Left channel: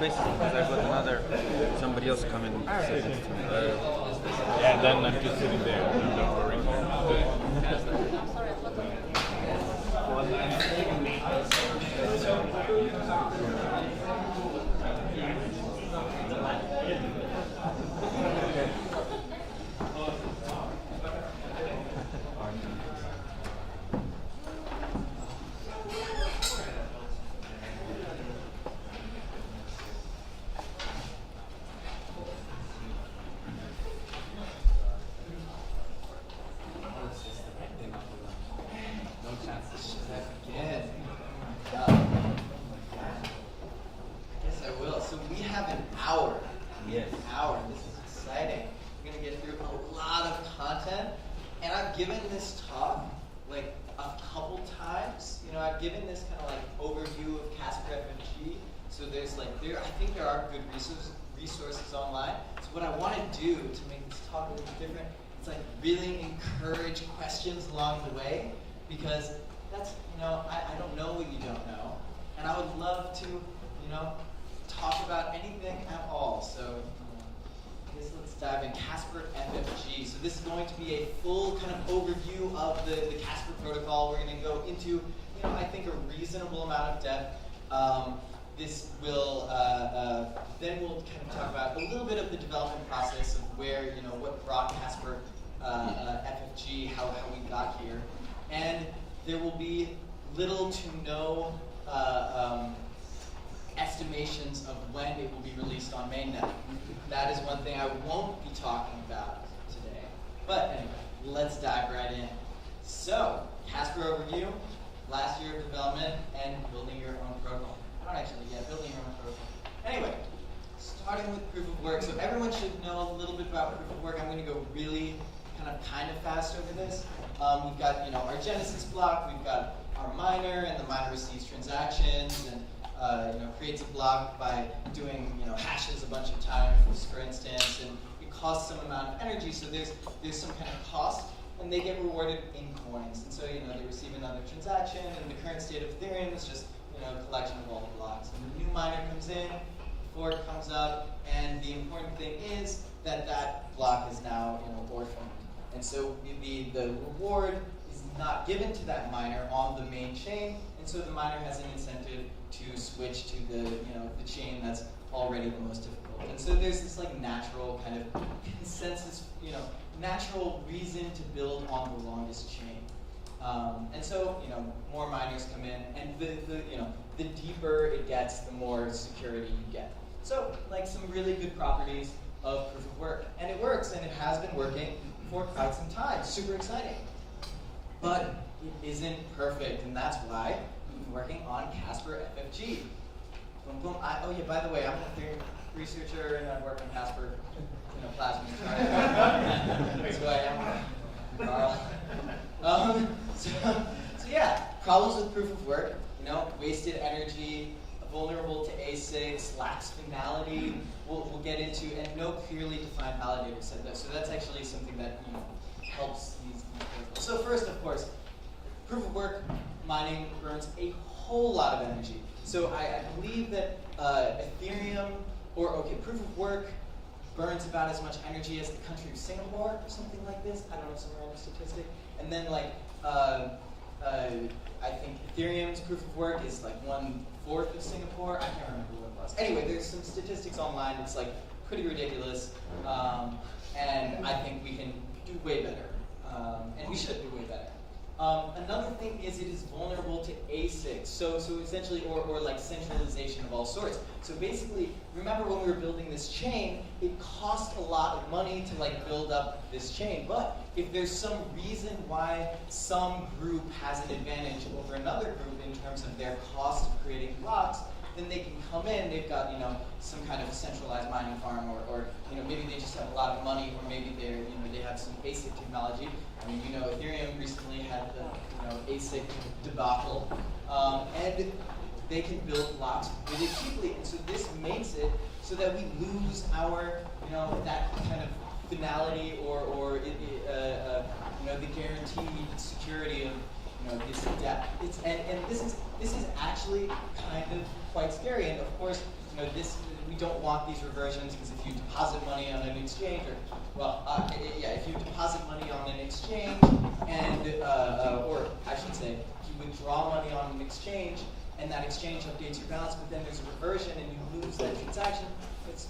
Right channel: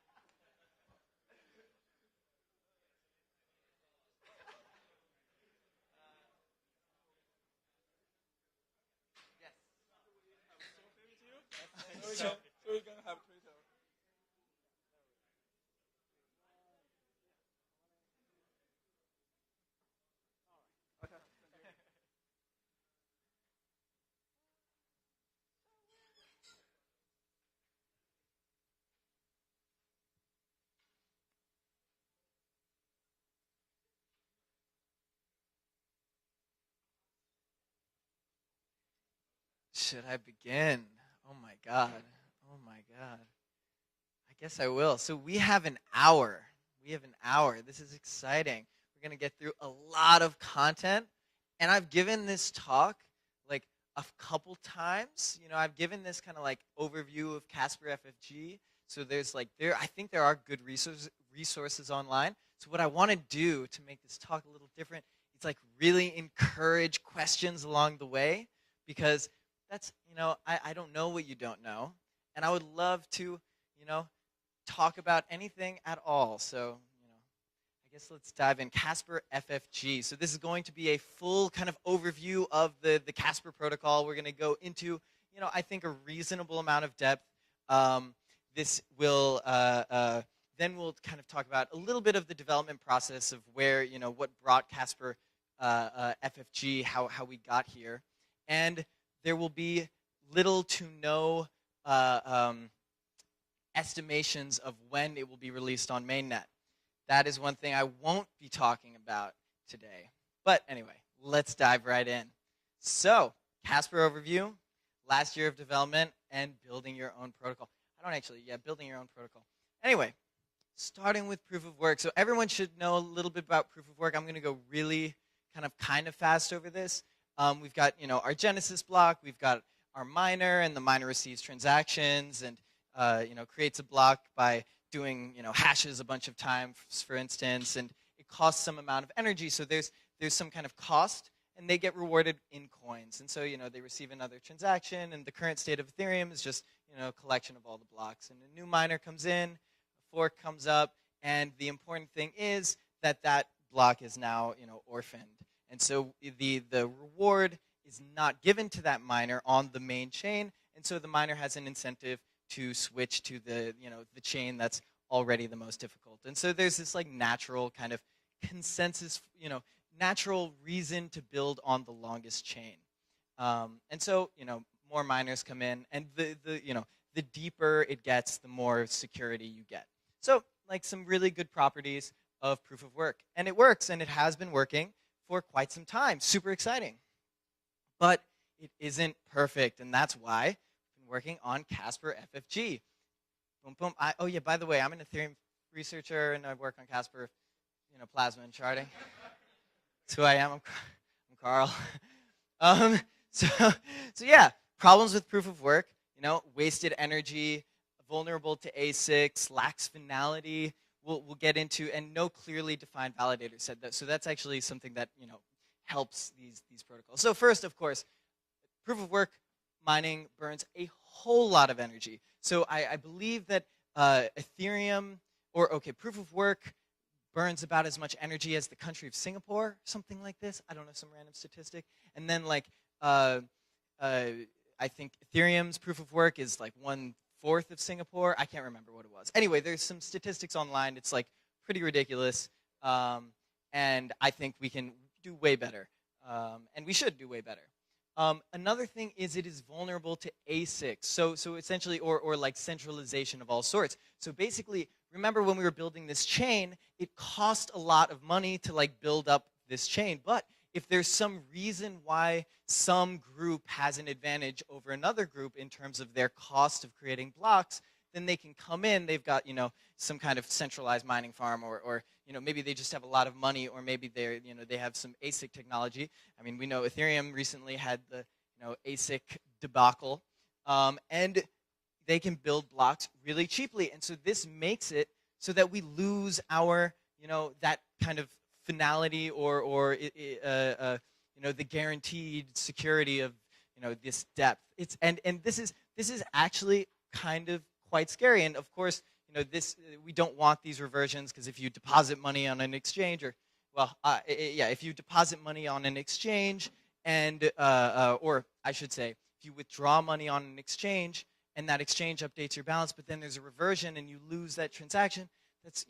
basis because I've got somebody else coming. Yeah, and then I'm just sitting there. Don't worry. Should I begin? Oh my God. I guess I will. So we have an hour. We have an hour. This is exciting. We're going to get through a lot of content. And I've given this talk like a couple times. You know, I've given this kind of like overview of Casper FFG. So there's like, I think there are good resources online. So what I want to do to make this talk a little different, it's like really encourage questions along the way, because that's, you know, I don't know what you don't know. And I would love to, you know, talk about anything at all. So I guess let's dive in. Casper FFG. So this is going to be a full kind of overview of the Casper protocol. We're going to go into, you know, I think a reasonable amount of depth. This will, then we'll kind of talk about a little bit of the development process of where, you know, what brought Casper FFG, how we got here. And there will be little to no estimations of when it will be released on mainnet. That is one thing I won't be talking about today. But anyway, let's dive right in. So, Casper overview, last year of development, and building your own protocol. Not actually, yeah, building your own protocol. Anyway, starting with proof of work. So everyone should know a little bit about proof of work. I'm going to go really kind of fast over this. We've got, you know, our Genesis block. We've got our miner, and the miner receives transactions and you know, creates a block by doing, you know, hashes a bunch of times, for instance, and it costs some amount of energy. So there's some kind of cost, and they get rewarded in coins. And so, you know, they receive another transaction, and the current state of Ethereum is just, you know, a collection of all the blocks. And the new miner comes in, fork comes up, and the important thing is that that block is now, you know, orphaned. And so the reward is not given to that miner on the main chain, and so the miner has an incentive to switch to the, you know, the chain that's already the most difficult. And so there's this like natural kind of consensus, you know, natural reason to build on the longest chain. And so, you know, more miners come in, and you know, the deeper it gets, the more security you get. So, like some really good properties of proof of work. And it works, and it has been working for quite some time. Super exciting. But it isn't perfect, and that's why I'm working on Casper FFG. Boom, boom. Oh yeah, by the way, I'm an Ethereum researcher, and I've worked on Casper, you know, Plasma Sharding. That's who I am, Carl. So yeah, problems with proof of work. You know, wasted energy, vulnerable to ASICs, lacks finality. We'll get into, and no clearly defined validator set though. So that's actually something that, you know, helps these protocols. So first, of course, proof of work mining burns a whole lot of energy. So I believe that Ethereum, proof of work burns about as much energy as the country of Singapore, or something like this. I don't know, some random statistic. And then like, I think Ethereum's proof of work is like 1/4 of Singapore. I can't remember what it was. Anyway, there's some statistics online. It's like pretty ridiculous. And I think we can do way better. And we should do way better. Another thing is it is vulnerable to ASICs. So essentially, or like centralization of all sorts. So basically, remember when we were building this chain, it cost a lot of money to like build up this chain. But if there's some reason why some group has an advantage over another group in terms of their cost of creating blocks, then they can come in. They've got, you know, some kind of centralized mining farm, or you know, maybe they just have a lot of money, or maybe they're, you know, they have some ASIC technology. I mean, we know Ethereum recently had the, you know, ASIC debacle, and they can build blocks really cheaply. And so this makes it so that we lose our, you know, that kind of finality or you know, the guaranteed security of, you know, this depth. And this is actually kind of quite scary. And of course, you know, this we don't want these reversions because if you deposit money on an exchange, or if you deposit money on an exchange and, or I should say, you withdraw money on an exchange and that exchange updates your balance, but then there's a reversion and you lose that transaction, it's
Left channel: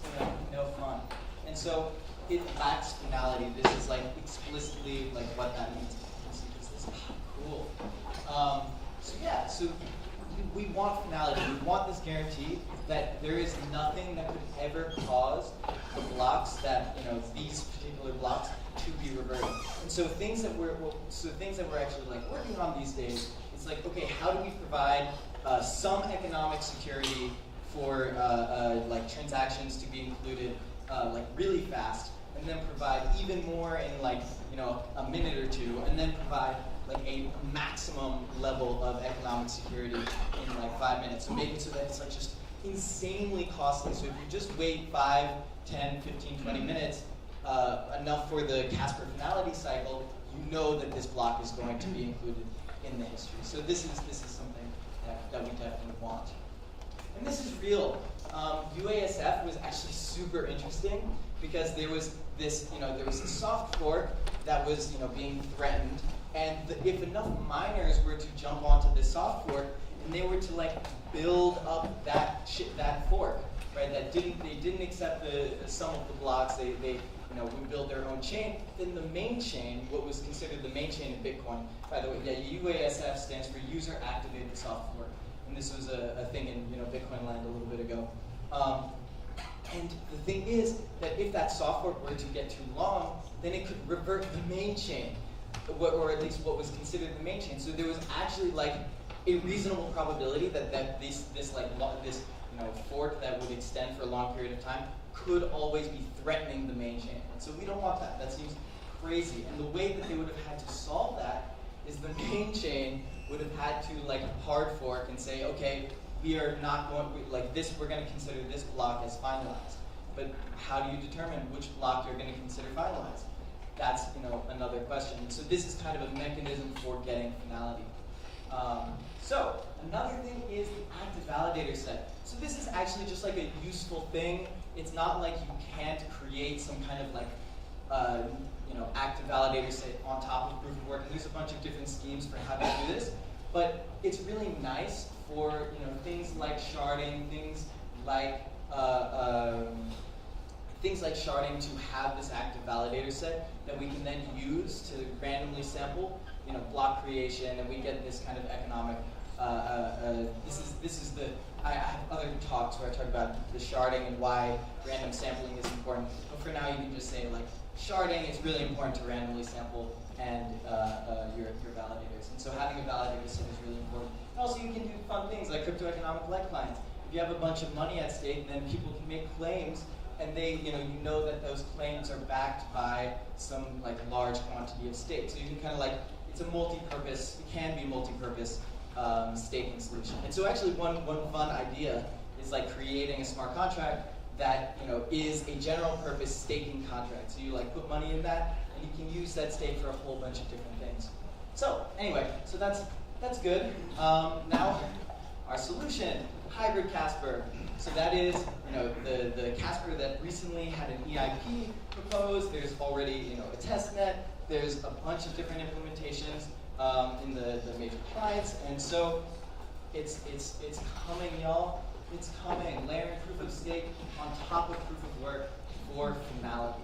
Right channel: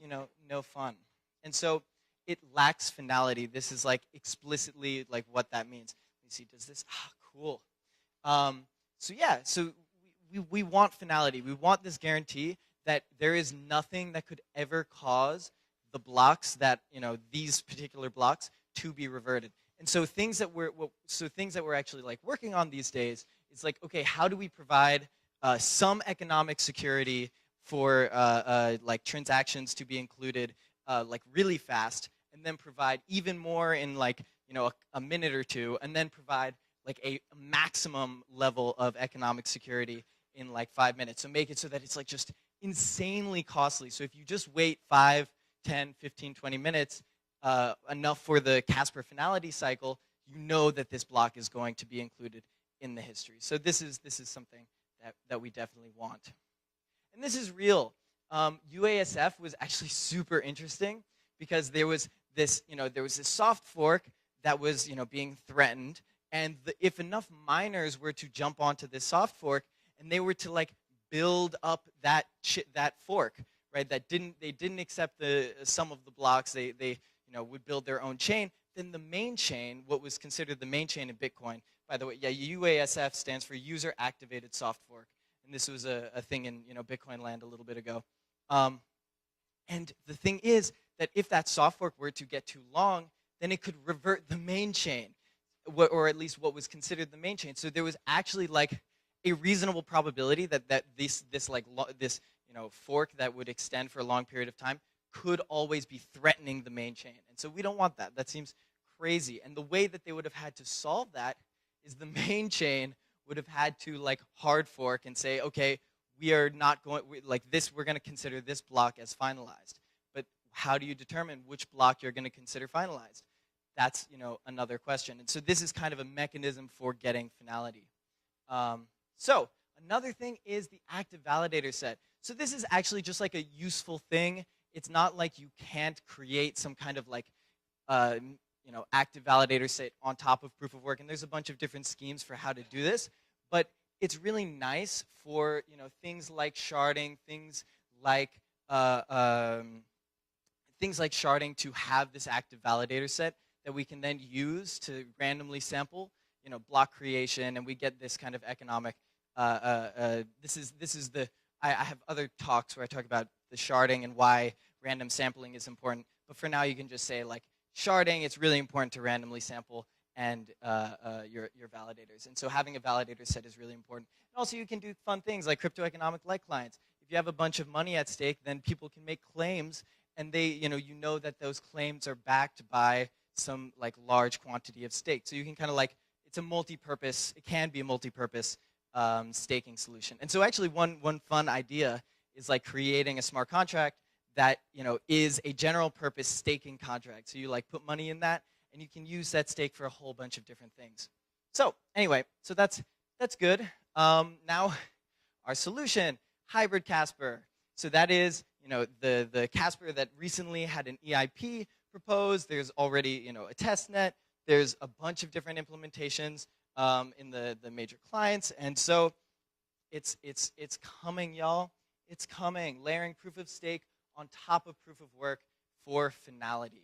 no fun. And so it lacks finality. This is like explicitly like what that means. You see this, cool. So we want finality. We want this guarantee that there is nothing that could ever cause the blocks that, these particular blocks to be reverted. So things that we're actually like working on these days is like, okay, how do we provide some economic security for like transactions to be included like really fast, and then provide even more in like a minute or two, and then provide like a maximum level of economic security in like 5 minutes. So make it so that it's like just insanely costly. So if you just wait 5, 10, 15, 20 minutes, enough for the Casper finality cycle, you know that this block is going to be included in the history. So this is something that we definitely want. And this is real. UASF was actually super interesting because there was this soft fork that was being threatened, and if enough miners were to jump onto this soft fork and they were to like build up that fork, right? They didn't accept the sum of the blocks. They would build their own chain. Then the main chain, what was considered the main chain in Bitcoin, by the way, UASF stands for User Activated Soft Fork, and this was a thing in Bitcoin land a little bit ago. And the thing is that if that soft fork were to get too long, then it could revert the main chain, or at least what was considered the main chain. So there was actually like a reasonable probability that this fork that would extend for a long period of time could always be threatening the main chain. And so we don't want that. That seems crazy. And the way that they would have had to solve that is the main chain would have had to like hard fork and say, okay, we are not going like this. We're going to consider this block as finalized. But how do you determine which block you're going to consider finalized? That's another question. So this is kind of a mechanism for getting finality. So another thing is the active validator set. So this is actually just like a useful thing. It's not like you can't create some kind of like active validator set on top of proof of work. And there's a bunch of different schemes for how to do this. But it's really nice for things like sharding, things like sharding to have this active validator set that we can then use to randomly sample block creation, and we get this kind of economic. This is the. I have other talks where I talk about the sharding and why random sampling is important. But for now, you can just say like sharding. It's really important to randomly sample and your validators. And so having a validator set is really important. Also, you can do fun things like crypto economic lifelines. If you have a bunch of money at stake, then people can make claims, and they, you know that those claims are backed by some like large quantity of stake. So you can kind of like, it's a multi-purpose, it can be a multi-purpose staking solution. And so actually one fun idea is like creating a smart contract that is a general purpose staking contract. So you like put money in that, and you can use that stake for a whole bunch of different things. So anyway, so that's good. Now our solution, hybrid Casper. So that is the Casper that recently had an EIP proposed. There's already a test net. There's a bunch of different implementations in the major clients, and so it's coming, y'all. It's coming. Layering proof of stake on top of proof of work for finality.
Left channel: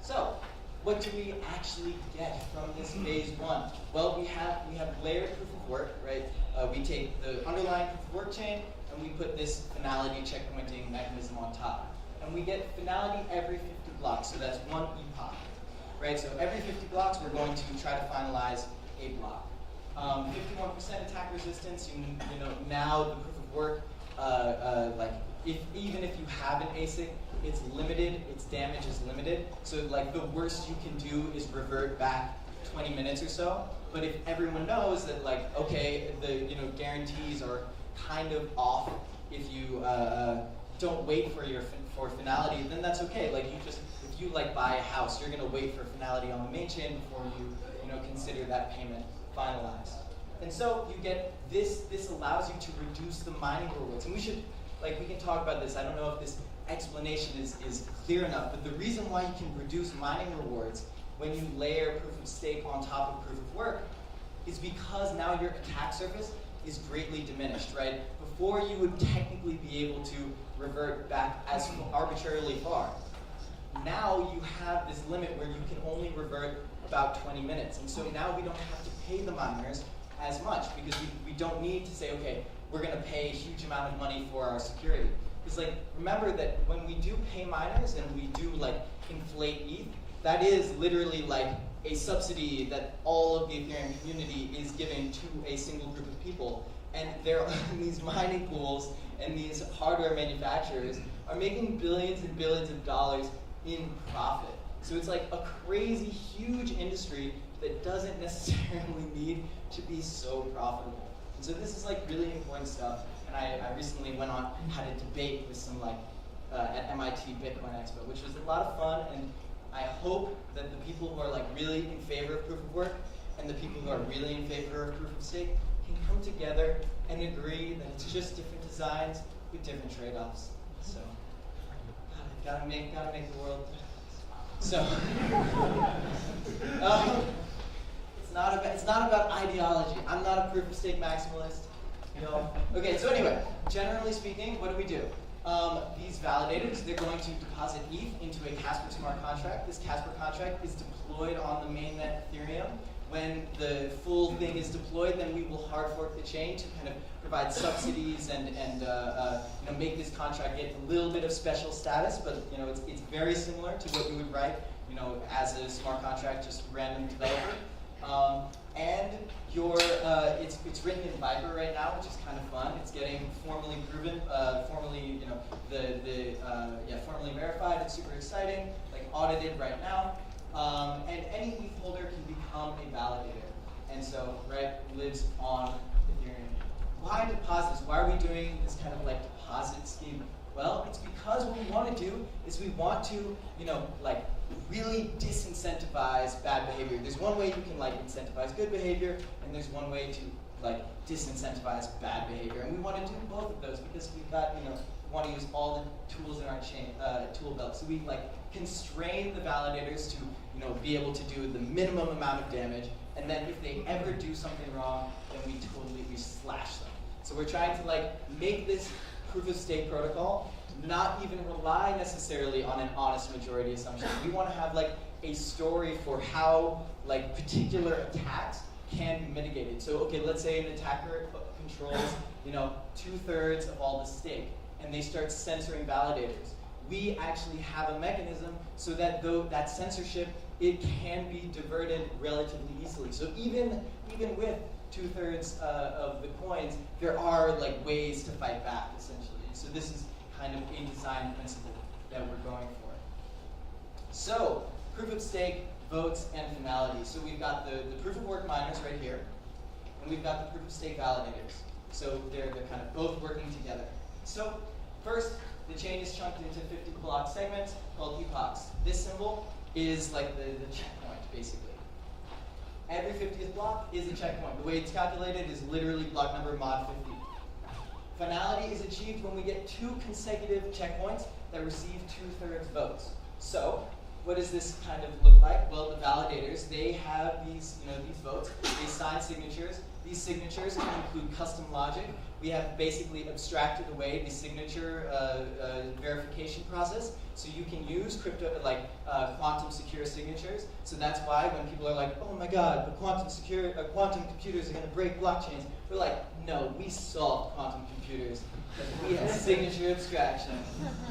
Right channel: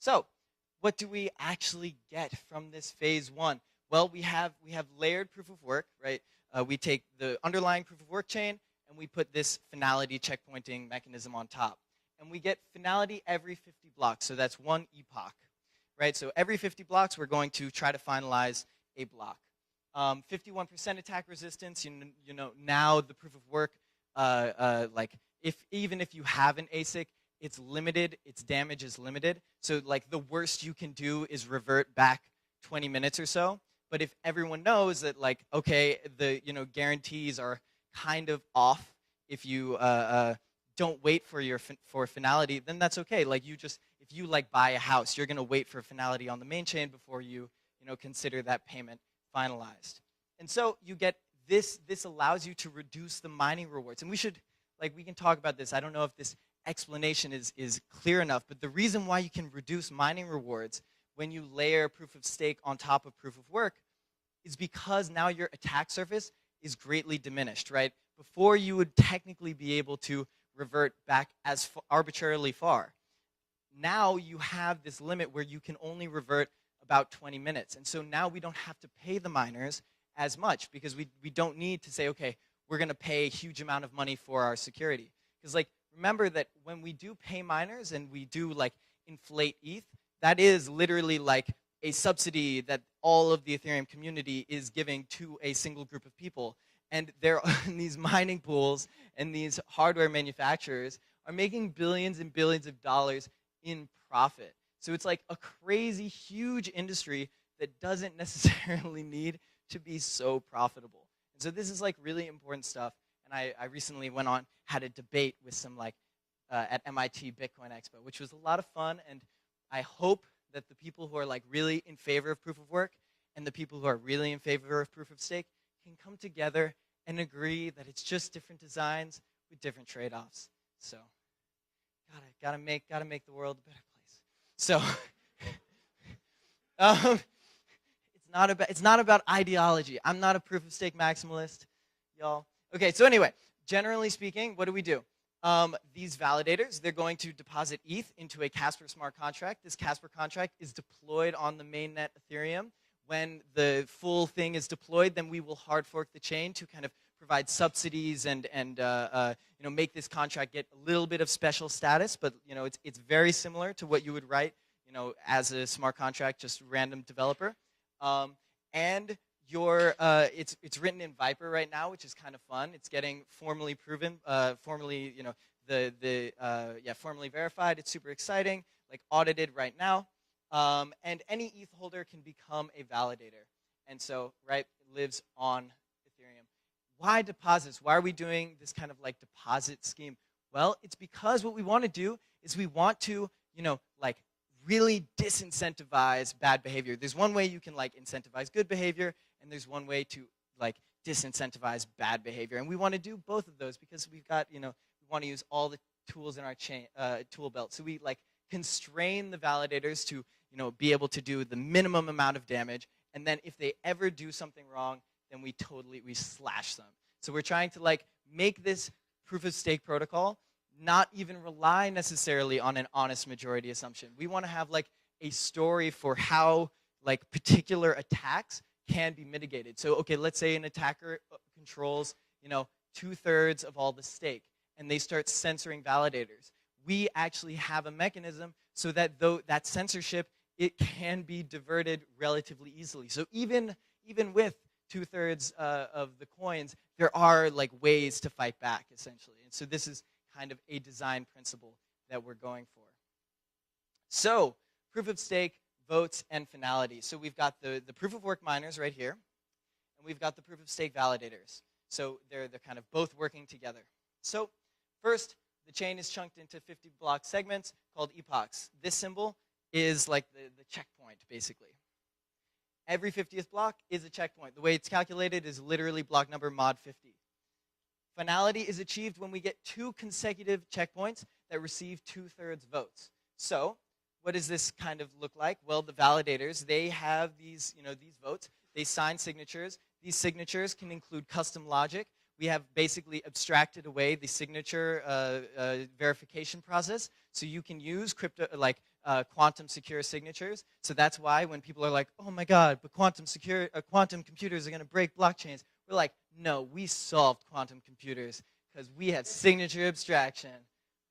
So, what do we actually get from this phase one? Well, we have layered proof of work, right? We take the underlying proof of work chain and we put this finality checkpointing mechanism on top, and we get finality every 50 blocks. So that's one epoch. Right, so every 50 blocks, we're going to try to finalize a block. 51% attack resistance. Now the proof of work, even if you have an ASIC, it's limited. Its damage is limited. So like the worst you can do is revert back 20 minutes or so. But if everyone knows that like okay, the guarantees are kind of off. If you don't wait for finality, then that's okay. Like you like buy a house, you're going to wait for finality on the main chain before you consider that payment finalized. And so you get this allows you to reduce the mining rewards. And we should like we can talk about this. I don't know if this explanation is clear enough, but the reason why you can reduce mining rewards when you layer proof of stake on top of proof of work is because now your attack surface is greatly diminished, right? Before you would technically be able to revert back as arbitrarily far. Now you have this limit where you can only revert about 20 minutes. And so now we don't have to pay the miners as much because we don't need to say, okay, we're gonna pay a huge amount of money for our security. Because like, remember that when we do pay miners and we do like inflate ETH, that is literally like a subsidy that all of the Ethereum community is giving to a single group of people. And these mining pools and these hardware manufacturers are making billions and billions of dollars in profit. So it's like a crazy, huge industry that doesn't necessarily need to be so profitable. So this is like really important stuff. And I recently had a debate with some at MIT Bitcoin Expo, which was a lot of fun. And I hope that the people who are like really in favor of proof of work and the people who are really in favor of proof of stake can come together and agree that it's just different designs with different trade-offs. So, gotta make the world. So, it's not about ideology. I'm not a proof of stake maximalist. Okay. So anyway, generally speaking, what do? These validators, they're going to deposit ETH into a Casper smart contract. This Casper contract is deployed on the mainnet Ethereum. When the full thing is deployed, then we will hard fork the chain to kind of provide subsidies and make this contract get a little bit of special status. But it's very similar to what you would write as a smart contract, just random developer. And it's written in Viper right now, which is kind of fun. It's getting formally proven, formally verified. It's super exciting. Like audited right now, and any ETH holder can become a validator, and so lives on Ethereum. Why deposits? Why are we doing this kind of like deposit scheme? Well, it's because what we want to do is we want to really disincentivize bad behavior. There's one way you can incentivize good behavior, and there's one way to disincentivize bad behavior. And we want to do both of those because we've got, we want to use all the tools in our chain tool belt. So we constrain the validators to be able to do the minimum amount of damage, and then if they ever do something wrong, then we slash them. So we're trying to make this proof of stake protocol not even rely necessarily on an honest majority assumption. We want to have a story for how particular attacks can be mitigated. So okay, let's say an attacker controls 2/3 of all the stake, and they start censoring validators. We actually have a mechanism so that though that censorship, it can be diverted relatively easily. So even with 2/3 of the coins, there are ways to fight back essentially. So this is kind of a design principle that we're going for. So, proof of stake, votes, and finality. So we've got the proof of work miners right here, and we've got the proof of stake validators. So they're kind of both working together. So first, the chain is chunked into 50 block segments called epochs. This symbol is the checkpoint, basically. Every 50th block is a checkpoint. The way it's calculated is literally block number mod 50. Finality is achieved when we get 2 consecutive checkpoints that receive 2/3 votes. So, what does this kind of look like? Well, the validators, they have these votes. They sign signatures. These signatures can include custom logic. We have basically abstracted away the signature verification process, so you can use crypto quantum secure signatures. So that's why when people are like, "Oh my God, quantum computers are going to break blockchains," they're like, "No, we solved quantum computers. We have signature abstraction."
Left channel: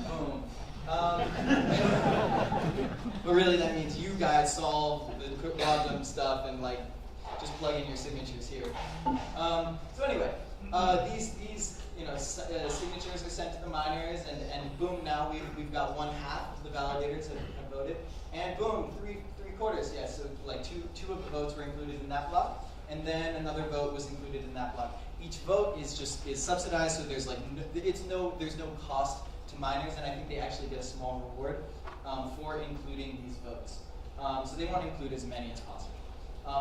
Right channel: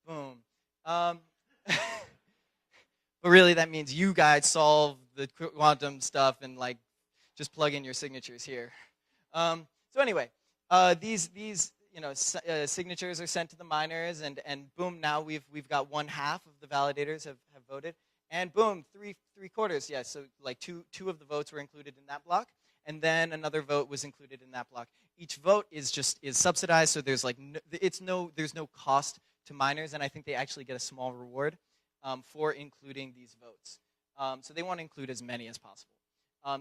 Boom. But really, that means you guys solve the quantum stuff and just plug in your signatures here. So anyway, these signatures are sent to the miners, and boom, now we've got 1/2 of the validators have voted, and boom, three-quarters. Yes, so two of the votes were included in that block, and then another vote was included in that block. Each vote is subsidized, so there's there's no cost to miners, and I think they actually get a small reward for including these votes. So they want to include as many as possible.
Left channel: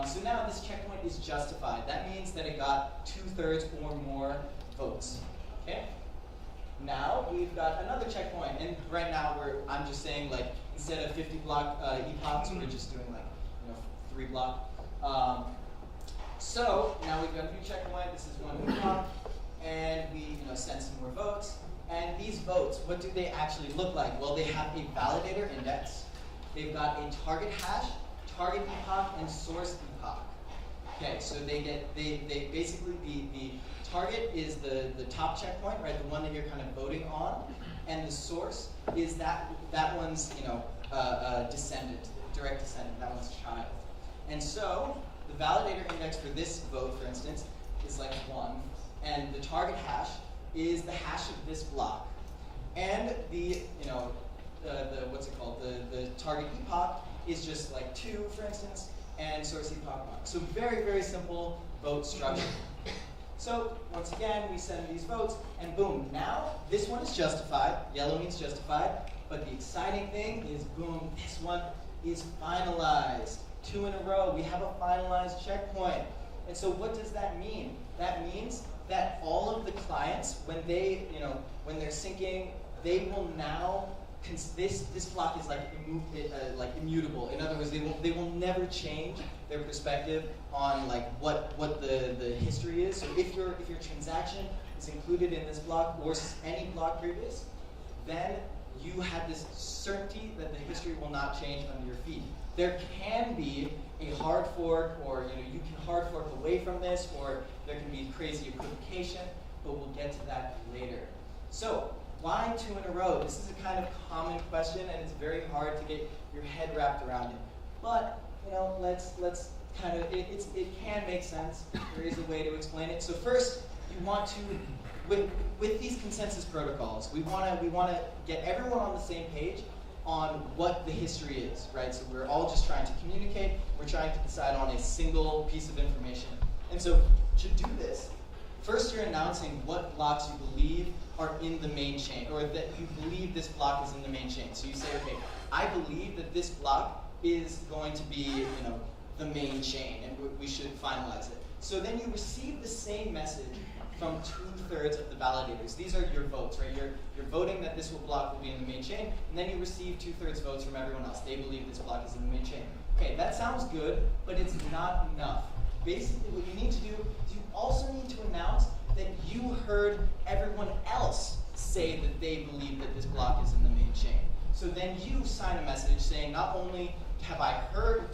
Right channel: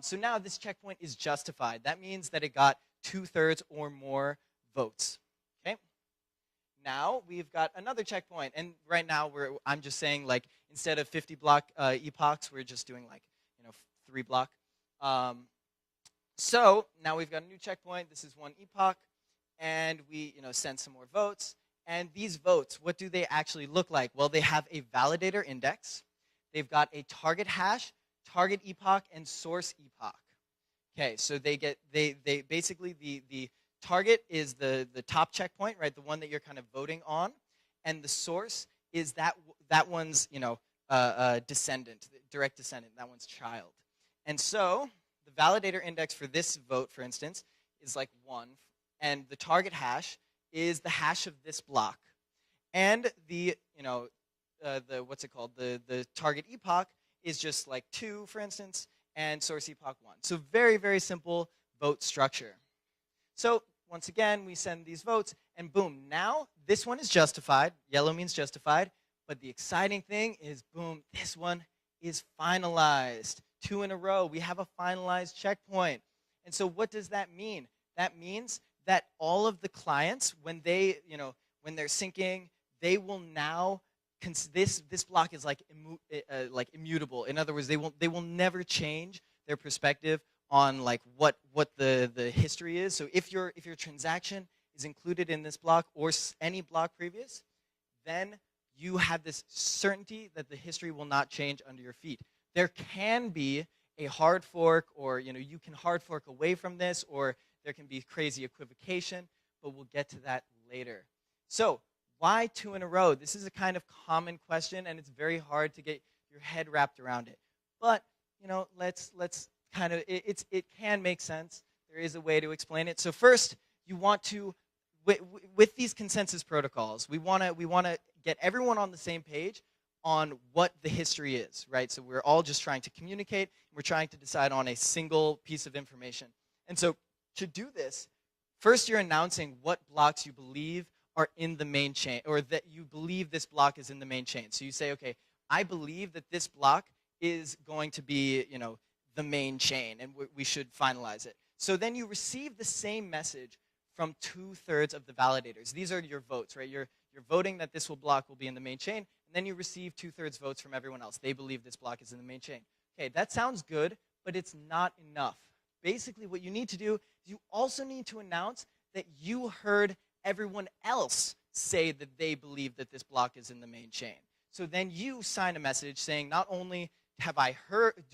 So now this checkpoint is justified. That means that it got 2/3 or more votes. Okay. now we've got another checkpoint. And right now I'm just saying, like, instead of 50 block epochs, we're just doing like 3 block. So now we've got a new checkpoint. This is 1 epoch, and we send some more votes. And these votes, what do they actually look like? Well, they have a validator index. They've got a target hash, target epoch, and source epoch. Okay, so they basically, the target is the top checkpoint, right? The one that you're kind of voting on, and the source is that one's descendant, direct descendant, that one's child. And so the validator index for this vote, for instance, is like 1, and the target hash is the hash of this block, and the what's it called? The target epoch is just like 2, for instance, and source epoch 1. So very, very simple vote structure. So once again, we send these votes, and boom, now this one is justified. Yellow means justified. But the exciting thing is, boom, this one is finalized. 2 in a row, we have a finalized checkpoint. And so what does that mean? That means that all of the clients, when they, when they're syncing, they will now, this block is like immutable. In other words, they will never change their perspective on like what the history is. So if your transaction is included in this block or any block previous, then you have this certainty that the history will not change under your feet. There can be a hard fork, or you can hard fork away from this, or there can be crazy equivocation, but we'll get to that later. So why 2 in a row? This is a kind of common question, and it's very hard to get your head wrapped around it. But let's kind of it can make sense. There is a way to explain it. So first, you want to with these consensus protocols, we want to get everyone on the same page on what the history is, right? So we're all just trying to communicate. We're trying to decide on a single piece of information. And so to do this, first you're announcing what blocks you believe are in the main chain, or that you believe this block is in the main chain. So you say, okay, I believe that this block is going to be, the main chain, and we should finalize it. So then you receive the same message from 2/3 of the validators. These are your votes, right? You're voting that this block will be in the main chain, and then you receive 2/3 votes from everyone else. They believe this block is in the main chain. Okay, that sounds good, but it's not enough. Basically, what you need to do is you also need to announce that you heard everyone else say that they believe that this block is in the main chain. So then you sign a message saying, not only have I heard,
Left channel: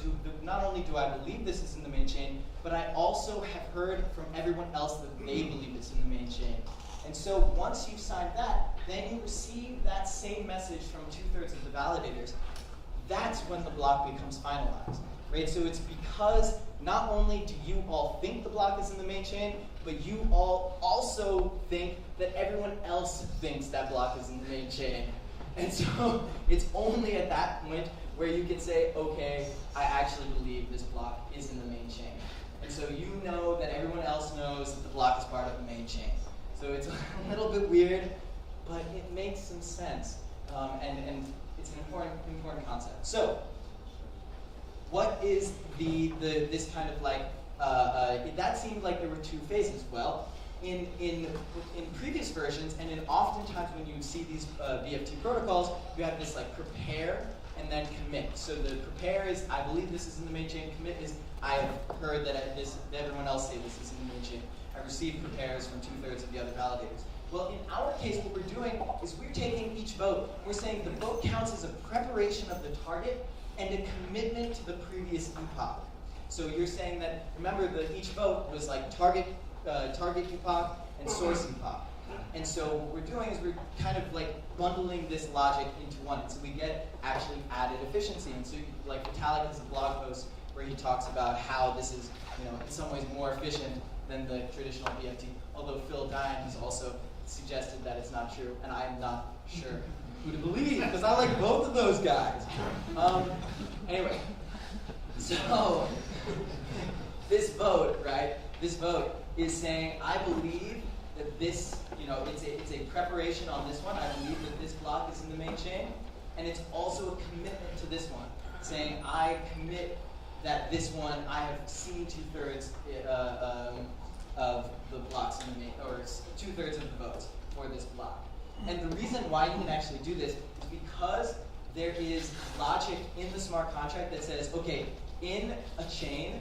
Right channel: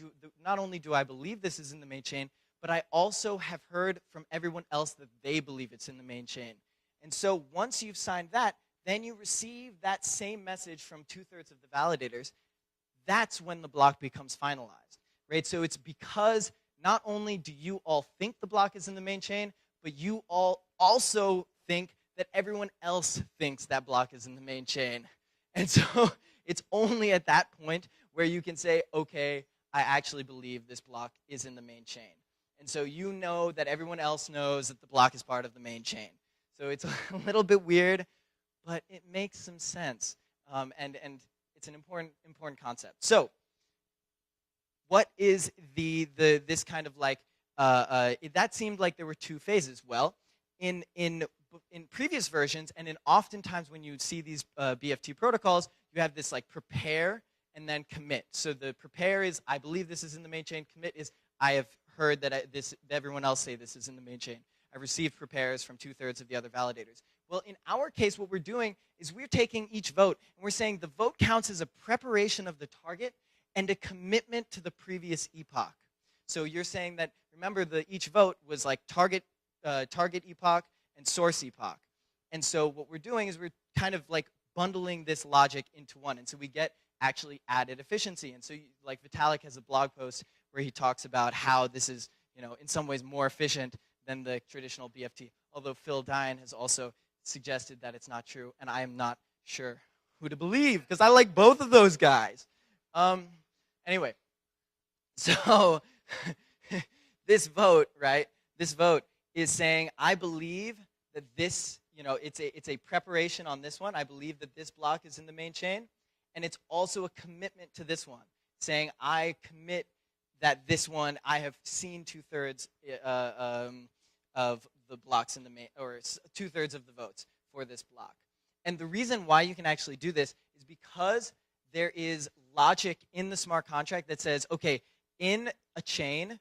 not only do I believe this is in the main chain, but I also have heard from everyone else that they believe it's in the main chain. And so once you've signed that, then you receive that same message from 2/3 of the validators. That's when the block becomes finalized, right? So it's because not only do you all think the block is in the main chain, but you all also think that everyone else thinks that block is in the main chain. And so it's only at that point where you can say, okay, I actually believe this block is in the main chain. And so you know that everyone else knows that the block is part of the main chain. So it's a little bit weird, but it makes some sense. And it's an important concept. So what is this kind of like, that seemed like there were 2 phases. Well, in previous versions, and in oftentimes when you see these BFT protocols, you have this like prepare and then commit. So the prepare is, I believe this is in the main chain. Commit is, I have heard that everyone else say this is in the main chain. I received prepares from 2/3 of the other validators. Well, in our case, what we're doing is we're taking each vote. We're saying the vote counts as a preparation of the target and a commitment to the previous epoch. So you're saying that, remember, each vote was like target epoch and source epoch. And so what we're doing is we're kind of like bundling this logic into one. So we get actually added efficiency. And so like Vitalik has a blog post where he talks about how this is, in some ways more efficient than the traditional BFT. Although Phil Dine has also suggested that it's not true, and I am not sure who to believe, because I like both of those guys. Anyway, so this vote, right? This vote is saying, I believe that this, it's a preparation on this one. I believe that this block is in the main chain, and it's also a commitment to this one, saying I commit that this one, I have seen 2/3 of the blocks in the main, or 2/3 of the votes for this block. And the reason why you can actually do this is because there is logic in the smart contract that says, okay, in a chain,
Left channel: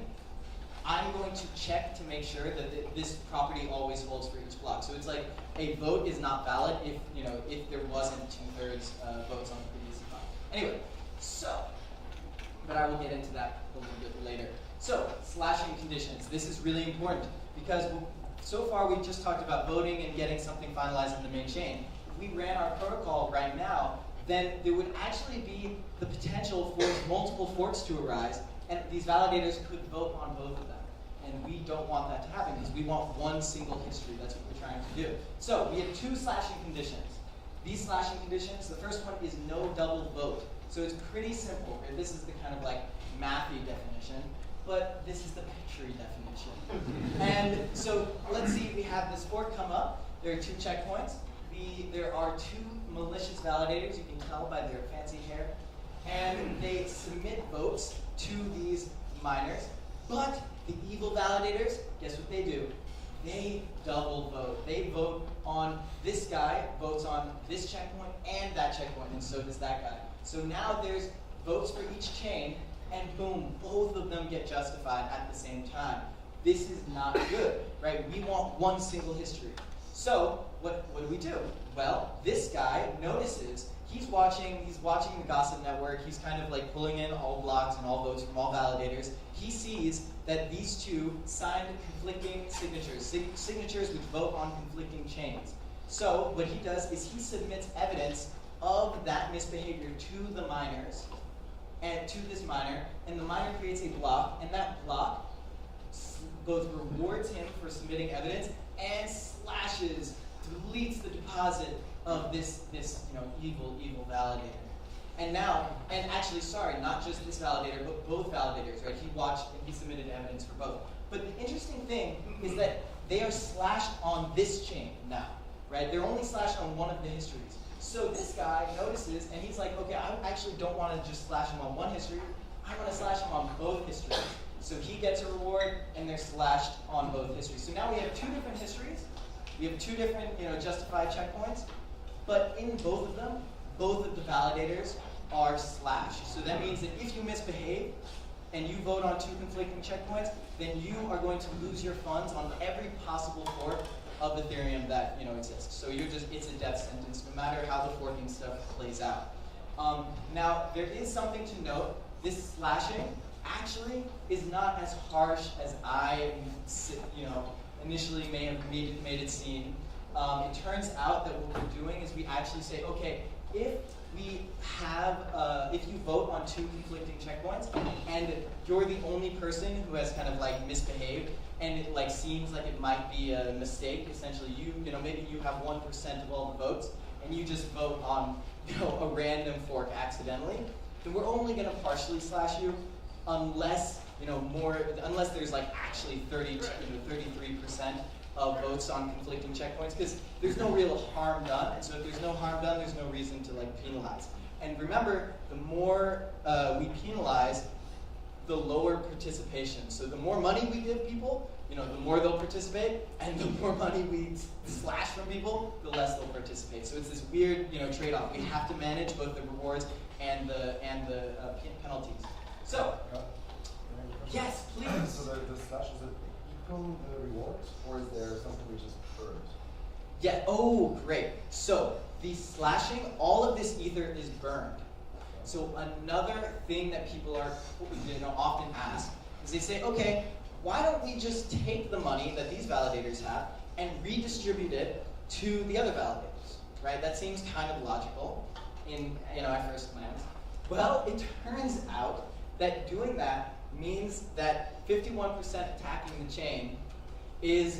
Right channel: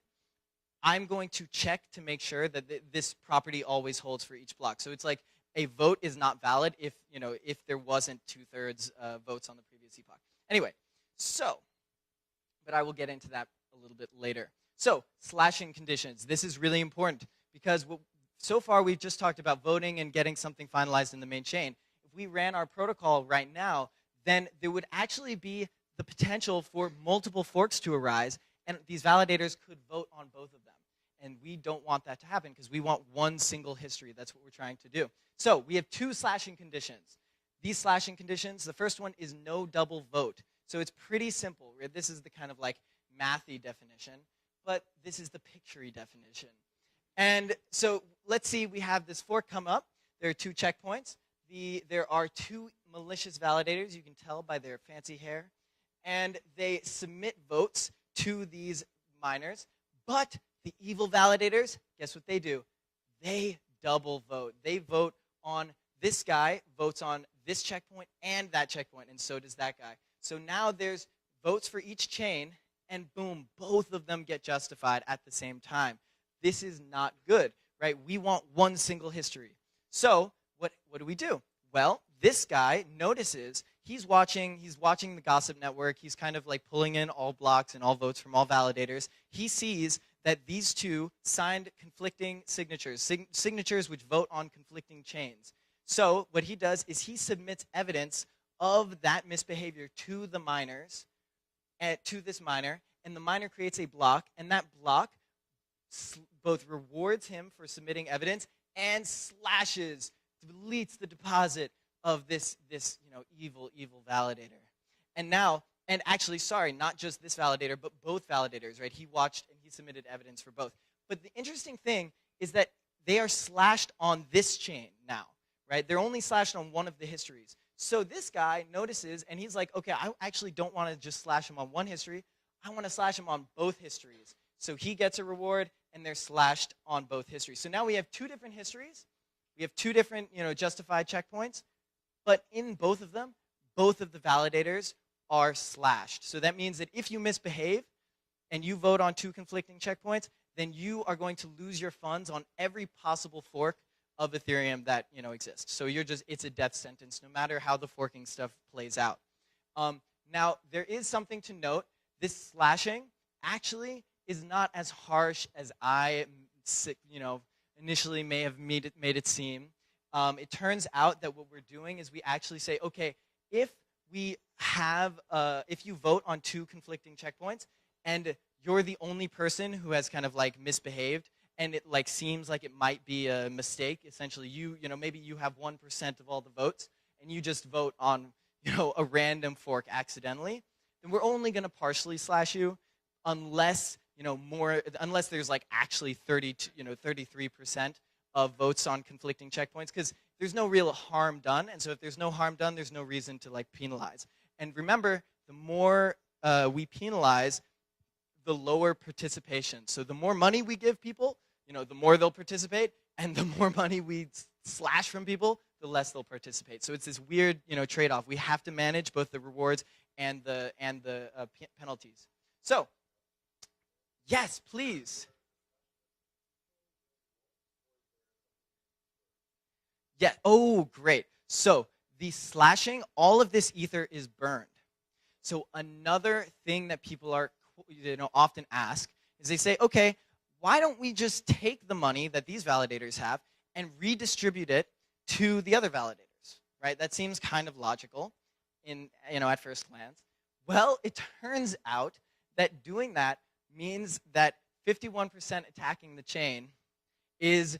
I'm going to check to make sure that this property always holds for each block. So it's like a vote is not valid if if there wasn't 2/3 votes on the previous block. Anyway, so, but I will get into that a little bit later. So, slashing conditions. This is really important because so far we've just talked about voting and getting something finalized in the main chain. If we ran our protocol right now, then there would actually be the potential for multiple forks to arise, and these validators could vote on both of them. And we don't want that to happen because we want one single history. That's what we're trying to do. So we have 2 slashing conditions. These slashing conditions, the first one is no double vote. So it's pretty simple. Right? This is the kind of like mathy definition, but this is the picture definition. And so let's see, we have this fork come up. There are 2 checkpoints. There are 2 malicious validators. You can tell by their fancy hair. And they submit votes to these miners. But the evil validators, guess what they do? They double vote. They vote on this guy, votes on this checkpoint and that checkpoint, and so does that guy. So now there's votes for each chain, and boom, both of them get justified at the same time. This is not good, right? We want one single history. So what do? Well, this guy notices he's watching the gossip network. He's kind of like pulling in all blocks and all votes from all validators. He sees that these 2 signed conflicting signatures, signatures which vote on conflicting chains. So what he does is he submits evidence of that misbehavior to the miners, and to this miner, and the miner creates a block, and that block both rewards him for submitting evidence and slashes, deletes the deposit of this evil validator. And now, and actually, sorry, not just this validator, but both validators, right? He watched and he submitted evidence for both. But the interesting thing is that they are slashed on this chain now, right? They're only slashed on one of the histories. So this guy notices, and he's like, okay, I actually don't want to just slash him on one history. I want to slash him on both histories. So he gets a reward, and they're slashed on both histories. So now we have 2 different histories. We have 2 different, justified checkpoints. But in both of them, both of the validators are slashed. So that means that if you misbehave and you vote on 2 conflicting checkpoints, then you are going to lose your funds on every possible fork of Ethereum that exists. So it's a death sentence, no matter how the forking stuff plays out. Now, there is something to note. This slashing actually is not as harsh as I initially may have made it seem. It turns out that what we're doing is we actually say, okay, if you vote on 2 conflicting checkpoints, and you're the only person who has kind of like misbehaved, and it like seems like it might be a mistake. Essentially, maybe you have 1% of all the votes, and you just vote on a random fork accidentally. We're only going to partially slash you, unless there's like actually 33% of votes on conflicting checkpoints, because there's no real harm done, and so if there's no harm done, there's no reason to like penalize. And remember, the more we penalize, the lower participation. So the more money we give people, the more they'll participate, and the more money we slash from people, the less they'll participate. So it's this weird, trade-off. We have to manage both the rewards and the penalties. So, yes, please. So the slash, is it equal the rewards, or is there something which is burned? Yeah. Oh, great. So the slashing, all of this ether is burned. So another thing that people are often ask is they say, okay, why don't we just take the money that these validators have and redistribute it to the other validators, right? That seems kind of logical at first glance. Well, it turns out that doing that means that 51% attacking the chain is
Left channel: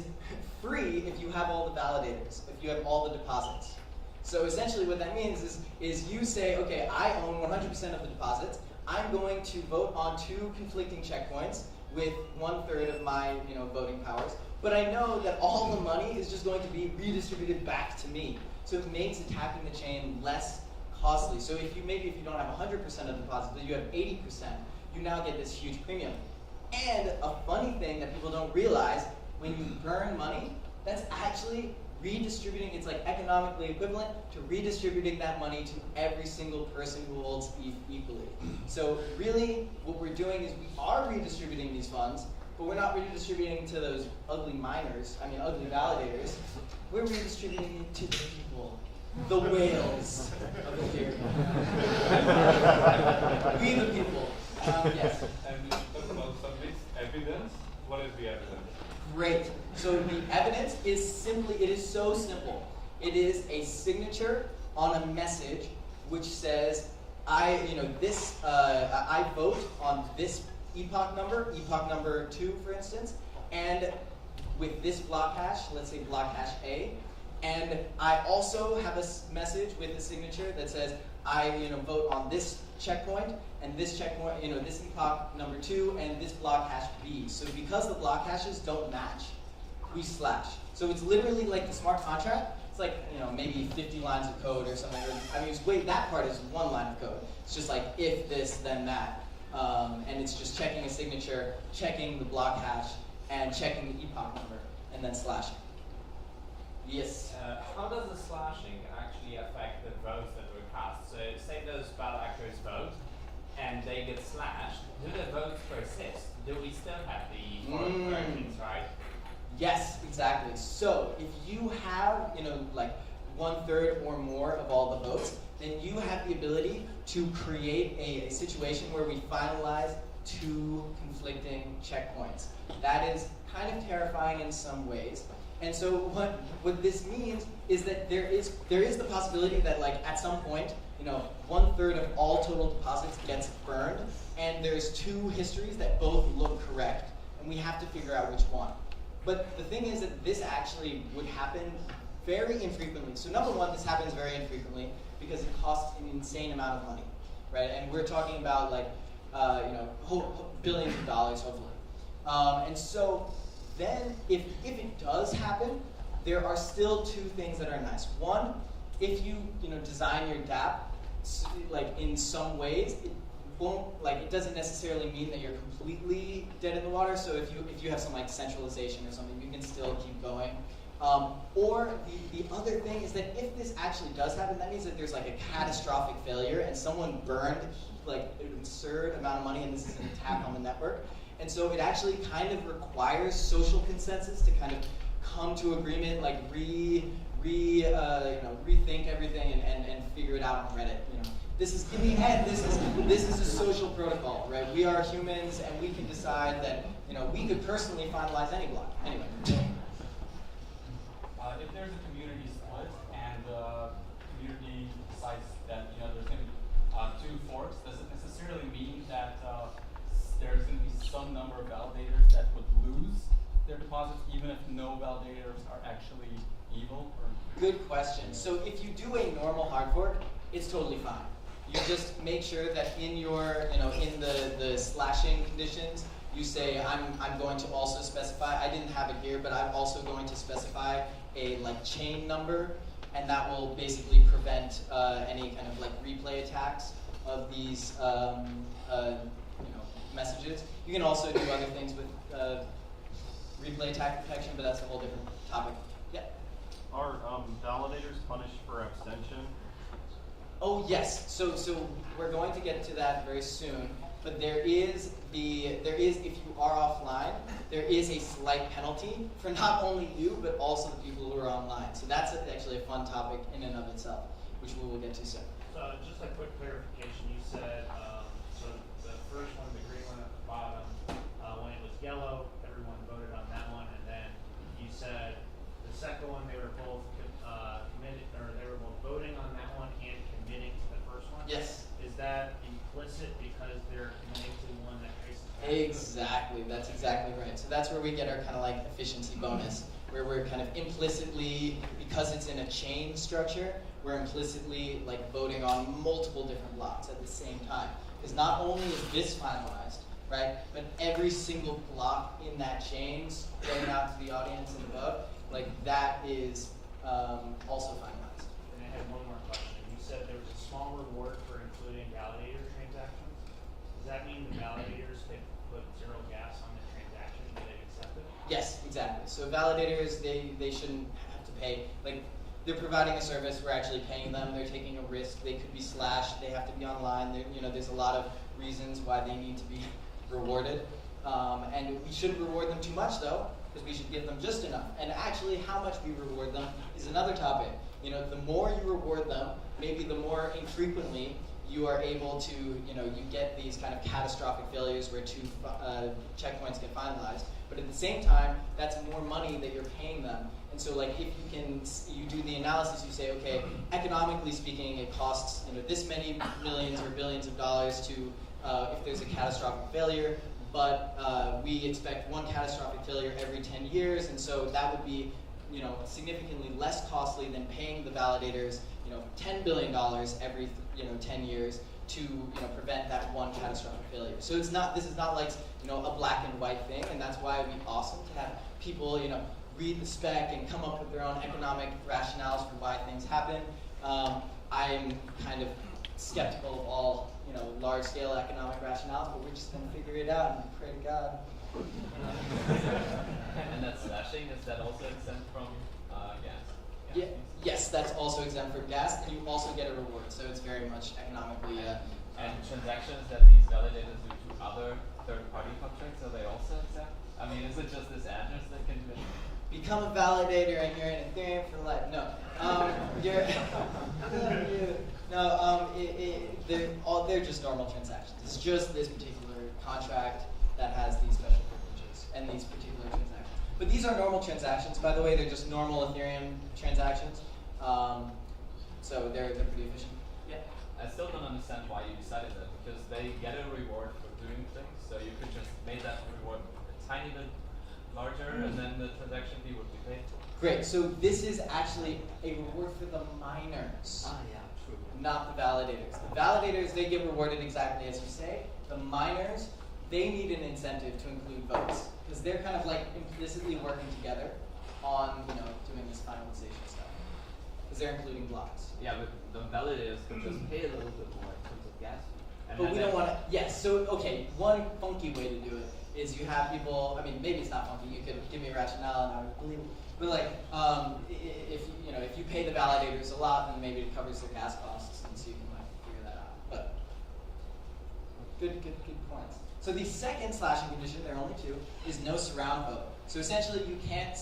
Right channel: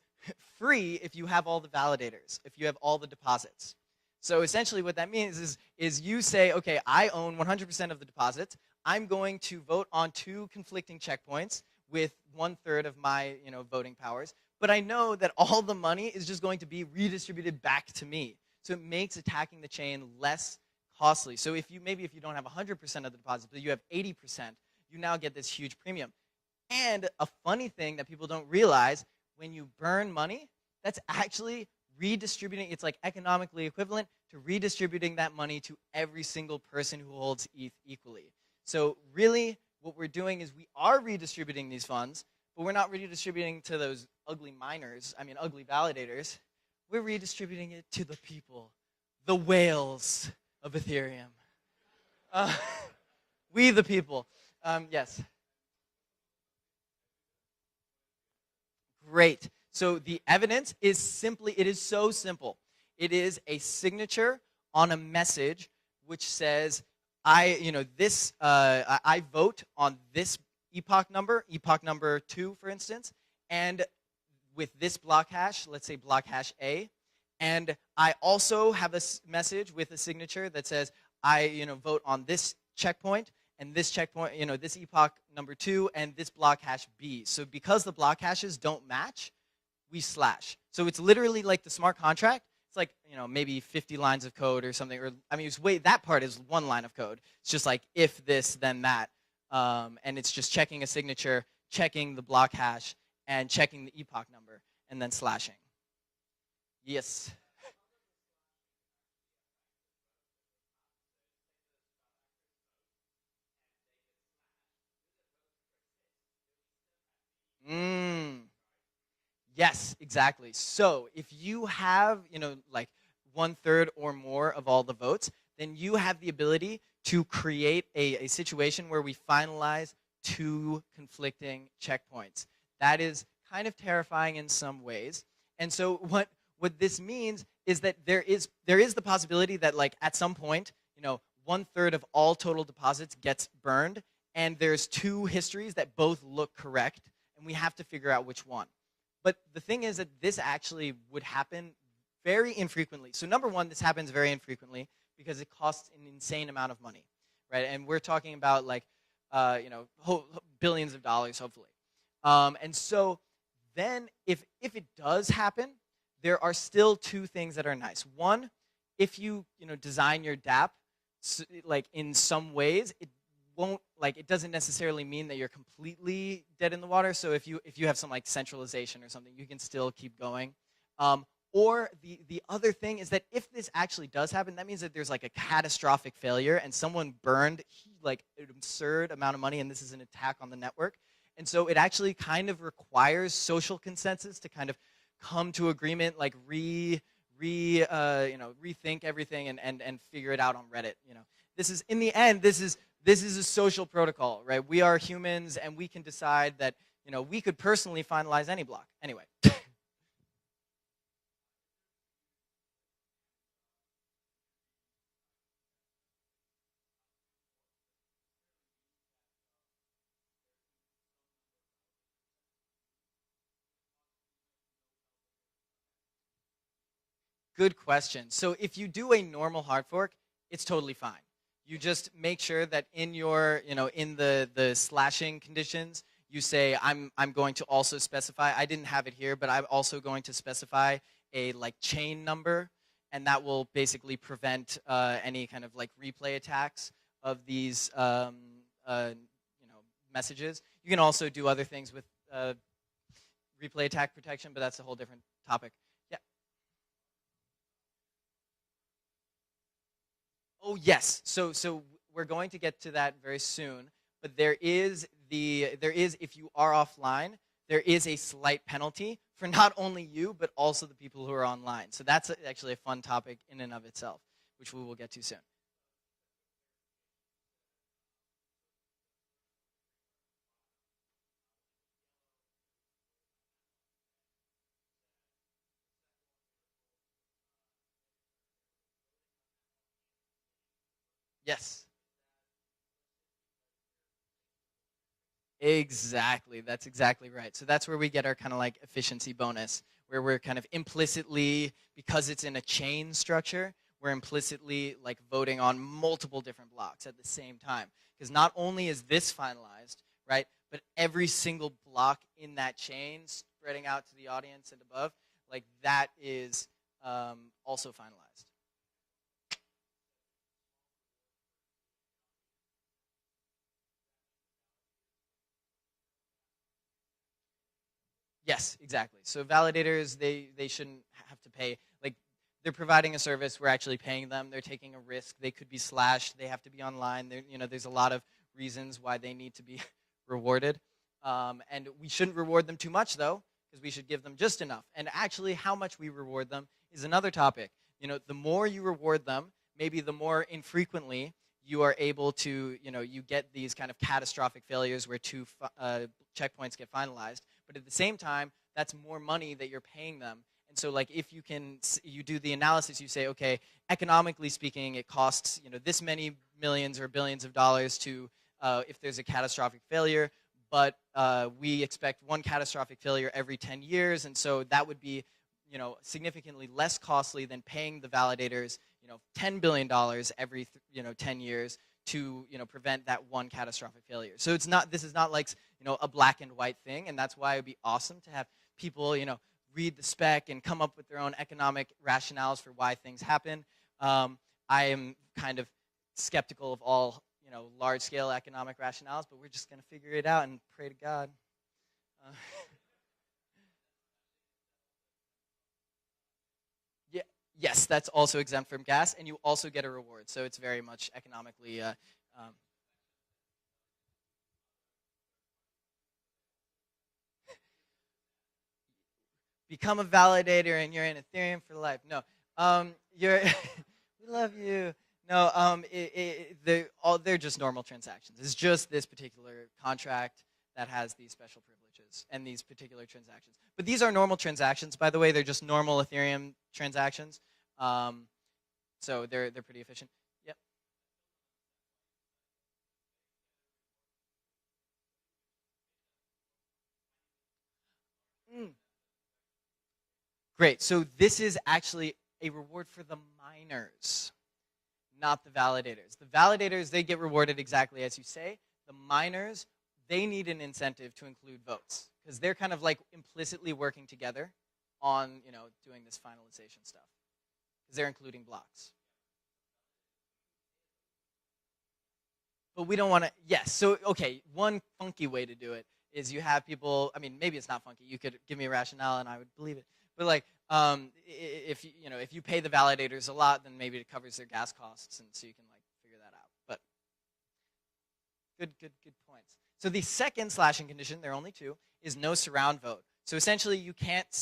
free if you have all the validators, if you have all the deposits. So essentially what that means is you say, okay, I own 100% of the deposits. I'm going to vote on 2 conflicting checkpoints with 1/3 of my voting powers. But I know that all the money is just going to be redistributed back to me. So it makes attacking the chain less costly. So if you don't have 100% of the deposits, but you have 80%, you now get this huge premium. And a funny thing that people don't realize, when you burn money, that's actually redistributing, it's like economically equivalent to redistributing that money to every single person who holds ETH equally. So really, what we're doing is we are redistributing these funds, but we're not redistributing to those ugly miners, ugly validators. We're redistributing it to the people, the whales of Ethereum. We the people. Yes. And you talk about some evidence. What is the evidence? Great. So the evidence is it is so simple. It is a signature on a message which says, I vote on this epoch number 2, for instance, and with this block hash, let's say block hash A, and I also have this message with the signature that says, I vote on this checkpoint, and this checkpoint, this epoch number 2, and this block hash B. So because the block hashes don't match, we slash. So it's literally like the smart contract. It's like, maybe 50 lines of code or something. Or, that part is 1 line of code. It's just like if this, then that. And it's just checking a signature, checking the block hash, and checking the epoch number, and then slashing. Yes? How does the slashing actually affect the votes that were cast? So say those ballot actors vote, and they get slashed. Do the votes persist? Do we still have the corrections, right? Yes, exactly. So if you have, like 1/3 or more of all the votes, then you have the ability to create a situation where we finalize 2 conflicting checkpoints. That is kind of terrifying in some ways. And so what this means is that there is the possibility that, like, at some point, 1/3 of all total deposits gets burned, and there's 2 histories that both look correct, and we have to figure out which one. But the thing is that this actually would happen very infrequently. So number one, this happens very infrequently because it costs an insane amount of money, right? And we're talking about like, billions of dollars, hopefully. And so then, if it does happen, there are still 2 things that are nice. One, if you design your dApp like in some ways, it doesn't necessarily mean that you're completely dead in the water. So if you have some like centralization or something, you can still keep going. Or the other thing is that if this actually does happen, that means that there's like a catastrophic failure and someone burned like an absurd amount of money, and this is an attack on the network. And so it actually kind of requires social consensus to kind of come to agreement, like rethink everything and figure it out on Reddit. This is, in the end, this is a social protocol, right? We are humans, and we can decide that we could personally finalize any block. Anyway. If there's a community split and the community decides that there's going to be 2 forks, does it necessarily mean that there's going to be some number of validators that would lose their deposits, even if no validators are actually evil? Or? Good question. So if you do a normal hard fork, it's totally fine. You just make sure that in your, in the slashing conditions, you say, I'm going to also specify, I didn't have it here, but I'm also going to specify a like chain number, and that will basically prevent any kind of like replay attacks of these messages. You can also do other things with replay attack protection, but that's a whole different topic. Yeah. Are validators punished for abstention? Oh yes. So we're going to get to that very soon. But there is if you are offline, there is a slight penalty for not only you but also the people who are online. So that's actually a fun topic in and of itself, which we will get to soon. So just a quick clarification. You said so the first one, the green one at the bottom, when it was yellow, everyone voted on that one, and then you said the second one they were both committed, or they were both voting on that one and committing to the first one. Yes. Is that implicit because they're committing to the one that traces? Exactly. That's exactly right. So that's where we get our kind of like efficiency bonus, where we're kind of implicitly, because it's in a chain structure, we're implicitly like voting on multiple different blocks at the same time. Because not only is this finalized, right, but every single block in that chain spread out to the audience and above, like that is also finalized. And I had one more question. You said there was a small reward for including validator transactions. Does that mean the validators could put 0 gas on the transaction and get it accepted? Yes, exactly. So validators, they shouldn't have to pay. Like, they're providing a service, we're actually paying them, they're taking a risk, they could be slashed, they have to be online, there's a lot of reasons why they need to be rewarded. And we shouldn't reward them too much though, because we should give them just enough. And actually, how much we reward them is another topic. The more you reward them, maybe the more infrequently you are able to, you get these kind of catastrophic failures where two checkpoints get finalized. But at the same time, that's more money that you're paying them. And so, like, if you do the analysis, you say, okay, economically speaking, it costs this many millions or billions of dollars to if there's a catastrophic failure. But we expect one catastrophic failure every 10 years, and so that would be, significantly less costly than paying the validators, $10 billion every 10 years to prevent that one catastrophic failure. So this is not like a black and white thing, and that's why it'd be awesome to have people read the spec and come up with their own economic rationales for why things happen. I am kind of skeptical of all large-scale economic rationales, but we're just going to figure it out and pray to God. And that slashing, is that also exempt from gas? Yeah. Yes, that's also exempt from gas, and you also get a reward, so it's very much economically. And transactions that these validators do to other third-party contracts, are they also exempt? I mean, is it just this address that can do it? Become a validator and you're in Ethereum for life. No, you're. I love you. No, they're just normal transactions. It's just this particular contract that has these special privileges and these particular transactions. But these are normal transactions, by the way. They're just normal Ethereum transactions. So they're pretty efficient. Yeah. I still don't understand why you decided that, because they get a reward for doing things, so you could just make that reward a tiny bit larger, and then the transaction fee would be paid. Great. So this is actually a reward for the miners. Yeah, true. Not the validators. The validators, they get rewarded exactly as you say. The miners, they need an incentive to include votes, because they're kind of like implicitly working together on doing this finalization stuff, because they're including blocks. Yeah, but the validators could just pay a little bit more in terms of gas fee. And But we don't want to. Yes. So okay, one funky way to do it is you have people. I mean, maybe it's not funky. You could give me a rationale, and I would believe it. But like, if you pay the validators a lot, then maybe it covers their gas costs, and so you can like figure that out. But good points. So the second slashing condition, there are only two, is no surround vote. So essentially, you can't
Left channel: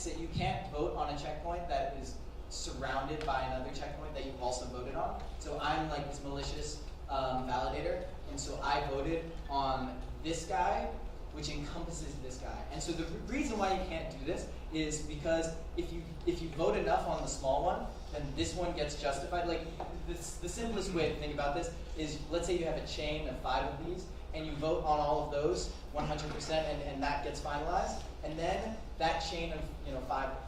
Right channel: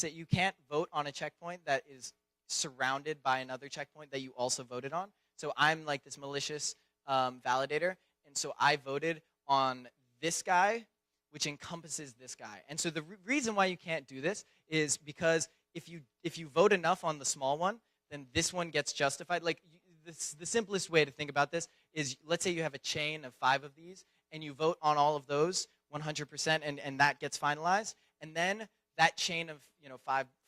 vote on a checkpoint that is surrounded by another checkpoint that you also voted on. So I'm like this malicious validator, and so I voted on this guy, which encompasses this guy. And so the reason why you can't do this is because if you vote enough on the small one, then this one gets justified. Like the simplest way to think about this is, let's say you have a chain of 5 of these, and you vote on all of those 100%, and that gets finalized, and then that chain of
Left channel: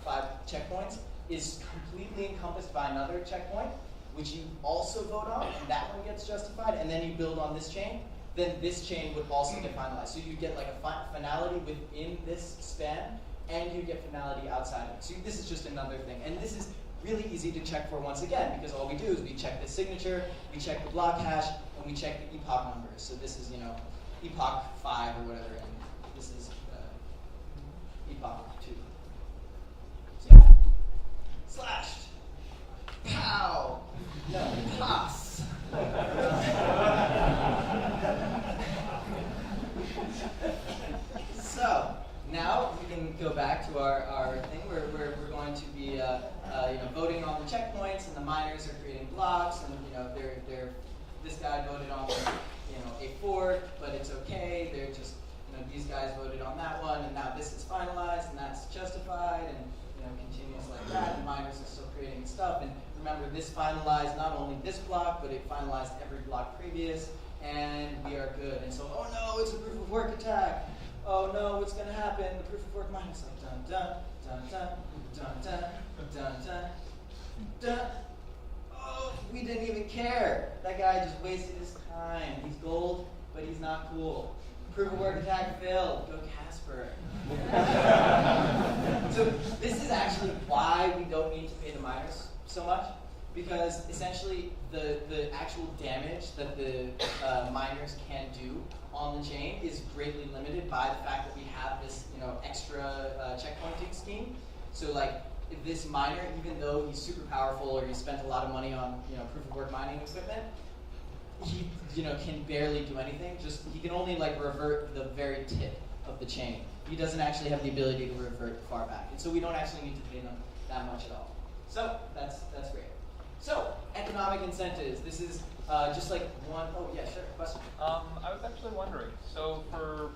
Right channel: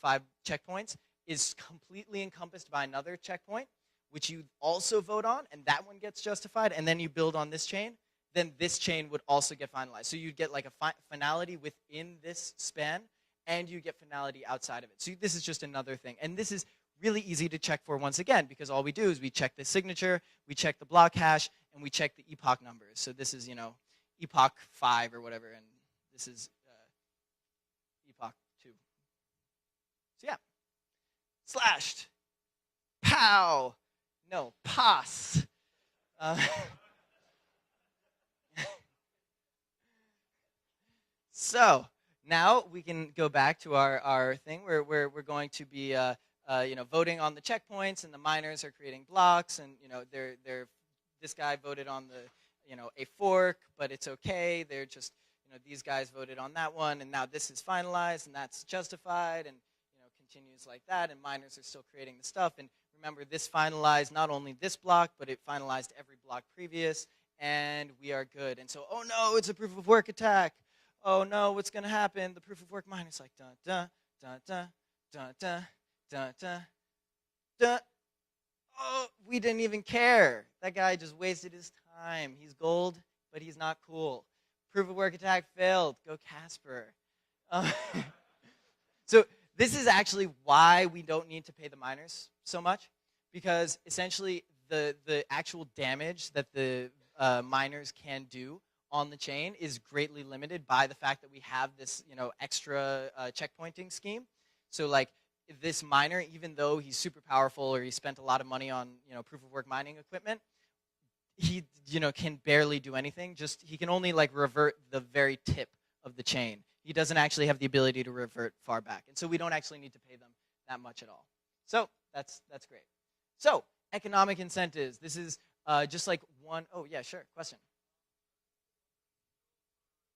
five checkpoints is completely encompassed by another checkpoint, which you also vote on, and that one gets justified, and then you build on this chain, then this chain would also get finalized. So you get like a finality within this span, and you get finality outside of it. So this is just another thing. And this is really easy to check for once again, because all we do is we check the signature, we check the block hash, and we check the epoch numbers. So this is, epoch 5 or whatever, and this is epoch 2. So yeah, slashed, pow, no, pass. So now we can go back to our thing where we're going to be voting on the checkpoints, and the miners are creating blocks, and they're this guy voted on a fork, but it's okay. They're just these guys voted on that one, and now this is finalized, and that's justified, and continues like that. And miners are still creating stuff. And remember, this finalized not only this block, but it finalized every block previous, and we are good. And so, oh no, it's a proof of work attack. Oh no, what's going to happen? The proof of work miner's like dun dun dun dun dun dun dun dun dun. Oh, we didn't even care. That guy just wasted his time. He's gold, but he's not cool. Proof of work attack failed. Go Casper. So this is actually why we don't need to pay the miners so much, because essentially the actual damage that the miners can do on the chain is greatly limited by the fact that we have this extra checkpointing scheme. So like this miner, even though he's super powerful or he spent a lot of money on proof of work mining equipment, he can barely do anything. Just he can only like revert the very tip of the chain. He doesn't actually have the ability to revert far back, and so we don't actually need to pay them that much at all. So that's great. So economic incentives. This is just like one. Oh yeah, sure. Question. I was actually wondering. So for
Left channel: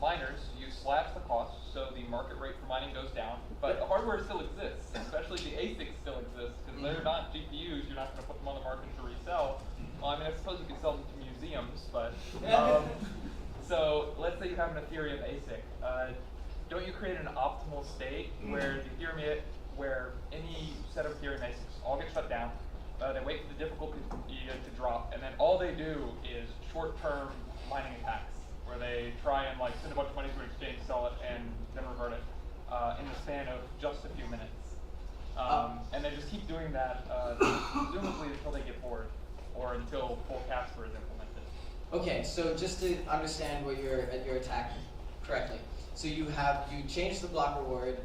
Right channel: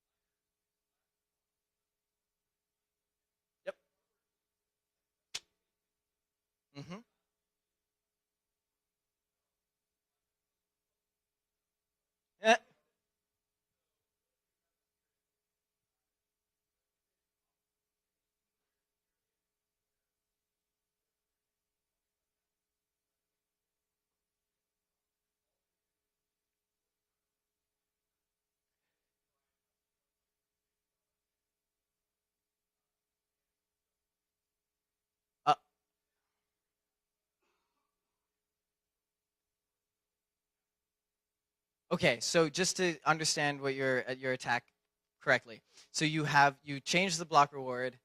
miners, you slash the cost, so the market rate for mining goes down, but the hardware still exists, especially the ASICs still exist, because they're not GPUs. You're not going to put them on the market to resell. Well, I mean, I suppose you could sell them to museums, but so let's say you have an Ethereum ASIC. Don't you create an optimal state where the Ethereum, where any set of Ethereum ASICs all get shut down? They wait for the difficulty to drop, and then all they do is short-term mining attacks, where they try and like send a bunch of money to an exchange, sell it, and then revert it in the span of just a few minutes. And they just keep doing that, presumably until they get bored, or until full Casper is implemented. Okay, so just to understand what your attack correctly, so you change the block reward,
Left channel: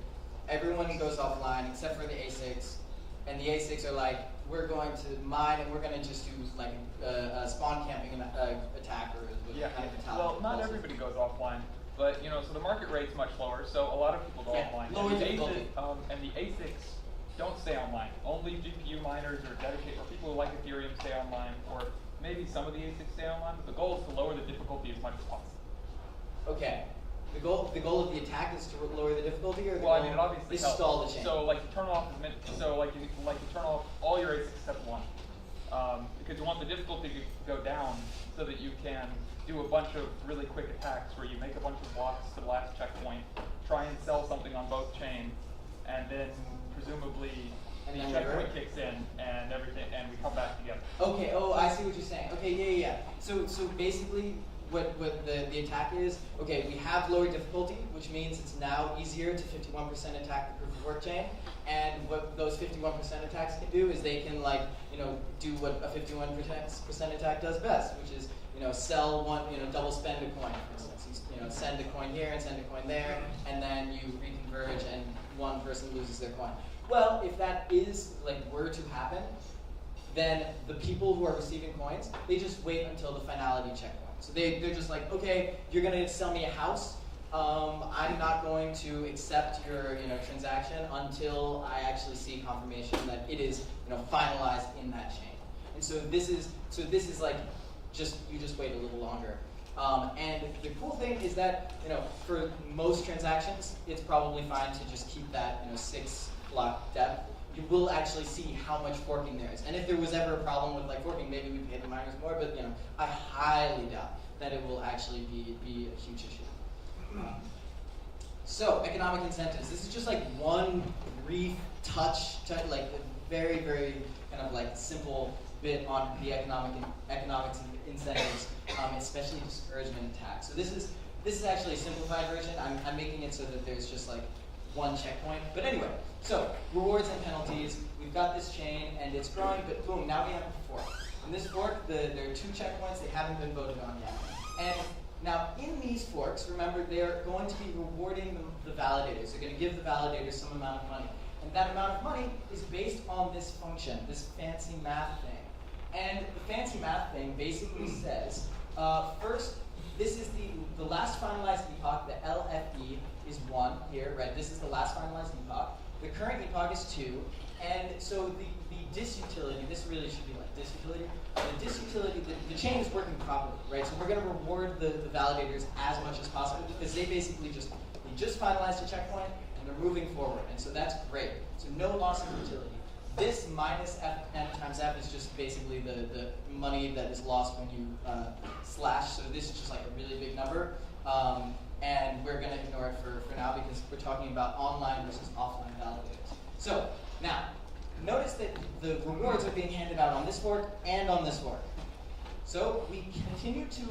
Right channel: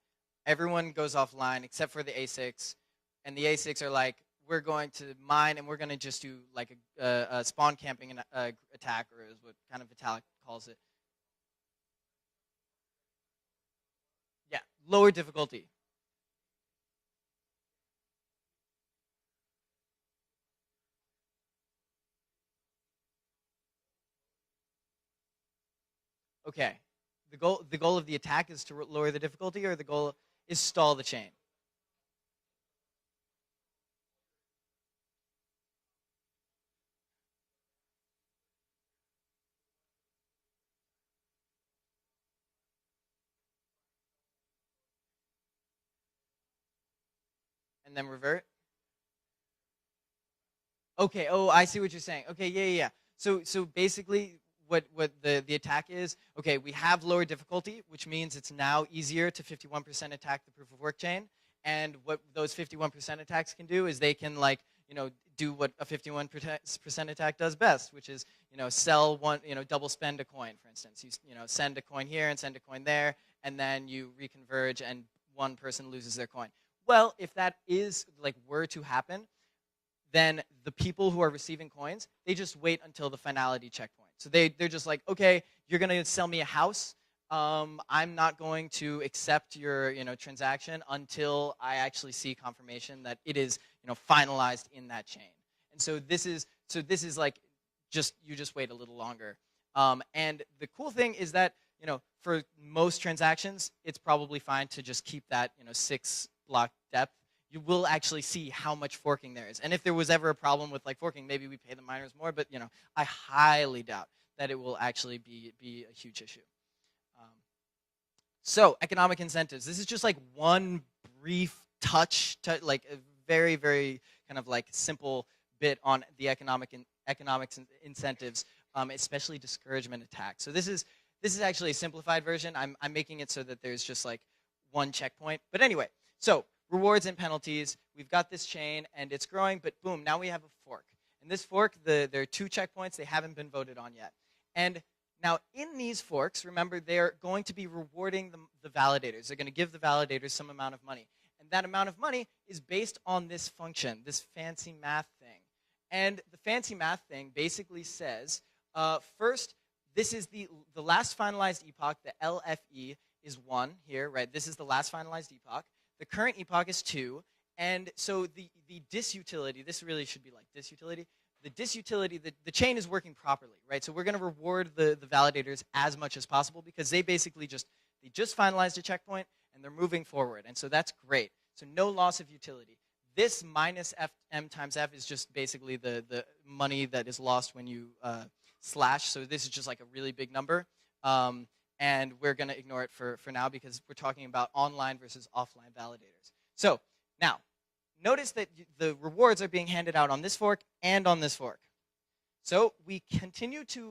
everyone goes offline except for the ASICs, and the ASICs are like, we're going to mine and we're going to just do like a spawn camping attack or Yeah, kind of well, not everybody goes offline, but so the market rate's much lower, so a lot of people go offline. Lower And the difficulty. and the ASICs don't stay online. Only GPU miners or dedicated, or people who like Ethereum stay online, or maybe some of the ASICs stay online, but the goal is to lower the difficulty as much as possible. Okay. The goal of the attack is to lower the difficulty, or the Well, I goal mean, it obviously is helps. stall the chain? So like you turn off, you turn off all your ASICs except one, because you want the difficulty to go down so that you can do a bunch of really quick attacks where you make a bunch of blocks to the last checkpoint, try and sell something on both chains, and then presumably And then the checkpoint revert? kicks in and everything, and we come back together. Okay. Oh, I see what you're saying. Okay. Yeah. So basically, what the attack is? Okay, we have lower difficulty, which means it's now easier to 51% attack the proof of work chain. And what those 51% attacks can do is they can do what a 51% attack does best, which is sell one, double spend a coin. For instance, you send a coin here and send a coin there, and then you reconverge, and one person loses their coin. Well, if that were to happen, then the people who are receiving coins, they just wait until the finality checkpoint. So they're just like, okay, you're gonna sell me a house. I'm not going to accept your transaction until I actually see confirmation that it is finalized in that chain. And so this is like you just wait a little longer. And the cool thing is that for most transactions, it's probably fine to just keep that 6 block depth. You will actually see how much forking there is. And if there was ever a problem with forking, maybe we could get the miners more, but I highly doubt that it will actually be a huge issue. So economic incentives. This is just one brief touch like very, very kind of simple bit on the economics and incentives, especially discouragement attacks. So this is actually a simplified version. I'm making it so that there's just one checkpoint. But anyway, so rewards and penalties. We've got this chain and it's growing, but boom, now we have a fork. In this fork, there are 2 checkpoints. They haven't been voted on yet. And now in these forks, remember, they're going to be rewarding the validators. They're going to give the validators some amount of money. And that amount of money is based on this function, this fancy math thing. And the fancy math thing basically says, first, this is the last finalized epoch, the LFE is 1 here, right? This is the last finalized epoch. The current epoch is 2. And so the disutility, this really should be disutility. The disutility, the chain is working properly, right? So we're going to reward the validators as much as possible because they basically just finalized a checkpoint and they're moving forward. And so that's great. So no loss of utility. This minus M times F is just basically the money that is lost when you slash. So this is just a really big number. And we're going to ignore it for now because we're talking about online versus offline validators. So now, notice that the rewards are being handed out on this fork and on this fork. So we continue to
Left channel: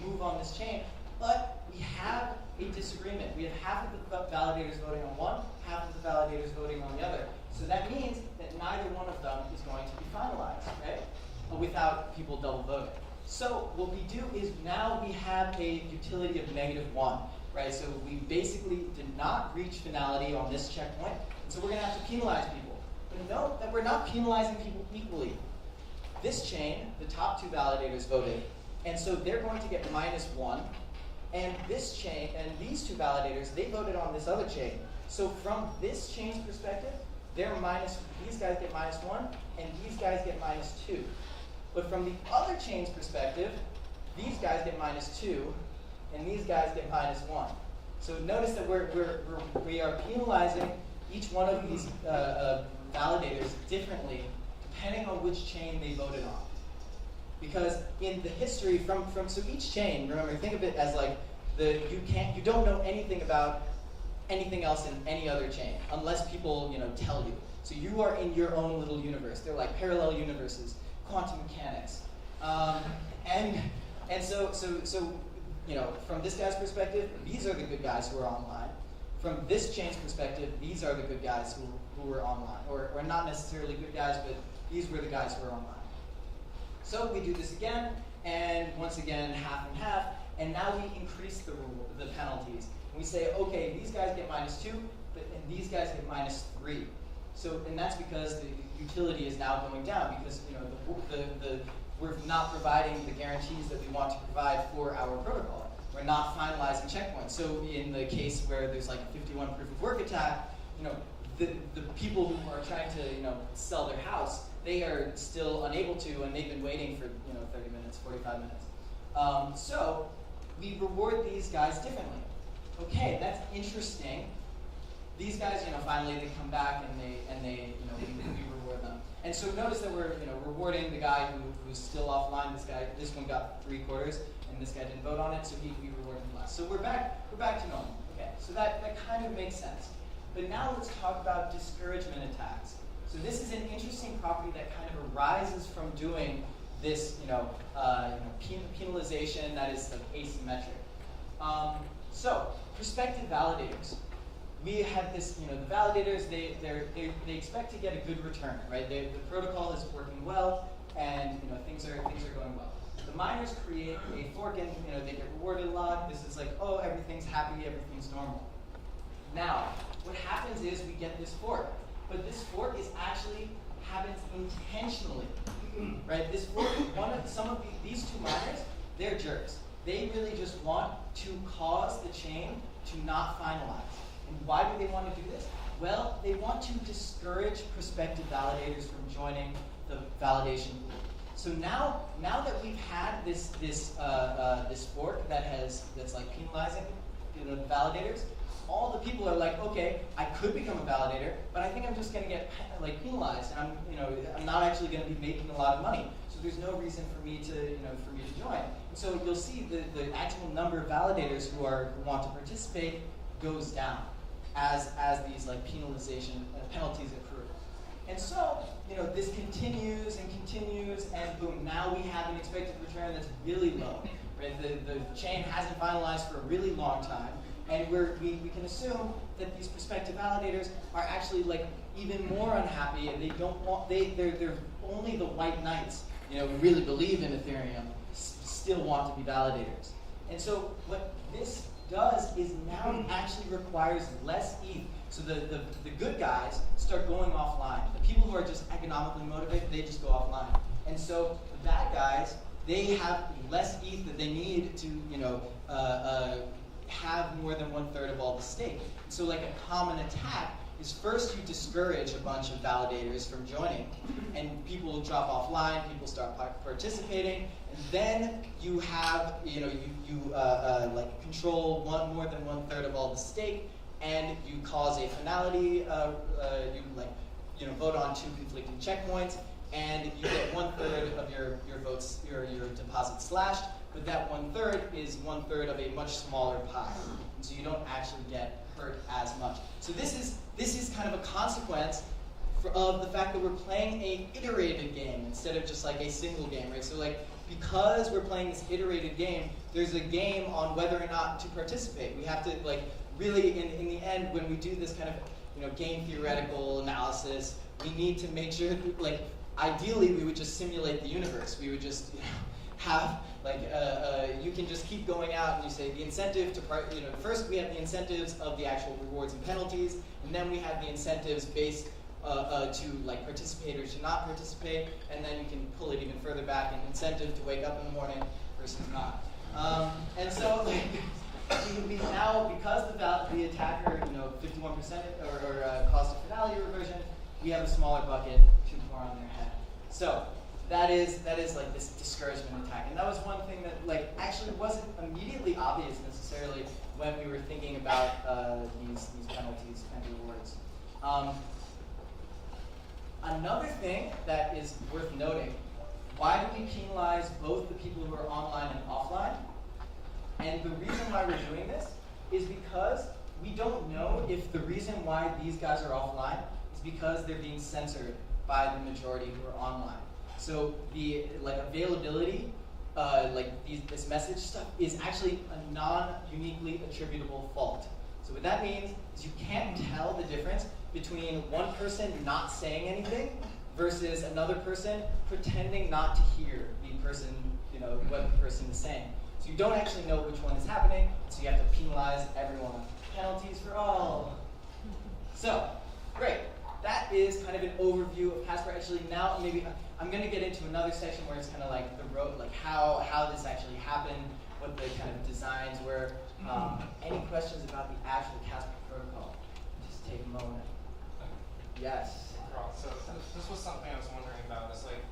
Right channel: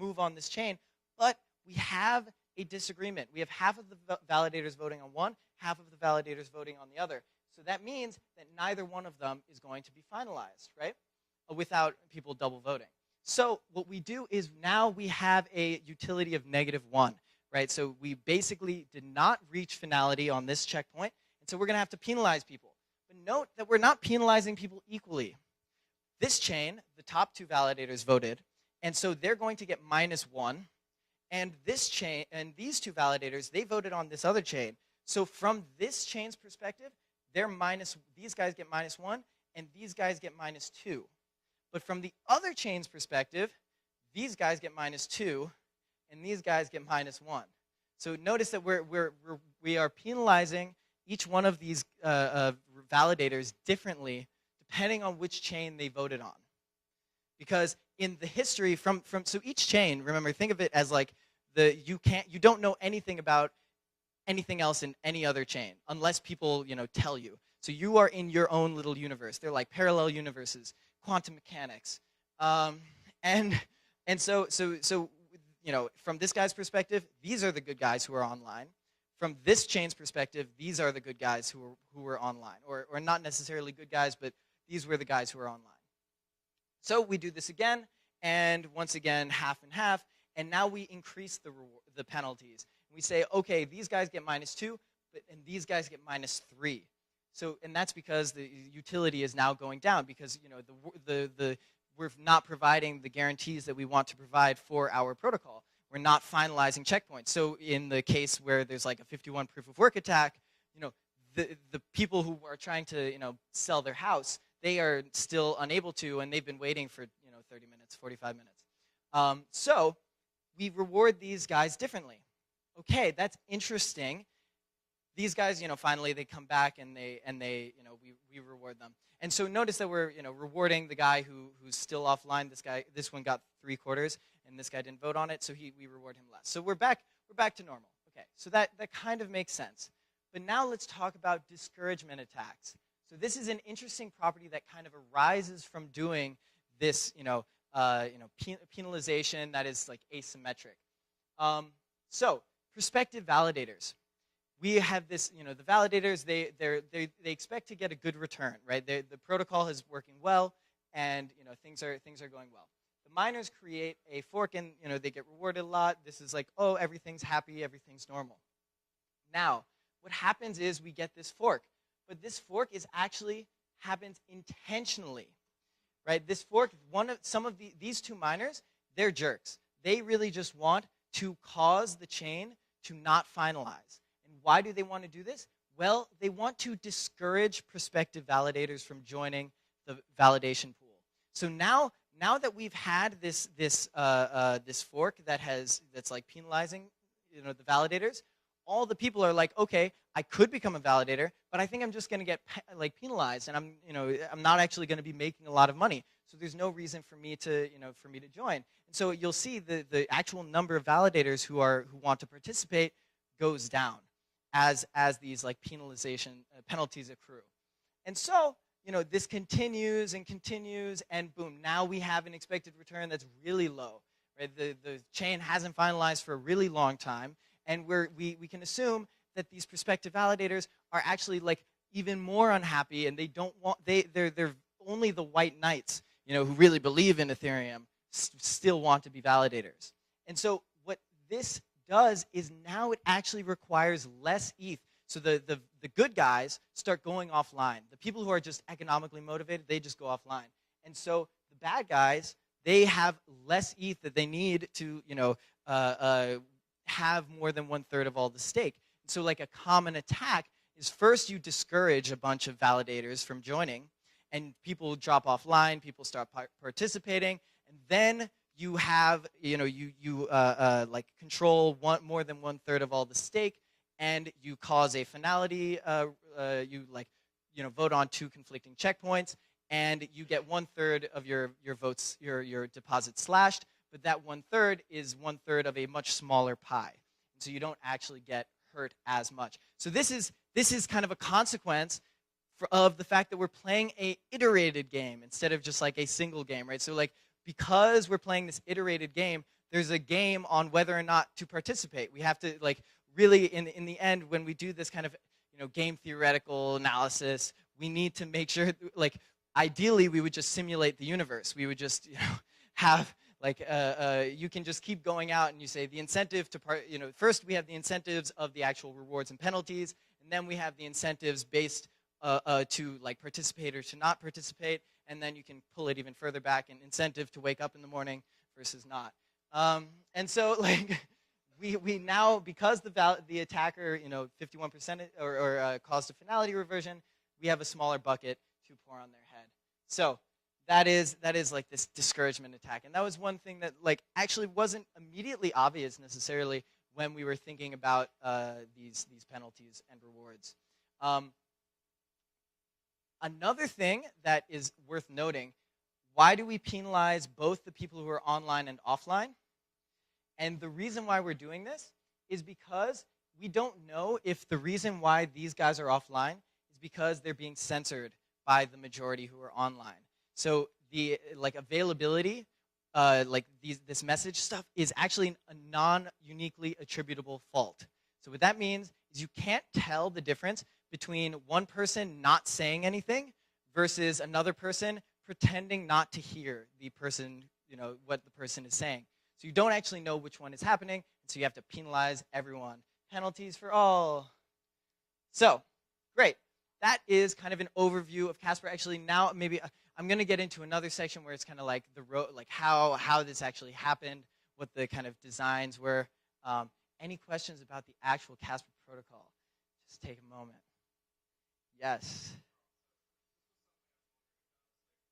move on this chain, but we have a disagreement. We have half of the validators voting on one, half of the validators voting on the other. So that means that neither one of them is going to be finalized, right? But without people double voting. So what we do is now we have a utility of -1. right? So we basically did not reach finality on this checkpoint, so we're going to have to penalize people. But note that we're not penalizing people equally. This chain, the top 2 validators voted, and so they're going to get -1. And this chain, and these 2 validators, they voted on this other chain. So from this chain's perspective, these guys get -1, and these guys get -2. But from the other chain's perspective, these guys get -2, and these guys get -1. So notice that we are penalizing each one of these validators differently, depending on which chain they voted on. Because in the history so each chain, remember, think of it as like you don't know anything about anything else in any other chain unless people tell you. So you are in your own little universe. They're like parallel universes, quantum mechanics, and so from this guy's perspective, these are the good guys who are online. From this chain's perspective, these are the good guys who are online, or not necessarily good guys, but these were the guys who are online. So we do this again, and once again, half and half, and now we increase the penalties. We say, okay, these guys get -2, and these guys get -3. So, and that's because the utility is now going down because we're not providing the guarantees that we want to provide for our protocol. We're not finalizing checkpoints. So in the case where there's like a 51 proof of work attack, the people who are trying to sell their house, they are still unable to, and they've been waiting for 30 minutes, 45 minutes. So we reward these guys differently. Okay, that's interesting. These guys, finally they come back and they we reward them. And so notice that we're rewarding the guy who's still offline. This one got 3/4, and this guy didn't vote on it, so we reward him less. So we're back to normal. Okay, so that kind of makes sense. But now let's talk about discouragement attacks. So this is an interesting property that kind of arises from doing this, penalization that is like asymmetric. So prospective validators. We have this, the validators, they expect to get a good return, right? The protocol is working well, and things are going well. The miners create a fork, and they get rewarded a lot. This is like, oh, everything's happy, everything's normal. Now, what happens is we get this fork, but this fork happens intentionally, right? This fork, these 2 miners, they're jerks. They really just want to cause the chain to not finalize. Why do they want to do this? Well, they want to discourage prospective validators from joining the validation pool. So now that we've had this fork that's like penalizing validators, all the people are like, okay, I could become a validator, but I think I'm just going to get like penalized, and I'm not actually going to be making a lot of money. So there's no reason for me to join. So you'll see the actual number of validators who want to participate goes down as these like penalties accrue. And so, this continues and continues, and boom, now we have an expected return that's really low. Right? The chain hasn't finalized for a really long time, and we can assume that these prospective validators are actually like even more unhappy, and they're only the white knights, who really believe in Ethereum, still want to be validators. And so what this does is now it actually requires less ETH. So the good guys start going offline. The people who are just economically motivated, they just go offline. And so the bad guys, they have less ETH that they need to have more than 1/3 of all the stake. So like a common attack is first you discourage a bunch of validators from joining, and people drop offline, people start participating, and then you have, like control more than 1/3 of all the stake, and you cause a finality, you vote on 2 conflicting checkpoints, and you get 1/3 of your votes, your deposit slashed, but that 1/3 is 1/3 of a much smaller pie. So you don't actually get hurt as much. So this is kind of a consequence of the fact that we're playing a iterated game instead of just like a single game, right? So like, because we're playing this iterated game, there's a game on whether or not to participate. We have to like really, in the end, when we do this kind of game theoretical analysis, we need to make sure, like, ideally we would just simulate the universe. We would just have You can just keep going out and you say the incentive to, first we have the incentives of the actual rewards and penalties, and then we have the incentives based to like participate or to not participate, and then you can pull it even further back, an incentive to wake up in the morning versus not. And so like, we now, because the attacker, 51% or cost of finality reversion, we have a smaller bucket to pour on their head. So that is like this discouragement attack, and that was one thing that like actually wasn't immediately obvious necessarily when we were thinking about these penalties and rewards. Another thing that is worth noting: why do we penalize both the people who are online and offline? And the reason why we're doing this is because we don't know if the reason why these guys are offline is because they're being censored by the majority who are online. So the availability, this message stuff is actually a non-uniquely attributable fault. So what that means is you can't tell the difference between one person not saying anything versus another person pretending not to hear the person, what the person is saying. So you don't actually know which one is happening, so you have to penalize everyone. Penalties for all. So, great. That is kind of an overview of Casper. Actually, now maybe I'm going to get into another section where it's kind of like the road, like how this actually happened, what the kind of designs were. Any questions about the actual Casper protocol? Just take a moment. Yes. So this was something I was wondering about. Is like,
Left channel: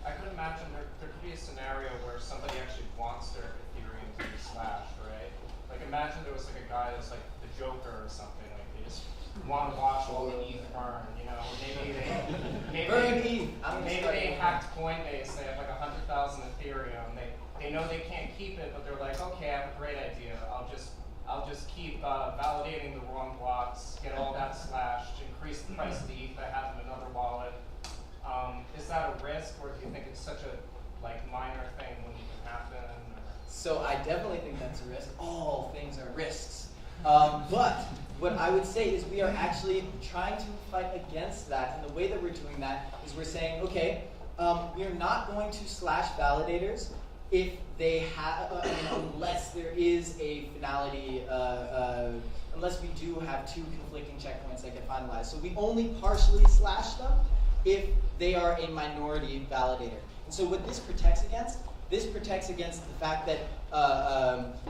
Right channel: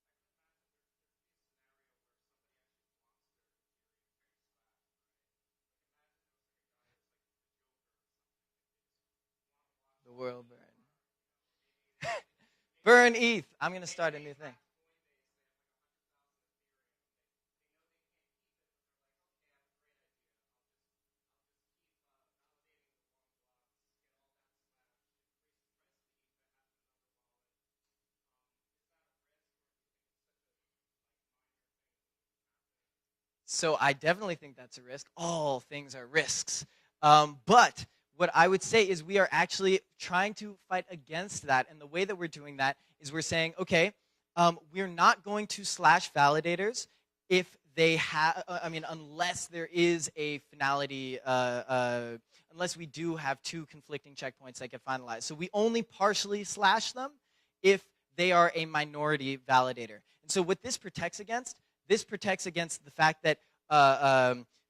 I could imagine there could be a scenario where somebody actually wants their Ethereum to be slashed, right? Like imagine there was like a guy that's like the Joker or something. Like they just want to watch all the ETH burn, maybe burn ETH. I'm gonna start. Maybe they hacked Coinbase. They have like 100,000 Ethereum. They know they can't keep it, but they're like, okay, I have a great idea. I'll just keep validating the wrong blocks, get all that slashed, increase the price of the ETH I have in another wallet. Is that a risk, or do you think it's such a minor thing when it can happen? So I definitely think that's a risk. All things are risks. But what I would say is we are actually trying to fight against that. And the way that we're doing that is we're saying, okay, we're not going to slash validators if they have, unless there is a finality, unless we do have two conflicting checkpoints that get finalized. So we only partially slash them if they are a minority validator. So what this protects against the fact that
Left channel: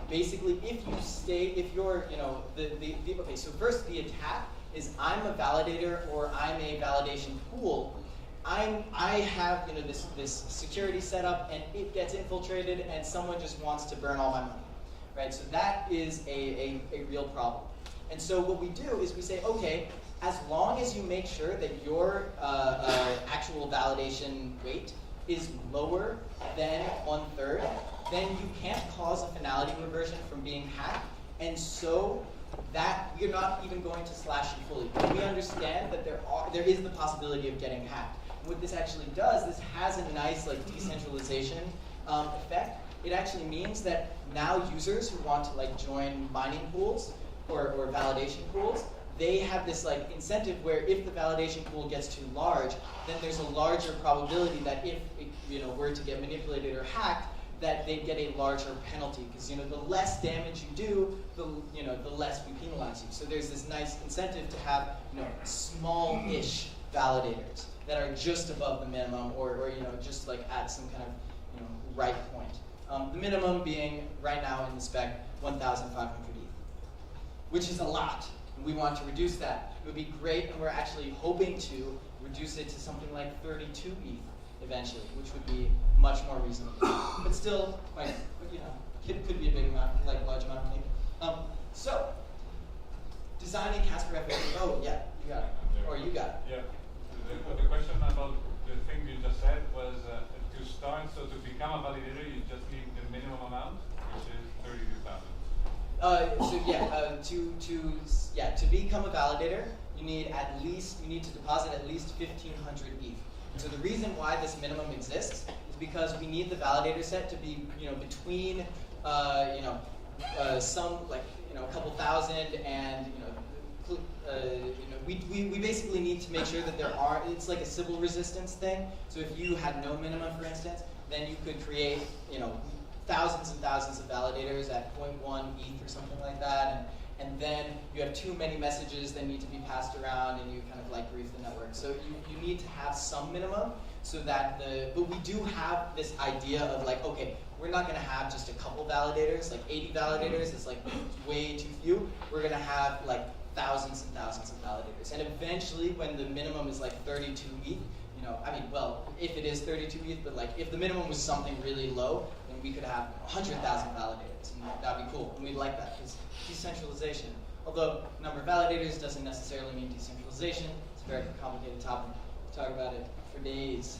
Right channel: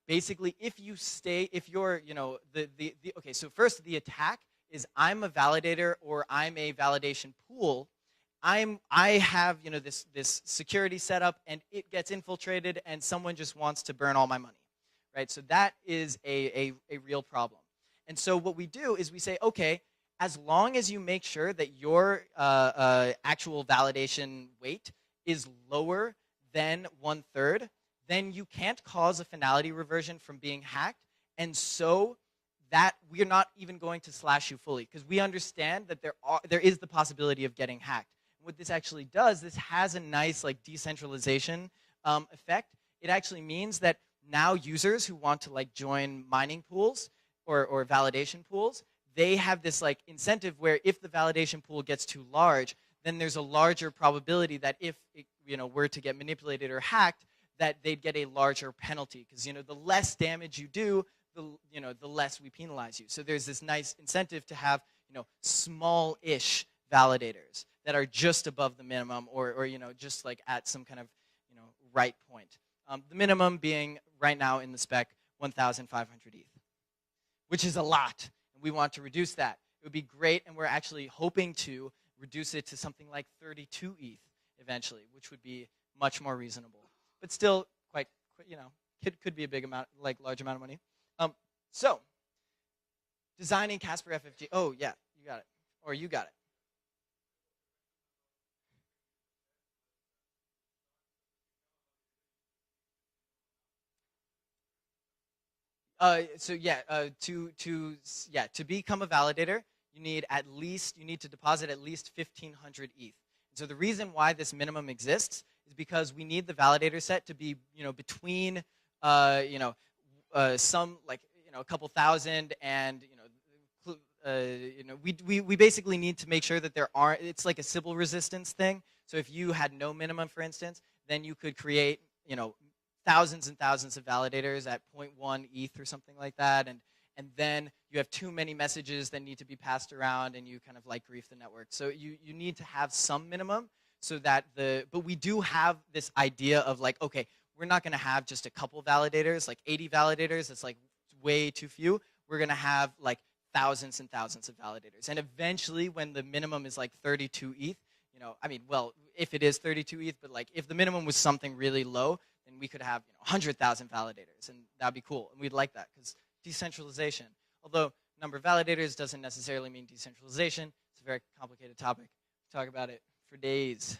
basically if you're, okay, so first the attack is I'm a validator or I'm a validation pool. I have this security set up and it gets infiltrated and someone just wants to burn all my money, right? So that is a real problem. And so what we do is we say, okay, as long as you make sure that your actual validation weight is lower than 1/3, then you can't cause a finality reversion from being hacked, and so that we're not even going to slash you fully. We understand that there is the possibility of getting hacked. What this actually does, this has a nice decentralization effect. It actually means that now users who want to join mining pools or validation pools, they have this incentive where if the validation pool gets too large, then there's a larger probability that if it were to get manipulated or hacked, that they'd get a larger penalty. Because the less damage you do, the less we penalize you. So there's this nice incentive to have small-ish validators that are just above the minimum, or just at some kind of right point. The minimum being right now in the spec 1,500 ETH, which is a lot. We want to reduce that. It would be great, and we're actually hoping to reduce it to something like 32 ETH eventually, which would be much more reasonable. But still, could be a big amount, large amount of money. So, designing Casper FAQ. Oh yeah, you got it. Or you got it. Yeah. The question about the thing you just said was to start. So to become a validator, you just need the minimum amount, which is 32,000. To become a validator, you need to deposit at least 1,500 ETH. So the reason why this minimum exists is because we need the validator set to be between some a couple thousand and we basically need to make sure that there aren't. It's like a Sybil resistance thing. So if you had no minimum, for instance, then you could create thousands and thousands of validators at 0.1 ETH or something like that, and then you have too many messages that need to be passed around, and you kind of like grieve the network. So you need to have some minimum, so that but we do have this idea of like, okay, we're not gonna have just a couple validators, like 80 validators is like way too few. We're gonna have like thousands and thousands of validators. And eventually, when the minimum is like 32 ETH, I mean, well, if it is 32 ETH, but like if the minimum was something really low, then we could have 100,000 validators, and that'd be cool. We'd like that. It's decentralization. Although number of validators doesn't necessarily mean decentralization. It's a very complicated topic. We'll talk about it for days.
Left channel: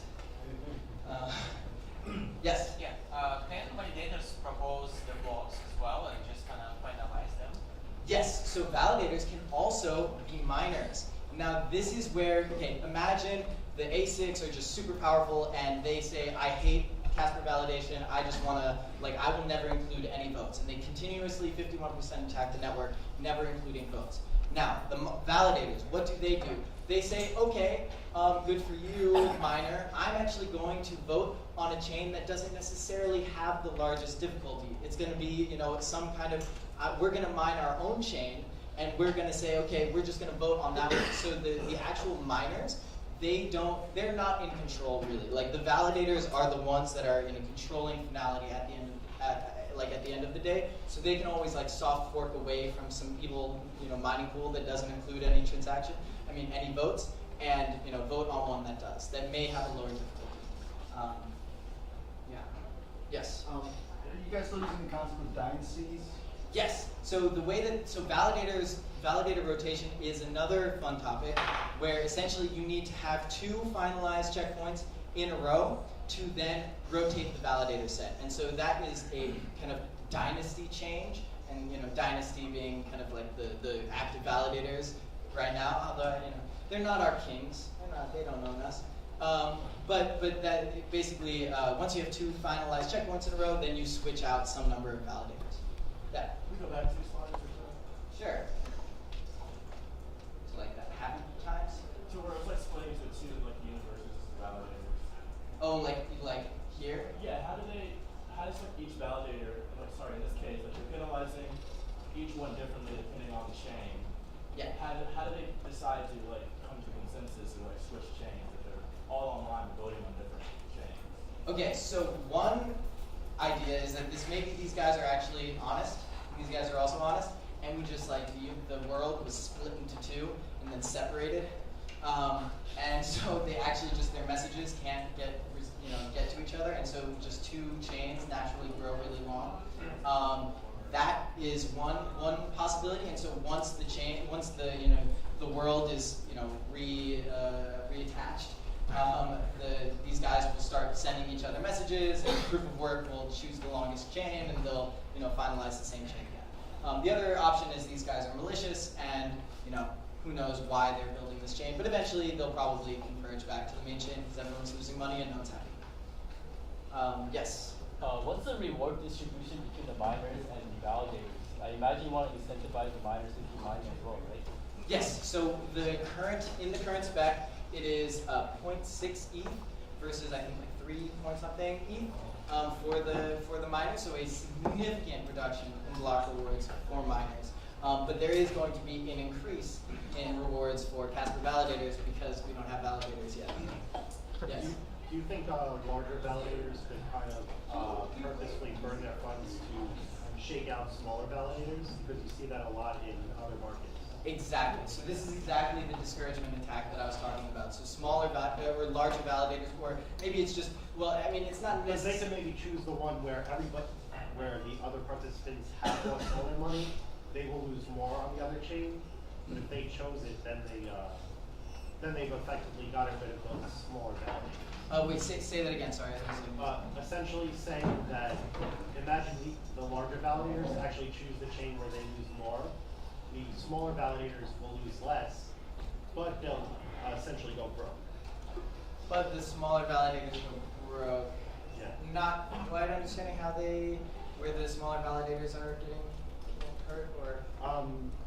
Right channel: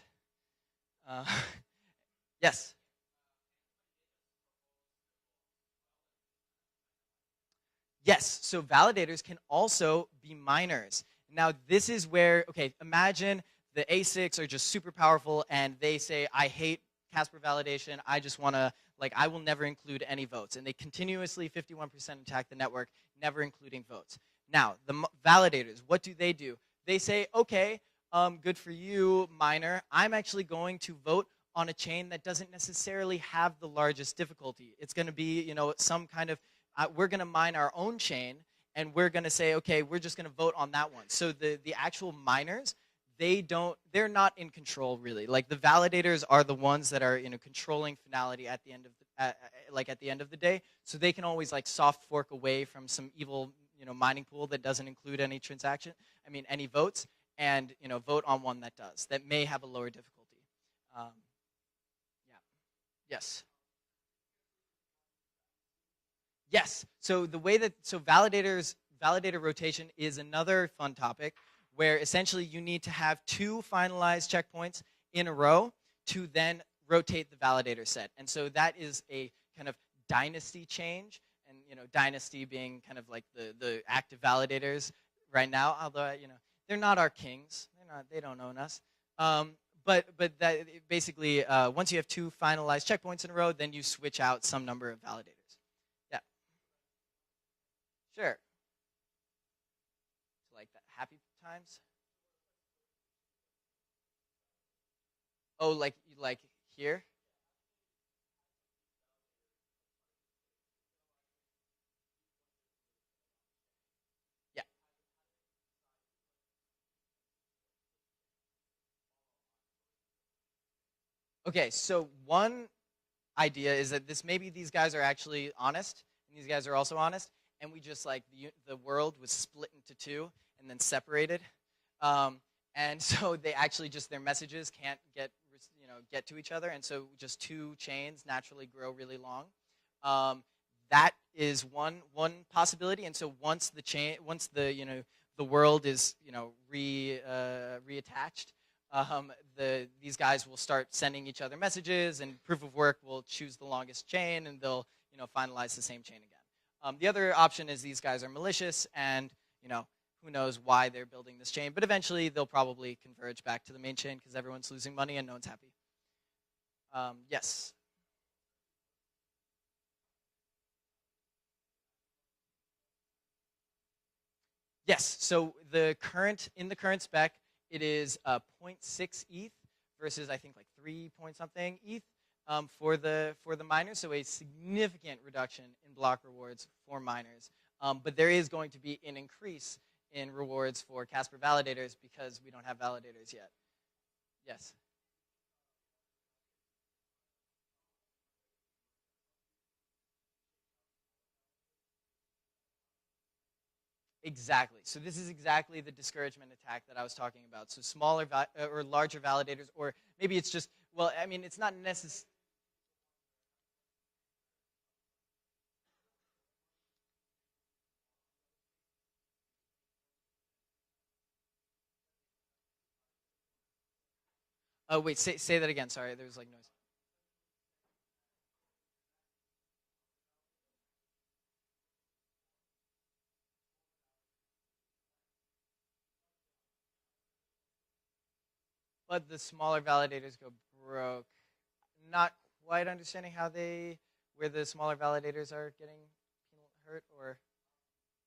Yes? Yeah. Can validators propose the blocks as well and just kind of finalize them? Yes, so validators can also be miners. Now this is where, okay, imagine the ASICs are just super powerful and they say, I hate Casper validation, I just want to, like, I will never include any votes. And they continuously, 51% attack the network, never including votes. Now, the validators, what do? They say, okay, good for you, miner. I'm actually going to vote on a chain that doesn't necessarily have the largest difficulty. It's going to be, some kind of, we're going to mine our own chain, and we're going to say, okay, we're just going to vote on that one. So the actual miners, they're not in control really. Like the validators are the ones that are controlling finality at the end of the day. So they can always like soft fork away from some evil mining pool that doesn't include any any votes, and vote on one that does, that may have a lower difficulty. Yeah. Yes. Are you guys still using the concept of dynasties? Yes. So the way that validator rotation is another fun topic, where essentially you need to have 2 finalized checkpoints in a row to then rotate the validator set. And so that is a kind of dynasty change, and dynasty being kind of like the active validators right now, although they're not our kings. They don't own us. But that basically, once you have 2 finalized checkpoints in a row, then you switch out some number of validators. Yeah. Can we go back 2 slides or so? Sure. Like that happy times. So we're like splitting into 2 like universes as validators. Oh, like here? Yeah, how does like each validator, in this case, like they're penalizing each one differently depending on the chain. Yeah. How do they decide to like come to consensus and like switch chains if they're all online voting on different chains? Okay, so one idea is that maybe these guys are actually honest. These guys are also honest, and we just like the world was split into 2 and then separated, and so they actually just their messages can't get to each other, and so just 2 chains naturally grow really long. That is one possibility, and so once the world is reattached, these guys will start sending each other messages, and proof of work will choose the longest chain, and they'll finalize the same chain again. The other option is these guys are malicious, and who knows why they're building this chain, but eventually they'll probably converge back to the main chain because everyone's losing money and no one's happy. Yes. What's the reward distribution between the miners and the validators? I imagine you want to incentivize the miners to keep mining as well, right? Yes. So in the current spec, it is 0.6 ETH versus I think like 3 point something ETH for the miners. So a significant reduction in block rewards for miners. But there is going to be an increase in rewards for Casper validators because we don't have validators yet. Yes. Do you think larger validators could kind of purposely burn their funds to shake out smaller validators? Because you see that a lot in other markets. Exactly. So this is exactly the discouragement attack that I was talking about. So smaller or larger validators, where maybe it's just it's not necessarily. They can maybe choose the one where where the other participants have more smaller money, they will lose more on the other chain. But if they chose it, then they've effectively gotten rid of those smaller validators. Oh wait, say that again. Sorry. Essentially saying that imagine the larger validators actually choose the chain where they lose more. The smaller validators will lose less, but they'll essentially go broke. But the smaller validators go broke. Yeah. Not quite understanding where the smaller validators are getting hurt, or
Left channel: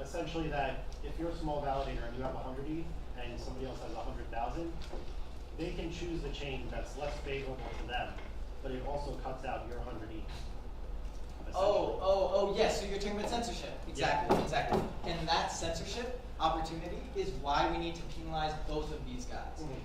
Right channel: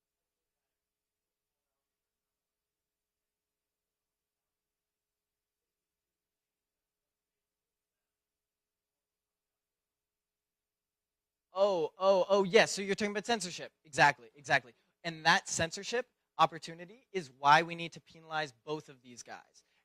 essentially that if you're a small validator and you have 100 ETH and somebody else has 100,000, they can choose the chain that's less favorable to them, but it also cuts out your 100 ETH. Yes. So you're talking about censorship. Exactly. And that censorship opportunity is why we need to penalize both of these guys.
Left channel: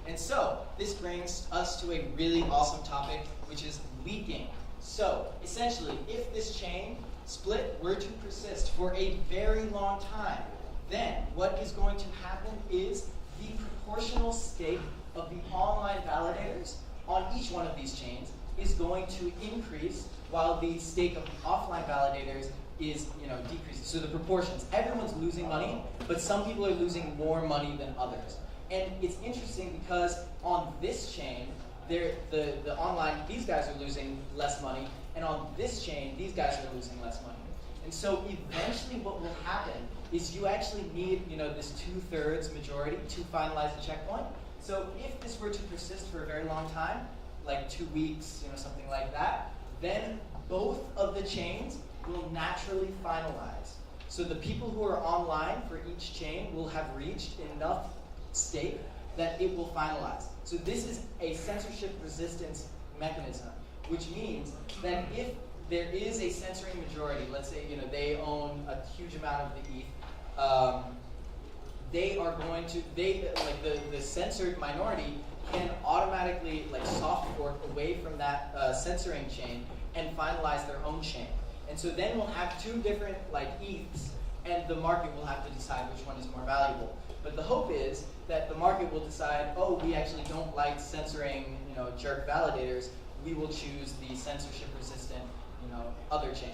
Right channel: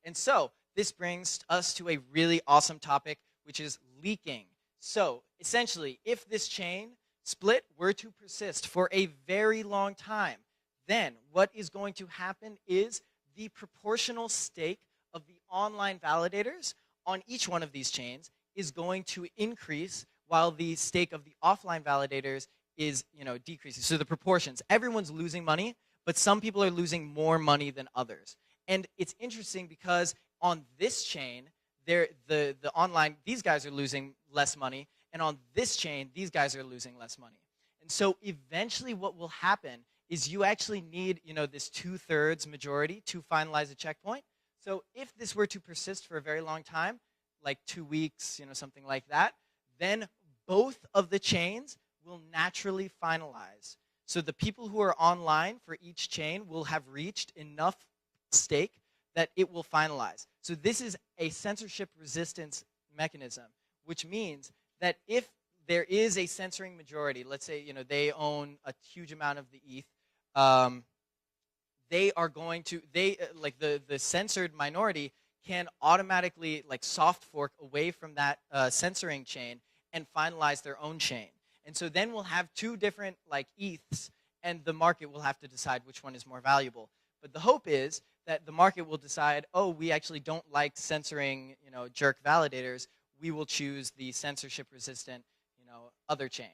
And so this brings us to a really awesome topic, which is leaking. So essentially, if this chain split were to persist for a very long time, then what is going to happen is the proportional stake of the online validators on each one of these chains is going to increase while the stake of the offline validators is decreasing. So the proportions, everyone's losing money, but some people are losing more money than others. And it's interesting because on this chain, the online, these guys are losing less money, and on this chain, these guys are losing less money. And so eventually what will happen is you actually need this 2/3 majority to finalize a checkpoint. So if this were to persist for a very long time, like 2 weeks, something like that, then both of the chains will naturally finalize. So the people who are online for each chain will have reached enough stake that it will finalize. So this is a censorship resistance mechanism, which means that if there is a censoring majority, let's say they own a huge amount of the ETH, they are going to, the censored minority can automatically soft fork away from that censoring chain and finalize their own chain. And so then we'll have two different ETHs, and the market will have to decide which one is more valuable. But the hope is that the market will decide, we actually don't like censoring jerk validators. We will choose the censorship-resistant other chain.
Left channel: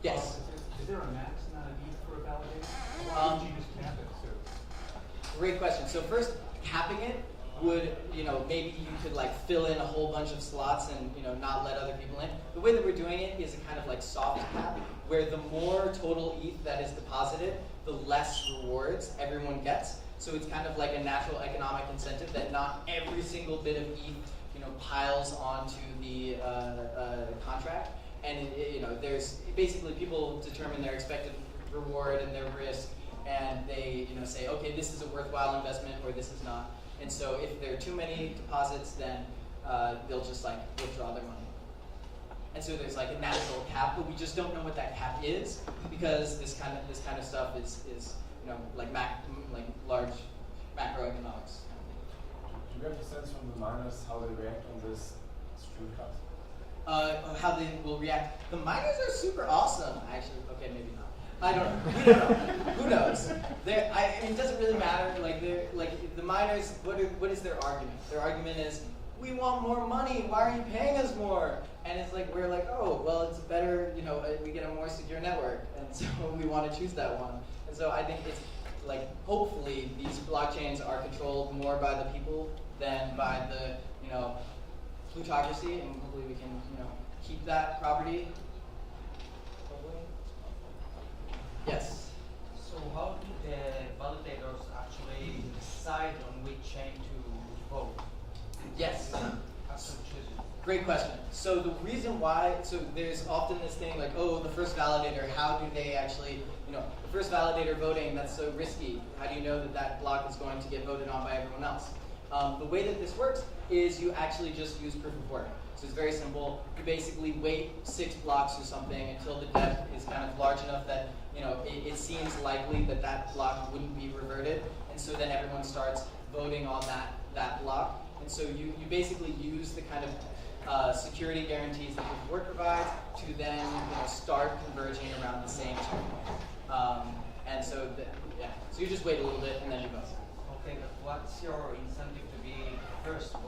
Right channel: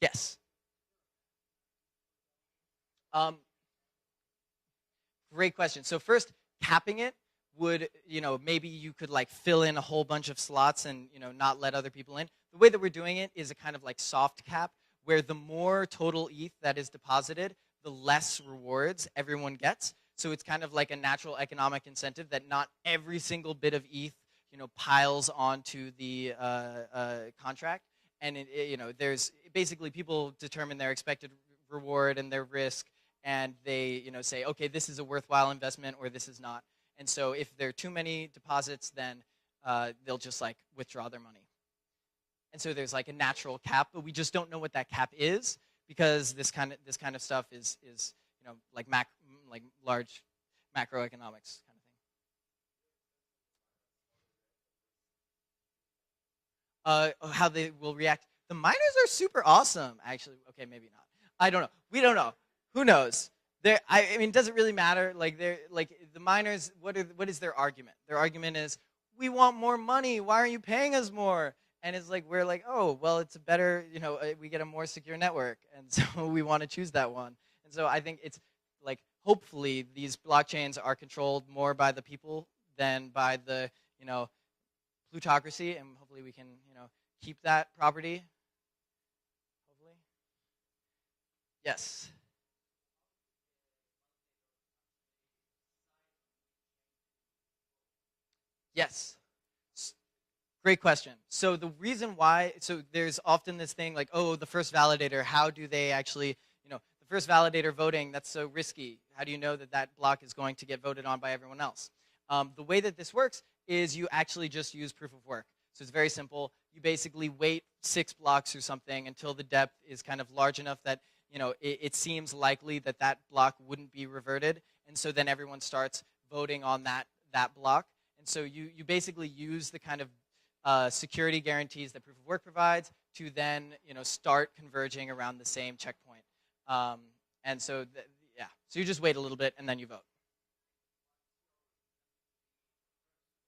Yes? Is there a max amount of ETH for a validator? Why would you just cap it to? Great question. So first, capping it would, maybe you could fill in a whole bunch of slots and not let other people in. The way that we're doing it is a kind of soft cap, where the more total ETH that is deposited, the less rewards everyone gets. So it's kind of like a natural economic incentive that not every single bit of ETH piles onto the contract. And there's basically people determine their expected reward and their risk, and they say, okay, this is a worthwhile investment or this is not. And so if there are too many deposits, then they'll just withdraw their money. And so there's a natural cap, but we just don't know what that cap is, because this kind of stuff is large macroeconomics. Do you have a sense from the miners how they react on this stream cut? How they will react? The miners are super awesome, actually. Okay, maybe not. I don't know. We don't know. Who knows? It doesn't really matter. The miners. What is their argument? Their argument is, we want more money. Why are you paying us more? And it's we're oh, well, it's better. We get a more secure network, and so we want to choose that one. And so I think it's hopefully these blockchains are controlled more by the people than by the plutocracy, and hopefully we can keep that property. Yes. So how do the validators actually decide on which chain to vote? Yes. As to choose it? Great question. So the reason why, there's often this thing the first validator, how do they actually, the first validator voting, that's so risky. How do you know that that block is going to get voted on by everyone else? The way that this works is you actually just use proof of work. So it's very simple. You basically wait 6 blocks or something until the depth is kind of large enough that it seems likely that that block wouldn't be reverted. And so then everyone starts voting on that block. And so you basically use the kind of security guarantees that proof of work provides to then start converging around the same checkpoint. And so, so you just wait a little bit and then you vote. Okay, but what's your incentive to be first vote?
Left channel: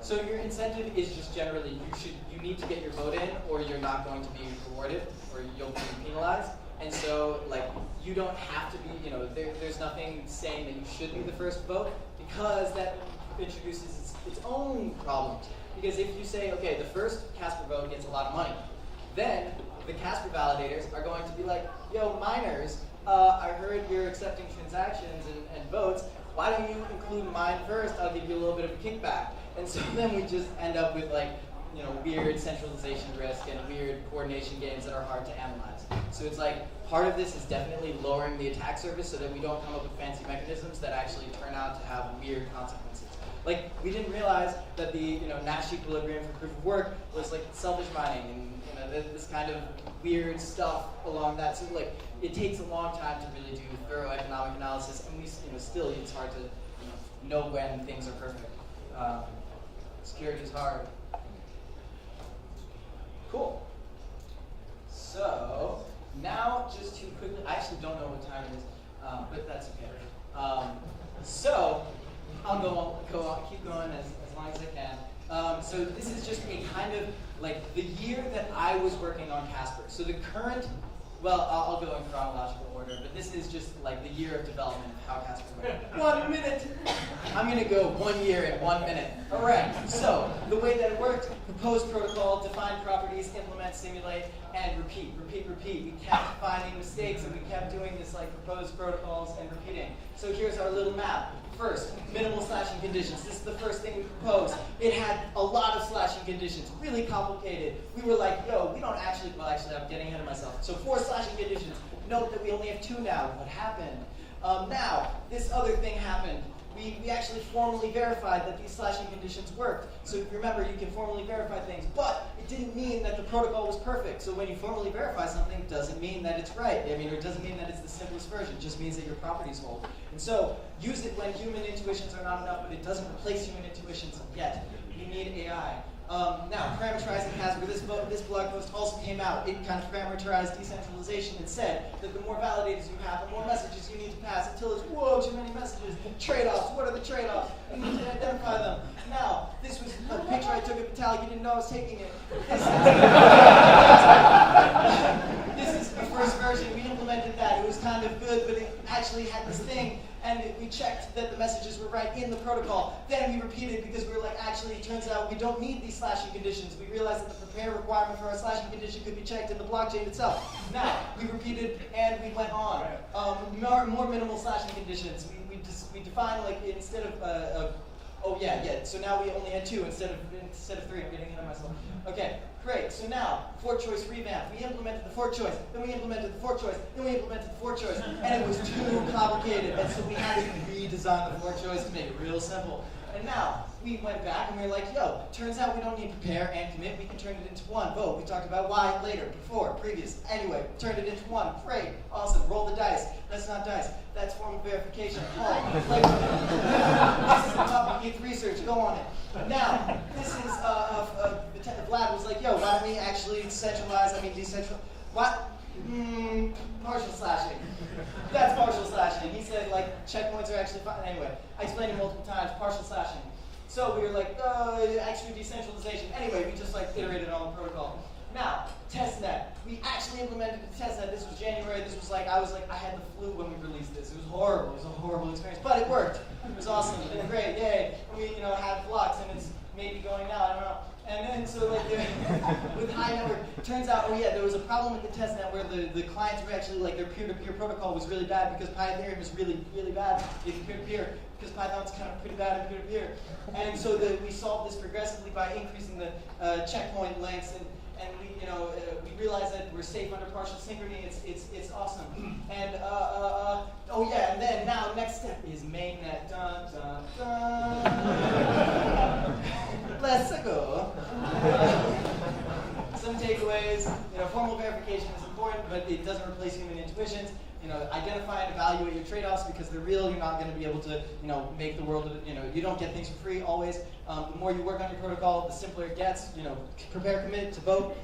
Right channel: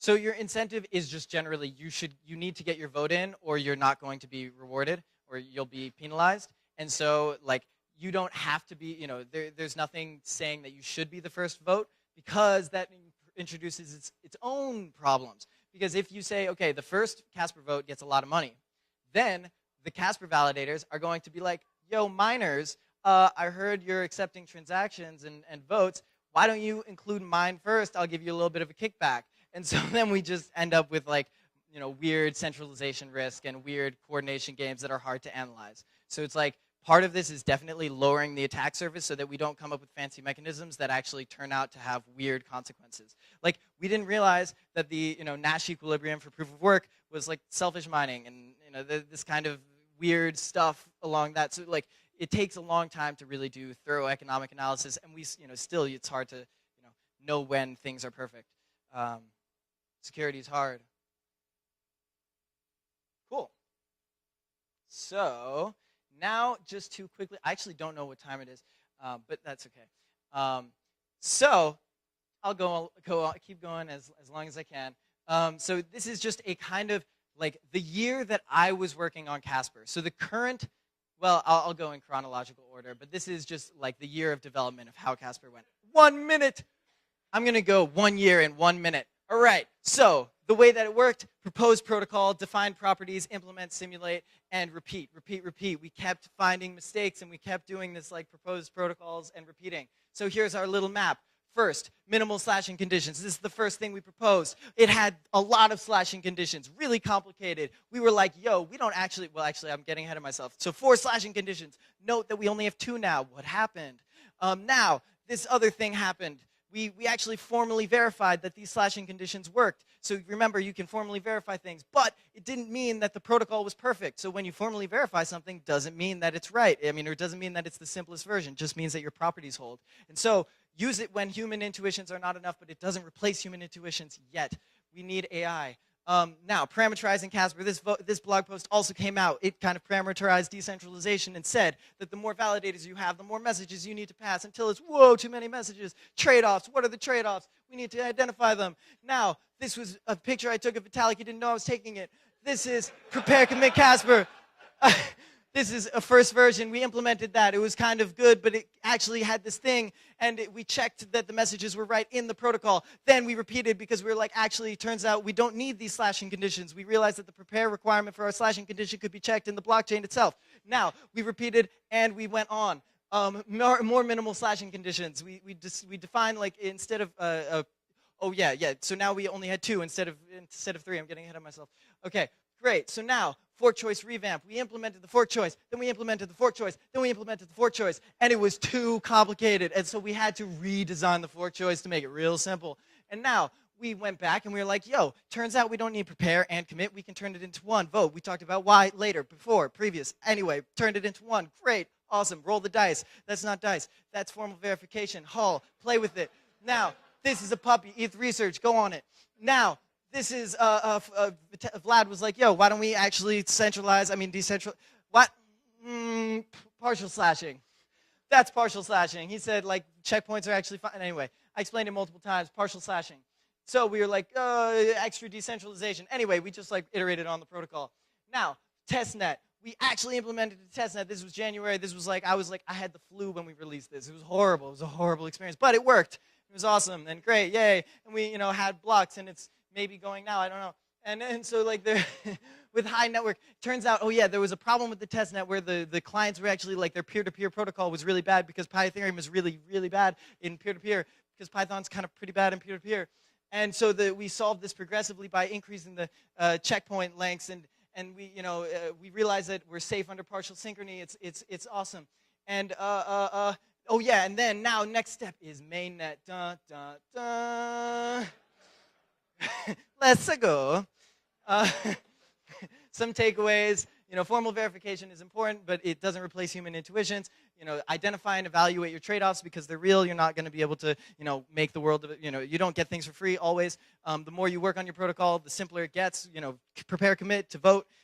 So your incentive is just generally you need to get your vote in, or you're not going to be rewarded, or you'll be penalized. And so you don't have to be, there's nothing saying that you should be the first vote, because that introduces its own problems. Because if you say, okay, the first Casper vote gets a lot of money, then the Casper validators are going to be yo, miners, I heard you're accepting transactions and votes. Why don't you include mine first? I'll give you a little bit of a kickback. And so then we just end up with weird centralization risk and weird coordination games that are hard to analyze. So it's part of this is definitely lowering the attack surface so that we don't come up with fancy mechanisms that actually turn out to have weird consequences. We didn't realize that the Nash equilibrium for proof of work was selfish mining, and this kind of weird stuff along that. So like, it takes a long time to really do thorough economic analysis. At least, still it's hard to know when things are perfect. Security is hard. Cool. So now, just to quickly, I actually don't know what time it is, but that's okay. So I'll go on, keep going as long as I can. So this is just a kind of like the year that I was working on Casper. So the current, well, I'll go in chronological order, but this is just like the year of development of how Casper went. 1 minute. I'm gonna go 1 year at 1 minute. All right. So the way that it worked: propose protocol, define properties, implement, simulate, and repeat, repeat, repeat. We kept finding mistakes, and we kept doing this like proposed protocols and repeating. So here's our little map. First, minimal slashing conditions. This is the first thing we proposed. It had a lot of slashing conditions, really complicated. We were like, yo, we don't actually, well, actually, I'm getting ahead of myself. So 4 slashing conditions. Note that we only have 2 now. What happened? Now, this other thing happened. We actually formally verified that these slashing conditions worked. So remember, you can formally verify things, but it didn't mean that the protocol was perfect. So when you formally verify something, it doesn't mean that it's right. I mean, or it doesn't mean that it's the simplest version. It just means that your properties hold. And so use it when human intuitions are not enough, but it doesn't replace human intuitions yet. We need AI. Now, parameterizing Casper, this blog post also came out. It kind of parameterized decentralization and said that the more validators you have, the more messages you need to pass until it's, whoa, too many messages. Trade-offs, what are the trade-offs? You need to identify them. Now, this was a picture I took of Vitalik. You didn't know I was taking it. This is Casper. This is a first version. We implemented that. It was kind of good, but it actually had this thing. And we checked that the messages were right in the protocol. Then we repeated because we were like, actually, it turns out we don't need these slashing conditions. We realized that the prepare requirement for our slashing condition could be checked in the blockchain itself. Now, we repeated and we went on. More minimal slashing conditions. We defined like instead of, so now we only had 2 instead of 3. I'm getting ahead of myself. Okay. Great, so now, fork choice revamp. We implemented the fork choice, then we implemented the fork choice, then we implemented the fork choice, and it was too complicated, and so we had to redesign the fork choice to make it real simple. And now, we went back and we were like, yo, turns out we don't need prepare and commit, we can turn it into 1. Vote, we talked about why later, before, previous. Anyway, turned it into 1. Great, awesome, roll the dice. That's not dice, that's formal verification. Hull, play with it. Now, this is a puppy, ETH research, go on it. Now, this is, Vlad was like, yo, why don't we actually decentralize, what? Partial slashing. That's partial slashing. He said, like, checkpoints are actually fine. Anyway, I explained it multiple times, partial slashing. So we were like, extra decentralization. Anyway, we just, like, iterated on the protocol. Now, testnet. We actually implemented the testnet. This was January. This was like, I had the flu when we released this. It was horrible. It was a horrible experience, but it worked. It was awesome and great, yay. And we, had blocks, and it's maybe going now, I don't know. And so like with high network, turns out, there was a problem with the testnet where the clients were actually like their peer-to-peer protocol was really bad because Python is really, really bad in peer-to-peer because Python's kind of pretty bad in peer-to-peer. And so we solved this progressively by increasing the checkpoint lengths and we realized that we're safe under partial synchrony. It's awesome. And and then now next step is mainnet. Dun dun dun. Let's go. Some takeaways. Formal verification is important, but it doesn't replace human intuitions. Identify and evaluate your trade-offs because they're real. You're not going to be able to, make the world. You don't get things for free always. The more you work on your protocol, the simpler it gets. Prepare, commit to vote.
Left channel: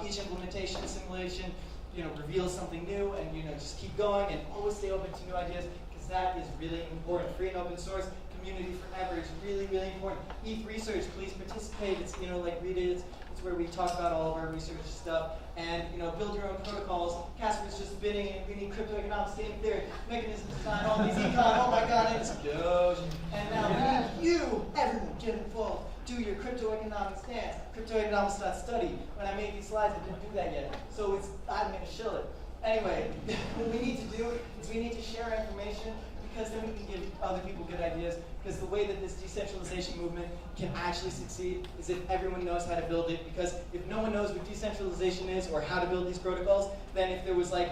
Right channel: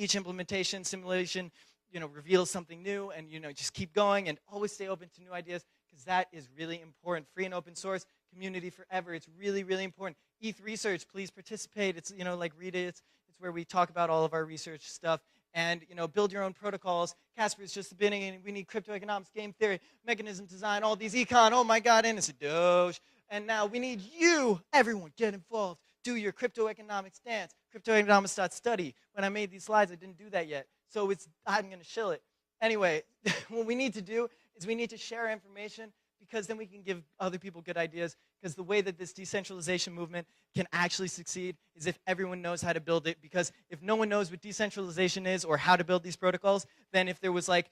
Each implementation, simulation, reveals something new, and just keep going and always stay open to new ideas because that is really important. Free and open source community forever is really, really important. ETH research, please participate. It's read it. It's where we talk about all of our research stuff. And build your own protocols. Casper's just spinning, and we need crypto economics, game theory, mechanism design, all these econ. Oh my God, and it's Doge. And now we need you, everyone, get involved. Do your crypto economics dance. Cryptoeconomics.study. When I made these slides, I didn't do that yet. So I'm going to shill it. Anyway, what we need to do is we need to share our information because then we can give other people good ideas. Because the way that this decentralization movement can actually succeed is if everyone knows how to build it. Because if no one knows what decentralization is or how to build these protocols, then if there was a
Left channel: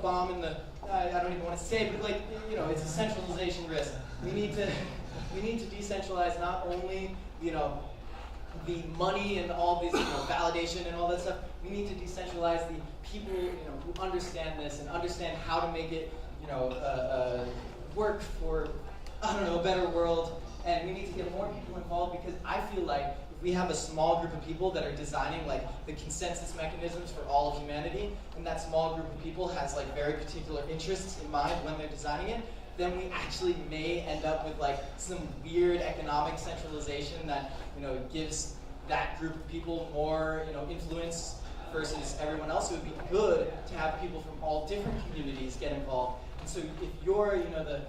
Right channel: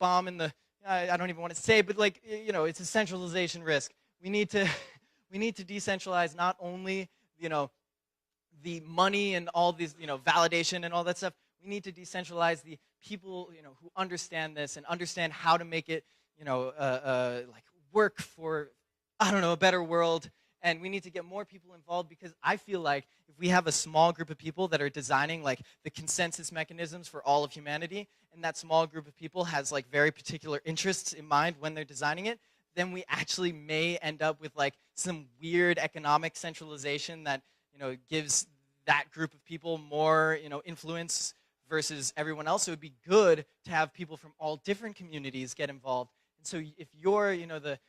bomb in the, I don't even want to say it, but it's a centralization risk. We need to decentralize not only, the money and all this, validation and all that stuff, We need to decentralize the people, who understand this and understand how to make it, work for, a better world. And we need to get more people involved, because I feel like if we have a small group of people that are designing like the consensus mechanisms for all of humanity, and that small group of people has like very particular interests in mind when they're designing it, then we actually may end up with like some weird economic centralization that gives that group of people more influence versus everyone else. It would be good to have people from all different communities get involved. And so if you're the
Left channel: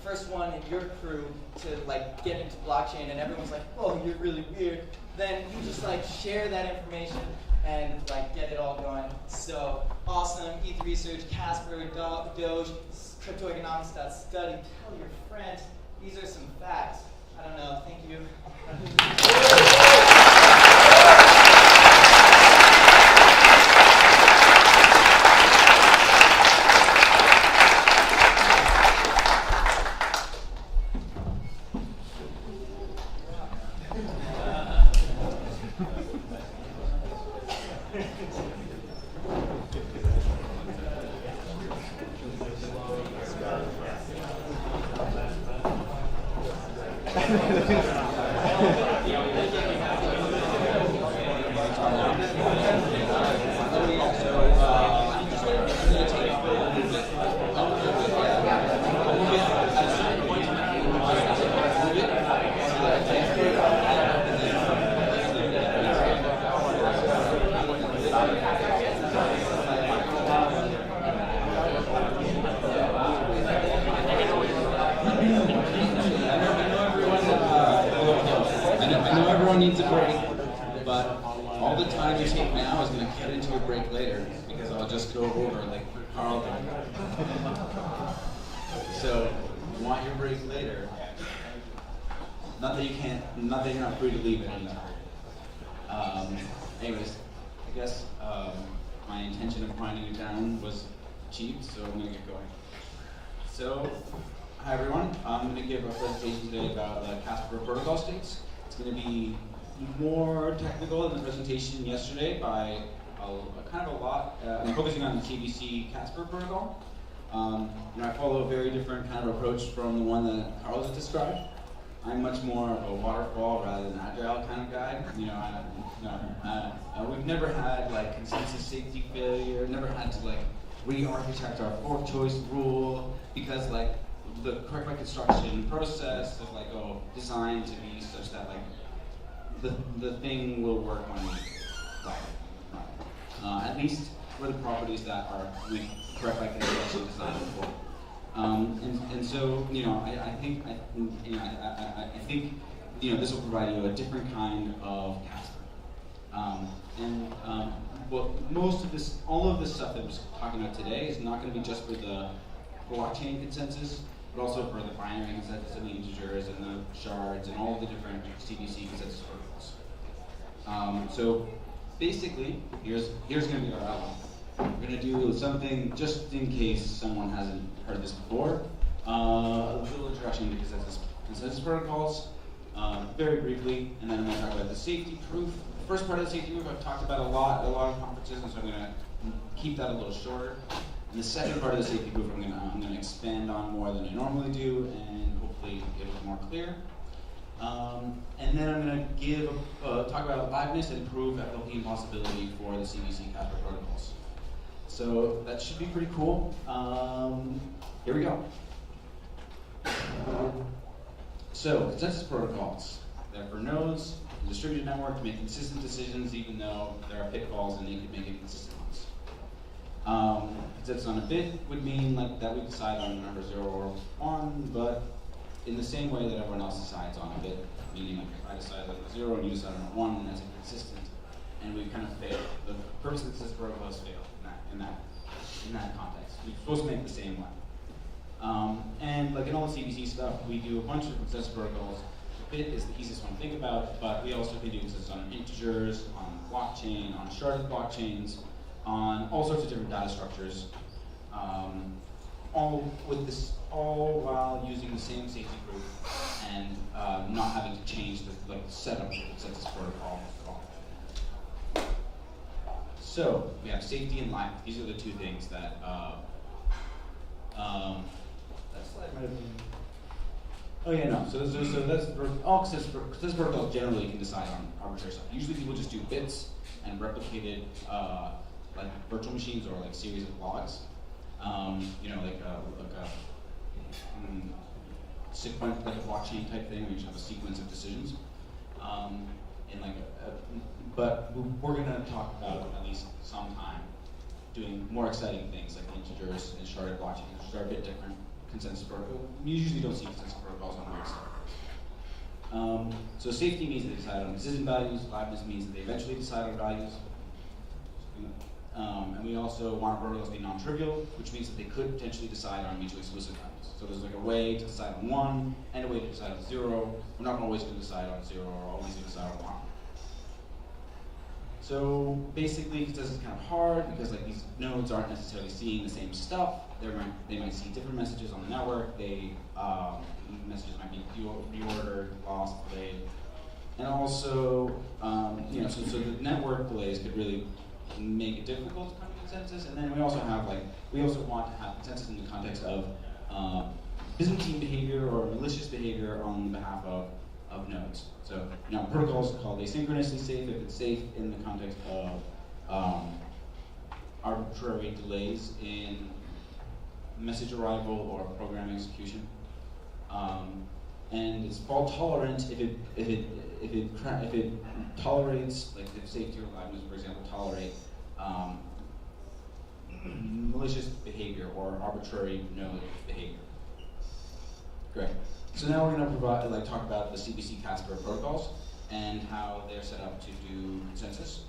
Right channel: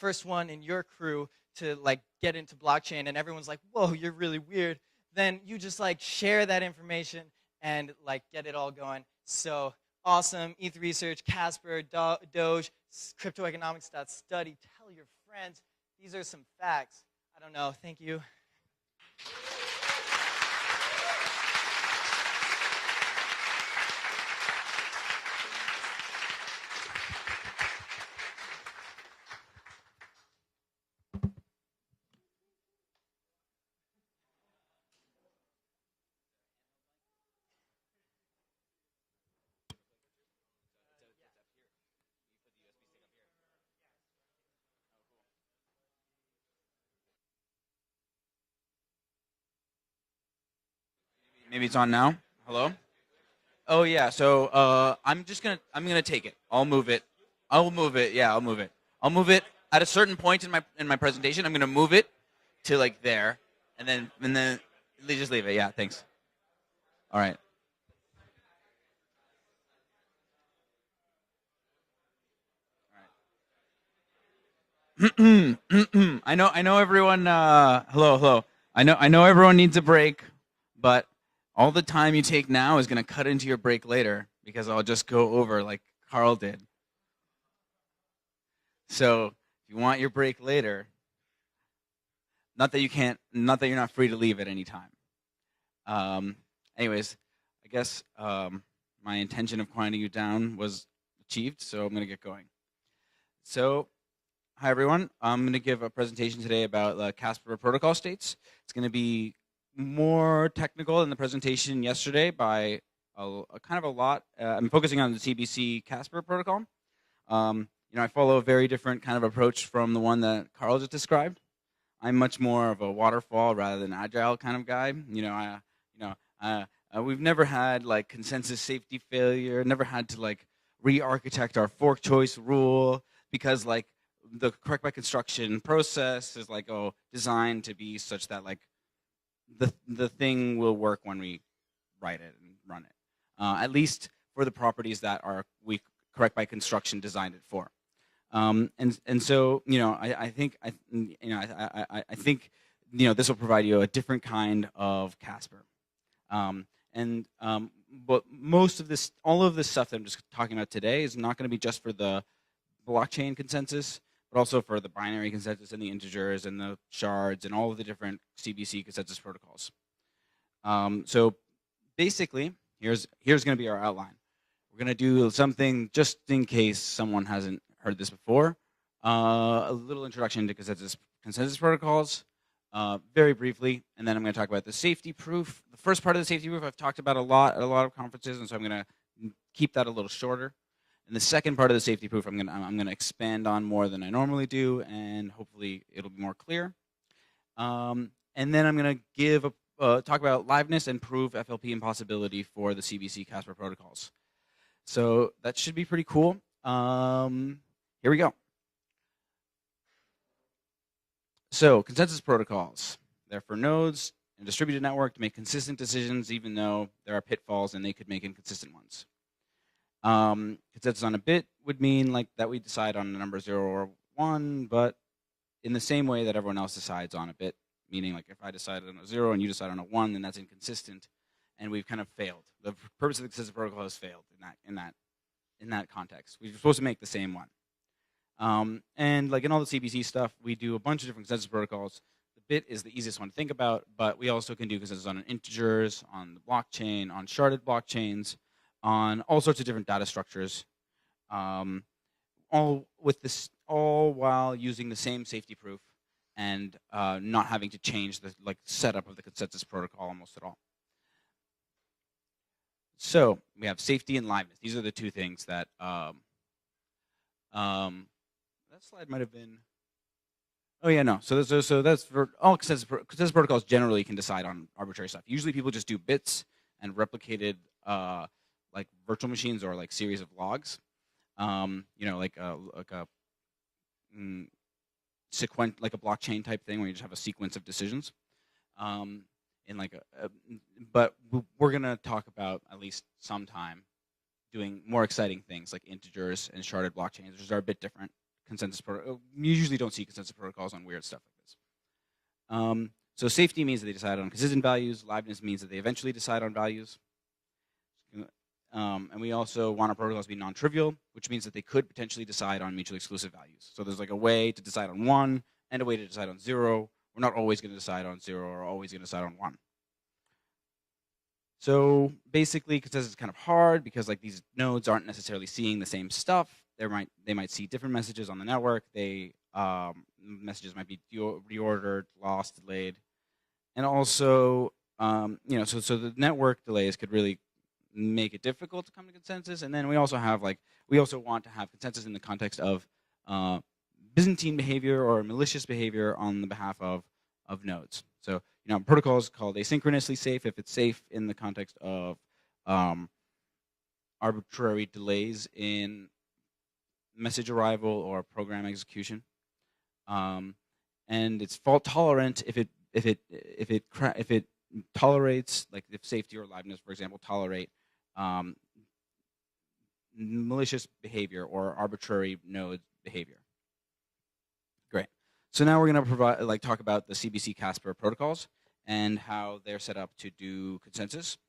first one in your crew to like get into blockchain and everyone's like, oh, you're really weird, then you just like share that information and like get it all going. So awesome, ETH Research, Casper, Doge, cryptoeconomics.study, tell your friends. These are some facts. I don't know, thank you. Maybe it's on now. Oh yeah. So I'm gonna take it. I'll move it. Yeah, I'll move it at a certain point in my presentation. I'm gonna move it to like there, and then they just leave it. Yeah. Thanks. All right. I know everyone. Hello. I know everyone needs a break, but all the time you take now is gonna cut into your break later, because I'll just go over like Carl did. So, you want your break later. Not that you're not free to leave at any time. Anyways, I guess my intention of quieting you down was achieved, so I'm gonna get going. So, hi everyone. I'm going to give a presentation today about the Casper protocol states. It's going to be more technical than the presentation yesterday by kind of a lot. I'm focusing on the CBC Casper protocol. I follow a very different kind of approach from the one that Carl just described. I'm much more of a waterfall rather than agile kind of guy. We've never had like consensus safety failure. Never had to like re-architect our fork choice rule, because like the correct by construction process is like designed to be such that like the thing will work when we write it, run it. At least for the properties that we correct by construction designed before. So I think this will provide you a different kind of Casper. But all of this stuff that I'm just talking about today is not going to be just for the blockchain consensus, but also for the binary consensus and the integers and the shards and all of the different CBC consensus protocols. So basically, here's going to be our outline. We're going to do something just in case someone hasn't heard this before. A little introduction to consensus protocols, very briefly, and then I'm going to talk about the safety proof. The first part of the safety proof I've talked about a lot at a lot of conferences, and so I'm going to keep that a little shorter. The second part of the safety proof I'm gonna expand on more than I normally do, and hopefully it'll be more clear. And then I'm gonna talk about liveness and prove FLP impossibility for the CBC Casper protocols. So that should be pretty cool. Here we go. So consensus protocols. They're for nodes, distributed network to make consistent decisions, even though there are pitfalls and they could make inconsistent ones. Consensus on a bit would mean like that we decide on a number 0 or 1, but in the same way that everyone else decides on a bit, meaning like if I decide on a 0 and you decide on a 1, then that's inconsistent, and we've kind of failed. The purpose of the consensus protocol has failed in that context. We're supposed to make the same one. And like in all the CBC stuff, we do a bunch of different consensus protocols. Bit is the easiest one to think about, but we also can do consensus on integers, on blockchain, on sharded blockchains, on all sorts of different data structures, all while using the same safety proof and not having to change the setup of the consensus protocol almost at all. So we have safety and liveness. These are the two things that that slide might have been. Oh yeah, no. So that's for all consensus protocols generally can decide on arbitrary stuff. Usually people just do bits and replicated like virtual machines or like series of logs. You know, like a like a blockchain type thing where you just have a sequence of decisions. And like but we're gonna talk about at least sometime doing more exciting things like integers and sharded blockchains, which are a bit different. We usually don't see consensus protocols on weird stuff. So safety means that they decide on consistent values. Liveness means that they eventually decide on values. And we also want our protocols to be non-trivial, which means that they could potentially decide on mutually exclusive values. So there's like a way to decide on 1 and a way to decide on 0. We're not always going to decide on 0 or always going to decide on 1. So basically, consensus is kind of hard because like these nodes aren't necessarily seeing the same stuff. They might see different messages on the network. Messages might be reordered, lost, delayed, and also you know, so the network delays could really make it difficult to come to consensus. And then we also want to have consensus in the context of Byzantine behavior or malicious behavior on the behalf of nodes. So you know, protocols called asynchronously safe if it's safe in the context of arbitrary delays in message arrival or program execution, and it's fault tolerant if it tolerates, like if safety or liveness, for example, tolerate malicious behavior or arbitrary node behavior. Great. So now we're going to talk about the CBC Casper protocols and how they're set up to do consensus.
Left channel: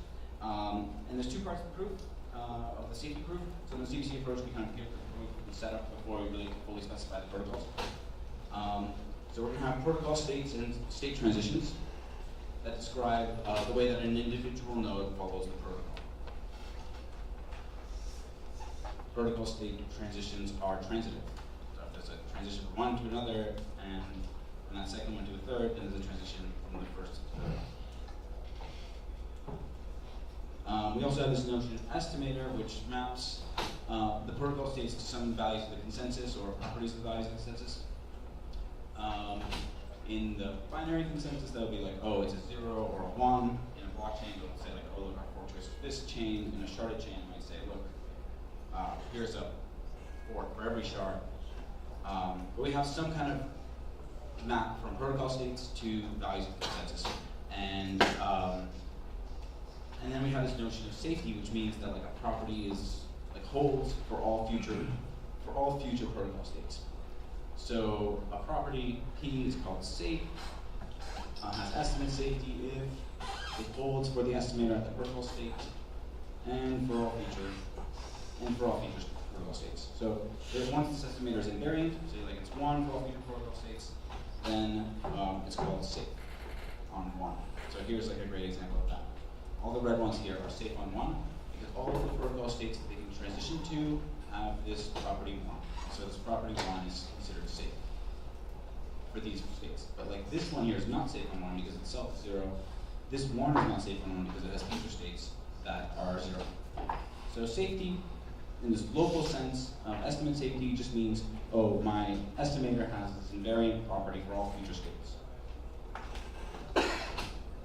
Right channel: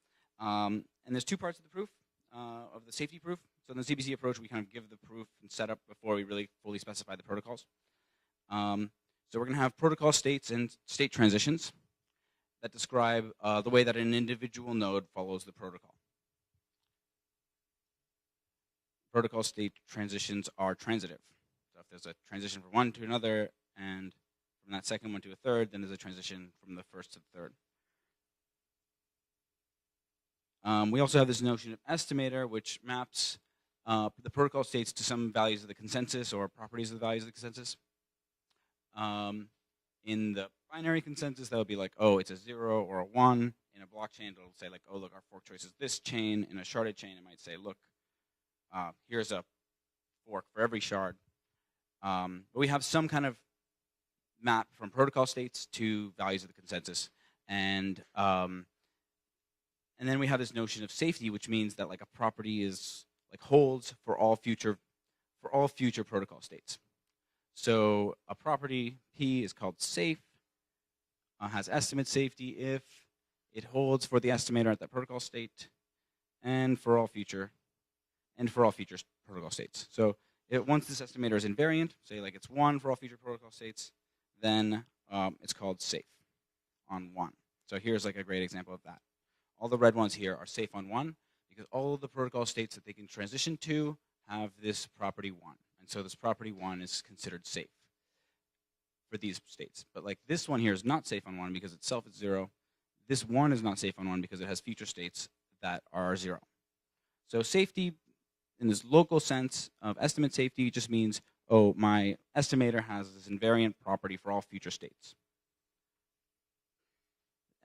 And there's two parts of the proof, the safety proof. So in the CBC approach, we kind of give the proof setup before we really fully specify the protocols. So we're going to have protocol states and state transitions that describe the way that an individual node follows the protocol. Protocol state transitions are transitive. So there's a transition from one to another, and from that second one to the third, then there's a transition from the first to the third. We also have this notion of estimator, which maps the protocol states to some values of the consensus or properties of the values of the consensus. In the binary consensus, that would be like, oh, it's a 0 or a 1. In a blockchain, we'll say like, oh, look, our fork choice of this chain. In a sharded chain, we say, look, here's a fork for every shard. But we have some kind of map from protocol states to values of consensus. And then we have this notion of safety, which means that like a property holds for all future protocol states. So a property P is called safe, has estimate safety if it holds for the estimator at the protocol state, and for all future protocol states. So if once this estimator is invariant, say like it's 1 for all future protocol states, then it's called safe on 1. So here's like a great example of that. All the red ones here are safe on 1 because all of the protocol states that they can transition to have this property 1. So this property 1 is considered safe for these states. But like this one here is not safe on 1 because itself is 0. This 1 is not safe on 1 because it has future states that are 0. So safety, in this local sense, estimate safety just means, oh, my estimator has this invariant property for all future states.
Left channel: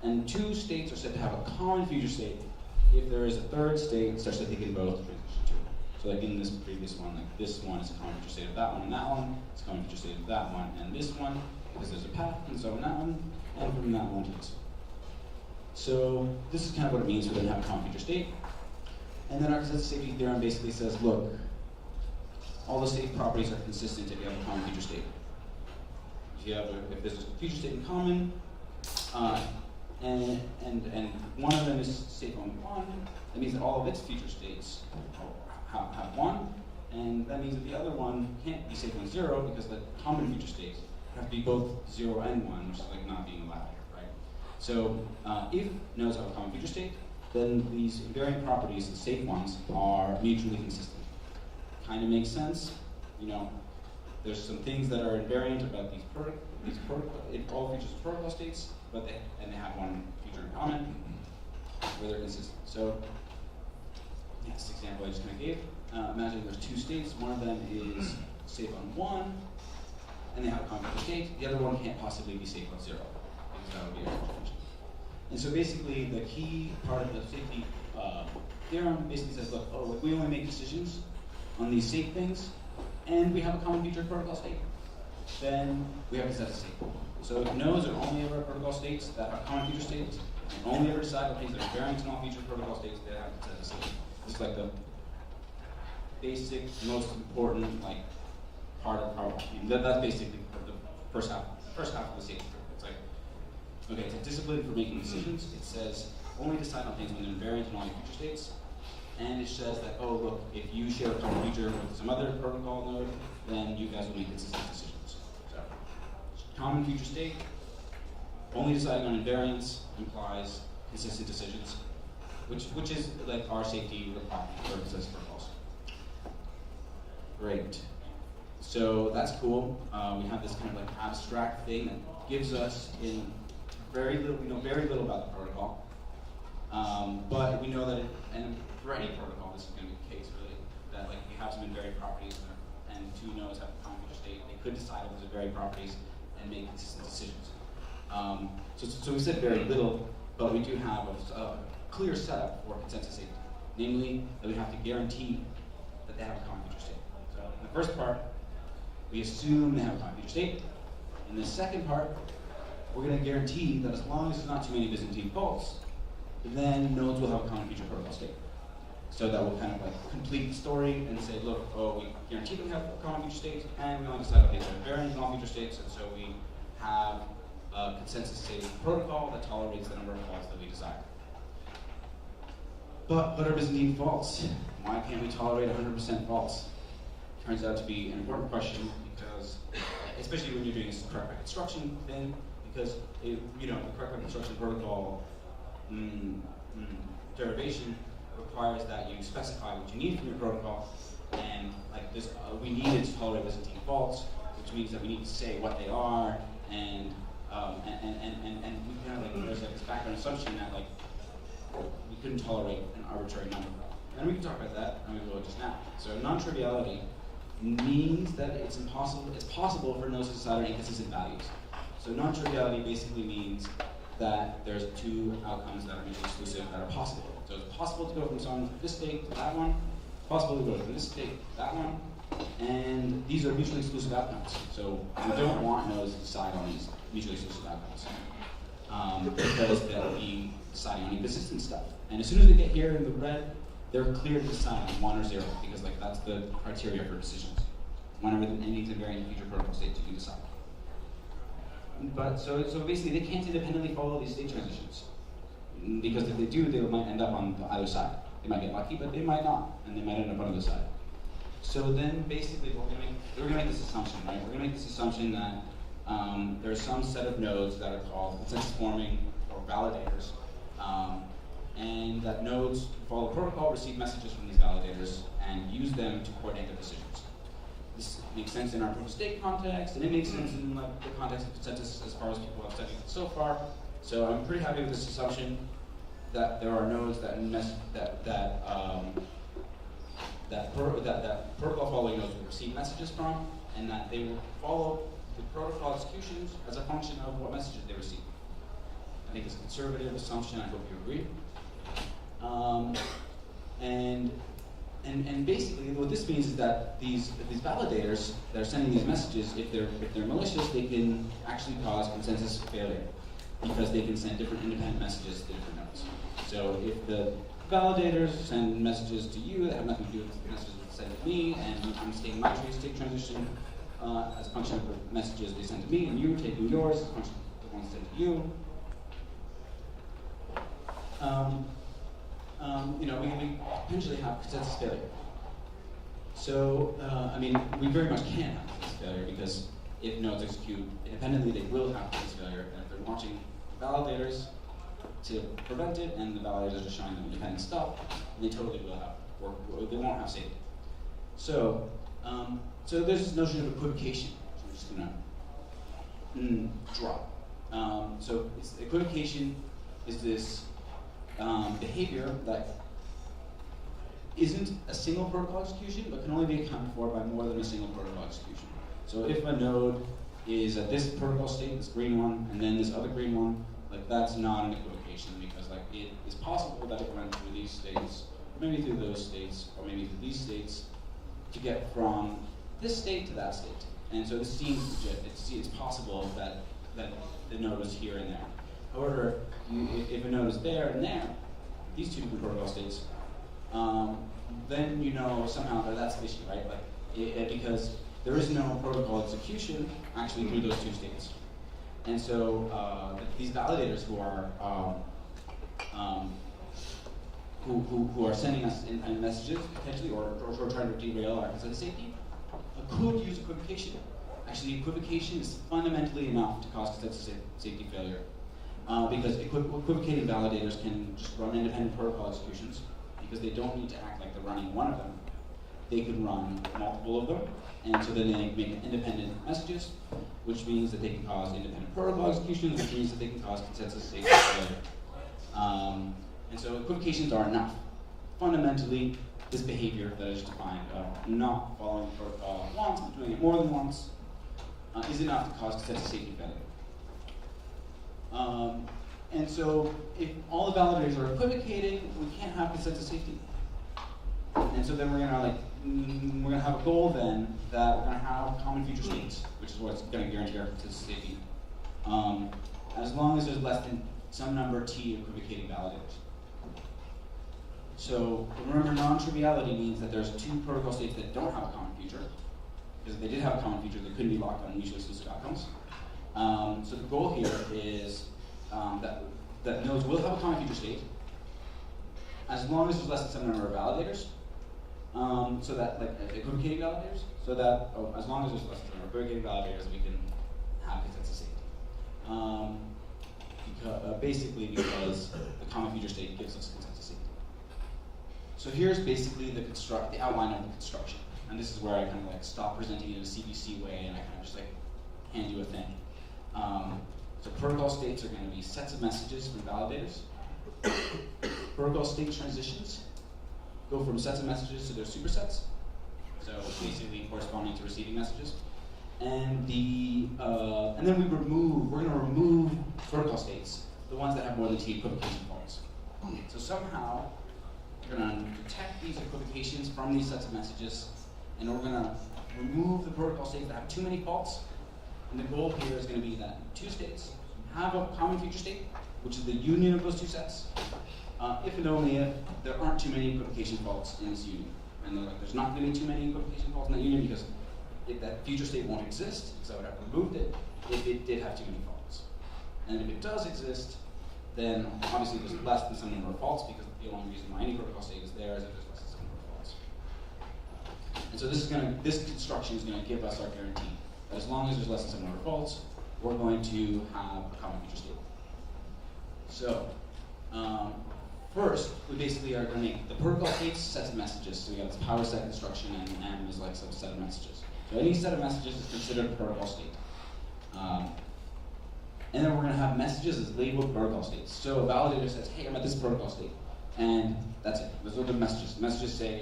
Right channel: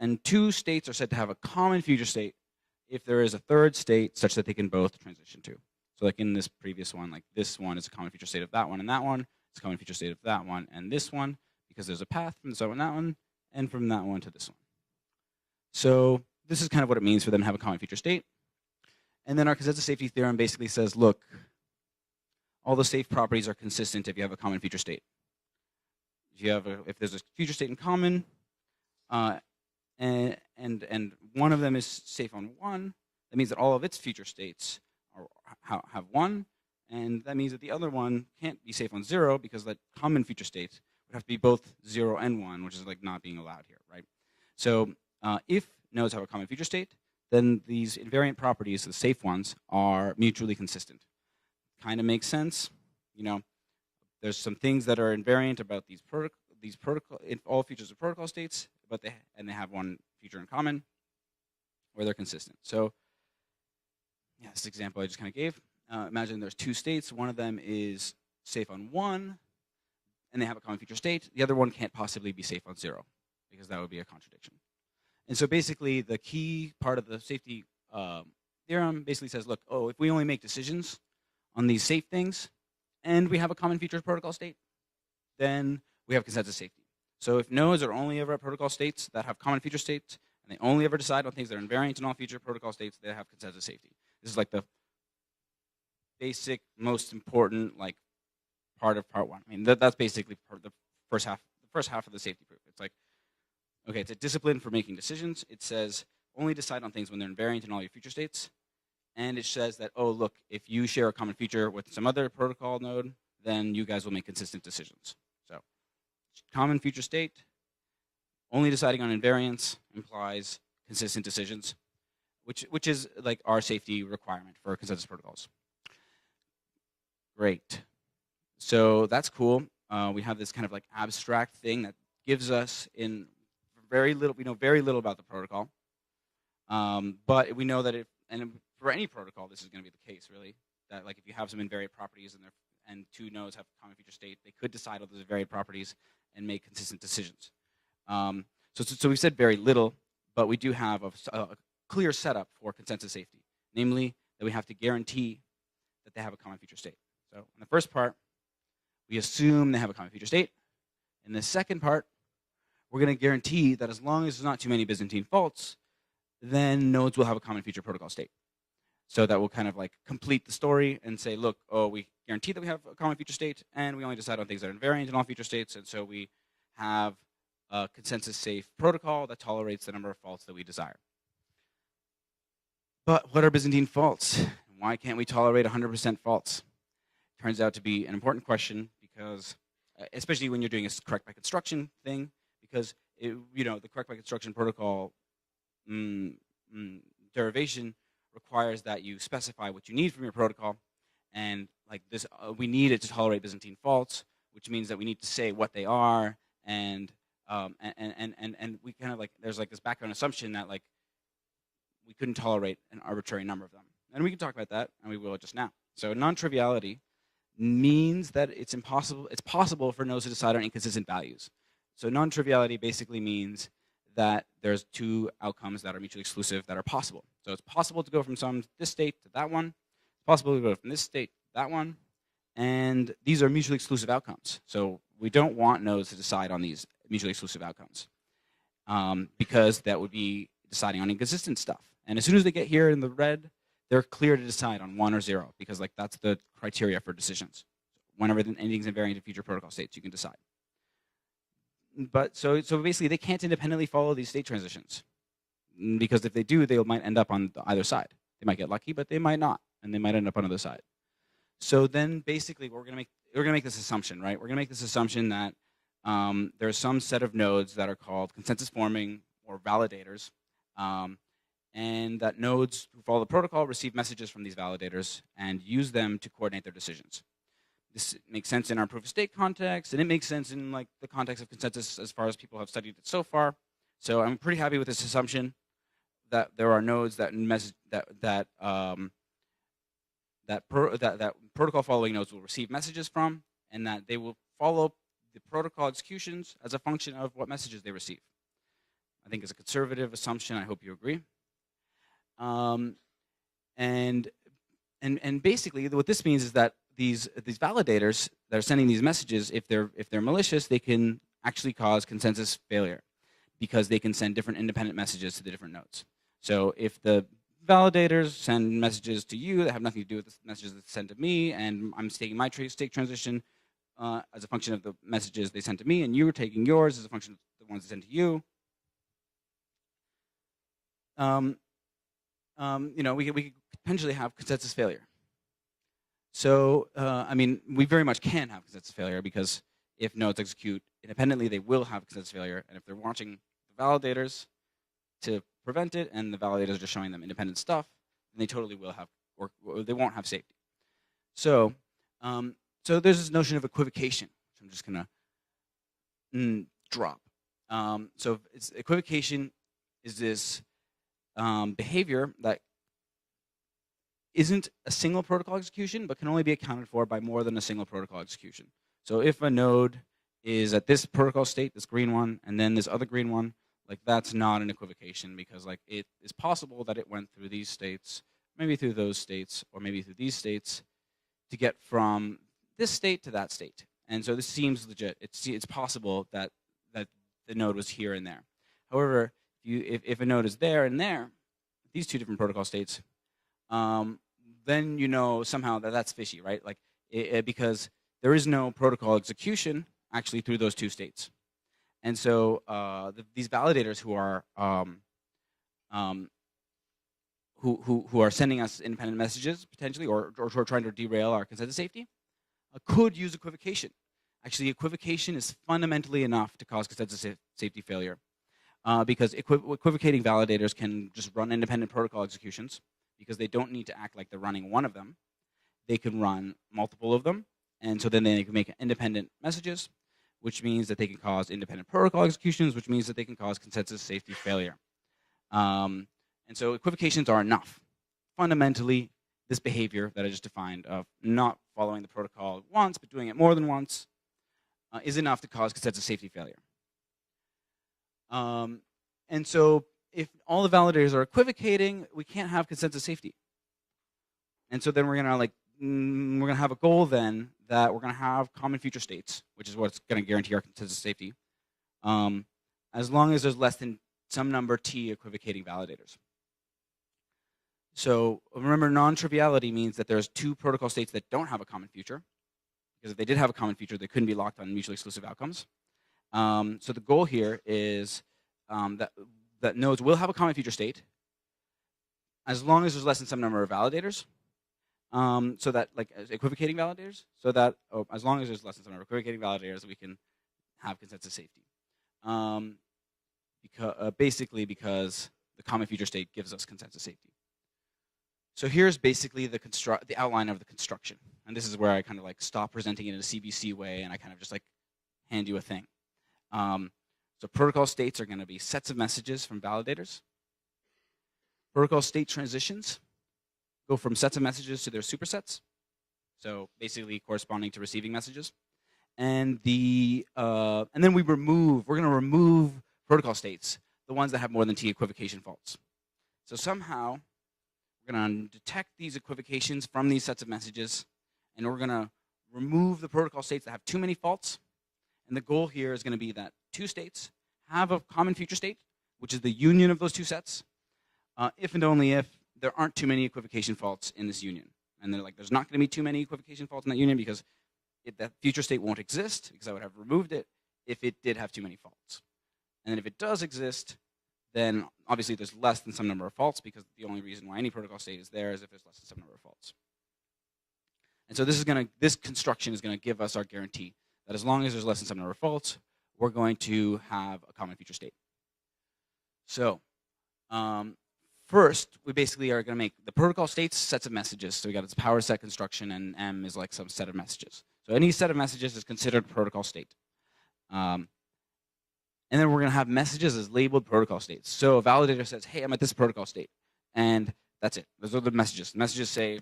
And two states are said to have a common future state if there is a third state such that they can both transition to. So like in this previous one, like this one is a common future state of that one and that one, it's a common future state of that one and this one, because there's a path, and so in that one, and from that one to this one. So this is kind of what it means for them to have a common future state. And then our consensus safety theorem basically says, look, all the safe properties are consistent if you have a common future state. If there's a future state in common, and one of them is safe on 1, that means that all of its future states have 1, and that means that the other one can't be safe on 0 because the common future states have to be both 0 and 1, which is like not being allowed here, right? So if nodes have a common future state, then these invariant properties, the safe ones, are mutually consistent. Kind of makes sense. You know, there's some things that are invariant about all features of protocol states, but they have one feature in common where they're consistent. So this example I just kind of gave, imagine there's two states. One of them is safe on 1, and they have a common future state. The other one can't possibly be safe on 0, because that would be a contradiction. And so basically, the key part of the safety theorem basically says, look, if we only make decisions on these safe things, and we have a common future protocol state, then we have consensus safe. So if nodes are only ever protocol states that have common future states, they only ever decide on things that are invariant in all future protocol states, they have consensus safe. This is like the basic, most important part of part 1. I mean, that's basically the first half of the safety theorem. It's like, okay, it's a discipline for making decisions. It says only decide on things when they're invariant in all your future states. And it says that, look, if you share a common feature with some other protocol node, then you guys will make consistent decisions. So, common future state, only deciding on invariance implies consistent decisions, which is like our safety requirement for consensus protocols. Great. So that's cool. We have this kind of like abstract thing that gives us we know very little about the protocol. But we know that and for any protocol, this is going to be the case, really, that like if you have some invariant properties and two nodes have a common future state, they could decide on those invariant properties and make consistent decisions. So we said very little, but we do have a clear setup for consensus safety, namely that we have to guarantee that they have a common future state. So in the first part, we assume they have a common future state. In the second part, we're going to guarantee that as long as there's not too many Byzantine faults, then nodes will have a common future protocol state. So that will kind of like complete the story and say, look, we guarantee that we have a common future state, and we only decide on things that are invariant in all future states, and so we have a consensus-safe protocol that tolerates the number of faults that we desire. But what are Byzantine faults? Why can't we tolerate 100% faults? Turns out to be an important question, because, especially when you're doing a correct construction thing, because the correct construction protocol derivation requires that you specify what you need from your protocol, and like this, we need it to tolerate Byzantine faults, which means that we need to say what they are, and we kind of like there's like this background assumption that like we couldn't tolerate an arbitrary number, and we can talk about that, and we will just now. So non-triviality means that it's possible for nodes to decide on inconsistent values. So non-triviality basically means that there's two outcomes that are mutually exclusive that are possible. So it's possible to go from this state to that one, possible to go from this state to that one, and these are mutually exclusive outcomes. So we don't want nodes to decide on these mutually exclusive outcomes because that would be deciding on inconsistent stuff. And as soon as they get here in the red, they're clear to decide on 1 or 0 because like that's the criteria for decisions. Whenever anything's invariant in future protocol states, you can decide. But so basically, they can't independently follow these state transitions because if they do, they might end up on either side. They might get lucky, but they might not, and they might end up on the other side. So then, basically, we're gonna make this assumption, right? We're gonna make this assumption that there's some set of nodes that are called consensus forming or validators, and that nodes follow the protocol, receive messages from these validators, and use them to coordinate their decisions. This makes sense in our proof of stake context, and it makes sense in like the context of consensus as far as people have studied it so far. So I'm pretty happy with this assumption that there are nodes that protocol following nodes will receive messages from, and that they will follow the protocol executions as a function of what messages they receive. I think it's a conservative assumption. I hope you agree. And basically, what this means is that these validators that are sending these messages, if they're malicious, they can actually cause consensus failure because they can send different independent messages to the different nodes. So if the validators send messages to you that have nothing to do with the messages that send to me, and I'm taking my state transition as a function of the messages they send to me, and you are taking yours as a function of the ones sent to you, we potentially have consensus failure. So, we very much can have consensus failure because if nodes execute independently, they will have consensus failure. And if they're watching validators to prevent it, and the validators are just showing them independent stuff, they totally will have, or they won't have safety. So, so there's this notion of equivocation. I'm just gonna drop. So equivocation is this behavior that isn't a single protocol execution, but can only be accounted for by more than a single protocol execution. So if a node is at this protocol state, this green one, and then this other green one, like that's not an equivocation, because like it is possible that it went through these states, maybe through those states, or maybe through these states, to get from this state to that state. And so this seems legit. It's possible that the node was here and there. However, if a node is there and there, these two different protocol states, then you know somehow that that's fishy, right? Like, because there is no protocol execution actually through those two states. And so these validators who are who are sending us independent messages potentially, or who are trying to derail our consensus safety, could use equivocation. Actually, equivocation is fundamentally enough to cause consensus safety failure, because equivocating validators can just run independent protocol executions, because they don't need to act like they're running one of them. They can run multiple of them, and so then they make independent messages, which means that they can cause independent protocol executions, which means that they can cause consensus safety failure. And so equivocations are enough. Fundamentally, this behavior that I just defined of not following the protocol once, but doing it more than once, is enough to cause consensus safety failure. And so if all the validators are equivocating, we can't have consensus safety. And so then we're gonna have a goal then that we're gonna have common future states, which is what's gonna guarantee our consensus safety, as long as there's less than some number T equivocating validators. So remember, non-triviality means that there's two protocol states that don't have a common future, because if they did have a common future, they couldn't be locked on mutually exclusive outcomes. So the goal here is that nodes will have a common future state, as long as there's less than some number of validators, so that, like, equivocating validators, so that, as long as there's less than some number of equivocating validators, we can have consensus safety. Basically because the common future state gives us consensus safety. So here's basically the outline of the construction. And this is where I kind of like stop presenting it in a CBC way, and I kind of just like hand you a thing. So protocol states are going to be sets of messages from validators. Protocol state transitions go from sets of messages to their supersets. So basically corresponding to receiving messages. And then we're going to remove protocol states, the ones that have more than T equivocation faults. So somehow we're going to detect these equivocations from these sets of messages, and we're going to remove the protocol states that have too many faults. And the goal here is going to be that two states have a common future state, which is the union of those two sets, if and only if there aren't too many equivocation faults in this union. And they're like, there's not going to be too many equivocation faults in that union because that future state won't exist, because I would have removed it if it did have too many faults. And if it does exist, then obviously there's less than some number of faults, because the only reason why any protocol state is there is if there's less than some number of faults. And so this construction is going to give us our guarantee that as long as there's less than some number of faults, we're going to have a common future state. So first, we basically are going to make the protocol states sets of messages. So we got this power set construction, and M is like some set of messages. So any set of messages is considered a protocol state. And then we're going to have messages as labeled protocol states. So a validator says, hey, I'm at this protocol state. And that's it. Those are the messages. Messages say,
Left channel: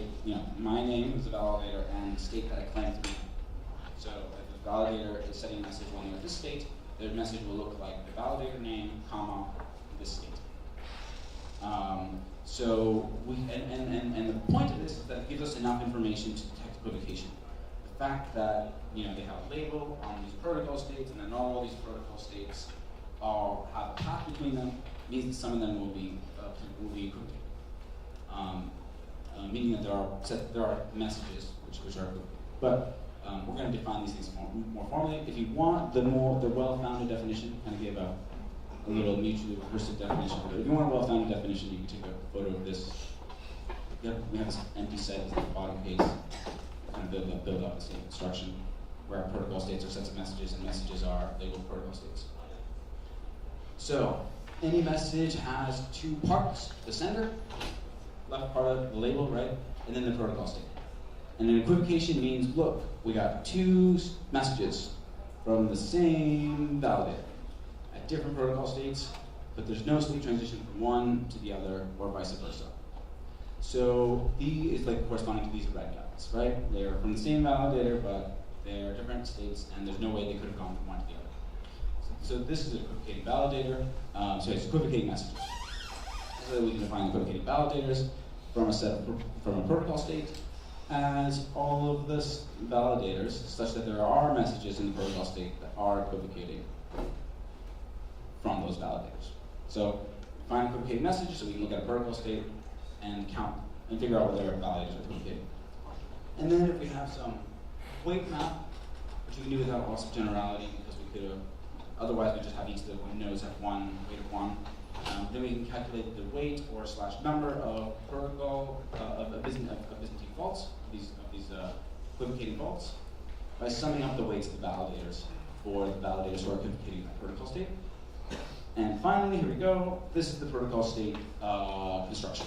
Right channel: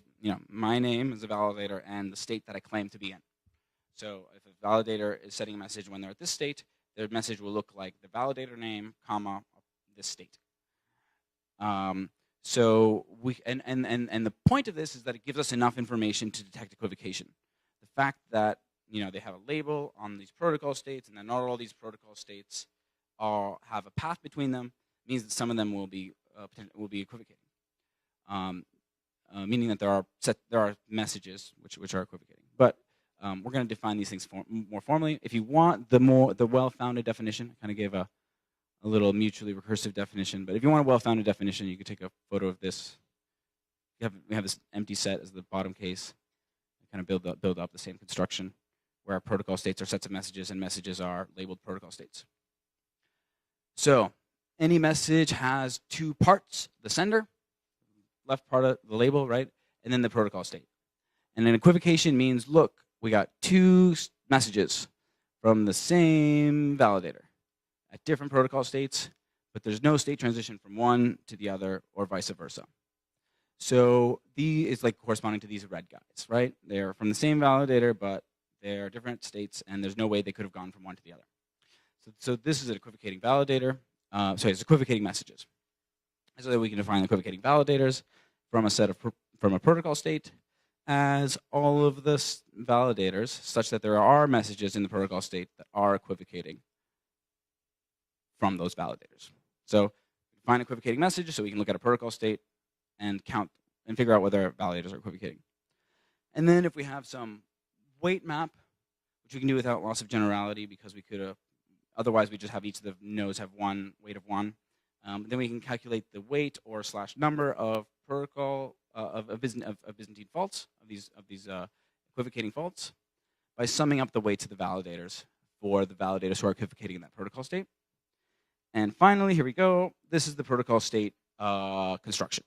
my name is a validator and the state that I claim to be in. So if the validator is sending a message when they're at this state, their message will look like the validator name, comma, this state. So the point of this is that it gives us enough information to detect equivocation. The fact that they have a label on these protocol states, and then not all these protocol states have a path between them, means that some of them will be equivocated. Meaning that there are messages which are equivocated. But we're going to define these things more formally. If you want the well-founded definition, kind of give a little mutually recursive definition. But if you want a well-founded definition, you can take a photo of this. We have this empty set in the bottom case. Kind of build up the same construction, where our protocol states are sets of messages, and messages are labeled protocol states. So any message has two parts: the sender, left part of the label, right, and then the protocol state. And an equivocation means, look, we got two messages from the same validator at different protocol states, but there's no state transition from one to the other, or vice versa. So B is like corresponding to these red guys, right? They're from the same validator, but they're different states, and there's no way they could have gone from one to the other. So this is an equivocating validator. It's equivocating messages. So that we can define the equivocating validators from a protocol state as all of the validators, such that there are messages in the protocol state that are equivocating from those validators. So find equivocating messages so we can look at a protocol state and count and figure out whether validators are equivocating. And then if we have some weight map, which we can do without loss of generality because we could have, otherwise we just have each of the nodes have one weight of one. Then we can calculate the weight or / number of protocol of Byzantine faults, these equivocating faults, by summing up the weights of the validators for the validators who are equivocating in that protocol state. And finally, here we go. This is the protocol state construction,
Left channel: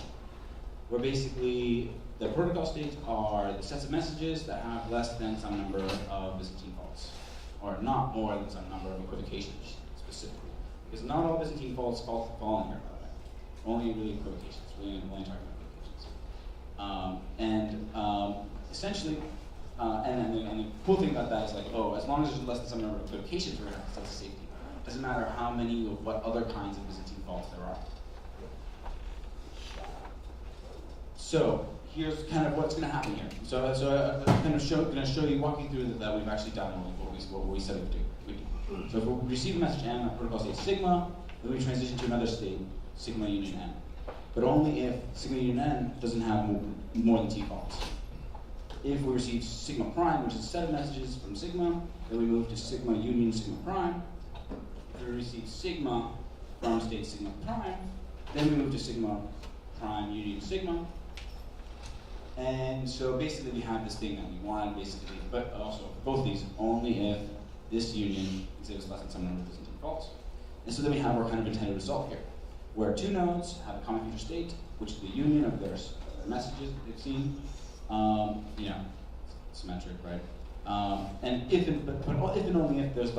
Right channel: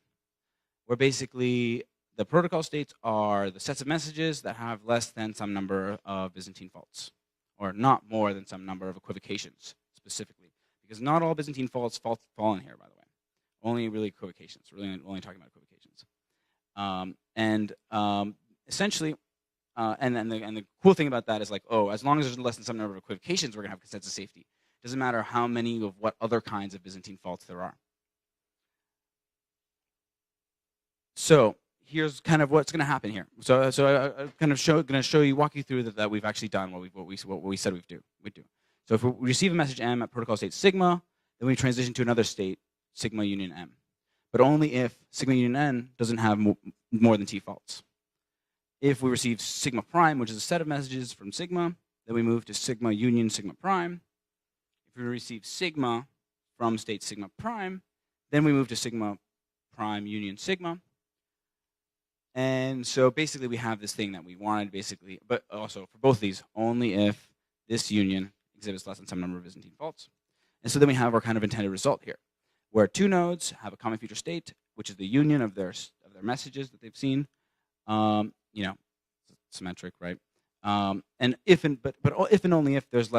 where basically the protocol states are the sets of messages that have less than some number of Byzantine faults, or not more than some number of equivocations specifically. Because not all Byzantine faults fall in here, by the way. Only really equivocations. We're only talking about equivocations. Essentially, and the cool thing about that is like, oh, as long as there's less than some number of equivocations, we're going to have consensus safety. It doesn't matter how many of what other kinds of Byzantine faults there are. So here's kind of what's going to happen here. So I'm going to show you, walk you through that we've actually done what we said we'd do. So if we receive a message M at protocol state sigma, then we transition to another state, sigma union M. But only if sigma union N doesn't have more than T faults. If we receive sigma prime, which is a set of messages from sigma, then we move to sigma union sigma prime. If we receive sigma from state sigma prime, then we move to sigma prime union sigma. And so basically we have this thing that we wanted basically, but also both these, only if this union exhibits less than some number of Byzantine faults. And so then we have our kind of intended result here, where two nodes have a common future state, which is the union of their messages that they've seen, symmetric, right? And if and only if there's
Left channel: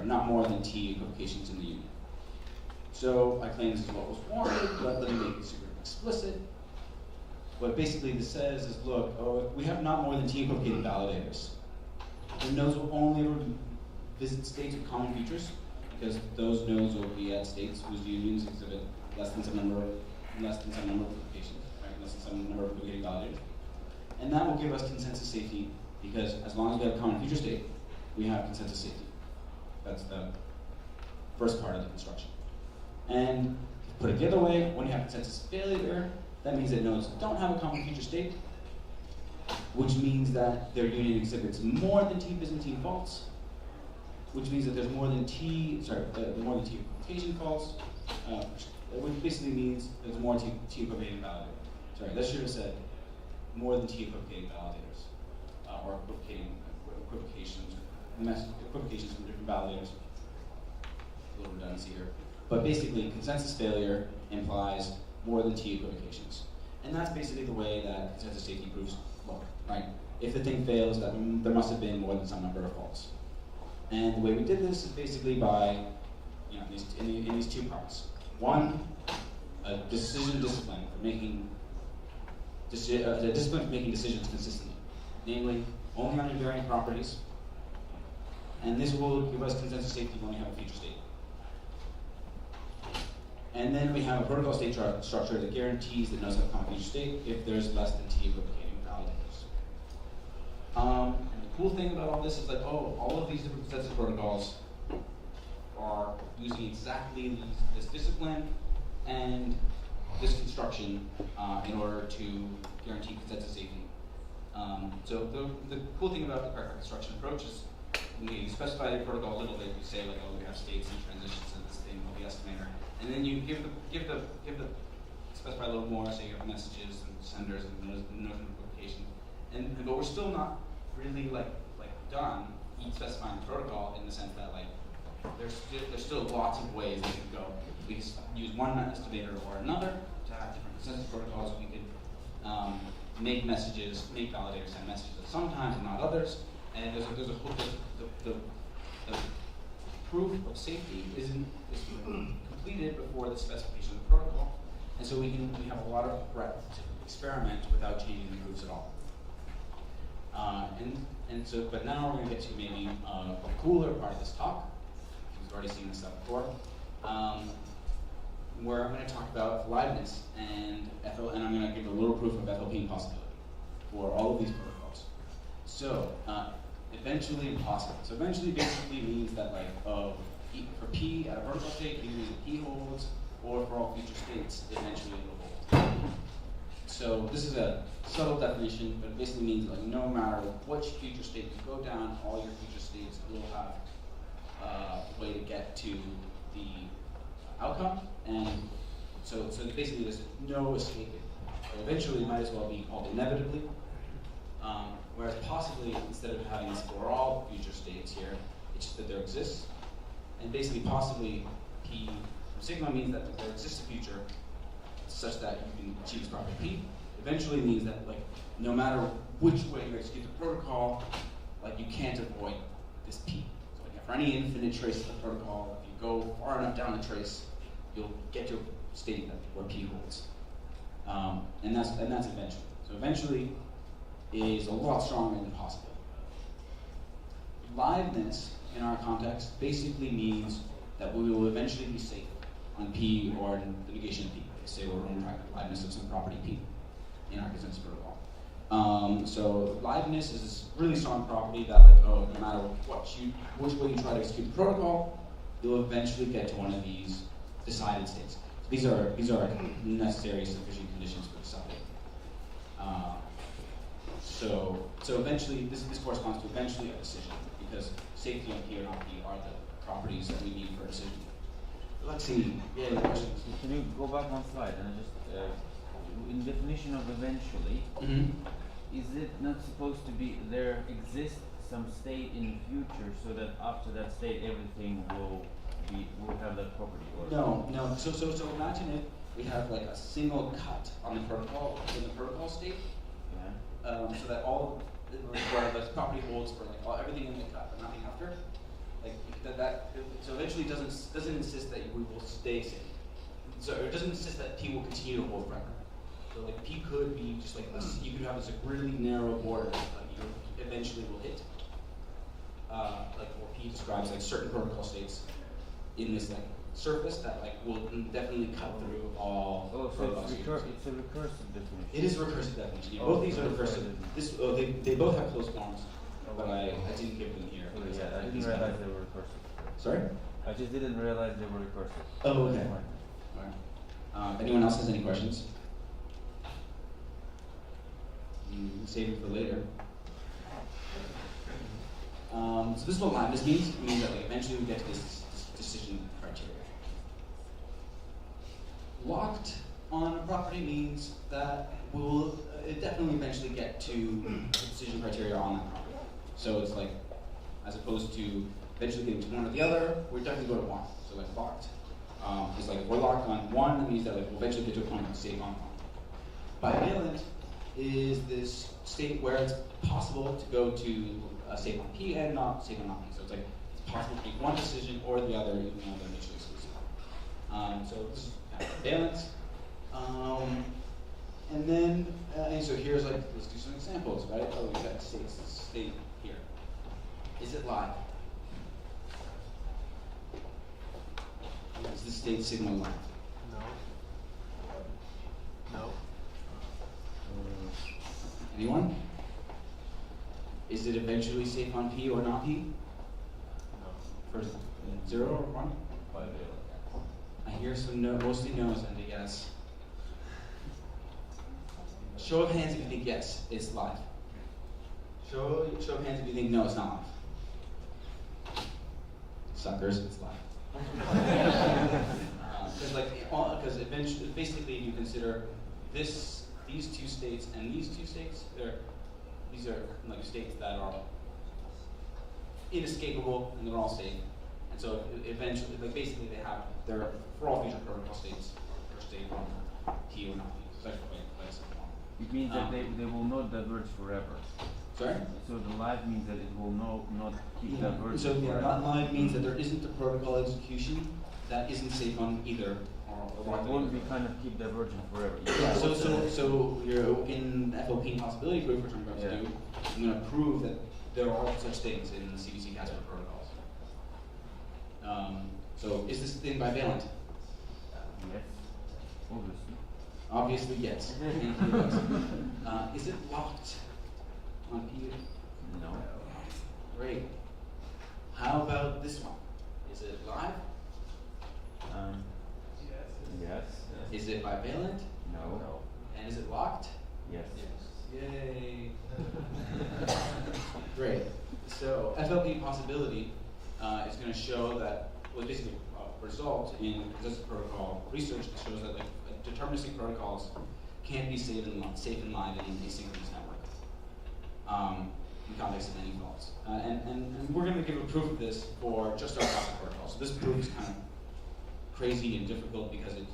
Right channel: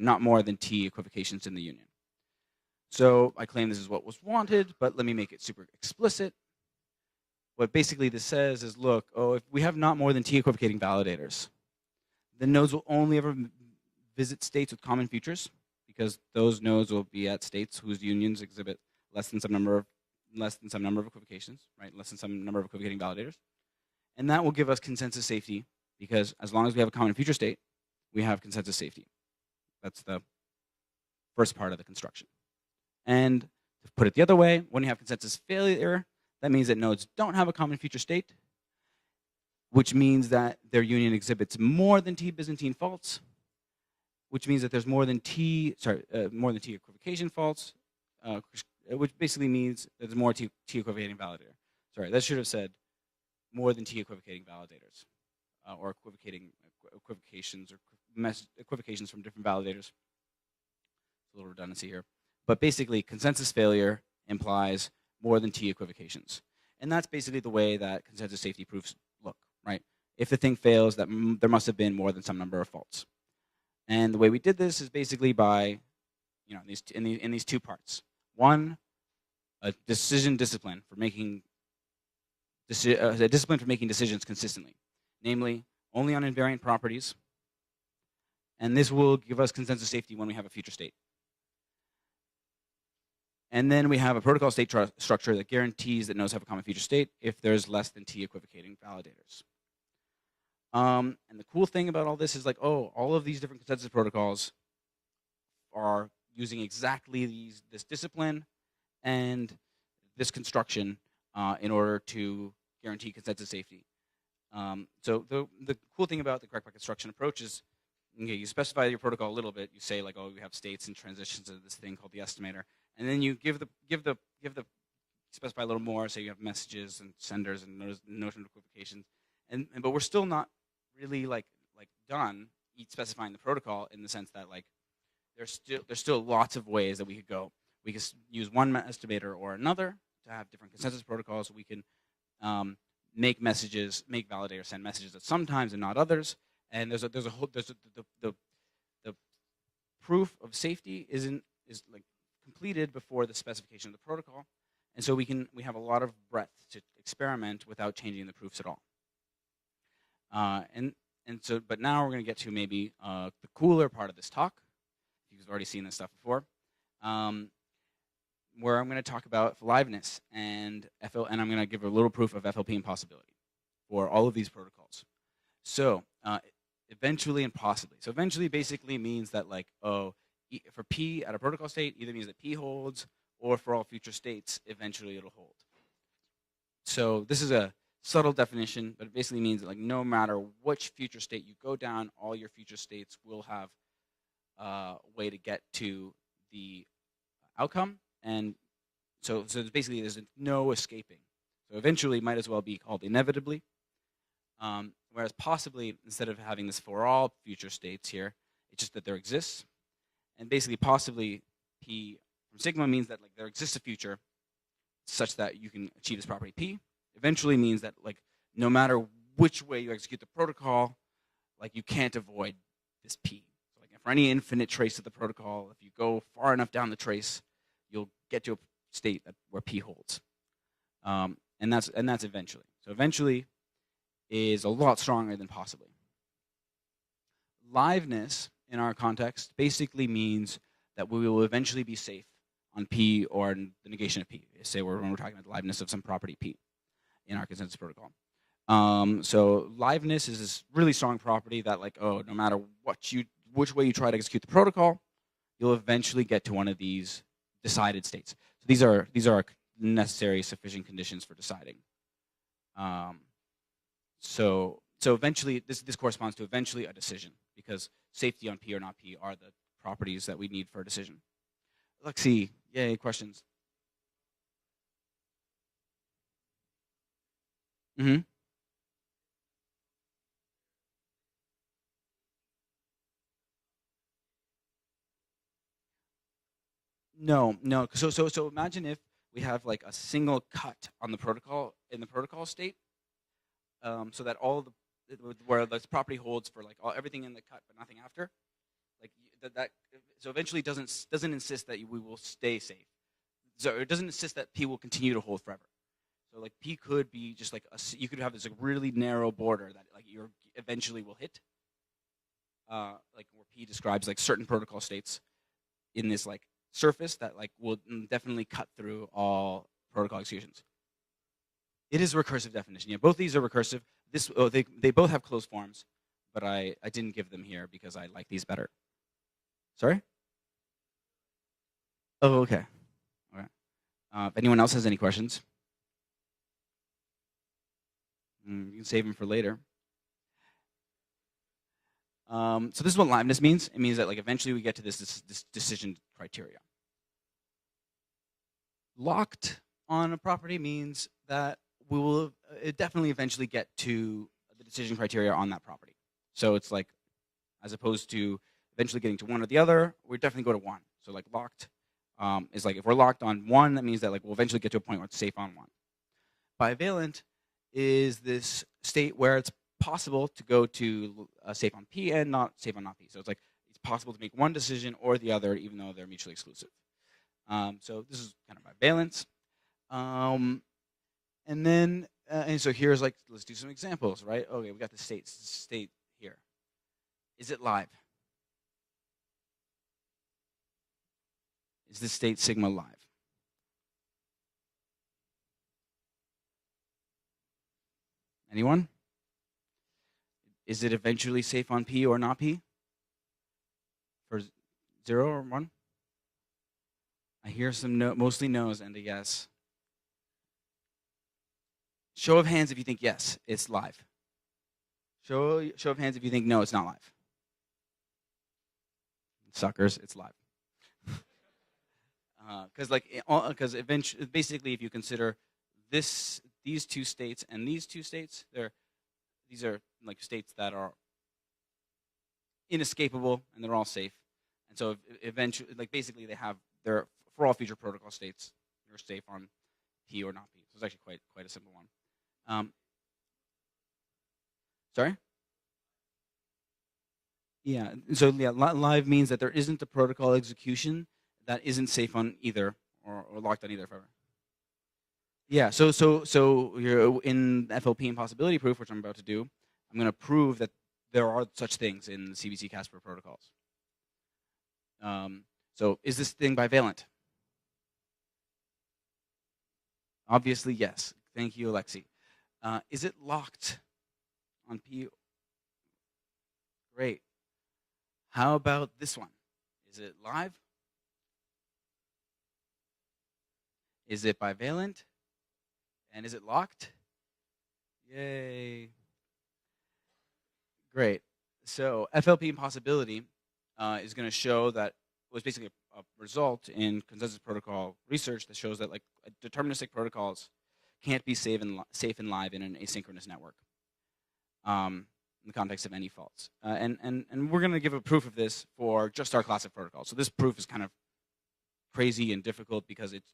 not more than T equivocations in the union. So I claim this is what was wanted, but let me make it super explicit. What basically this says is, look, if we have not more than T equivocating validators, the nodes will only ever visit states with common futures, because those nodes will be at states whose unions exhibit less than some number of equivocations, right? Less than some number of equivocating validators. And that will give us consensus safety, because as long as we have a common future state, we have consensus safety. That's the first part of the construction. And put it the other way, when you have consensus failure, that means that nodes don't have a common future state, which means that their union exhibits more than T Byzantine faults, which means that there's more than T equivocation faults, which basically means there's more T equivocating validators. Sorry, that should have said more than T equivocating validators, or equivocations from different validators. A little redundancy here. But basically, consensus failure implies more than T equivocations. And that's basically the way that consensus safety proofs look, right? If the thing fails, that there must have been more than some number of faults. And the way we did this is basically by, in these two parts. One, a decision discipline for making a discipline for making decisions consistently, namely only on invariant properties. And this will give us consensus safety when we have a future state. And then we have a protocol state structure that guarantees that nodes have a common future state if there's less than T equivocating validators. And the cool thing about all this is all of these different consensus protocols are using exactly this discipline and this construction in order to guarantee consensus safety. So the cool thing about the practical construction approach is you specify your protocol a little bit. You say we have states and transitions in this thing called the estimator. And then you specify a little more, say you have messages and senders and nodes of equivocation. But we're still not really done specifying the protocol in the sense that there's still lots of ways that we can go. We can use one estimator or another to have different consensus protocols. We can make validators send messages at some times and not others. And the proof of safety is completed before the specification of the protocol. And so we have a lot of breadth to experiment without changing the proofs at all. But now we're going to get to maybe a cooler part of this talk. We've already seen this stuff before, where I'm going to talk about liveness and I'm going to give a little proof of FLP impossibility for all of these protocols. So eventually impossible. So eventually basically means that like for P at a protocol state, either means that P holds, or for all future states, eventually it will hold. So this is a subtle definition, but it basically means that like no matter which future state you go down, all your future states will have a way to get to the outcome. And so basically there's no escaping. So eventually it might as well be called inevitably. Whereas possibly, instead of having this for all future states here, it's just that there exists. And basically possibly, sigma means that there exists a future such that you can achieve this property P. Eventually means that like no matter which way you execute the protocol, like you can't avoid this P. So for any infinite trace of the protocol, if you go far enough down the trace, you'll get to a state where P holds. And that's eventually. So eventually is a lot stronger than possible. Liveness in our context basically means that we will eventually be safe on P or negation of P. Say when we're talking about liveness of some property P in our consensus protocol. So liveness is this really strong property that like, no matter which way you try to execute the protocol, you'll eventually get to one of these decided states. These are necessary sufficient conditions for deciding. So eventually, this corresponds to eventually a decision, because safety on P or not P are the properties that we need for a decision. Let's see. Yeah, any questions? Can you go back one slide and just in definition of eventually, is it not supposed to be there exists some state in the future so that after that state everything will have that property? Or No. So imagine if we have like a single cut on the protocol in the protocol state. So that where the property holds for like everything in the cut, but nothing after. Like so eventually doesn't insist that we will stay safe. So it doesn't insist that P will continue to hold forever. So like P could be just like you could have this like really narrow border that you eventually will hit. Like what P describes like certain protocol states in this like surface that like will definitely cut through all protocol executions. It's a recursive definition. It is a recursive definition. Yeah, both these are recursive. They both have closed forms, but I didn't give them here because I like these better. They were recursive. Sorry? I just didn't realize they were recursive. Oh, okay. All right. Anyone else has any questions? You can save them for later. So this is what liveness means. It means that like eventually we get to this decision criteria. Locked on a property means that we will definitely eventually get to decision criteria on that property. So it's like, as opposed to eventually getting to one or the other, we definitely go to one. So like locked is like if we're locked on one, that means that like we'll eventually get to a point where it's safe on one. Bivalent is this state where it's possible to go to safe on P and not safe on not P. So it's like it's possible to make one decision or the other, even though they're mutually exclusive. So this is valence. And so here's like, let's do some examples, right? Oh, we've got the state here. Is it live? Is this state sigma live? No. Anyone? Is it eventually safe on P or not P? No. For 0 or 1? I hear some mostly no's and a yes. Show of hands if you think yes, it's live. Show of hands if you think no, it's not live. Suckers, it's live. Because eventually, basically, if you consider these two states and these two states, these are like states that are inescapable and they're all safe. And so eventually, like basically, they're for all future protocol states, they're safe on P or not P. It's actually quite simple. It means that they will not diverge forever. Sorry? So the live means that it will not keep Yeah. diverging So forever. live means that there isn't a protocol execution that isn't safe on either or locked at either. Won't we kind of keep divergent forever? Yeah. So you're in FLP impossibility proof, which I'm about to do. I'm going to prove that there are such things in CBC Casper protocols. So is this thing bivalent? Yes. Obviously. Obviously, yes. Thank you, Alexa. Is it locked on P? No. Great. How about this one? Is it live? Yes. Is it bivalent? No. And is it locked? Yes. Yay. Great. So FLP possibility is going to show that was basically a result in consensus protocol research that shows that like deterministic protocols can't be safe and live in an asynchronous network in context of any faults. And we're going to give a proof of this for just our classic protocol. So this proof is kind of crazy and difficult because it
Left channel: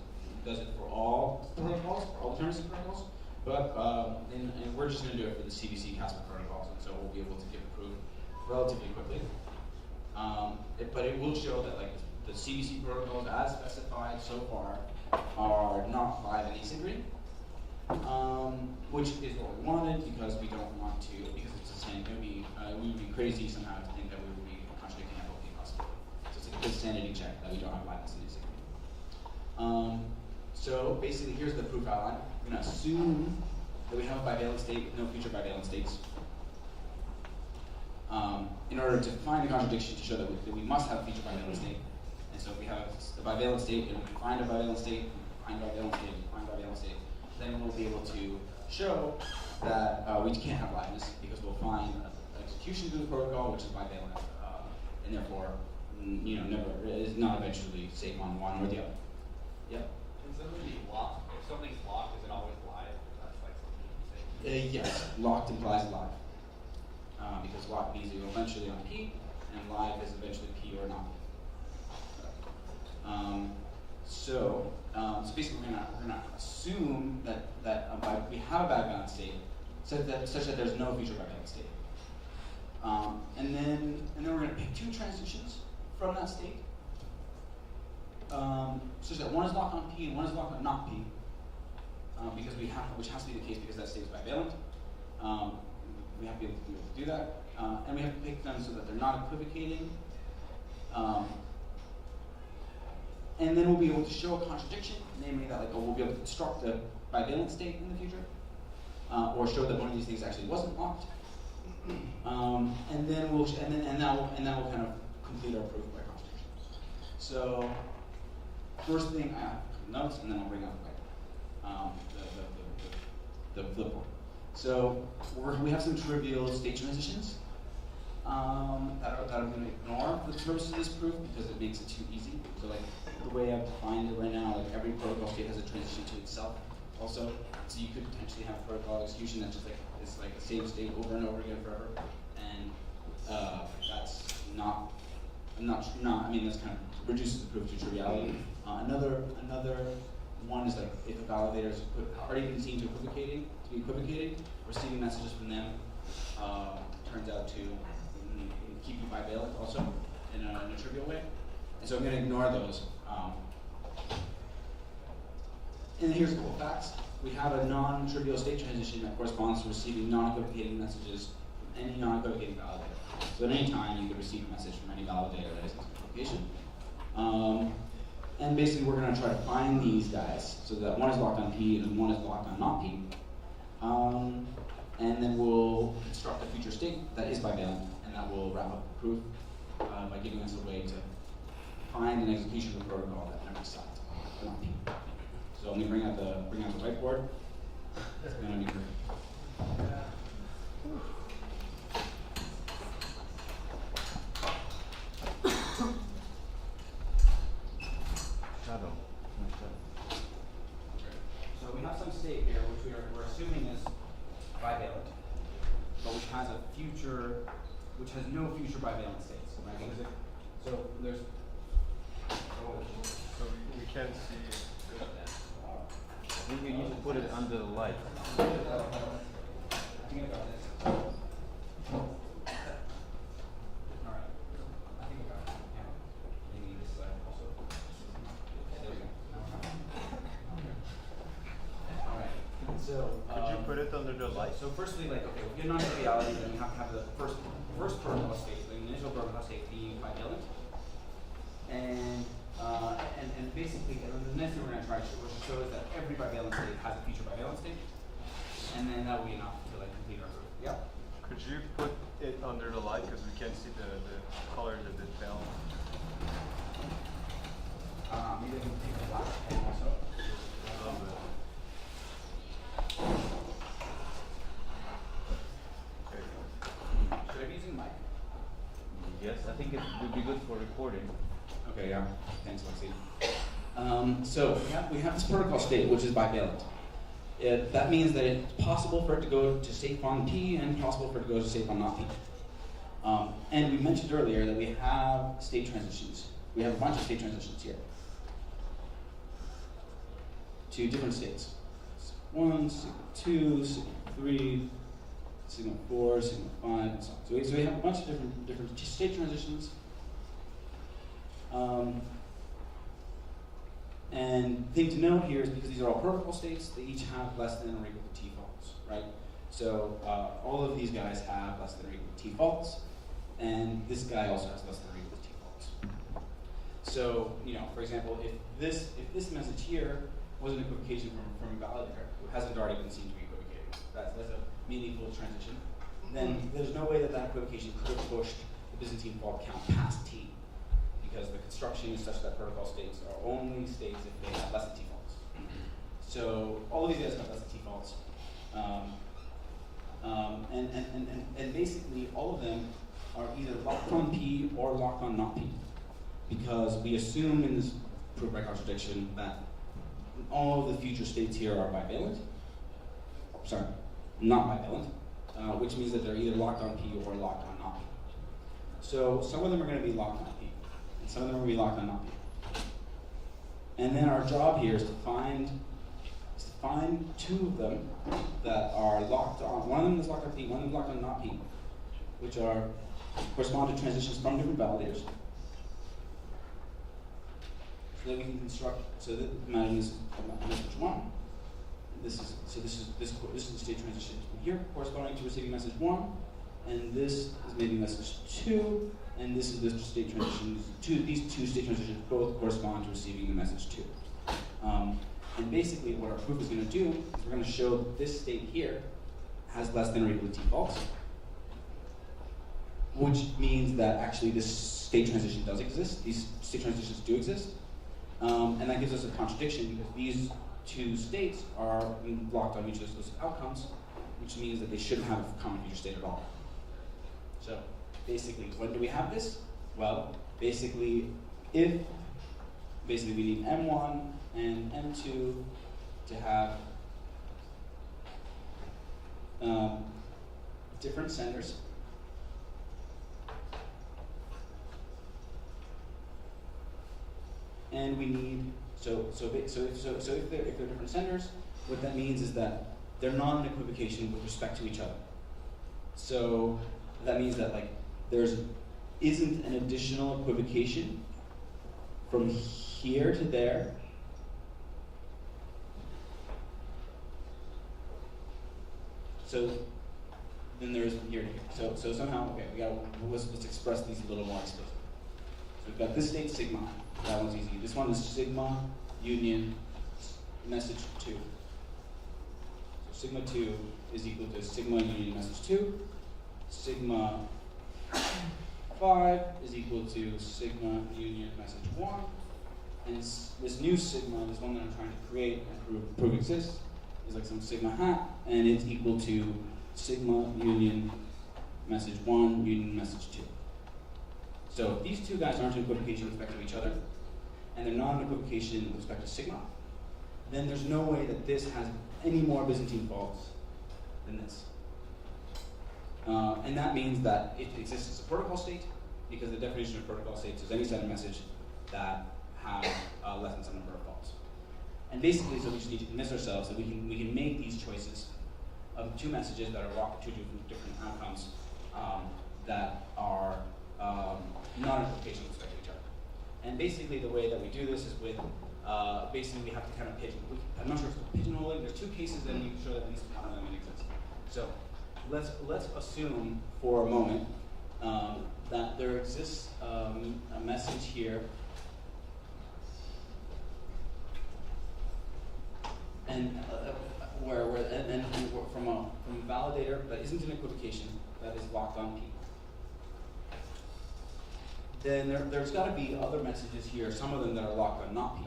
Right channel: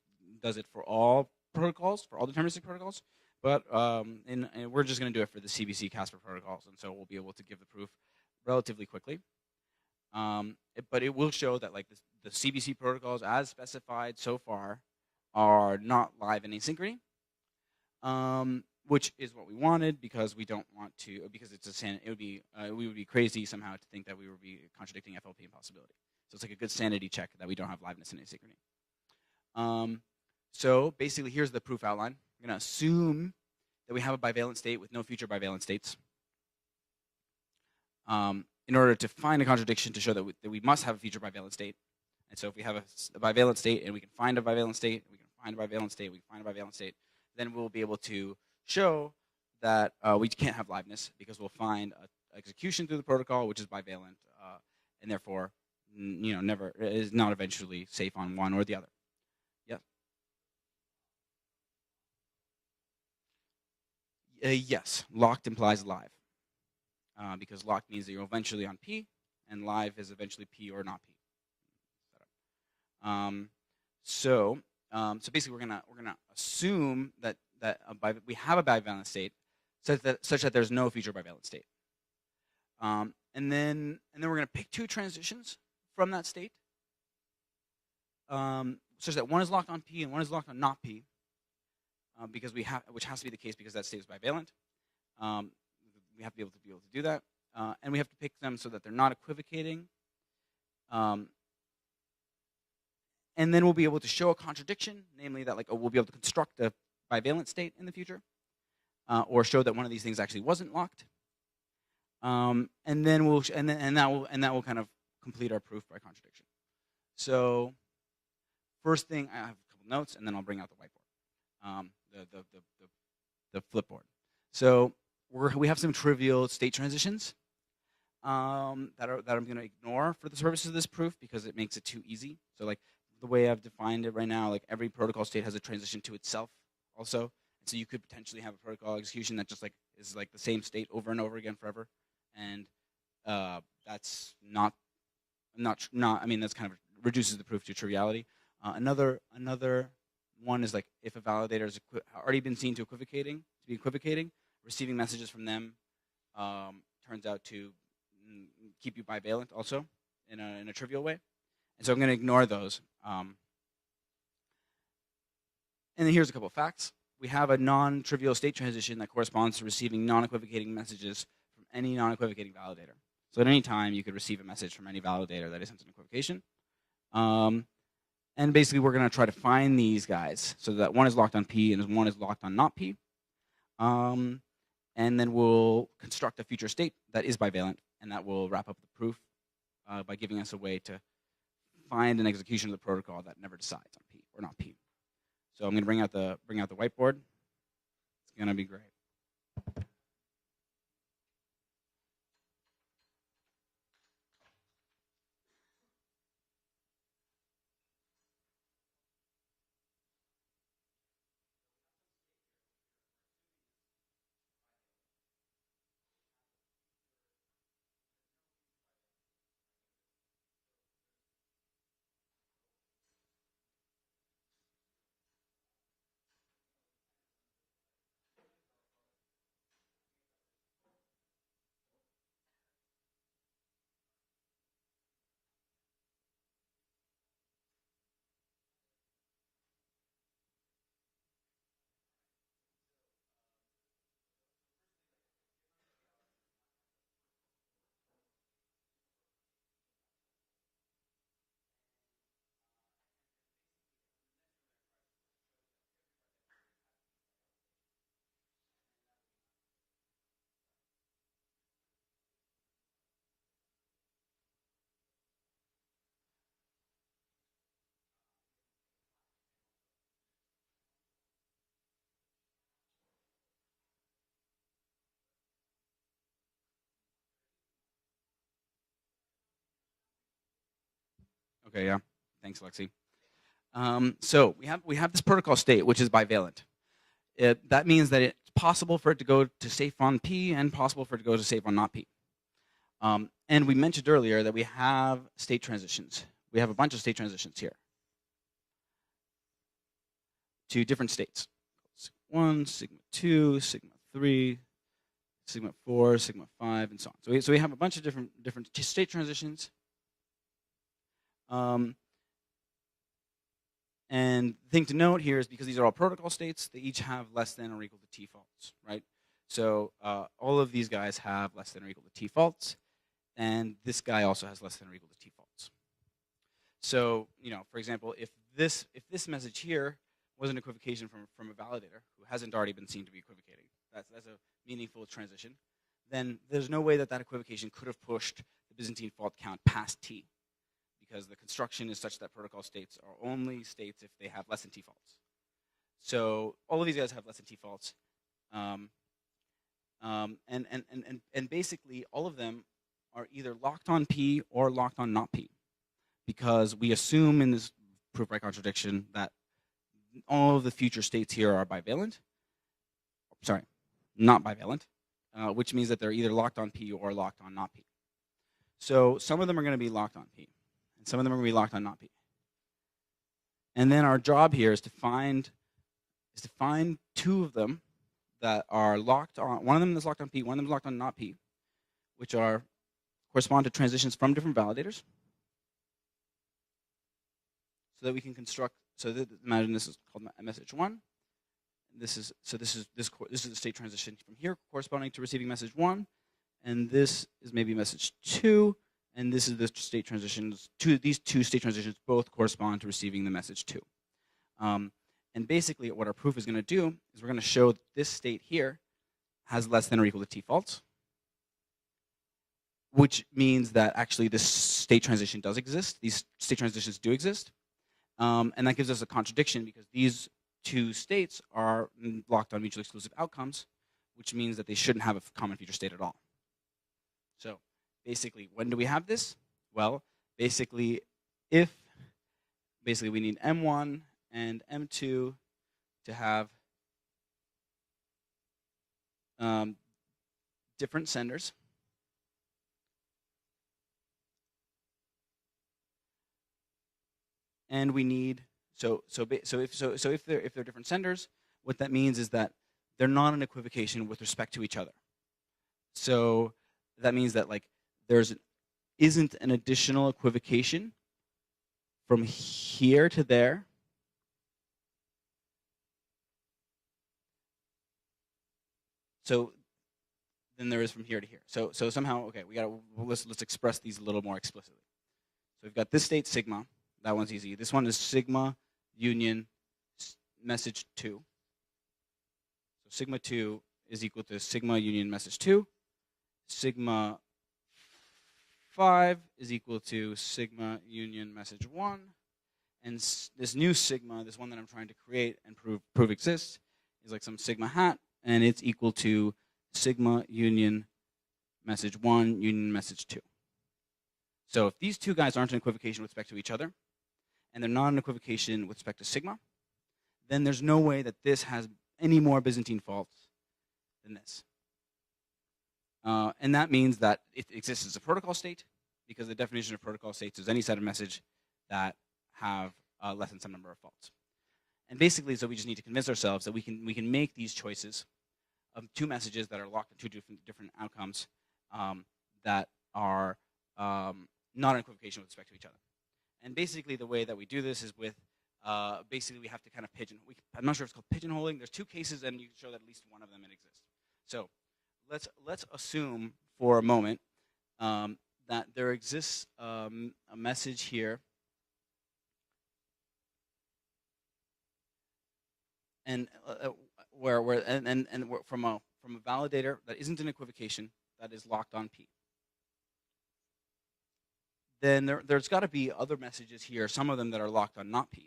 does it for all protocols, for all deterministic protocols. But and we're just going to do it for the CBC Casper protocols, and so we'll be able to give the proof relatively quickly. But it will show that like the CBC protocols as specified so far are not live in asynchrony, which is what we wanted because we don't want to, because it's a sanity. We would be crazy somehow to think that we would be contradicting FLP possibility. So it's like a good sanity check that we don't have liveness in asynchrony. So basically, here's the proof outline. We're going to assume that we have a bivalent state with no future bivalent states. In order to find a contradiction to show that we must have a future bivalent state. And so if we have a bivalent state and we can find a bivalent state, find a bivalent state, find a bivalent state, then we'll be able to show that we can't have liveness because we'll find execution through the protocol, which is bivalent, and therefore, never is not eventually safe on one or the other. Yep. Can something be locked? If something's locked, is it always live? That's like something you say. Yes, locked implies live. Because locked means that you're eventually on P, and live is eventually P or not. So basically, we're gonna assume that we have a bivalent state, such that there's no future bivalent state, and then we're gonna pick two transitions from that state, such that one is locked on P and one is locked on not P, because which has to be the case because that state is bivalent. We have to be able to do that, and we have to pick them so that they're not equivocating. And then we'll be able to show a contradiction, namely that we'll be able to construct a bivalent state in the future, or show that one of these things actually wasn't locked. And then that will kind of complete our proof by contradiction. So first thing, notes, and then I'll bring up the flip board. So we have some trivial state transitions that I'm going to ignore for the purposes of this proof because it makes it too easy. So like the way I've defined it right now, like every protocol state has a transition to itself also. So you could potentially have a protocol execution that just is like the same state over and over again forever, and that's not. I mean, that's kind of reduces the proof to triviality. Another one is like if a validator has already been seen to be equivocating, receiving messages from them turns out to keep you bivalent also in a trivial way. So I'm going to ignore those. And then here's a couple of facts. We have a non-trivial state transition that corresponds to receiving non-equivocating messages from any non-equivocating validator. So at any time, you could receive a message from any validator that is equivocation. And basically, we're going to try to find these guys so that one is locked on P and one is locked on not P. And then we'll construct a future state that is bivalent, and that will wrap up the proof by giving us a way to find an execution of the protocol that never decides for not P. So I'm going to bring out the whiteboard. It's going to be great. So we have some state here which we're assuming is bivalent, but which has no future bivalent states, right? So we can't see. I think you need to put it under the light. So firstly, like, okay, if we get non-triviality, then we have to have the first protocol state, the initial protocol state being bivalent. And basically, and the next thing we're going to try to show is that every bivalent state has a future bivalent state. And then that will be enough to like complete our proof. Yeah? Could you put it under the light because we can't see the colors of the bell? Maybe I can take a black pen also. Should I be using mic? Yes, I think it would be good for recording. Okay, yeah. Thanks, Lexi. So we have this protocol state, which is bivalent. That means that it's possible for it to go to safe on P and possible for it to go to safe on not P. And we mentioned earlier that we have state transitions. We have a bunch of state transitions here to different states. Sigma 1, sigma 2, sigma 3, sigma 4, sigma 5, and so on. So we have a bunch of different state transitions. And thing to note here is because these are all protocol states, they each have less than or equal to T faults, right? So all of these guys have less than or equal to T faults, and this guy also has less than or equal to T faults. So, for example, if this message here was an equivocation from a validator who hasn't already been seen to be equivocating, that's a meaningful transition, then there's no way that equivocation could have pushed the Byzantine fault count past T, because the construction is such that protocol states are only states if they have less than T faults. So all of these guys have less than T faults. And basically all of them are either locked on P or locked on not P, because we assume in this proof by contradiction that all of the future states here are bivalent. Sorry, not bivalent, which means that they're either locked on P or locked on not P. So some of them are going to be locked on P, and some of them are going to be locked on not P. And then our job here is to find two of them that are locked on. One of them is locked on P, one of them is locked on not P, which correspond to transitions from different validators, so that we can construct. So that, imagine this is message 1. This is the state transition here corresponding to receiving message 1, and this is maybe message 2, and this is the state transitions. These two state transitions both correspond to receiving the message 2. And basically, what our proof is going to do is we're going to show that this state here has less than or equal to T faults, which means that actually this state transition does exist. These state transitions do exist. And that gives us a contradiction because these two states are locked on mutually exclusive outcomes, which means that they shouldn't have a common future state at all. So basically, when do we have this? Well, basically we need M1 and M2 to have different senders. And we need, if they're different senders, what that means is that they're not in equivocation with respect to each other. So that means that isn't an additional equivocation from here to there. So then there is from here to here. So somehow, okay, let's express these a little more explicitly. So we've got this state sigma. That one's easy. This one is sigma union message 2. So sigma 2 is equal to sigma union message 2. Sigma 5 is equal to sigma union message 1. And this new sigma, this one that I'm trying to create and prove exists, is like some sigma hat, and it's equal to sigma union message 1 union message 2. So if these two guys aren't in equivocation with respect to each other, and they're not in equivocation with respect to sigma, then there's no way that this has any more Byzantine faults than this. And that means that it exists as a protocol state, because the definition of protocol states is any set of message that have less than some number of faults. And basically, so we just need to convince ourselves that we can make these choices of two messages that are locked to two different outcomes that are not in equivocation with respect to each other. And basically, the way that we do this is with basically we have to kind of pigeon. I'm not sure if it's pigeonholing. There's two cases, and we can show that at least one of them exists. So let's assume for a moment that there exists a message here, and from a validator that isn't an equivocation, that is locked on P. Then there's got to be other messages here, some of them that are locked on not P.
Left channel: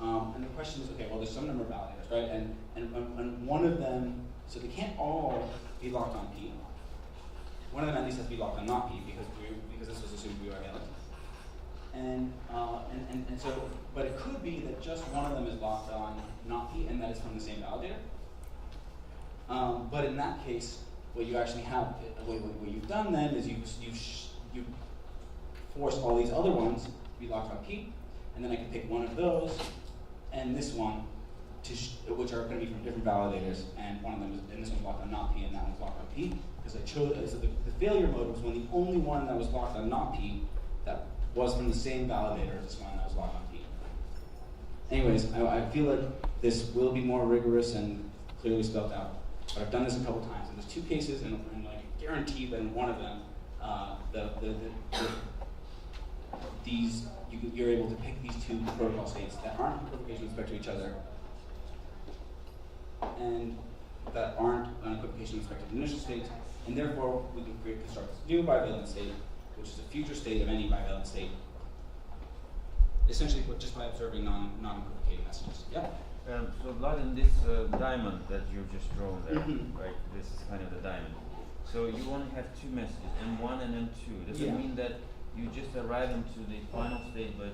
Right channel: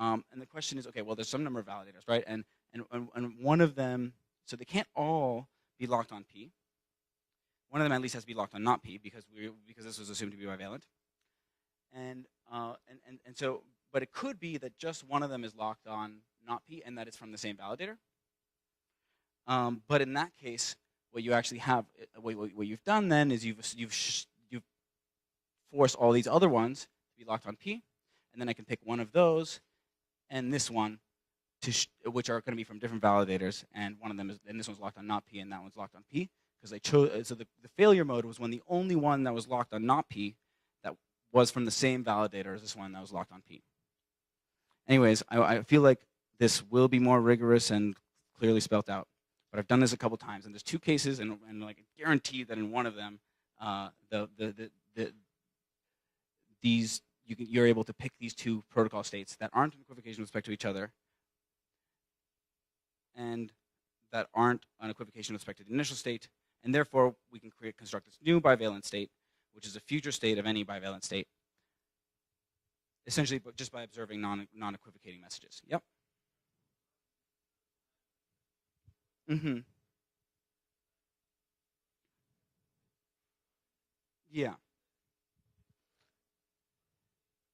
And the question is, okay, well, there's some number of validators, right? And one of them, so they can't all be locked on P. One of them at least has to be locked on not P because this was assumed to be bivalent. And so, but it could be that just one of them is locked on not P, and that is from the same validator. But in that case, what you actually have, what you've done then is you've forced all these other ones to be locked on P, and then I can pick one of those and this one, which are going to be from different validators, and one of them is, and this one's locked on not P, and that one's locked on P, because I chose. So the failure mode was when the only one that was locked on not P that was from the same validator as this one that was locked on P. Anyways, I feel like this will be more rigorous and clearly spelled out. So I've done this a couple times, and there's two cases, and like guarantee that in one of them, you're able to pick these two protocol states that aren't in equivocation with respect to each other, and that aren't an equivocation with respect to the initial state, and therefore we can construct this new bivalent state, which is a future state of any bivalent state, essentially just by observing non-equivocating messages. Yep. So Vlad, in this diamond that you just drawn there, right? This is kind of the diamond. So you only have two messages, M1 and M2. Does it mean that you just arrive into the final state by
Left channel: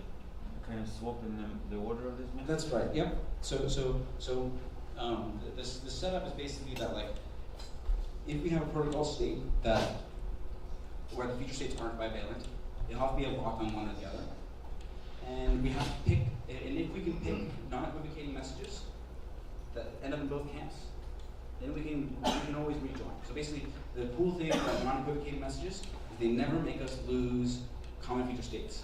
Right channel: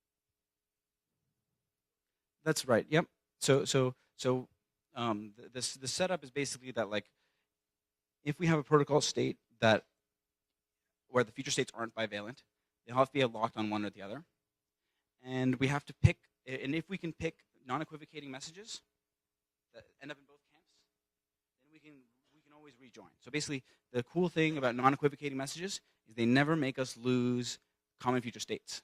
kind of swapping the order of this message? That's right. Yep. The setup is basically that, like, if we have a protocol state where the future states aren't bivalent, it'll have to be a lock on one or the other, and we have to pick. And if we can pick non-equivocating messages that end up in both camps, then we can always rejoin. So basically, the cool thing about non-equivocating messages is they never make us lose common future states.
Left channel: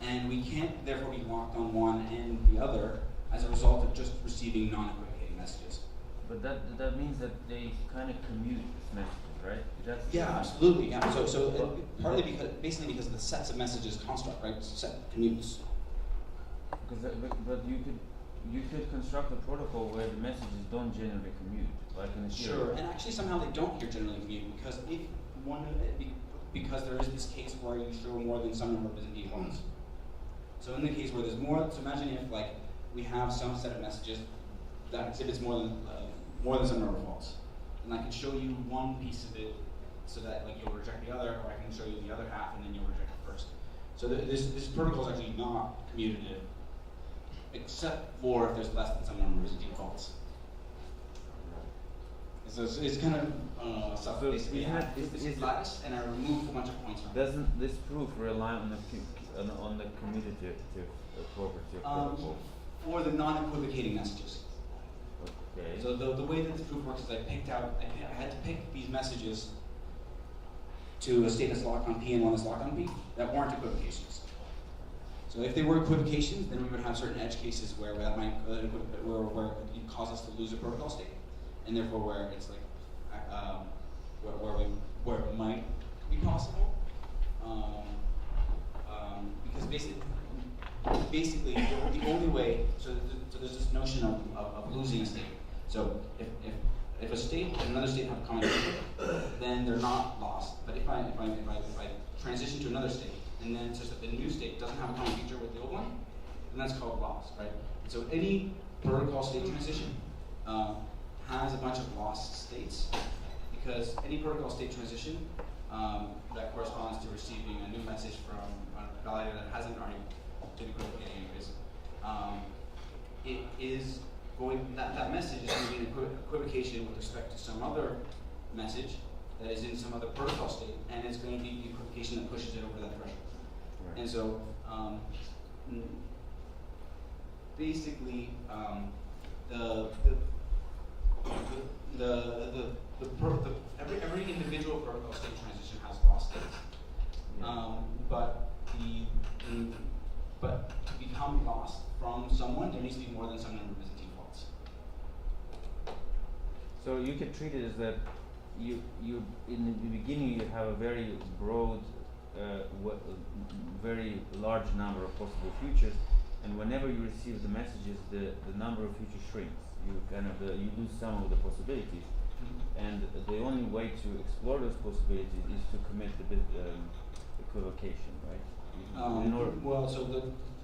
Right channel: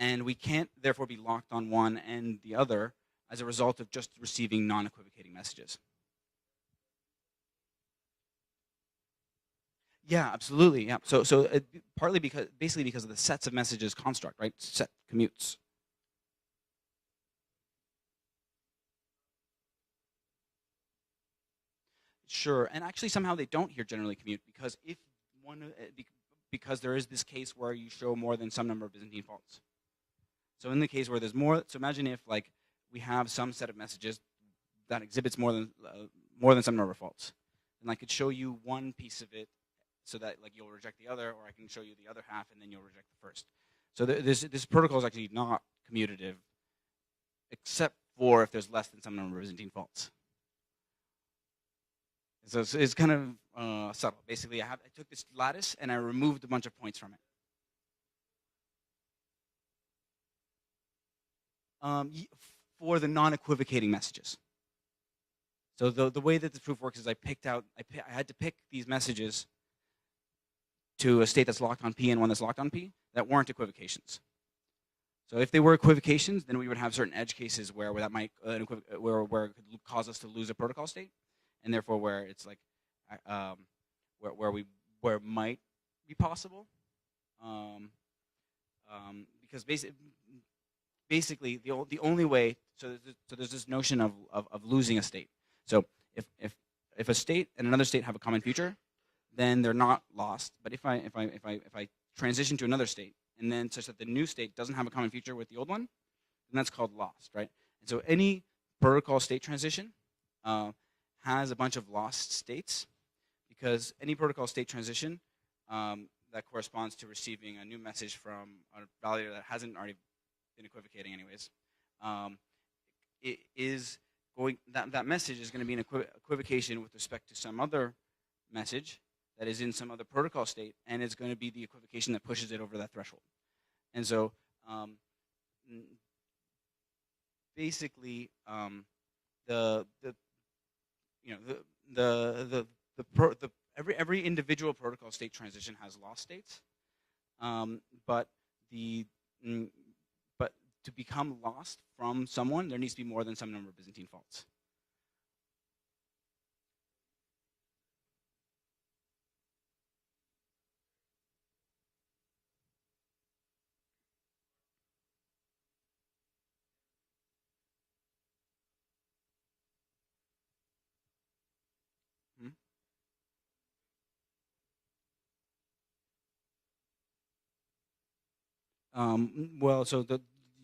And we can't therefore be locked on one and the other as a result of just receiving non-equivocating messages. But that means that they kind of commute this message, right? Yeah, absolutely. Yeah. So partly because of the sets of messages construct, right? Set commutes. But you could construct a protocol where the messages don't generally commute, like in a Sure, and actually somehow they don't here generally commute because there is this case where you show more than some number of Byzantine faults. So in the case where there's more, so imagine if like we have some set of messages that exhibits more than some number of faults, and I can show you one piece of it so that like you'll reject the other, or I can show you the other half and then you'll reject it first. So this protocol is actually not commutative, except for if there's less than some number of Byzantine faults. So it's kind of stuff. Basically, I had this lattice, and I removed a bunch of points from it. Doesn't this proof rely on the commutative property of protocol? For the non-equivocating messages. Okay. So the way that the proof works is I had to pick these messages to a state that's locked on P and one that's locked on P that weren't equivocations. So if they were equivocations, then we would have certain edge cases where that might where it cause us to lose a protocol state, and therefore where it's like where it might be possible, because basically the only way. So there's this notion of losing a state. So if a state and another state have a common feature, then they're not lost. But if I transition to another state, and then such that the new state doesn't have a common feature with the old one, and that's called loss, right? So any protocol state transition has a bunch of lost states, because any protocol state transition that corresponds to receiving a new message from a validator that hasn't already been equivocating anyways, it is going, that message is going to be an equivocation with respect to some other message that is in some other protocol state, and it's going to be the equivocation that pushes it over that threshold. Right. And so, basically, every individual protocol state transition has lost states, but to become lost from someone, there needs to be more than some number of Byzantine faults. So you can treat it as that you in the beginning you have a very broad, very large number of possible futures, and whenever you receive the messages, the number of futures shrinks. You kind of you lose some of the possibilities, and the only way to explore those possibilities is to commit the equivocation, right? Well, so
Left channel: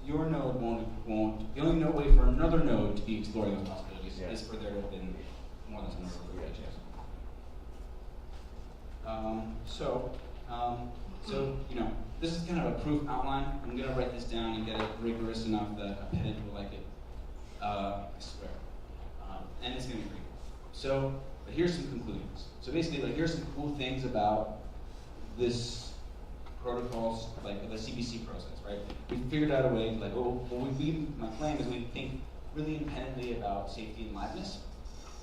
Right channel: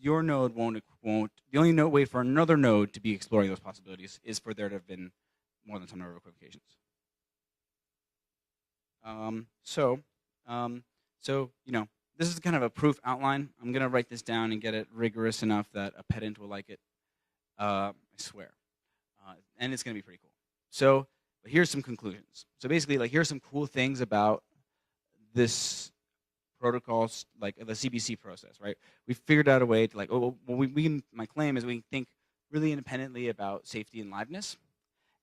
your node won't. The only way for another node to be exploring those possibilities is for there to have been one that's an order of equivocation. So this is kind of a proof outline. I'm gonna write this down and get it rigorous enough that a pedant will like it. I swear. And it's gonna be free. So here's some conclusions. So basically, like, here's some cool things about this protocols, like the CBC process, right? We figured out a way to, like, my claim is we think really independently about safety and liveness.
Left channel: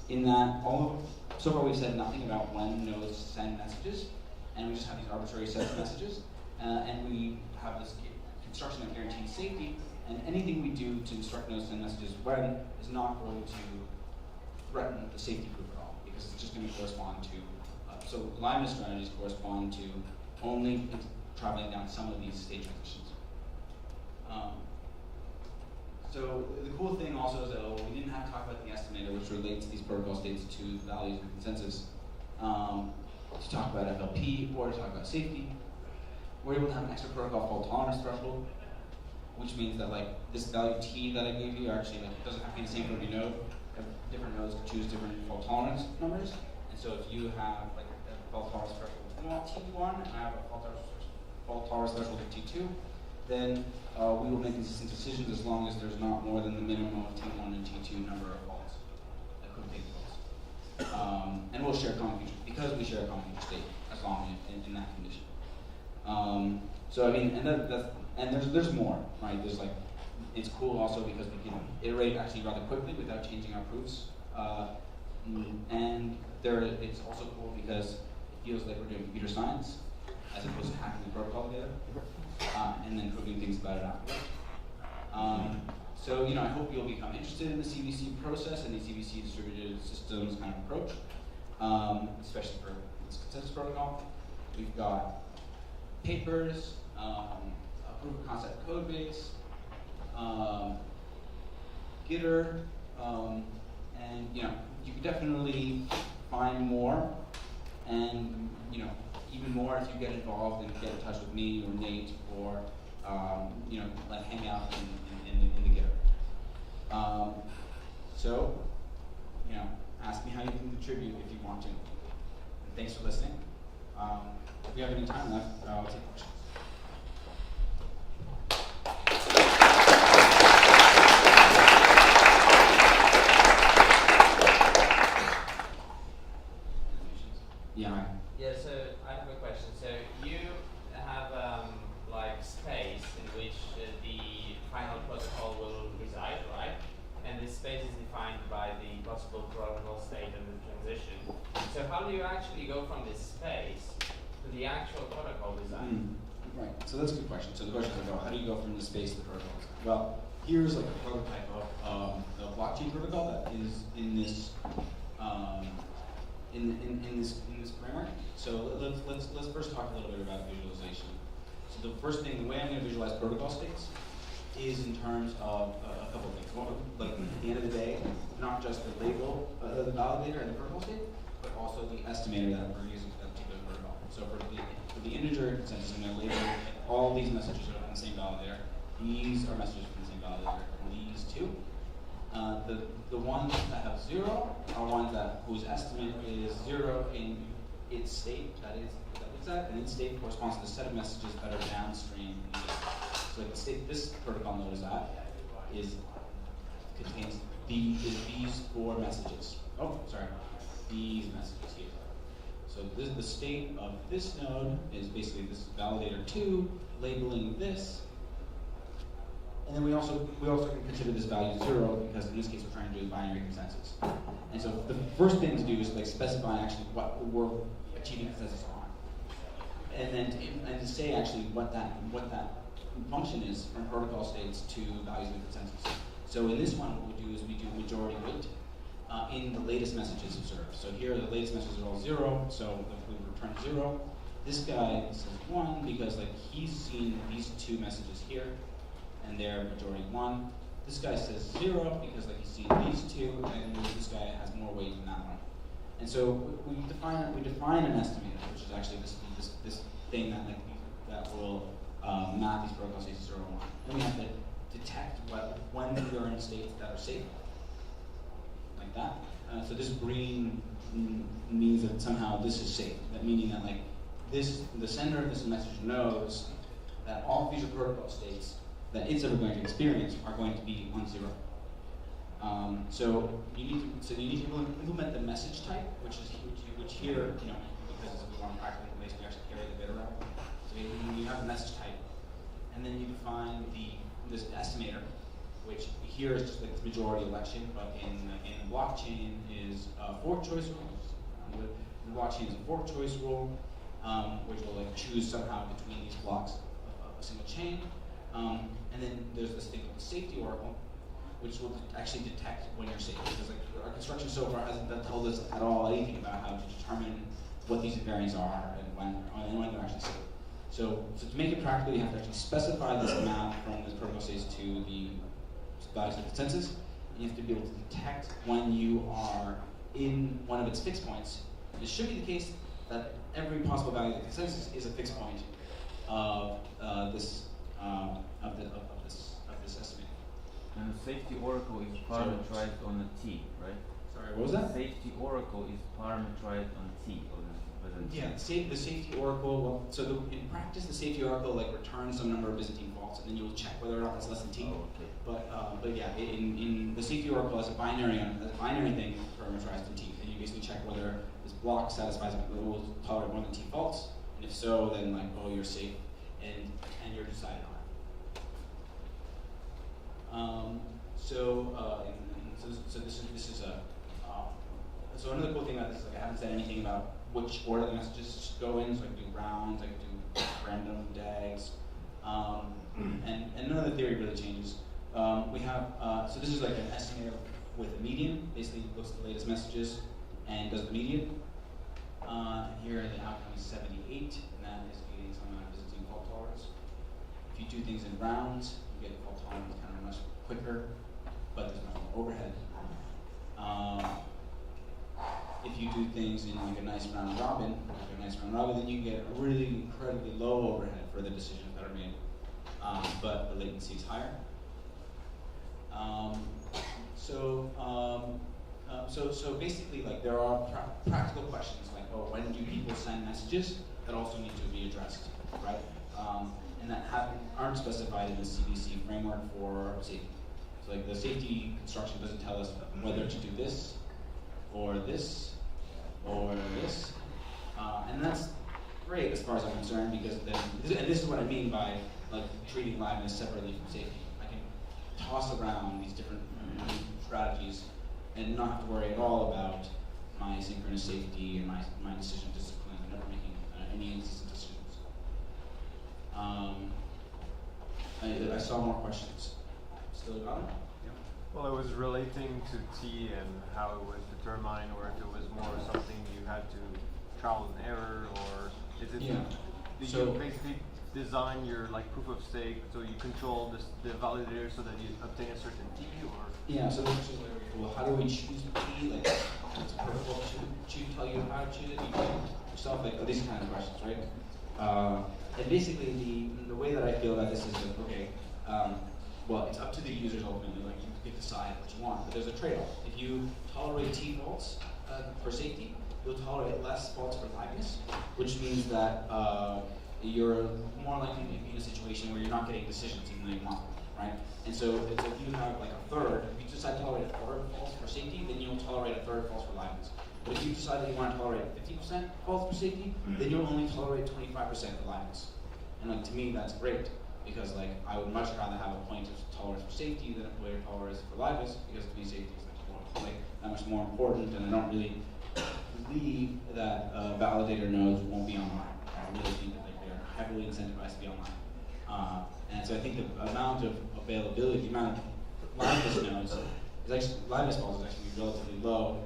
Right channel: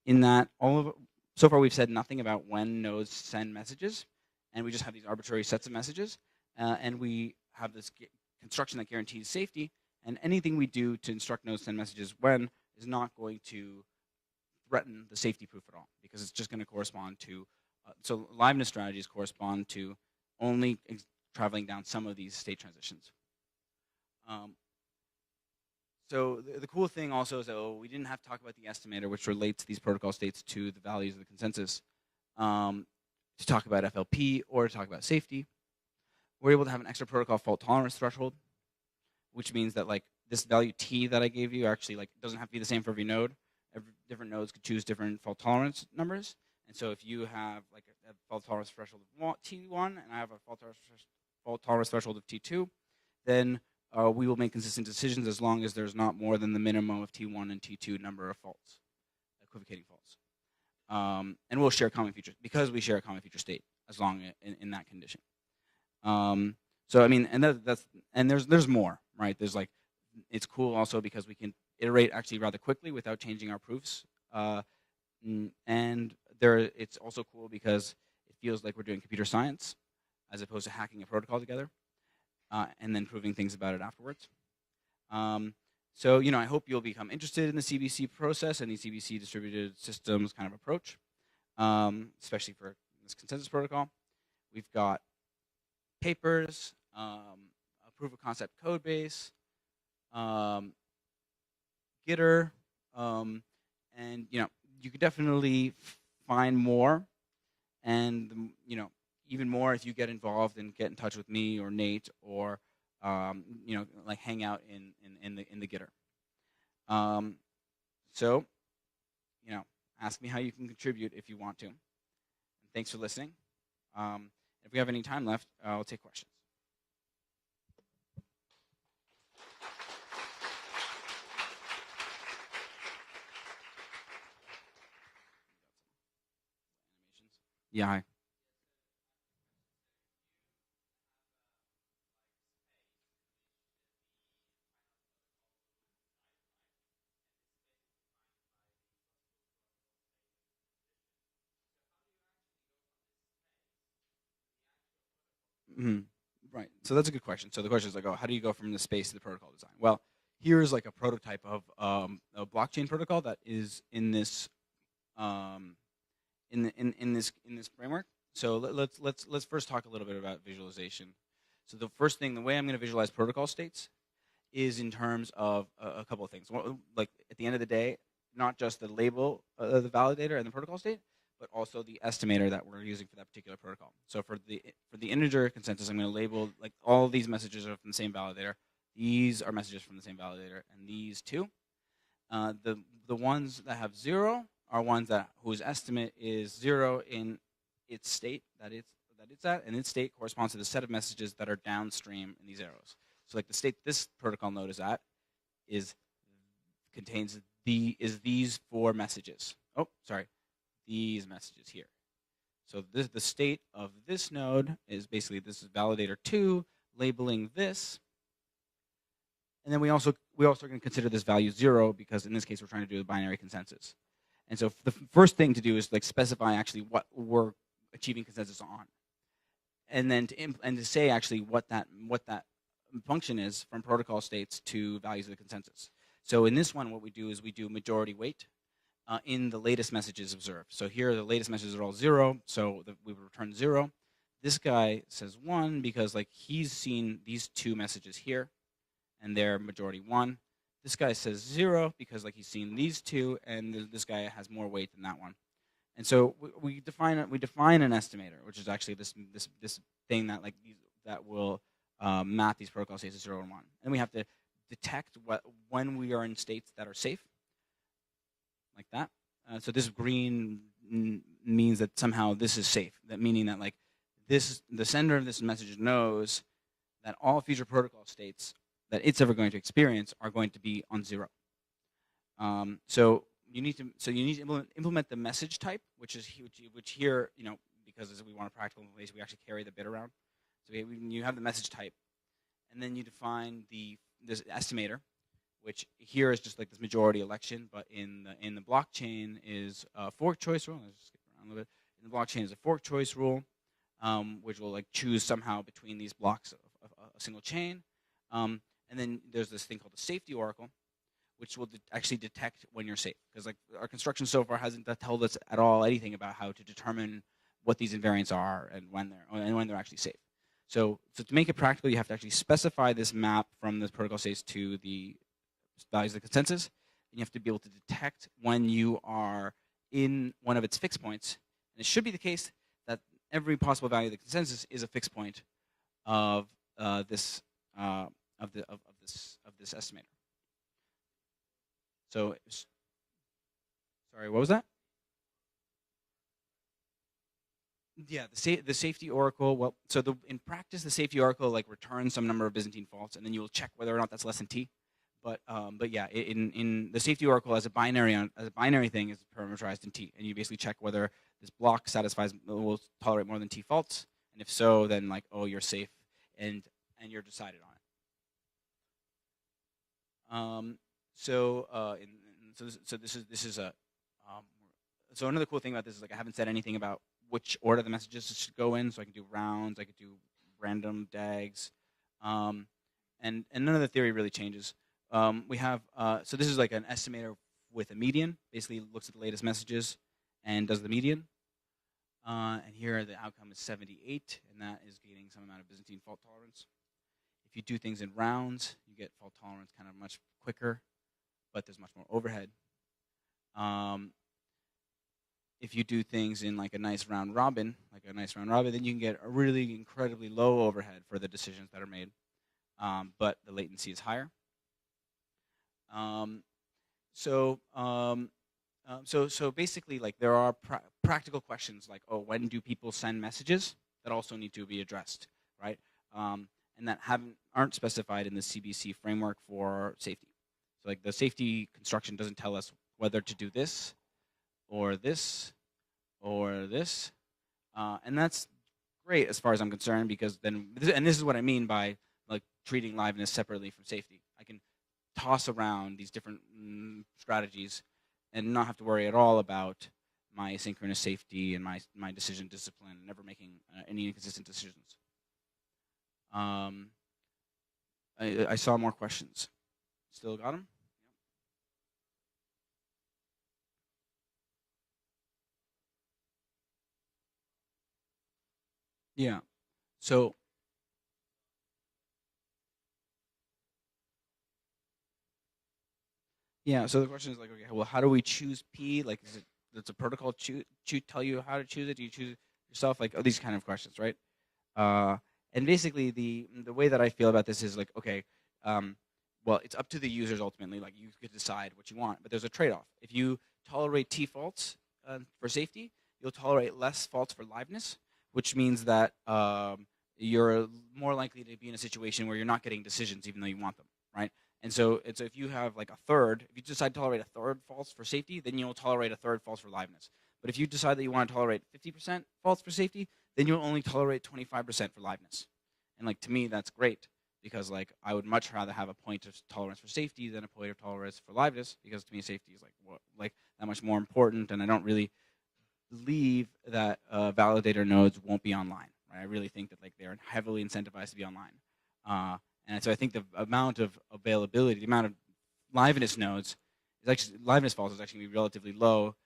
In that, so far we've said nothing about when nodes send messages, and we just have these arbitrary sets of messages, and we have this construction that guarantees safety, and anything we do to instruct nodes to send messages when is not going to threaten the safety proof at all, because it's just going to correspond to, so liveness strategies correspond to only traveling down some of these state transitions. So the cool thing also is that we didn't have to talk about the estimator, which relates these protocol states to the values and consensus, to talk about FLP or to talk about safety. We're able to have an extra protocol fault tolerance threshold, which means that, like, this value T that I gave you actually, like, doesn't have to be the same for every node. Different nodes can choose different fault tolerance numbers. And so if you have, like, a fault tolerance threshold T1 and I have a fault tolerance threshold of T2, then we will make consistent decisions as long as there's not more than the minimum of T1 and T2 number of faults, equivocating faults. And we'll share common features because we share a common feature state as long in that condition. So I mean, and there's more, right? There's, like, it's cool also because we can iterate actually rather quickly without changing our proofs. And it's also cool because it feels like we're doing computer science as opposed to hacking the protocol together and then proving things about it afterwards. So I hope you'll become interested in the CBC process and the CBC distributed systems kind of approach, especially for this consensus protocol. We've got papers, a proof of concept code base, Gitter, and you can definitely find more, and even more if you get involved and get in touch with me or Nate or like hang out in the Gitter. So ask me how you can contribute if you want to. Thanks for listening. If we have any time left, I'll take questions. Yeah. Yeah, so I have a question. So you have like space in which the final protocol will reside, right? And this space is defined by the possible protocol state and the transition. So how do you actually go from this space to the actual protocol design? Right. So that's a good question. So the question is like, how do you go from the space to the protocol? Well, here's like a prototype of a blockchain protocol that is in this. In this framework. So let's first talk a little bit about visualization. So the first thing, the way I'm going to visualize protocol states is in terms of a couple of things. One, like at the end of the day, not just the label, the validator and the protocol state, but also the estimator that we're using for that particular protocol. So for the integer consensus, I'm going to label all of these messages are from the same validator. These are messages from the same validator. These two. The ones that have 0 are ones whose estimate is 0 in its state. That is that, and its state corresponds to the set of messages that are downstream. So like the state this protocol node is at contains these 4 messages. Oh, sorry, these messages here. So the state of this node is basically this validator 2 labeling this. And then we also can consider this value 0 because in this case we're trying to do a binary consensus. And so the first thing to do is like specify actually what we're achieving consensus on, and then to say actually what that function is from protocol states to values of the consensus. So in this one, what we do is we do majority weight, in the latest messages observed. So here the latest messages are all 0, so we would return 0. This guy says 1 because like he's seen these 2 messages here, and they're majority 1. This guy says 0 because like he's seen these 2, and this guy has more weight than that one. And so we define an estimator, which is actually this thing that like that will map these protocol states to 0 and 1. And we have to detect when we are in states that are safe, like that. So this green means that somehow this is safe. That meaning that like the sender of this message knows that all future protocol states that it's ever going to experience are going to be on 0. So you need to implement the message type, which here, because we want to practically basically actually carry the bit around. So you have the message type, and then you define this estimator, which here is just like the majority election, but in the blockchain is a fork choice rule. The blockchain is a fork choice rule, which will like choose somehow between these blocks of a single chain. And then there's this thing called the safety oracle, which will actually detect when you're safe. Because like our construction so far hasn't told us at all anything about how to determine what these invariants are and when they're actually safe. So to make it practical, you have to actually specify this map from the protocol states to the values of the consensus. You have to be able to detect when you are in one of its fixed points. It should be the case that every possible value of the consensus is a fixed point of this estimate. And the safety oracle is parameterized on a T, right? Sorry, what was that? Safety oracle is parameterized on T. Yeah, the safety oracle. Well, so in practice, the safety oracle like returns some number of Byzantine faults, and then you will check whether or not that's less than T. Oh, okay. But yeah, in the safety oracle as a binary thing is parameterized in T, and you basically check whether this block will tolerate more than T faults. And if so, then like you're safe, and you're decided on. So another cool thing about this is like I haven't said anything about which order the messages should go in. So I can do rounds, I can do random DAGs, and none of the theory really changes. We have so this is like an estimator with a median. Basically looks at the latest messages and does the median. Here the outcome is 78, and that is getting some amount of Byzantine fault tolerance. If you do things in rounds, you get fault tolerance kind of much quicker, but there's much more overhead. If you do things in like a nice round robin, then you can get a really incredibly low overhead for the decisions that are made, but the latency is higher. So basically, like there are practical questions like, well, when do people send messages that also need to be addressed, right? And that aren't specified in the CBC framework for safety. So, like the safety construction doesn't tell us whether to do this, or this, or this, and that's great as far as I'm concerned, because then, and this is what I mean by like treating liveness separately from safety. I can toss around these different strategies and not have to worry at all about my asynchronous safety and my decision discipline and never making any existing decisions. I saw more questions. Still got them? Well, it was relating to T and how it was determined, or if it was more something you had to trial and error, or is it? Yeah. Did So you basically design your like proof of stake so you control the validator so that you obtain a certain T, or? Yeah. So the question is like, okay, well, how do we choose P? Like, does the protocol tell you how to choose it? Do you choose it yourself? Like, these kind of questions, right? And basically, the way that I feel about this is like, okay, well, it's up to the users ultimately. Like, you can decide what you want, but there's a trade-off. If you tolerate T faults for safety, you'll tolerate less faults for liveness, which means that you're more likely to be in a situation where you're not getting decisions even though you want them, right? And so if you have like a third, if you decide to tolerate a third false for safety, then you'll tolerate a third false for liveness. But if you decide that you want to tolerate 50% false for safety, then you'll only tolerate 25% for liveness. And like to me, that's great, because like I would much rather have a point of tolerance for safety than a point of tolerance for liveness, because to me safety is like that much more important, and I don't really believe that validator nodes won't be online. I really think that like they're heavily incentivized to be online. And so I think the amount of availability, the amount of liveness nodes liveness faults is actually relatively low,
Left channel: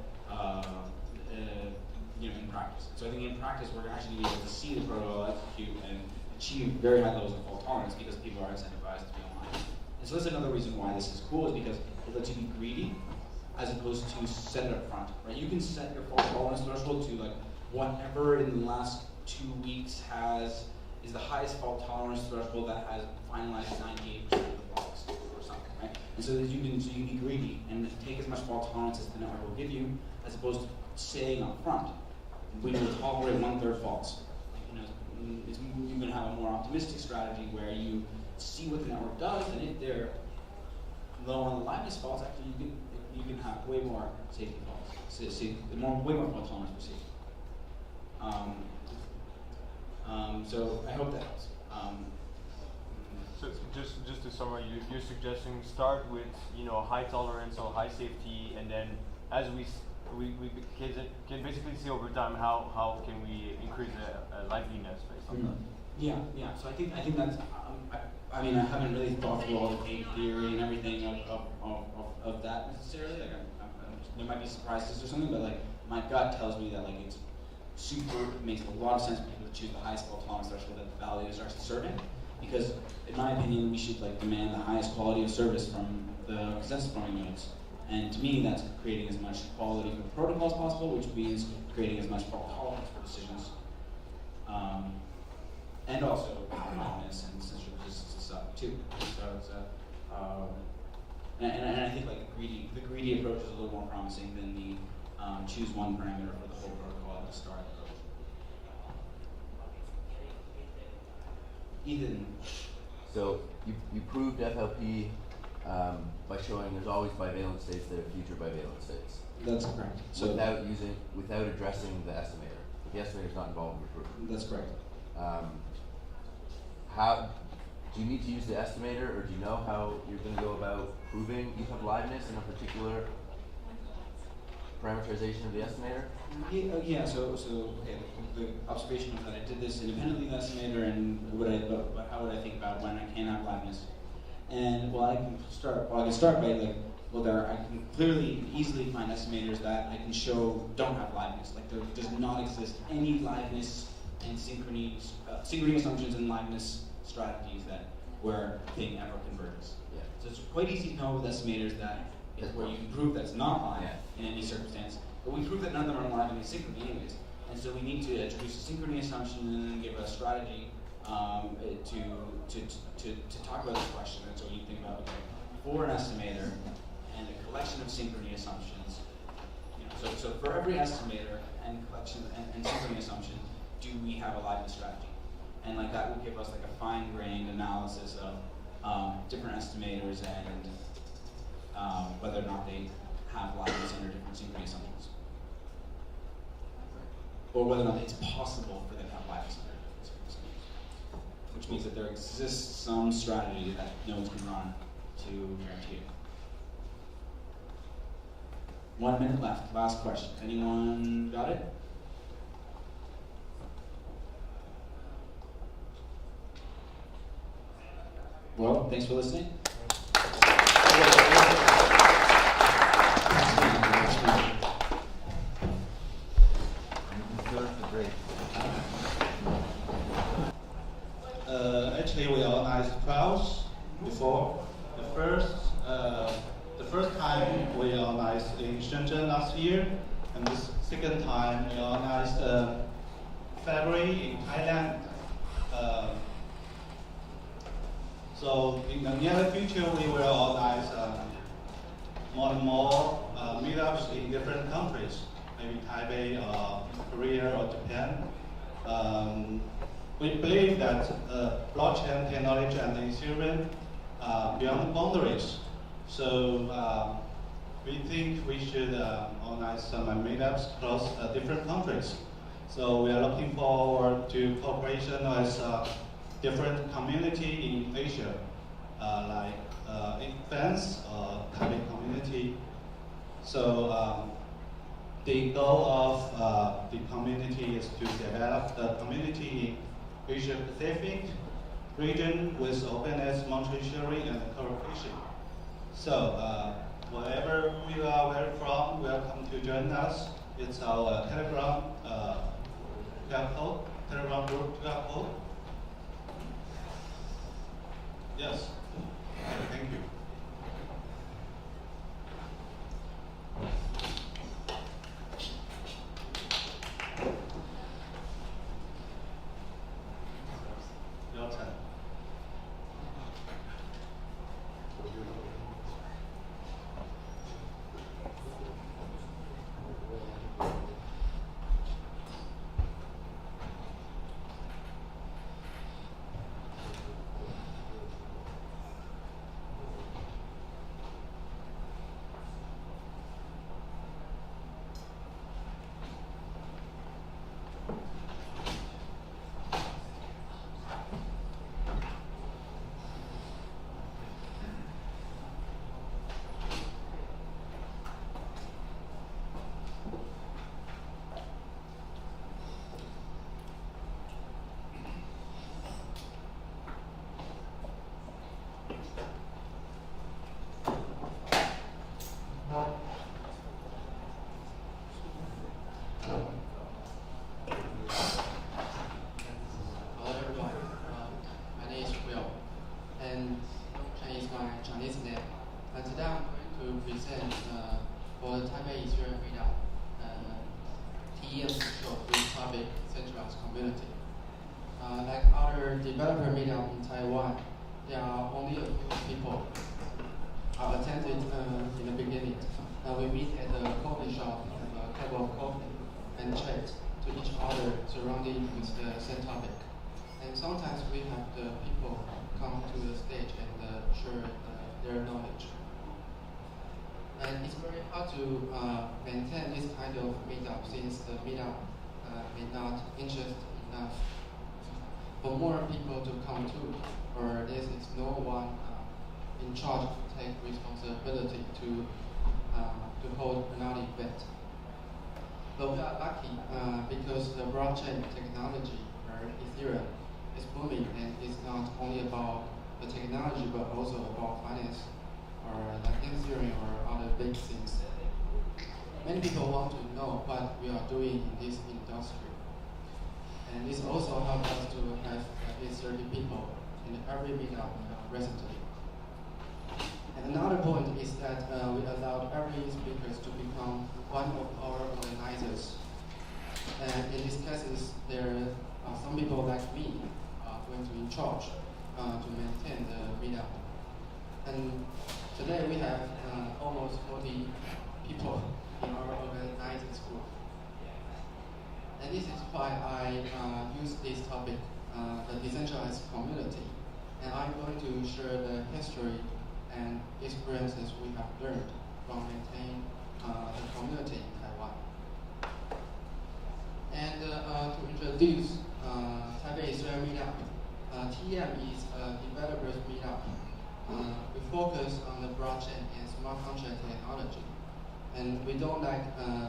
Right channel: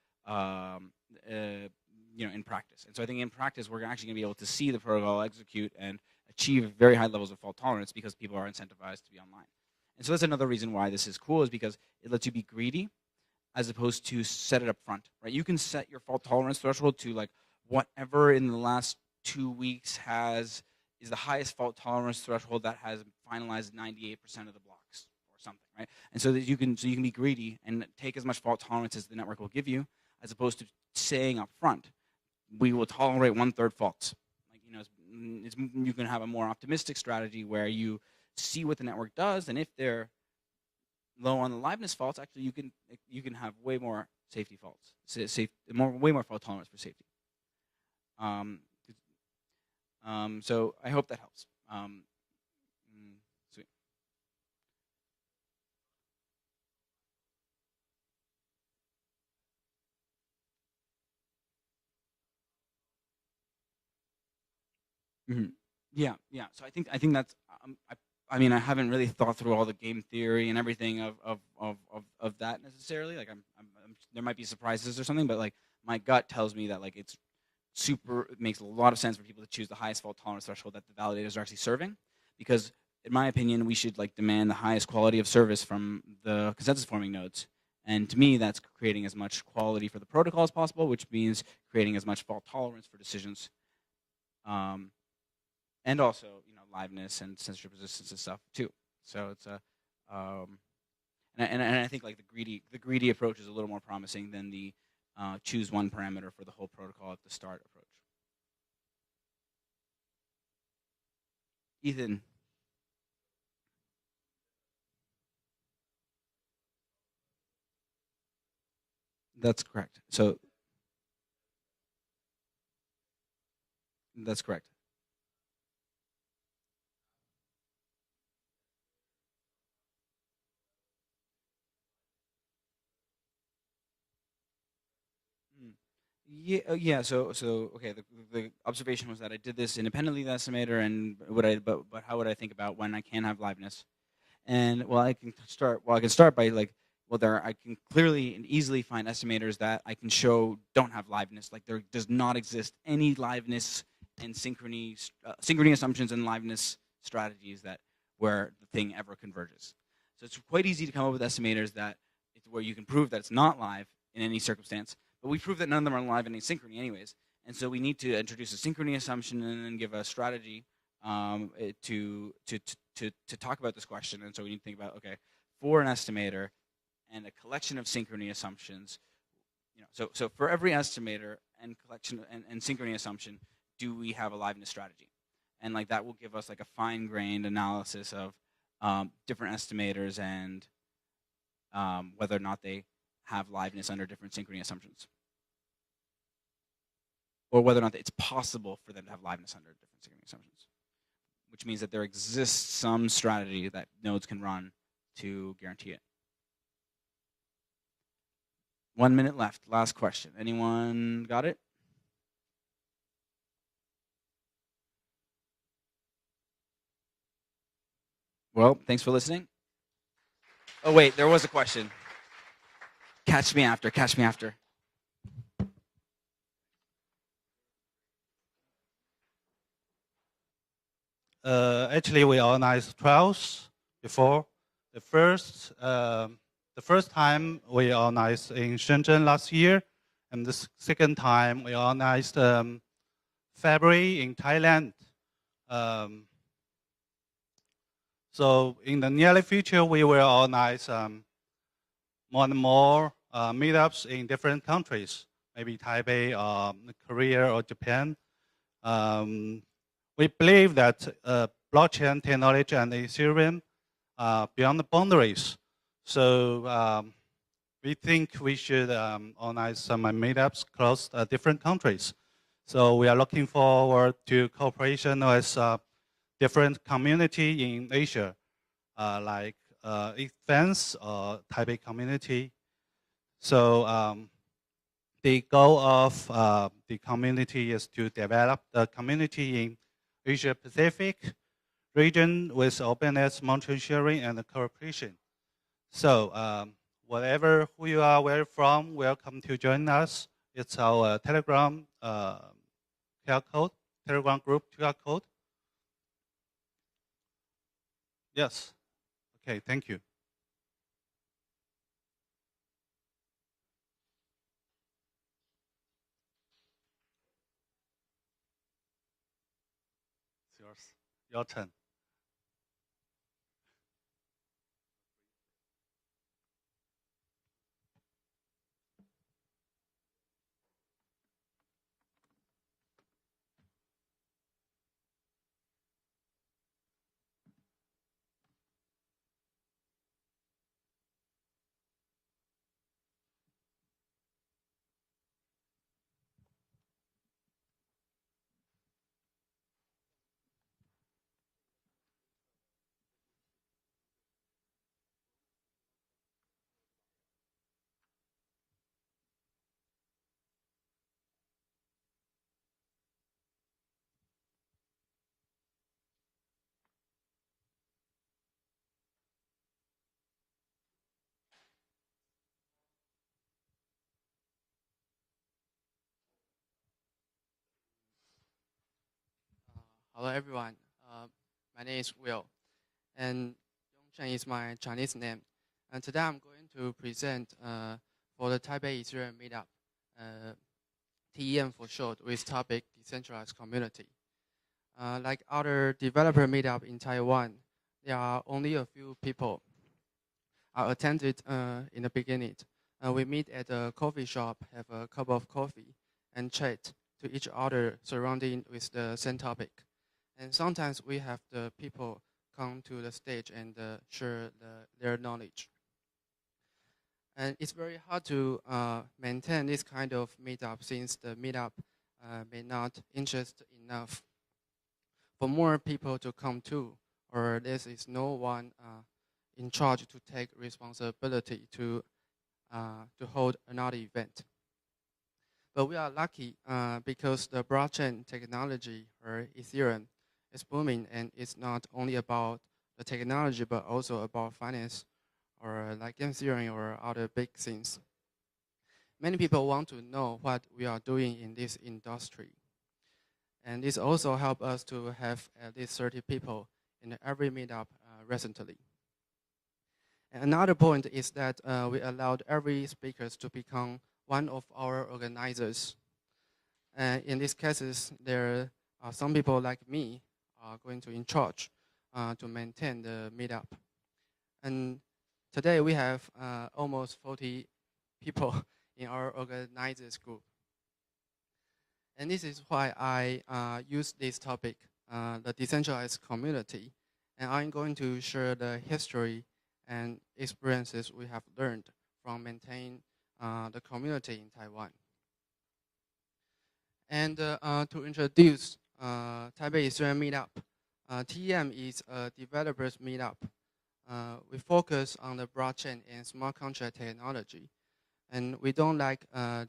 in practice. So I think in practice we're actually going to be able to see the protocol execute and achieve very high levels of fault tolerance because people are incentivized to be online. And so that's another reason why this is cool, is because it lets you be greedy as opposed to set it up front. Right? You can set your fault tolerance threshold to like whatever in the last 2 weeks is the highest fault tolerance threshold that has finalized 98% of the blocks or something, right? And so that you can be greedy and take as much fault tolerance as the network will give you, as opposed to saying up front, we will tolerate 1/3 faults. You can have a more optimistic strategy where you see what the network does, and if they're low on the liveness faults, actually you can have way more safety faults, way more fault tolerance for safety. So I hope that helps. So just to summarize, you're suggesting start with high tolerance or high safety, and then as we can basically see over time how can we increase the liveliness based on that. Yeah. So I think that's. I mean, I haven't really thought through all the game theory and everything of that necessarily. Like, there might be surprises or something, but like my gut tells me that like it makes a lot of sense for people to choose the highest fault tolerance threshold that the validators are actually serving, because in my opinion, we should like demand the highest quality of service from the consensus forming nodes. And to me, that's creating as much quality for the protocol as possible, which means creating as much fault tolerance for decisions. And also liveness and censorship resistance and stuff too. So it's and I think like the greedy approach is a little more promising than the choose one parameter for the whole protocol at the start approach. Ethan. So you proved FLP by showing there's always bivalent states that are future bivalent states. That's correct. So without addressing the estimator. The estimator is not involved in your proof. That's correct. How do you need to use the estimator, or do you know how you're going to go about proving you have liveness in a particular parameterization of the estimator? Yeah. So okay. The observation was that I did this independently of the estimator, and how would I think about when I can have liveness? And I can start by like, I can clearly and easily find estimators that I can show don't have liveness. Like there does not exist any liveness and synchrony assumptions and liveness strategies where thing ever converges. Yeah. So it's quite easy to come up with estimators where you can prove that it's not live in any circumstance. But we prove that none of them are live in asynchrony anyways. And so we need to introduce a synchrony assumption and then give a strategy to talk about this question. And so we need to think about, okay, for an estimator and a collection of synchrony assumptions, so for every estimator and collection and synchrony assumption, do we have a liveness strategy? And like that will give us like a fine-grained analysis of different estimators and whether or not they have liveness under different synchrony assumptions, or whether or not it's possible for them to have liveness under different synchrony assumptions, which means that there exists some strategy that nodes can run to guarantee it. 1 minute left. Last question. Anyone got it? Well, thanks for listening. Oh wait, there was a question. Catch me after. Actually, we organized trials before. The first time we organized in Shenzhen last year, and the second time we organized February in Thailand. So in the near future, we will organize more and more meetups in different countries, maybe Taipei or Korea or Japan. We believe that blockchain technology and Ethereum are beyond the boundaries. So we think we should organize some meetups across different countries. So we are looking forward to cooperation with different community in Asia, like fans or Taipei community. So the goal of the community is to develop the community in Asia Pacific region with openness, mutual sharing, and cooperation. So whatever who you are, where from, welcome to join us. It's our Telegram QR code, Telegram group QR code. Yes. Okay, thank you. Your turn. Hello everyone, my name is Bill, and Chinese is my Chinese name. And today I'm going to present for the Taipei Ethereum meetup, TEM for short, with topic centralized community. Like other developer meetup in Taiwan, there are only a few people attended in the beginning. We meet at a coffee shop, have a cup of coffee, and chat to each other surrounding with the same topic. And sometimes we have the people come to the stage and share their knowledge. And it's very hard to maintain this kind of meetup since the meetup may not interest enough for more people to come to, or there is no one in charge to take responsibility to hold another event. But we are lucky because the blockchain technology, or Ethereum, is booming, and it's not only about the technology but also about finance, or like game theory or other big things. Many people want to know what we are doing in this industry. And this also helped us to have at least 30 people in every meetup recently. Another point is that we allowed every speaker to become one of our organizers. And in these cases, there are some people like me going to in charge to maintain the meetup. And today we have almost 40 people in our organizers group. And this is why I use this topic, the decentralized community. And I'm going to share the history and experiences we have learned from maintaining the community in Taiwan. And to introduce Taipei Ethereum meetup, TEM is a developers meetup. We focus on the blockchain and smart contract technology, and we don't like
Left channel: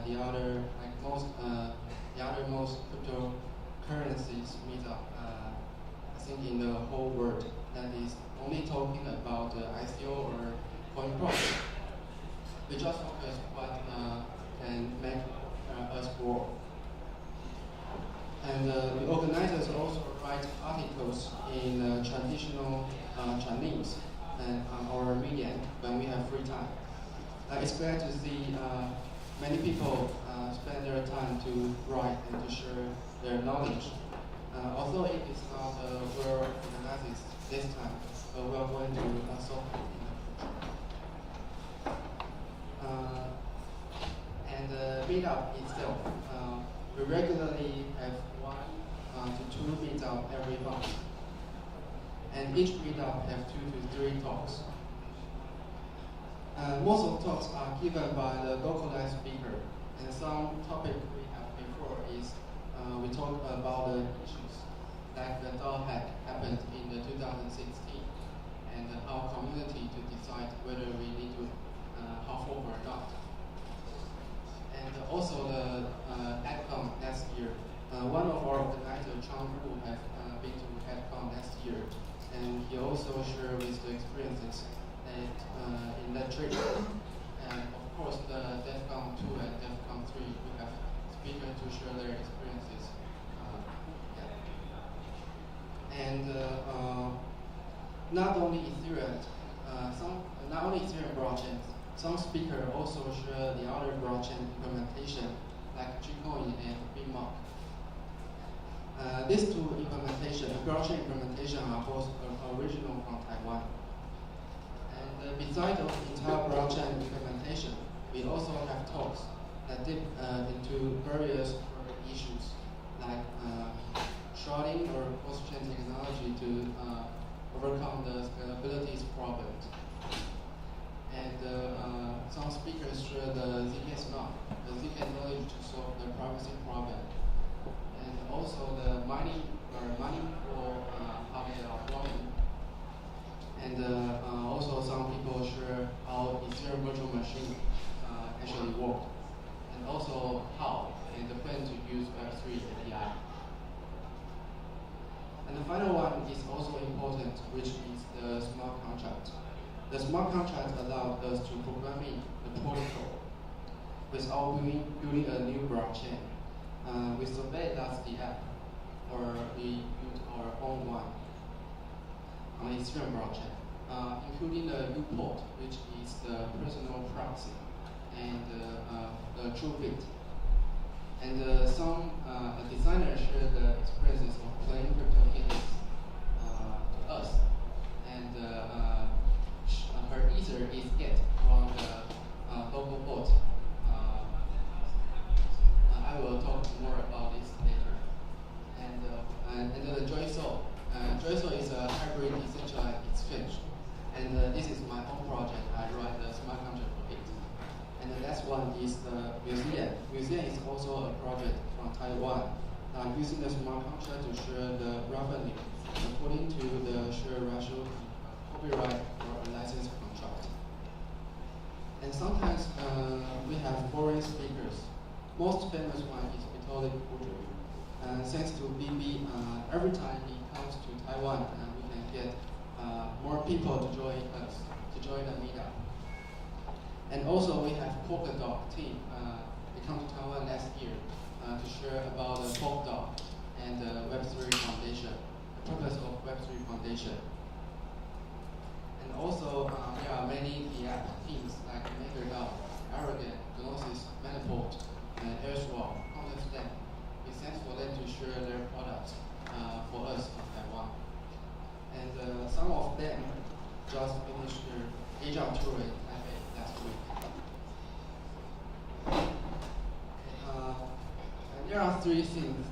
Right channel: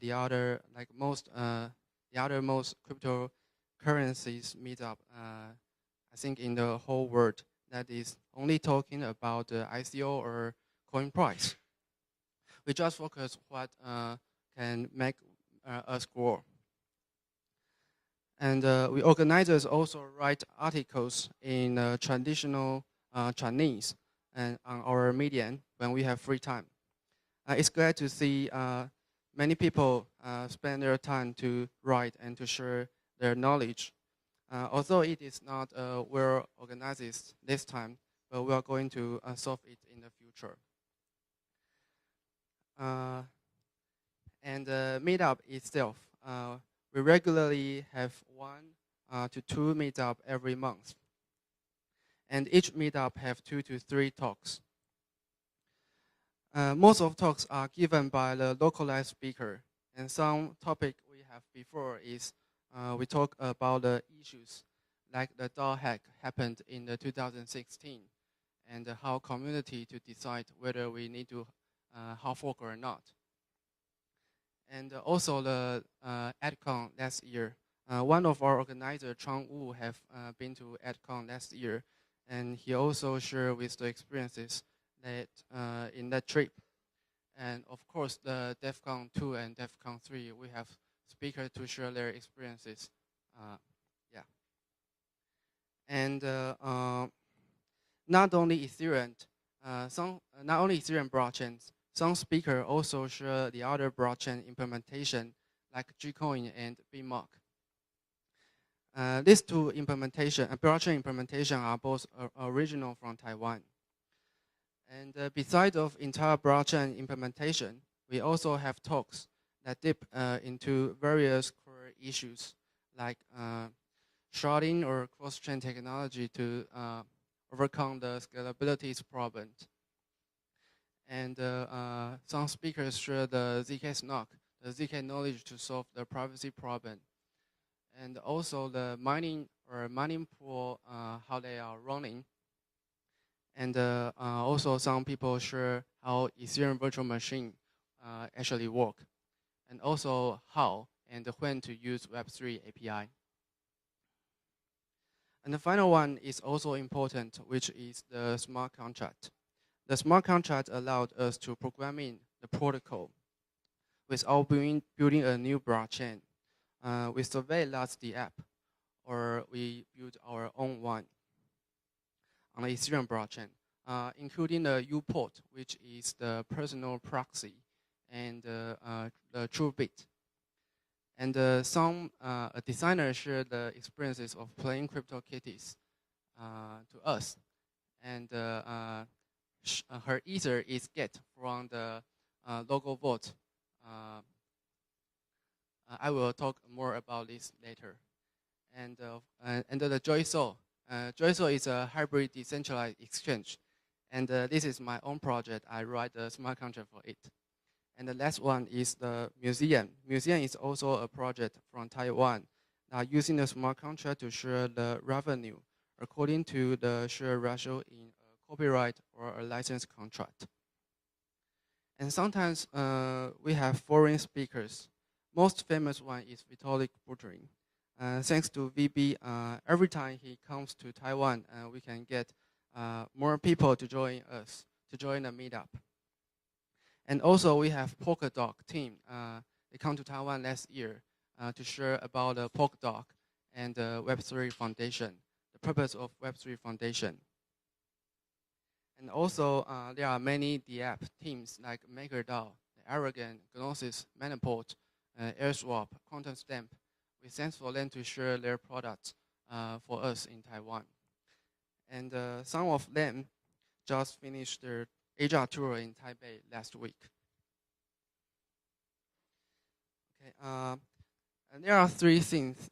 the other most cryptocurrencies meetup. I think in the whole world that is only talking about the ICO or coin price. We just focus what can make us grow. And we organizers also write articles in traditional Chinese and on our medium when we have free time. It's glad to see many people spend their time to write and to share their knowledge. Although it is not well organized this time, but we are going to solve it in the future. And the meetup itself, we regularly have 1 to 2 meetup every month. And each meetup have 2 to 3 talks. Most of talks are given by the localized speaker, and some topic we have before is we talk about the issues like the DAO hack happened in the 2016, and how community to decide whether we need to hard fork or not. And also the EDCON last year. One of our organizers, Chang Wu, have been to EDCON last year, and he also shared with the experiences that in that trip. And of course, the DEFCON 2 and DEFCON 3, we have speakers to share their experiences. And not only Ethereum, not only Ethereum blockchains, some speakers also share the other blockchain implementation like Gcoin and BMOC. These two blockchain implementation are both original from Taiwan. And besides of entire blockchain implementation, we also have talks that dip into various issues like sharding or cross-chain technology to overcome the scalability problems. And some speakers share the ZK snark, the ZK knowledge to solve the privacy problem. And also the mining pool, how they are running. And also some people share how Ethereum virtual machine actually work. And also how and when to use Web3 API. And the final one is also important, which is the smart contract. The smart contract allowed us to program in the protocol without building a new blockchain. We surveillance the app, or we built our own one on the Ethereum blockchain, including the U-port, which is the personal proxy, and the true bit. And some designers share the experiences of playing CryptoKitties to us. And her ether is get from the local bot. I will talk more about this later. And the JoySol. JoySol is a hybrid decentralized exchange. And this is my own project. I write the smart contract for it. And the last one is the museum. Museum is also a project from Taiwan, using the smart contract to share the revenue according to the share ratio copyright or a license contract. And sometimes we have foreign speakers. Most famous one is Vitalik Buterin. Thanks to BB, every time he comes to Taiwan, we can get more people to join us, to join the meetup. And also we have Polkadot team. They come to Taiwan last year to share about the Polkadot and the Web3 Foundation, the purpose of Web3 Foundation. And also there are many DApp teams like MakerDAO, Arrogant, Gnosis, Manaport, AirSwap, QuantumStamp. We thank for them to share their products for us in Taiwan. And some of them just finished their Asia tour in Taipei last week. There are three things,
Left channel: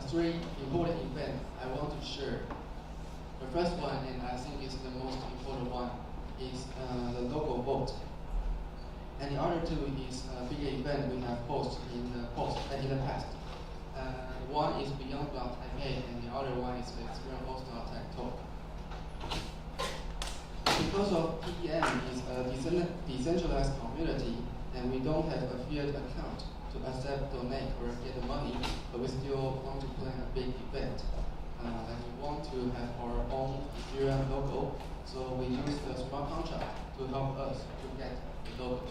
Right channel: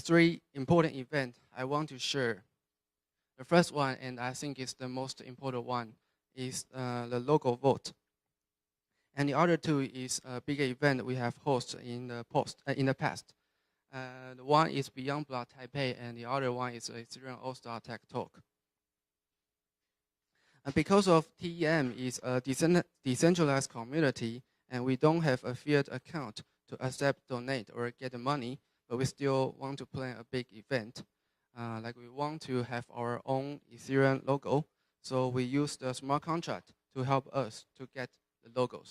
three important events I want to share. The first one, and I think is the most important one, is the local vote. And the other two is a bigger event we have hosted in the past. One is Beyond Block Taipei, and the other one is the Ethereum All-Star Tech Talk. Because of EM is a decentralized community, and we don't have a fiat account to accept, donate, or get the money, but we still want to plan a big event. Like we want to have our own Ethereum logo, so we use the smart contract to help us to get logos.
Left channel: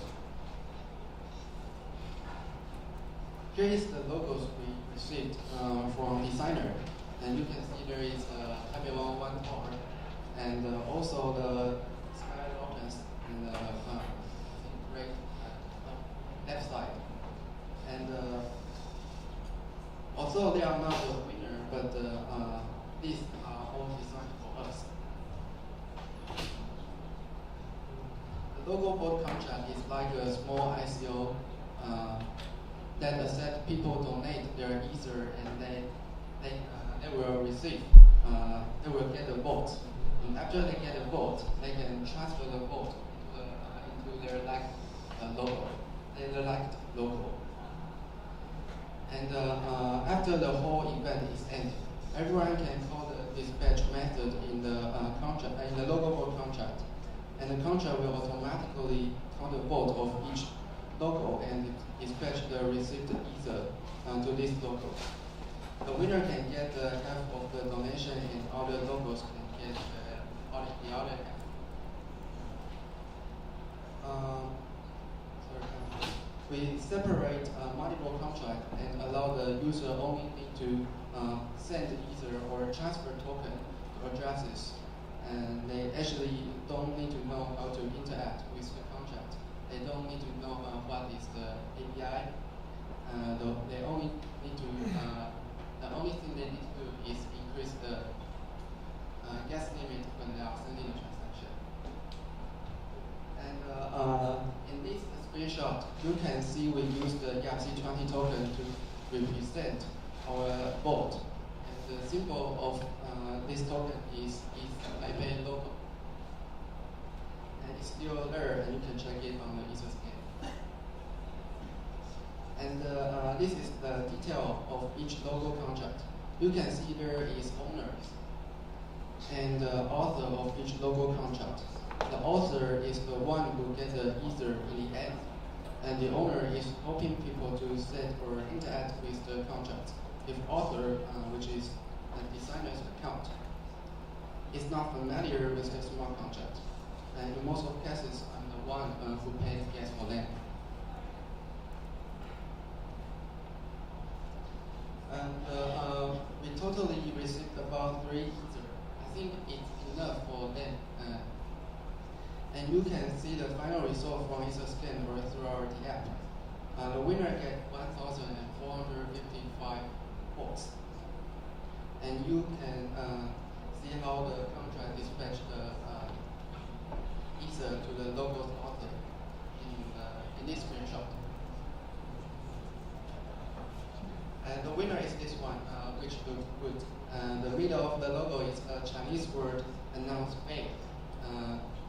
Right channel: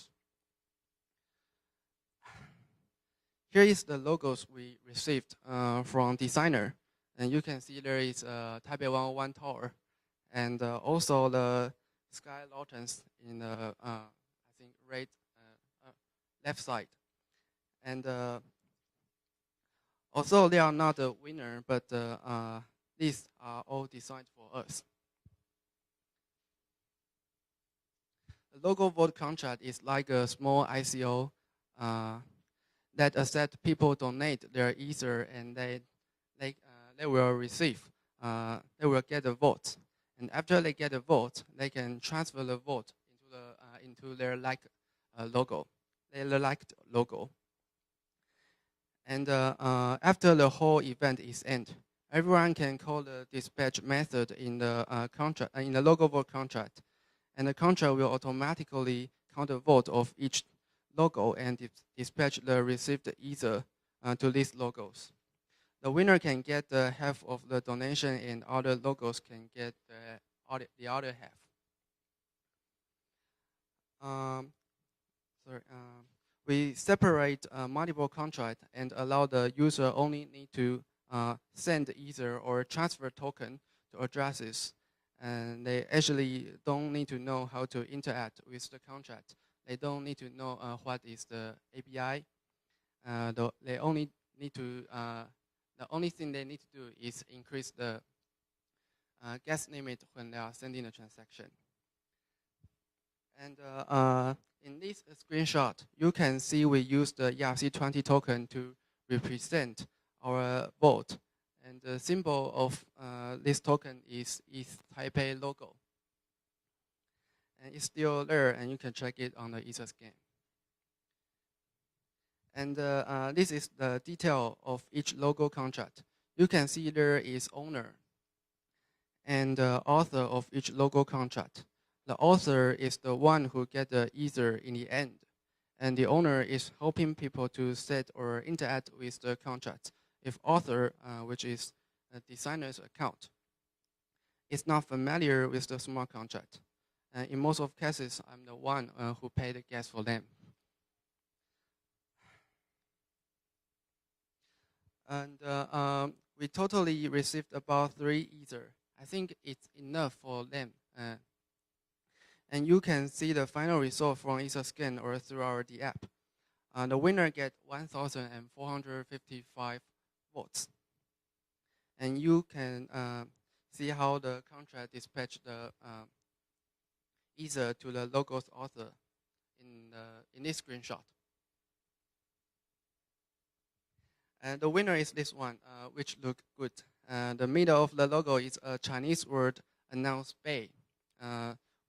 Here is the logos we received from designer, and you can see there is a Taipei 101 tower, and also the sky opens in the right left side. And although they are not the winner, but these are all designed for us. The logo board contract is like a small ICO that accept people donate their Ether, and they will receive, they will get a vote. And after they get a vote, they can transfer the vote into their liked logo, their liked logo. And after the whole event is ended, everyone can call the dispatch method in the contract, in the logo board contract, and the contract will automatically count the vote of each logo and dispatch the received Ether to these logos. The winner can get the half of the donation, and other logos can get the other half. we separate multiple contract and allow the user only need to send Ether or transfer token to addresses. And they actually don't need to know how to interact with the contract. They don't need to know what is the API. They only need to, the only thing they need to do is increase the gas limit when they are sending the transaction. And in this screenshot, you can see we use the ERC20 token to represent our bot. And the symbol of this token is Taipei logo. And it's still there, and you can check it on the EtherScan. And this is the detail of each logo contract. You can see there is owner and author of each logo contract. The author is the one who gets the Ether in the end, and the owner is hoping people to set or interact with the contract. If author, which is the designer's account, is not familiar with the smart contract, and in most of cases, I'm the one who paid the gas for them. And we totally received about 3 Ether. I think it's enough for them. And you can see the final result from EtherScan or through our app. The winner gets 1,455 votes. And you can see how the contract dispatched the Ether to the logo's author in this screenshot. And the winner is this one, which looks good. The middle of the logo is a Chinese word announced Bei,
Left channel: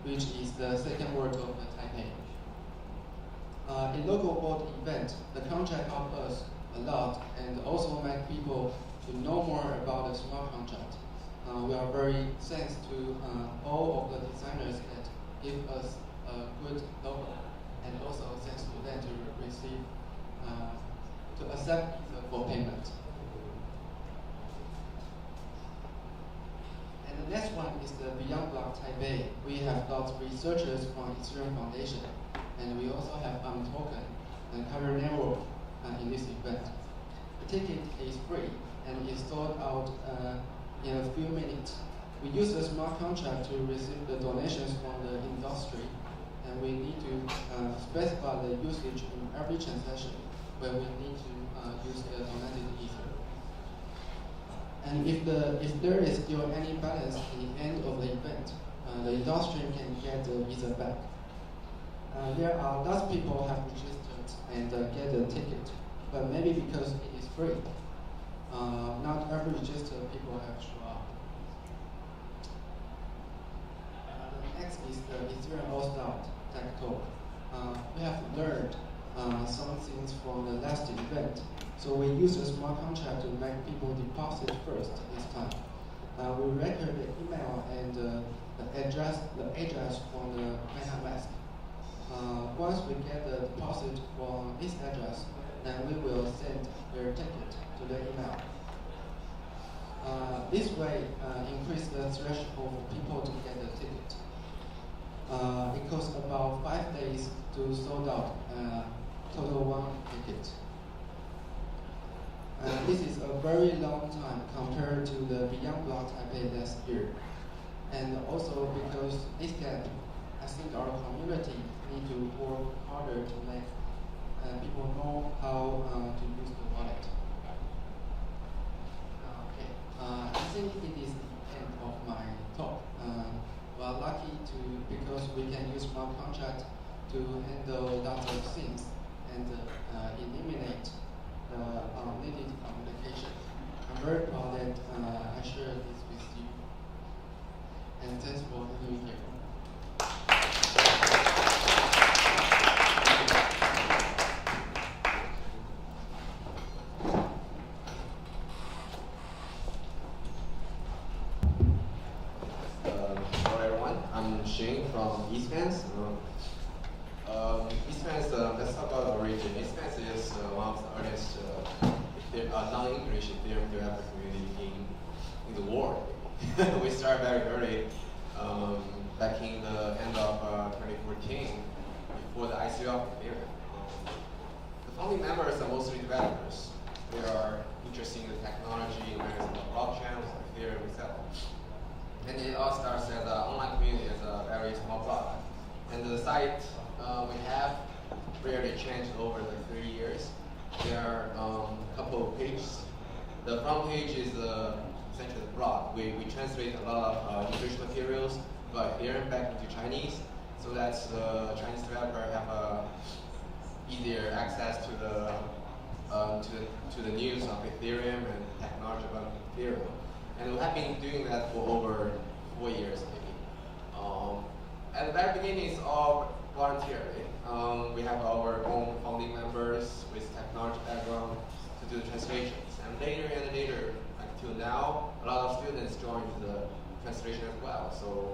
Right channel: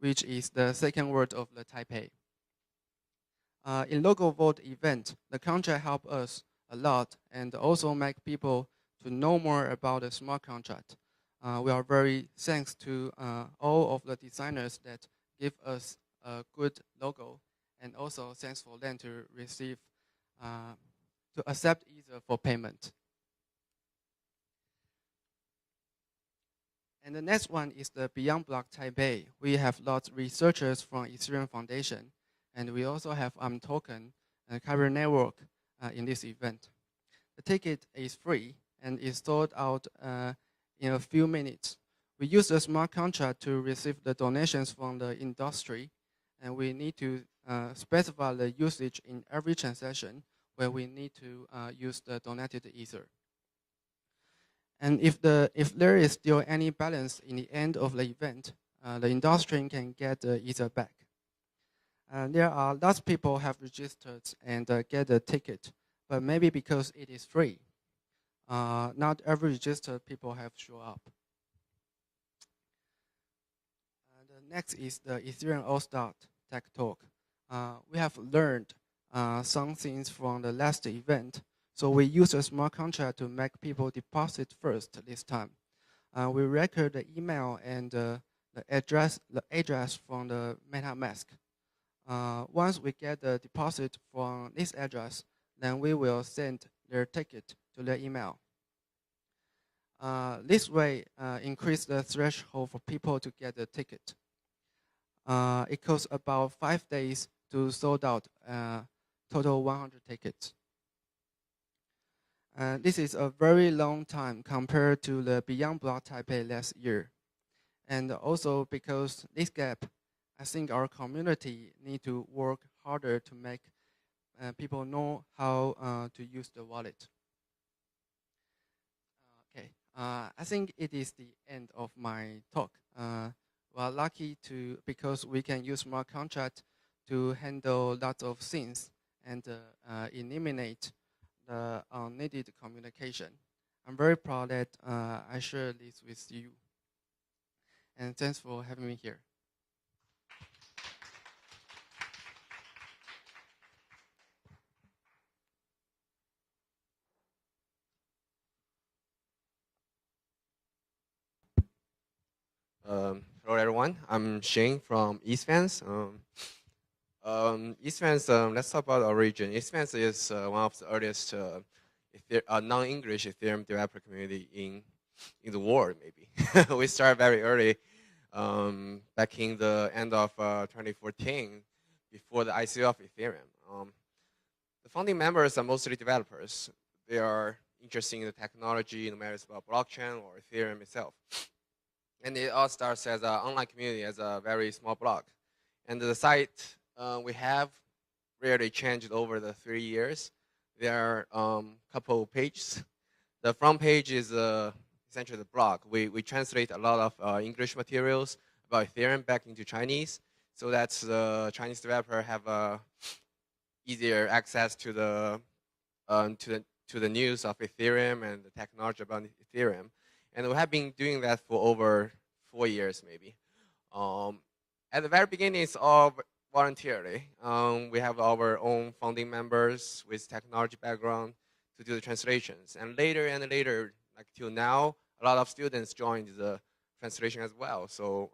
which is the second word of the Taipei. In local board event, the contract helped us a lot and also make people to know more about the smart contract. We are very thanks to all of the designers that give us a good logo, and also thanks to them to receive, to accept for payment. And the next one is the Beyond Block Taipei. We have lots of researchers from Ethereum Foundation, and we also have token and Kyber Network in this event. The ticket is free and is sold out in a few minutes. We use a smart contract to receive the donations from the industry, and we need to specify the usage in every transaction where we need to use the donated Ether. And if there is still any balance in the end of the event, the industry can get the Ether back. There are lots of people have registered and get the ticket, but maybe because it is free, not every registered people have show up. Next is the Ethereum All-Star Tech Talk. We have learned some things from the last event. So we use a smart contract to make people deposit first this time. We record the email and the address from the MetaMask. Once we get the deposit from this address, then we will send their ticket to the email. This way, increase the threshold for people to get the ticket. It costs about 5 days to sold out total 1 ticket. This is a very long time compared to the Beyond Block Taipei last year. And also because this gap, I think our community need to work harder to make people know how to use the wallet. Okay. I think it is the end of my talk. We are lucky because we can use smart contract to handle lots of things and eliminate unneeded communication. I'm very proud that I share this with you. And thanks for having me here. Hello everyone, I'm Shane from ETHCON. ETHCON, let's talk about origin. ETHCON is one of the earliest non-English Ethereum developer community in the world. We started very early, back in the end of 2014, before the ICO of Ethereum. founding members are mostly developers. They are interested in the technology and management of blockchain, Ethereum itself. And it all starts as an online community, as a very small blog. And the site we have really changed over the 3 years. There are a couple of pages. The front page is essentially the blog. We translate a lot of English materials about Ethereum back into Chinese, so that the Chinese developer have easier access to the news of Ethereum and technology about Ethereum. And we have been doing that for over 4 years, maybe. At the very beginning, it's all voluntarily. We have our own founding members with technology background to do the translations. And later, until now, a lot of students joined the translation as well. So,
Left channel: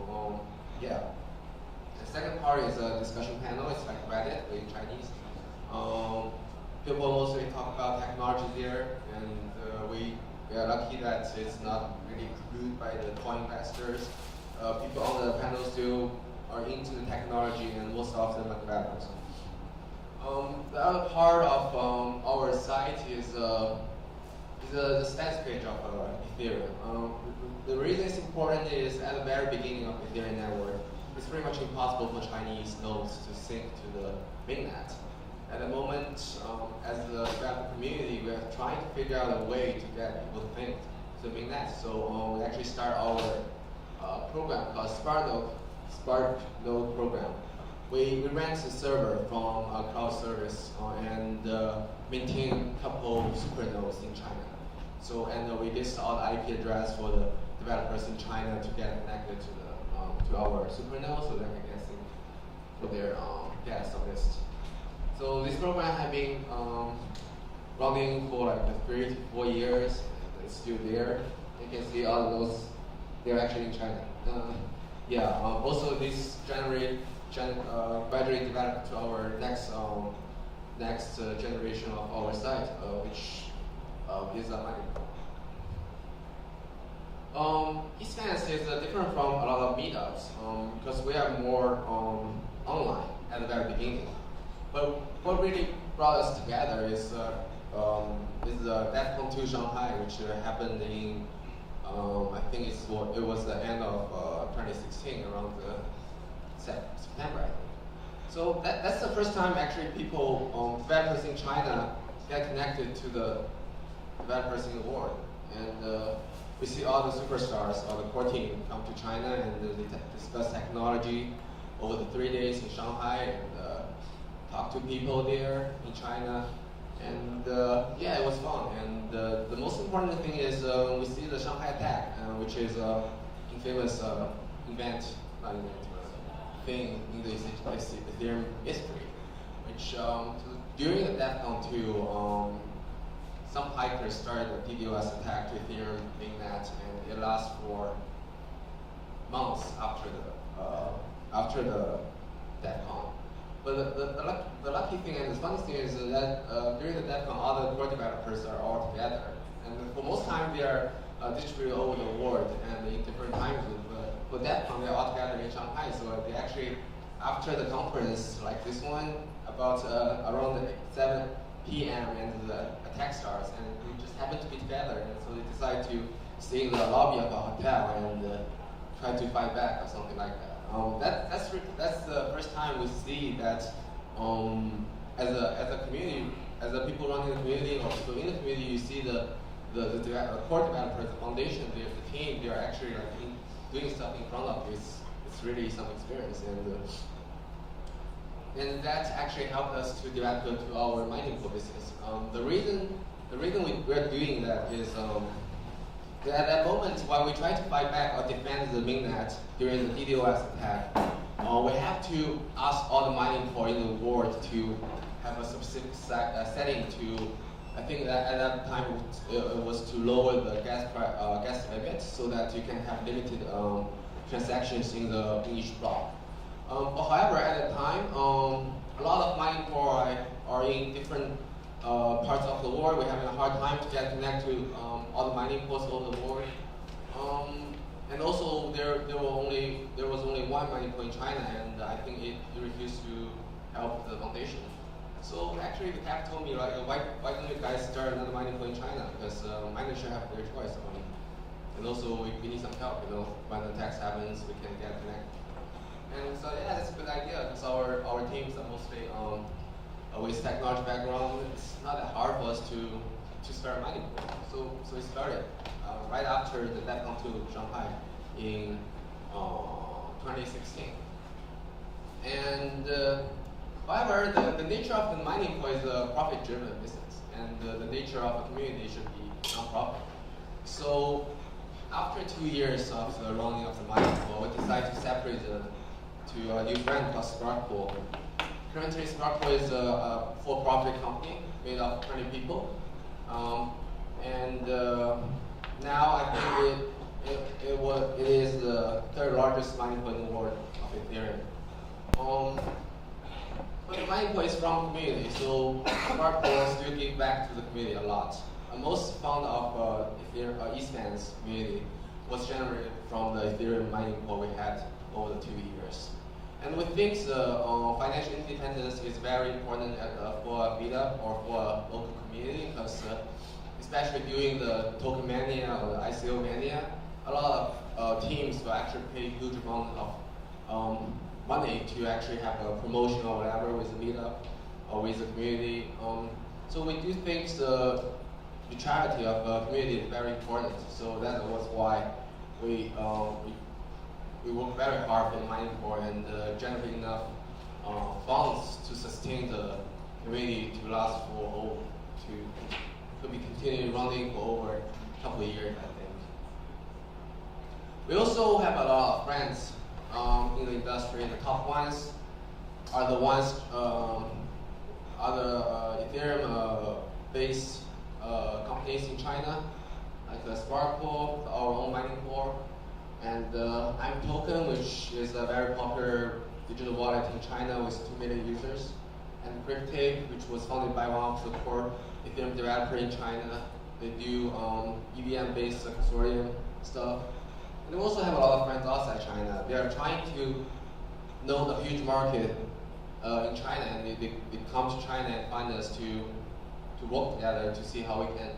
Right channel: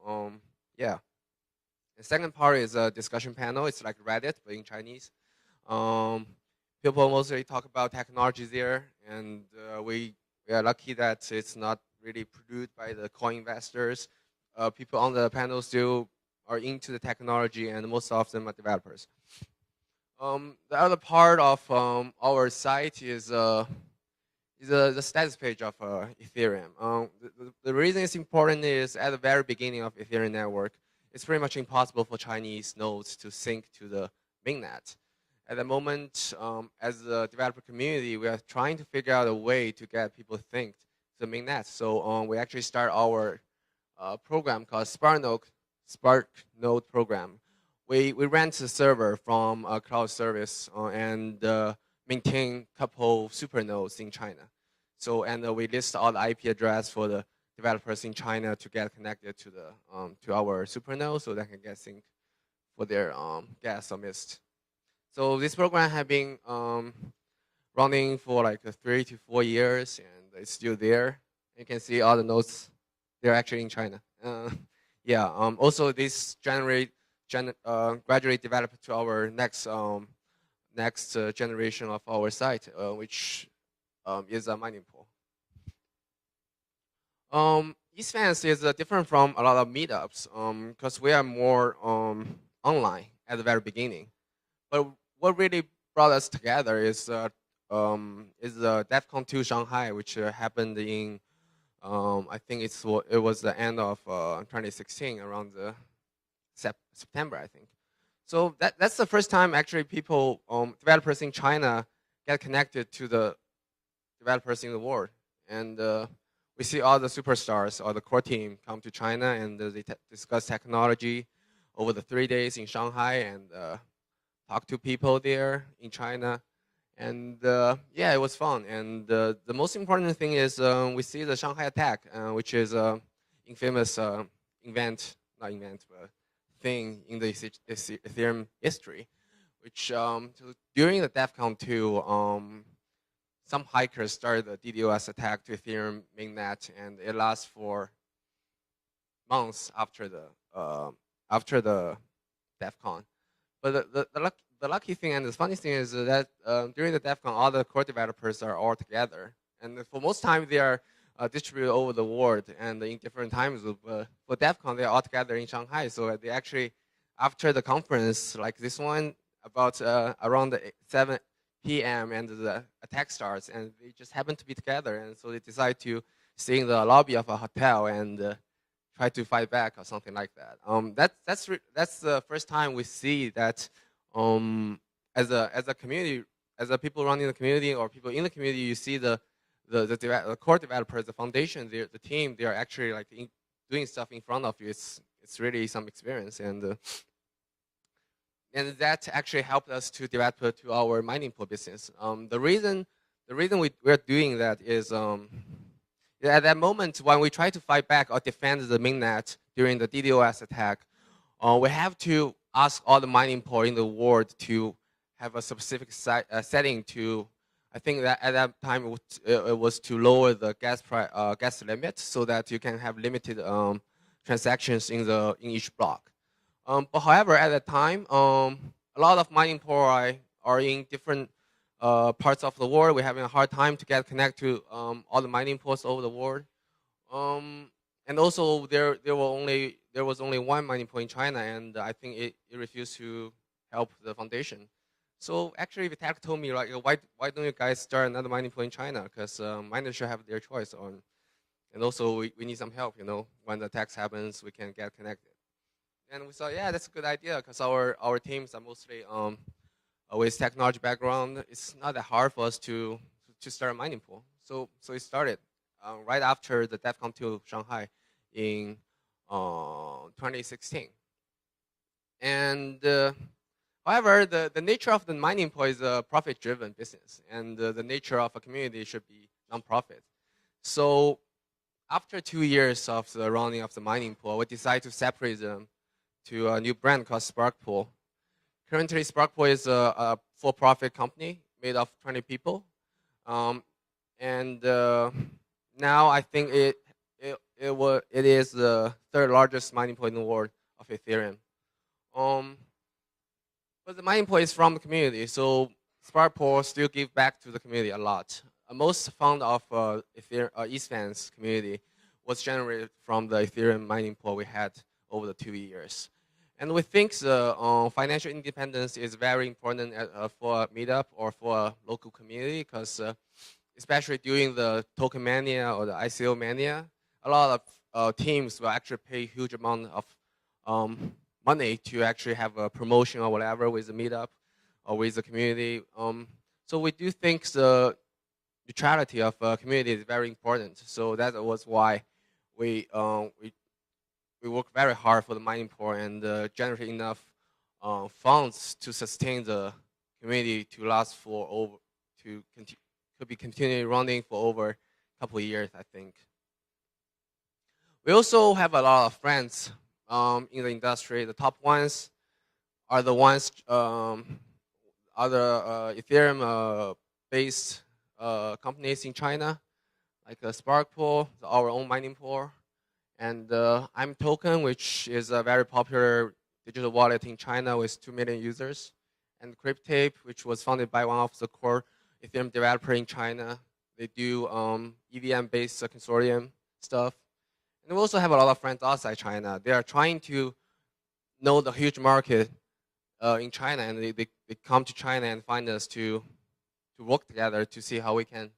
yeah. The second part is a discussion panel. It's like Reddit in Chinese. People mostly talk about technology there, and we are lucky that it's not really viewed by the coin investors. People on the panel still are into the technology, and most of them are developers. The other part of our site is the status page of Ethereum. The reason it's important is at the very beginning of the Ethereum network, it's pretty much impossible for Chinese nodes to sync to the mainnet. At the moment, as the developer community, we are trying to figure out a way to get people to sync to the mainnet. So we actually start our program called Spark Node program. We rent a server from a cloud service and maintain a couple super nodes in China. So we list all the IP address for the developers in China to get connected to our super node, so they can get sync for their gas service. So this program has been running for like 3 to 4 years, and it's still there. You can see all the nodes, they're actually in China. Also this gradually developed to our next generation of our site, which is a mining. EDCON is different from a lot of meetups because we are more online at the very beginning. But what really brought us together is the DEFCON 2 Shanghai, which happened in I think it was the end of 2016, around September, I think. So that's the first time actually people, developers in China, get connected to the developers in the world. And we see all the superstars or the core team come to China and they discuss technology over the 3 days in Shanghai and talk to people there in China. And yeah, it was fun. And the most important thing is we see the Shanghai attack, which is an infamous thing in the Ethereum history. Which during the DEFCON 2, some hackers started the DDoS attack to Ethereum mainnet, and it lasts for months after the DEFCON. But the lucky thing and the funny thing is that during the DEFCON, all the core developers are all together. And for most time, they are distributed over the world and in different time zones. For DEFCON, they are all together in Shanghai. So they actually, after the conference like this one, about around 7 p.m. and the attack starts, and we just happen to be together. And so they decide to stay in the lobby of a hotel and try to fight back or something like that. That's the first time we see that as a community, as the people running the community or people in the community, you see the core developers, the foundation, the team, they are actually like doing stuff in front of you. It's really some experience, and that actually helped us to develop to our mining pool business. The reason we're doing that is at that moment when we try to fight back or defend the mainnet during the DDoS attack, we have to ask all the mining pool in the world to have a specific setting to, I think that at that time it was to lower the gas limit so that you can have limited transactions in each block. But however, at that time, a lot of mining pool are in different parts of the world. We're having a hard time to get connected to all the mining pools over the world. And also, there was only one mining pool in China, and I think it refused to help the foundation. So actually, the app told me like, why don't you guys start another mining pool in China? Because miners should have their choice. And also we need some help. You know, when the tax happens, we can get connected. And so yeah, that's a good idea. Because our teams are mostly with technology background. It's not that hard for us to start a mining pool. So we started right after the DEFCON 2 Shanghai in 2016. And however, the nature of the mining pool is a profit-driven business, and the nature of a community should be non-profit. So after 2 years of the running of the mining pool, we decided to separate them to a new brand called Spark Pool. Currently, Spark Pool is a for-profit company made of 20 people. Now I think it is the third largest mining pool in the world of Ethereum. But the mining pool is from the community, so Spark Pool still give back to the community a lot. Most fund of Eastman's community was generated from the Ethereum mining pool we had over the 2 years. And we think the financial independence is very important for a meetup or for a local community, because especially during the token mania or the ICO mania, a lot of teams will actually pay a huge amount of money to actually have a promotion or whatever with the meetup or with the community. So we do think the neutrality of a community is very important. So that was why we work very hard for the mining pool and generate enough funds to sustain the community to last for to be continually running for over a couple of years, I think. We also have a lot of friends in the industry. The top ones are the ones other Ethereum-based companies in China, like the Spark Pool, our own mining pool, and I'm Token, which is a very popular digital wallet in China with 2 million users, and Cryptape, which was founded by one of the core Ethereum developer in China. They do EVM-based consortium stuff. We also have a lot of friends outside China. They are trying to know the huge market in China, and they come to China and find us to work together to see how we can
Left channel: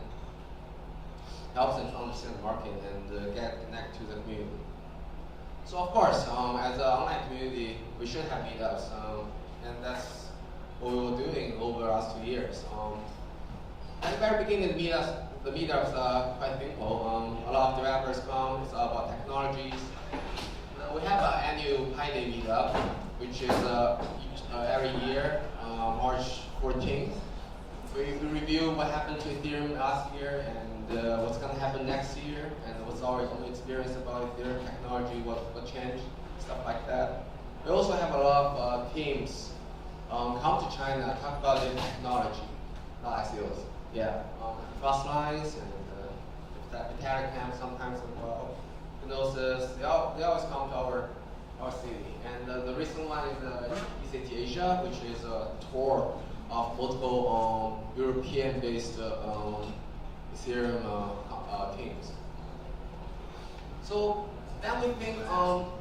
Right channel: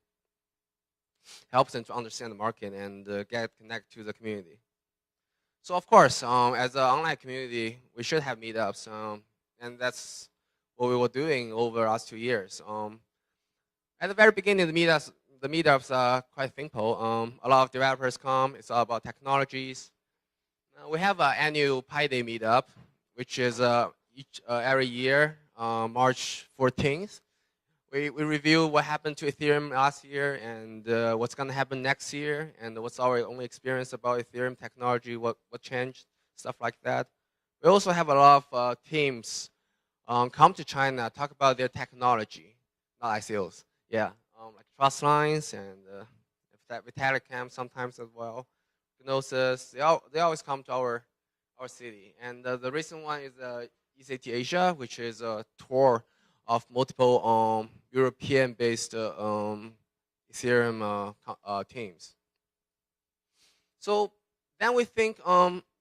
help them to understand the market and get connected to the community. So of course, as an online community, we should have meetups, and that's what we were doing over the last 2 years. At the very beginning, the meetups are quite simple. A lot of developers come. It's all about technologies. We have an annual Pi Day meetup, which is every year, March 14th. We review what happened to Ethereum last year and what's going to happen next year, and what's our own experience about Ethereum technology, what changed, stuff like that. We also have a lot of teams come to China, talk about their technology, ICOs. Yeah, fast lines and Telegram sometimes as well. They always come to our city. And the recent one is the ECT Asia, which is a tour of multiple European-based Ethereum teams. So then we think,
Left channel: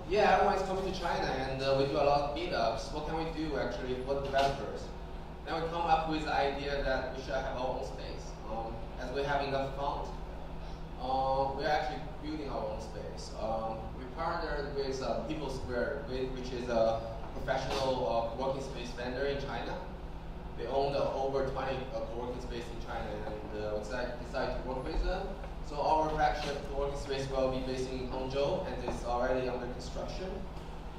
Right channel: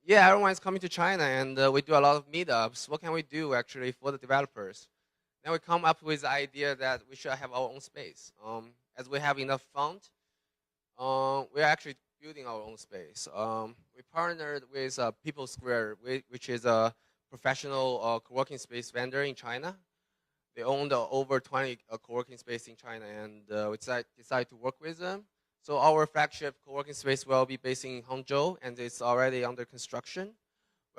yeah, everyone's coming to China, and we do a lot of meetups. What can we do actually for the developers? And we come up with the idea that we should have our own space. As we have enough funds, we're actually building our own space. We partnered with People Square, which is a professional working space vendor in China. They own over 20 working space in China, and we decided to work with them. So our flagship working space will be based in Hangzhou, and it's already under construction.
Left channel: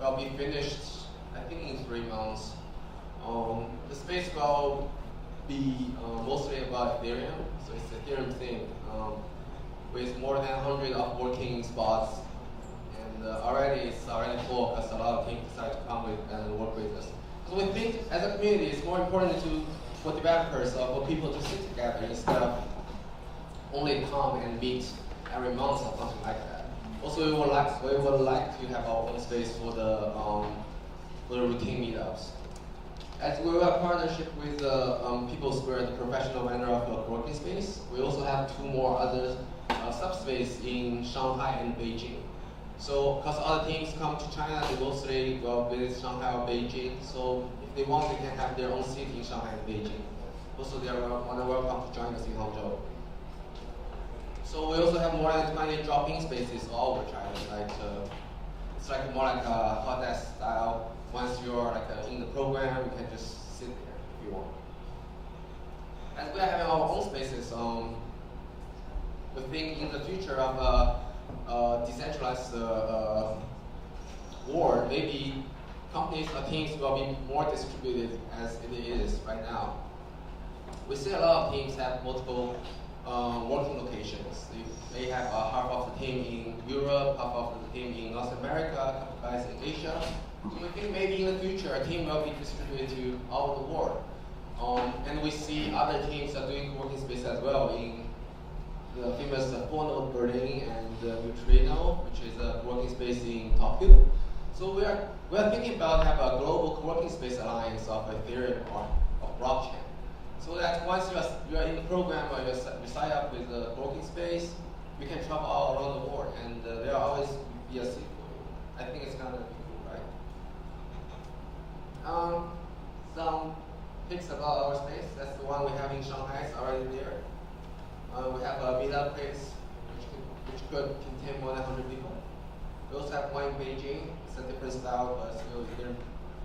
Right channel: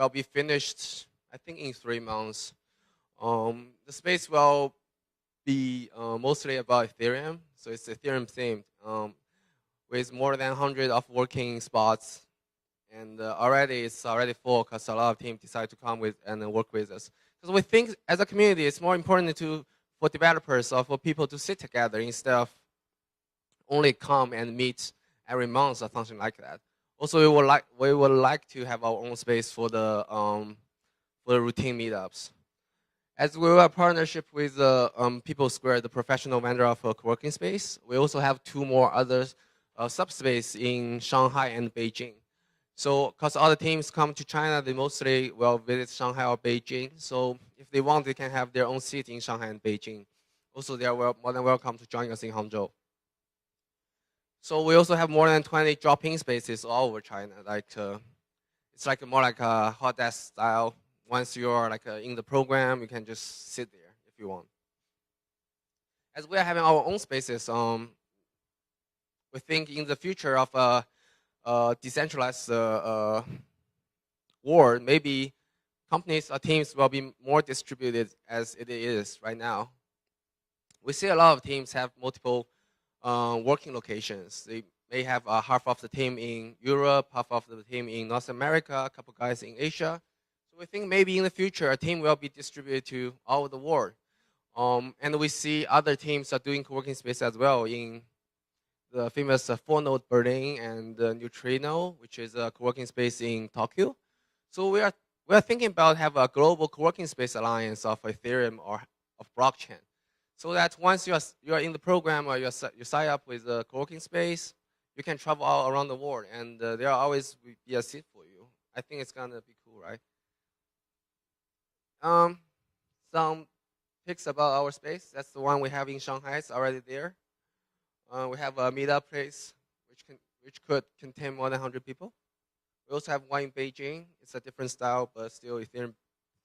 Will be finished, I think, in 3 months. The space will be mostly about Ethereum, so it's Ethereum themed, with more than 100 of working spots. And it's already full because a lot of teams decided to come with and work with us. So we think as a community, it's more important for developers or for people to sit together instead of only come and meet every month or something like that. Also, we would like to have our own space for the routine meetups. As we were a partnership with People Square, the professional vendor of a working space, we also have 2 more other subspace in Shanghai and Beijing. So, because all the teams come to China, they mostly will visit Shanghai or Beijing. So, if they want, they can have their own seat in Shanghai and Beijing. Also, they are more than welcome to join us in Hangzhou. So we also have more than 20 drop-in spaces all over China. Like it's like more like a hot desk style. Once you're like in the program, you can just sit there if you want. As we are having our own spaces, we think in the future of a decentralized world, maybe companies or teams will be more distributed as it is right now. We see a lot of teams have multiple working locations. They have half of the team in Europe, half of the team in North America, a couple guys in Asia. We think maybe in the future a team will be distributed to all over the world. And we see other teams are doing working space as well in the famous 4-node Berlin and Neutrino, which is a working space in Tokyo. So we are thinking about have a global working space alliance of Ethereum or blockchain, so that once you're in the program or you sign up with the working space, we can travel all around the world, and there are always yes, I think it's kind of cool, right? Some pics about our space. That's the one we have in Shanghai. It's already there. We have a meetup place which could contain more than 100 people. We also have one in Beijing. It's a different style, but still Ethereum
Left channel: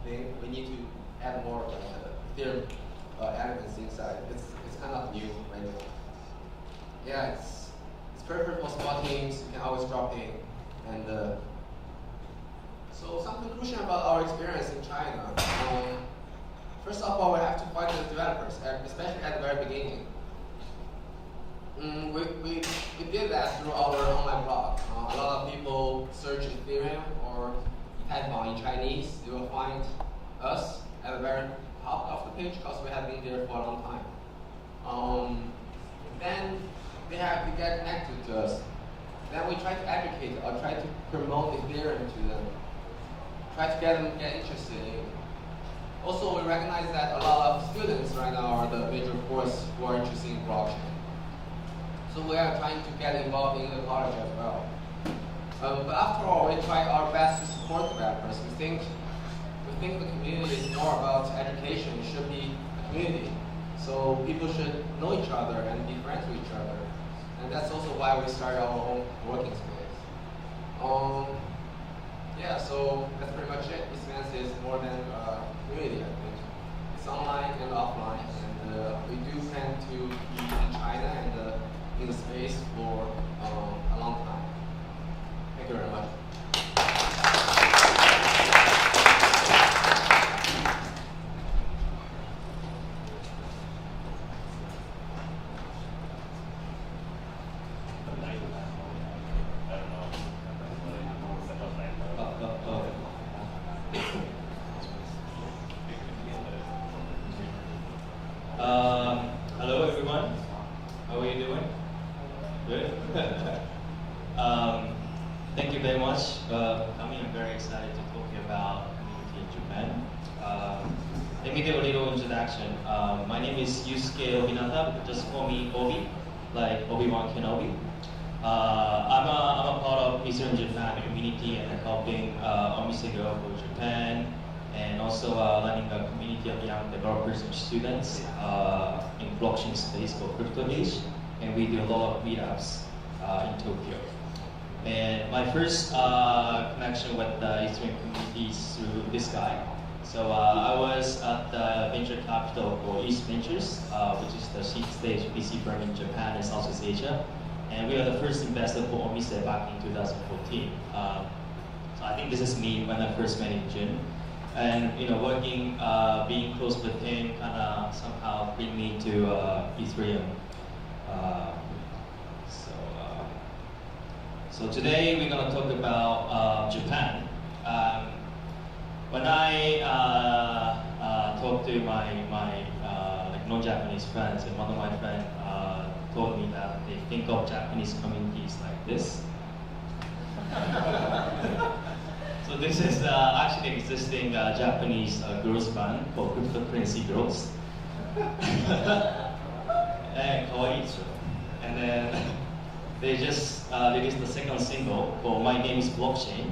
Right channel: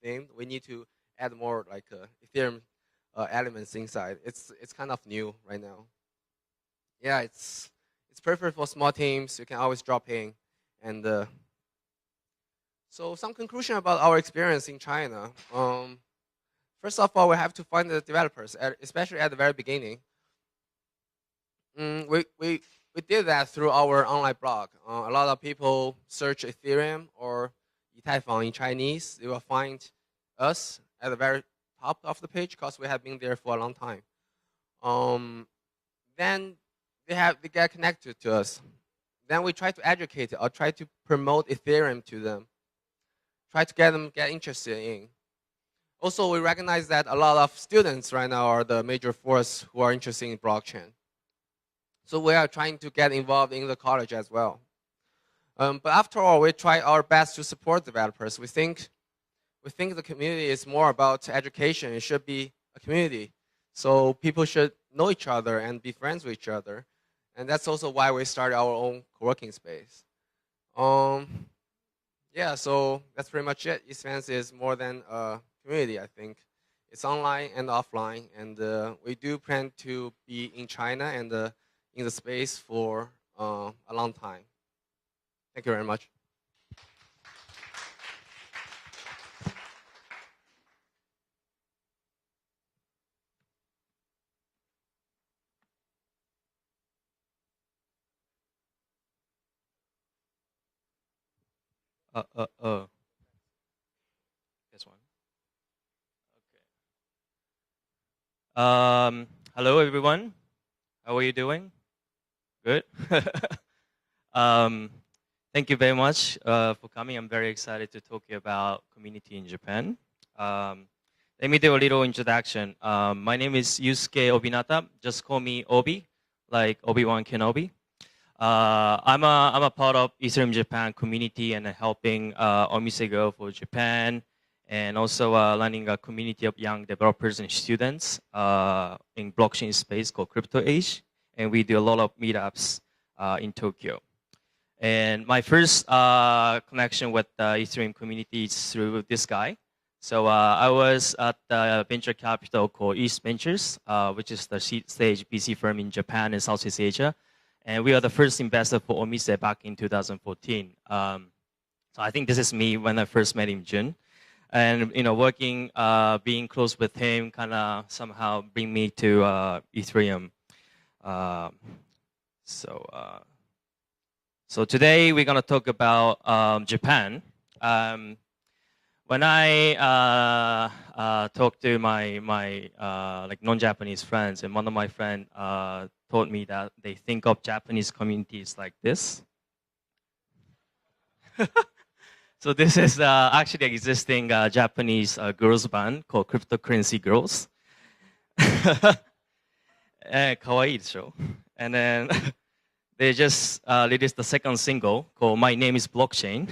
thing. We need to add more like Ethereum elements inside. It's kind of new right now. Yeah, it's perfect for small teams. You can always drop in. And so some conclusion about our experience in China. First of all, we have to find the developers, especially at the very beginning. We did that through our online blog. A lot of people search Ethereum or Typhon in Chinese. They will find us at the very top of the page because we have been there for a long time. Then they get connected to us. Then we try to educate or try to promote Ethereum to them. Try to get them get interested in. Also, we recognize that a lot of students right now are the major force who are interested in blockchain. So we are trying to get involved in the college as well. But after all, we try our best to support developers. We think the community is more about education. It should be a community. So people should know each other and be friends with each other. And that's also why we started our own working space. Yeah, so that's pretty much it. Expanse is more than a community, I think. It's online and offline, and we do plan to be in China and in the space for a long time. Thank you very much. Hello everyone, how are you doing? Good? Thank you very much. I'm very excited to talk to you about community in Japan. Let me do a little introduction. My name is Yusuke Obinata, just call me Obi, like Obi-Wan Kenobi. I'm a part of Ethereum Japan community and helping Omise grow for Japan, and also running a community of young developers and students in blockchain space for Crypto Age. And we do a lot of meetups in Tokyo. And my first connection with the Ethereum community is through this guy. So I was at the venture capital for East Ventures, which is the seed stage VC firm in Japan and Southeast Asia. And we are the first investor for Omise back in 2014. I think this is me when I first met in June. And working, being close with him, kind of somehow bring me to Ethereum. So today we're gonna talk about Japan. When I talked to my like non-Japanese friends, and one of my friends told me that they think of Japanese communities like this. So this is actually existing Japanese girls band called Cryptocurrency Girls. And kawaii show. And then they just released the second single called My Name is Blockchain.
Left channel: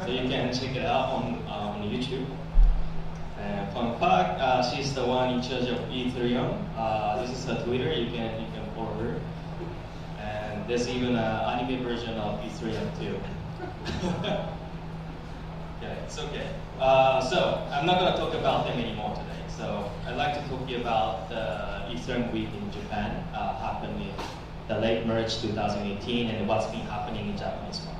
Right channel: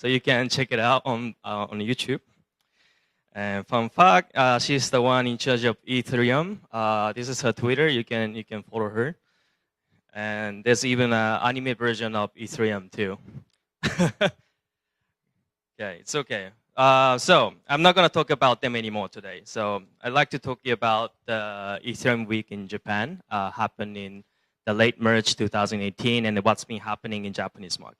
So you can check it out on YouTube. And fun fact, she's the one in charge of Ethereum. This is her Twitter. You can follow her. And there's even an anime version of Ethereum too. Yeah, it's okay. So I'm not gonna talk about them anymore today. So I'd like to talk to you about the Ethereum Week in Japan, happened in the late March 2018, and what's been happening in Japanese market.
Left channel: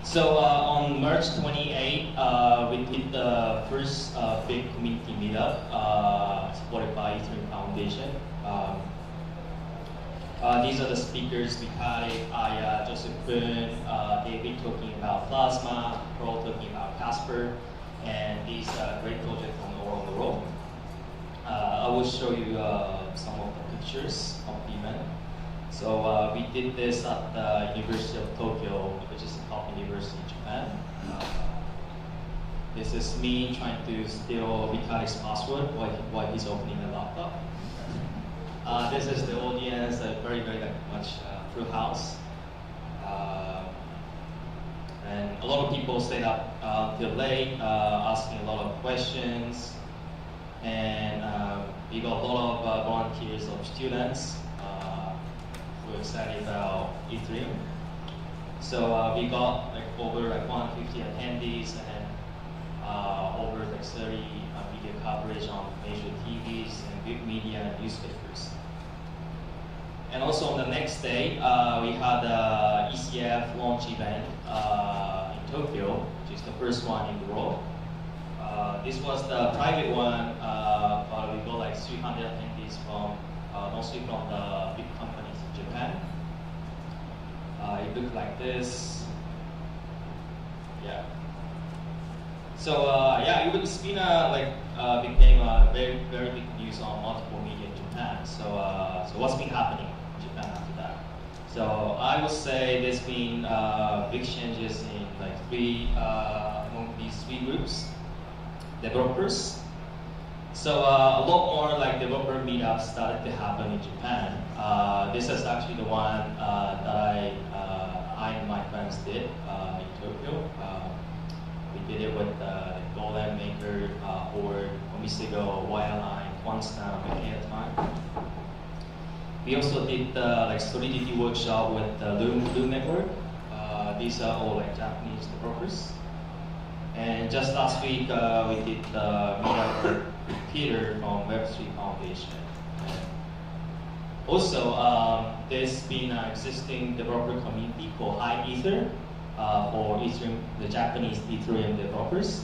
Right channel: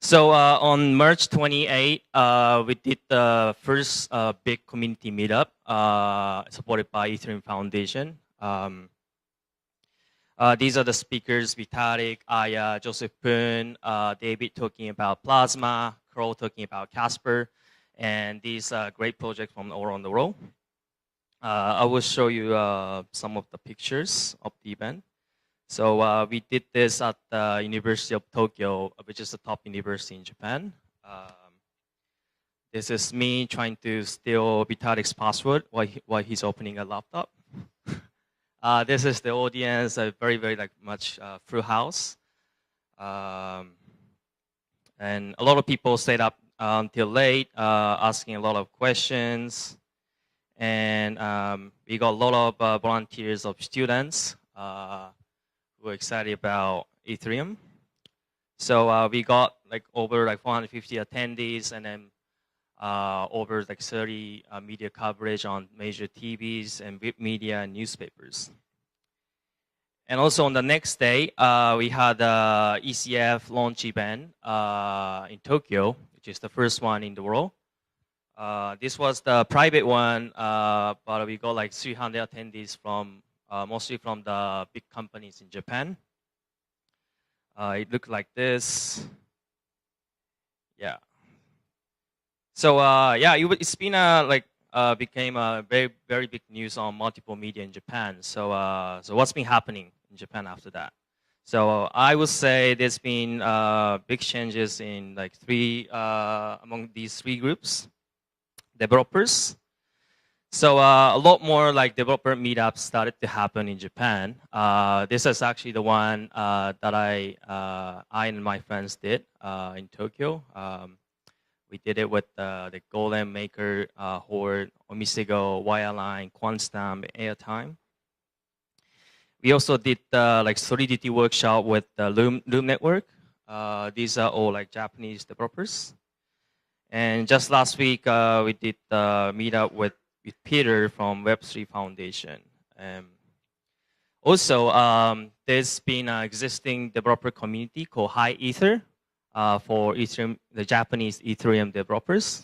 So on March 28, we did the first big community meetup supported by Ethereum Foundation. These are the speakers: Vitalik, Aya, Joseph Poon, David talking about Plasma, Pro talking about Casper, and these great projects from all around the world. I will show you some of the pictures of the event. So we did this at the University of Tokyo, which is the top university in Japan. This is me trying to steal Vitalik's password while he's opening a laptop. This is the audience, very much full house. And a lot of people stayed up till late, asking a lot of questions. And we got a lot of volunteers of students who are excited about Ethereum. So we got over 150 attendees, and then over 30 media coverage on major TVs and web media and newspapers. And also on the next day, we had the ECF launch event in Tokyo, which is the first one in the world. This was the private one, but we got 300 attendees from mostly from the big companies in Japan. It looked like this. Yeah. So yeah, it's been became a very big news on multiple media in Japan. So so what's been happening in Japan after that? So I would say there's been big changes in among these three groups. Developers. So a lot more developer meetups started to happen in Japan. This is actually the one that I and my friends did in Tokyo. We did it with the Golem Maker, Horde, Omisego, Wireline, Quantstamp, and Airtime. We also did Solidity workshop with the Loom Network. These are all Japanese developers. And just last week, we did the meetup with Peter from Web3 Foundation. And also, there's been an existing developer community called High Ether for Ethereum, the Japanese Ethereum developers.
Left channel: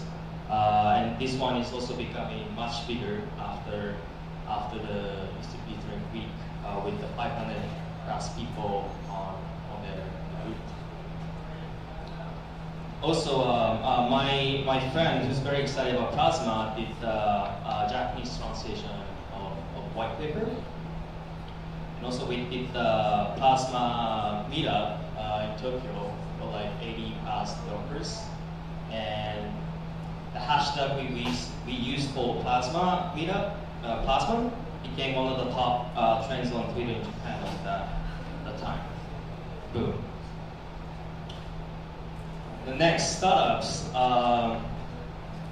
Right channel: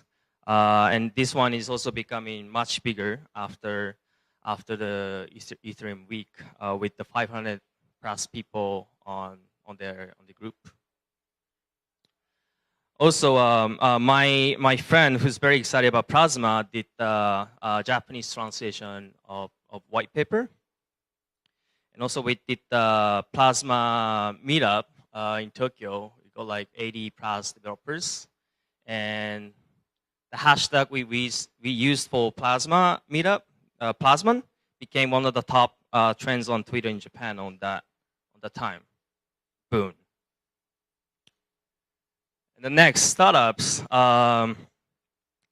And this one is also becoming much bigger after the Ethereum week with the 500 plus people on their group. Also, my friend who's very excited about Plasma did the Japanese translation of white paper. And also we did the Plasma meetup in Tokyo for 80 plus developers. And the hashtag we used for Plasma meetup, Plasman, became one of the top trends on Twitter in Japan on the time. Boom. The next, startups.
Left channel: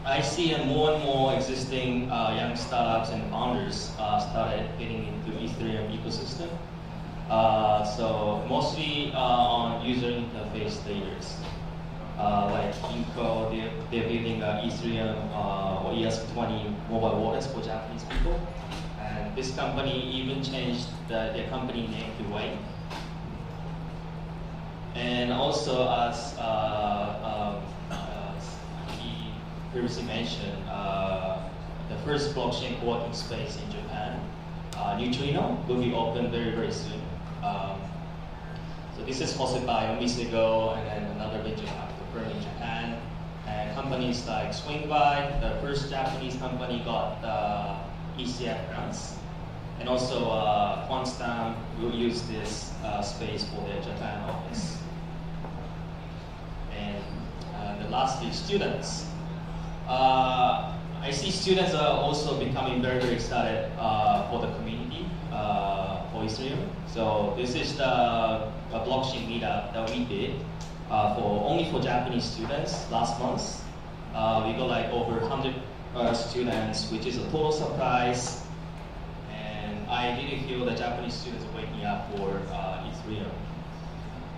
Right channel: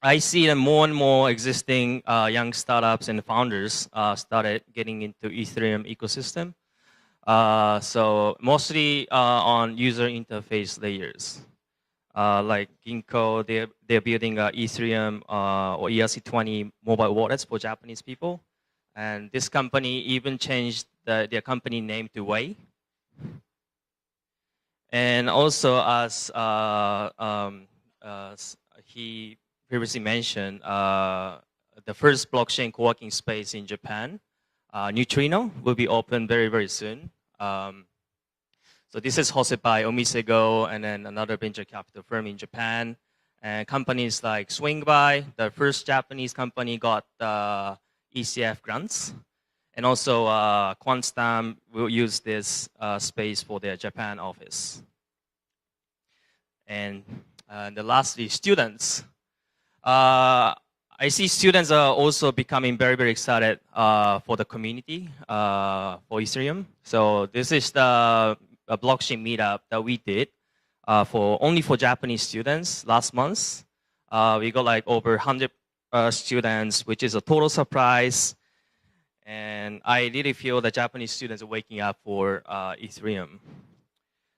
I see that more and more existing young startups and founders started getting into Ethereum ecosystem. So mostly on user interface layers. Like Inco, they're building Ethereum or ERC20 mobile wallets for Japanese people. And this company even changed their company name to Wei. And also, as he previously mentioned, the first blockchain working space in Japan, Neutrino, will be open very soon. So this is hosted by Omisego and then another venture capital firm in Japan. And companies like Swingby, the first Japanese company, got ECF grants. And also Quantstamp will use this space for their Japan office. And the lastly, students. I see students are also becoming very excited for the community for Ethereum. So this is the blockchain meetup that we did only for Japanese students last month. We got like over 100 students, which is a total surprise. And I really feel the Japanese students are waking up for Ethereum.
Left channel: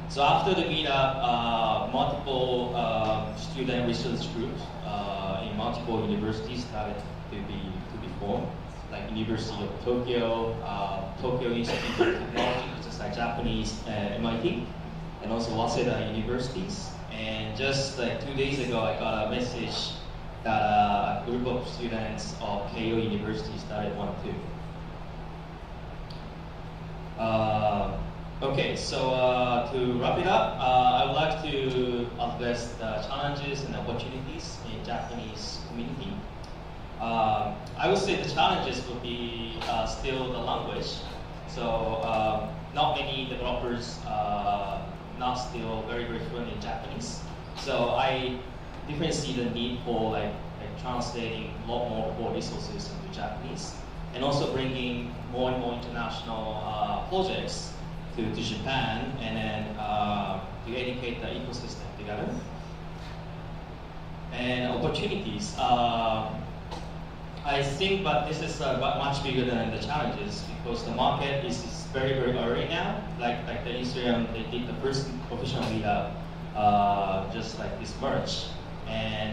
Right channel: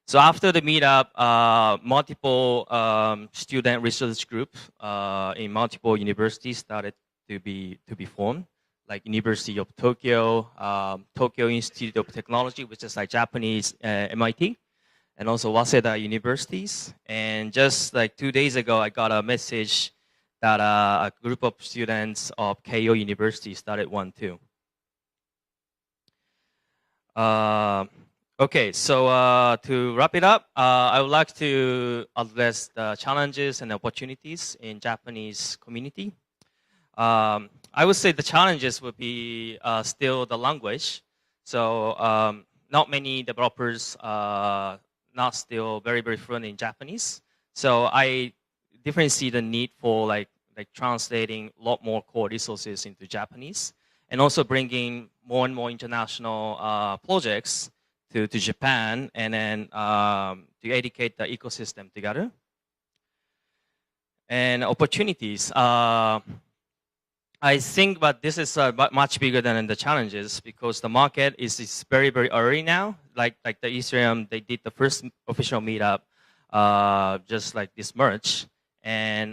So after the meetup, multiple student research groups in multiple universities started to be formed, like University of Tokyo, Tokyo Institute of Technology, which is like Japanese MIT, and also Waseda universities. And just like 2 days ago, I got a message that a group of students of Keio University started one too. Okay, so to wrap it up, I would like to address the challenges and opportunities in Japanese community. I would say the challenges would be still the language. So not many developers not still very fluent in Japanese. So I definitely see the need for like translating a lot more core resources into Japanese, and also bringing more and more international projects to Japan, and then to educate the ecosystem together. And opportunities, I think, but this is much bigger than the challenges, because the market is very early now. Like the Ethereum, they did the first official meetup just like this March, and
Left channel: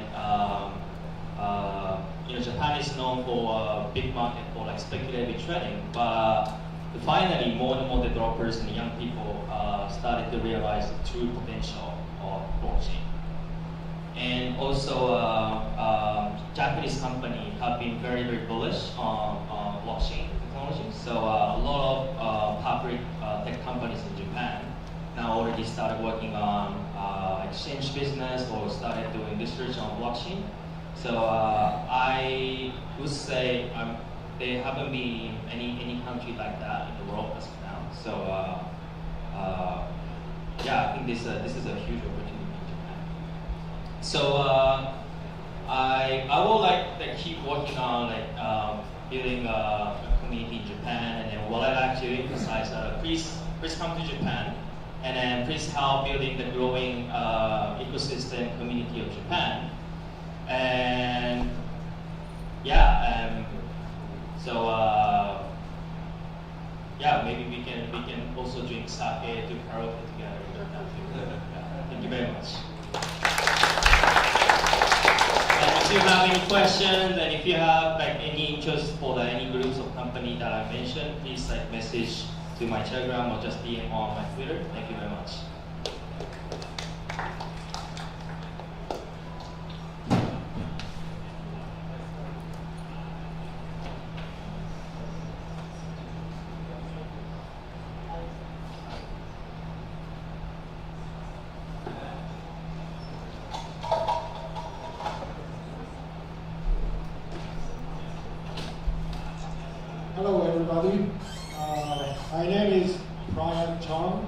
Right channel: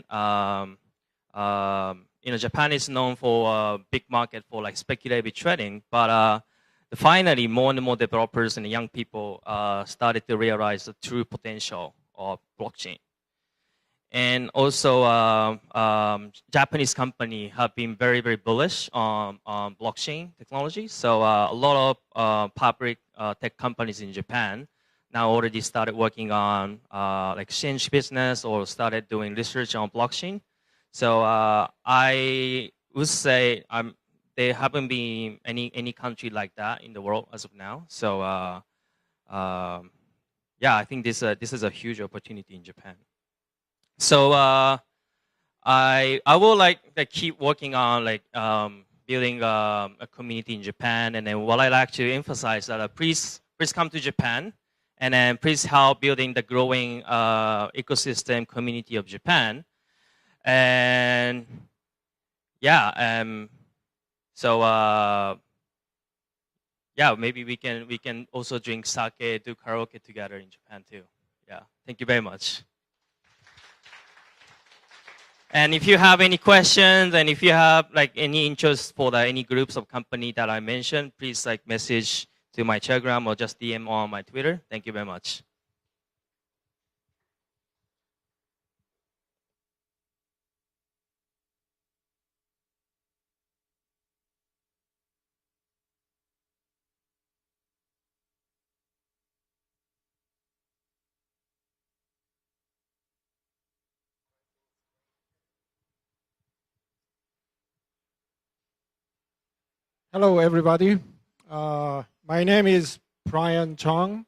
Japan is known for a big market for like speculative trading, but finally more and more developers and young people started to realize the true potential of blockchain. And also Japanese companies have been very bullish on blockchain technology. So a lot of public tech companies in Japan now already started working on exchange business or started doing research on blockchain. So I would say there haven't been any country like that in the world as of now. So yeah, I think this is a huge opportunity in Japan. So I will keep working on building a community in Japan, and then what I like to emphasize that please come to Japan, and then please help building the growing ecosystem community of Japan. And yeah, so yeah, maybe we can also drink sake, do karaoke together in Japan too. Yeah. Thank you very much. And if you have any questions, and if you have any interest for any groups of company that I mentioned, please message to my Telegram or just DM on my Twitter. Thank you very much. Hello, everybody. My name is Brian Chong,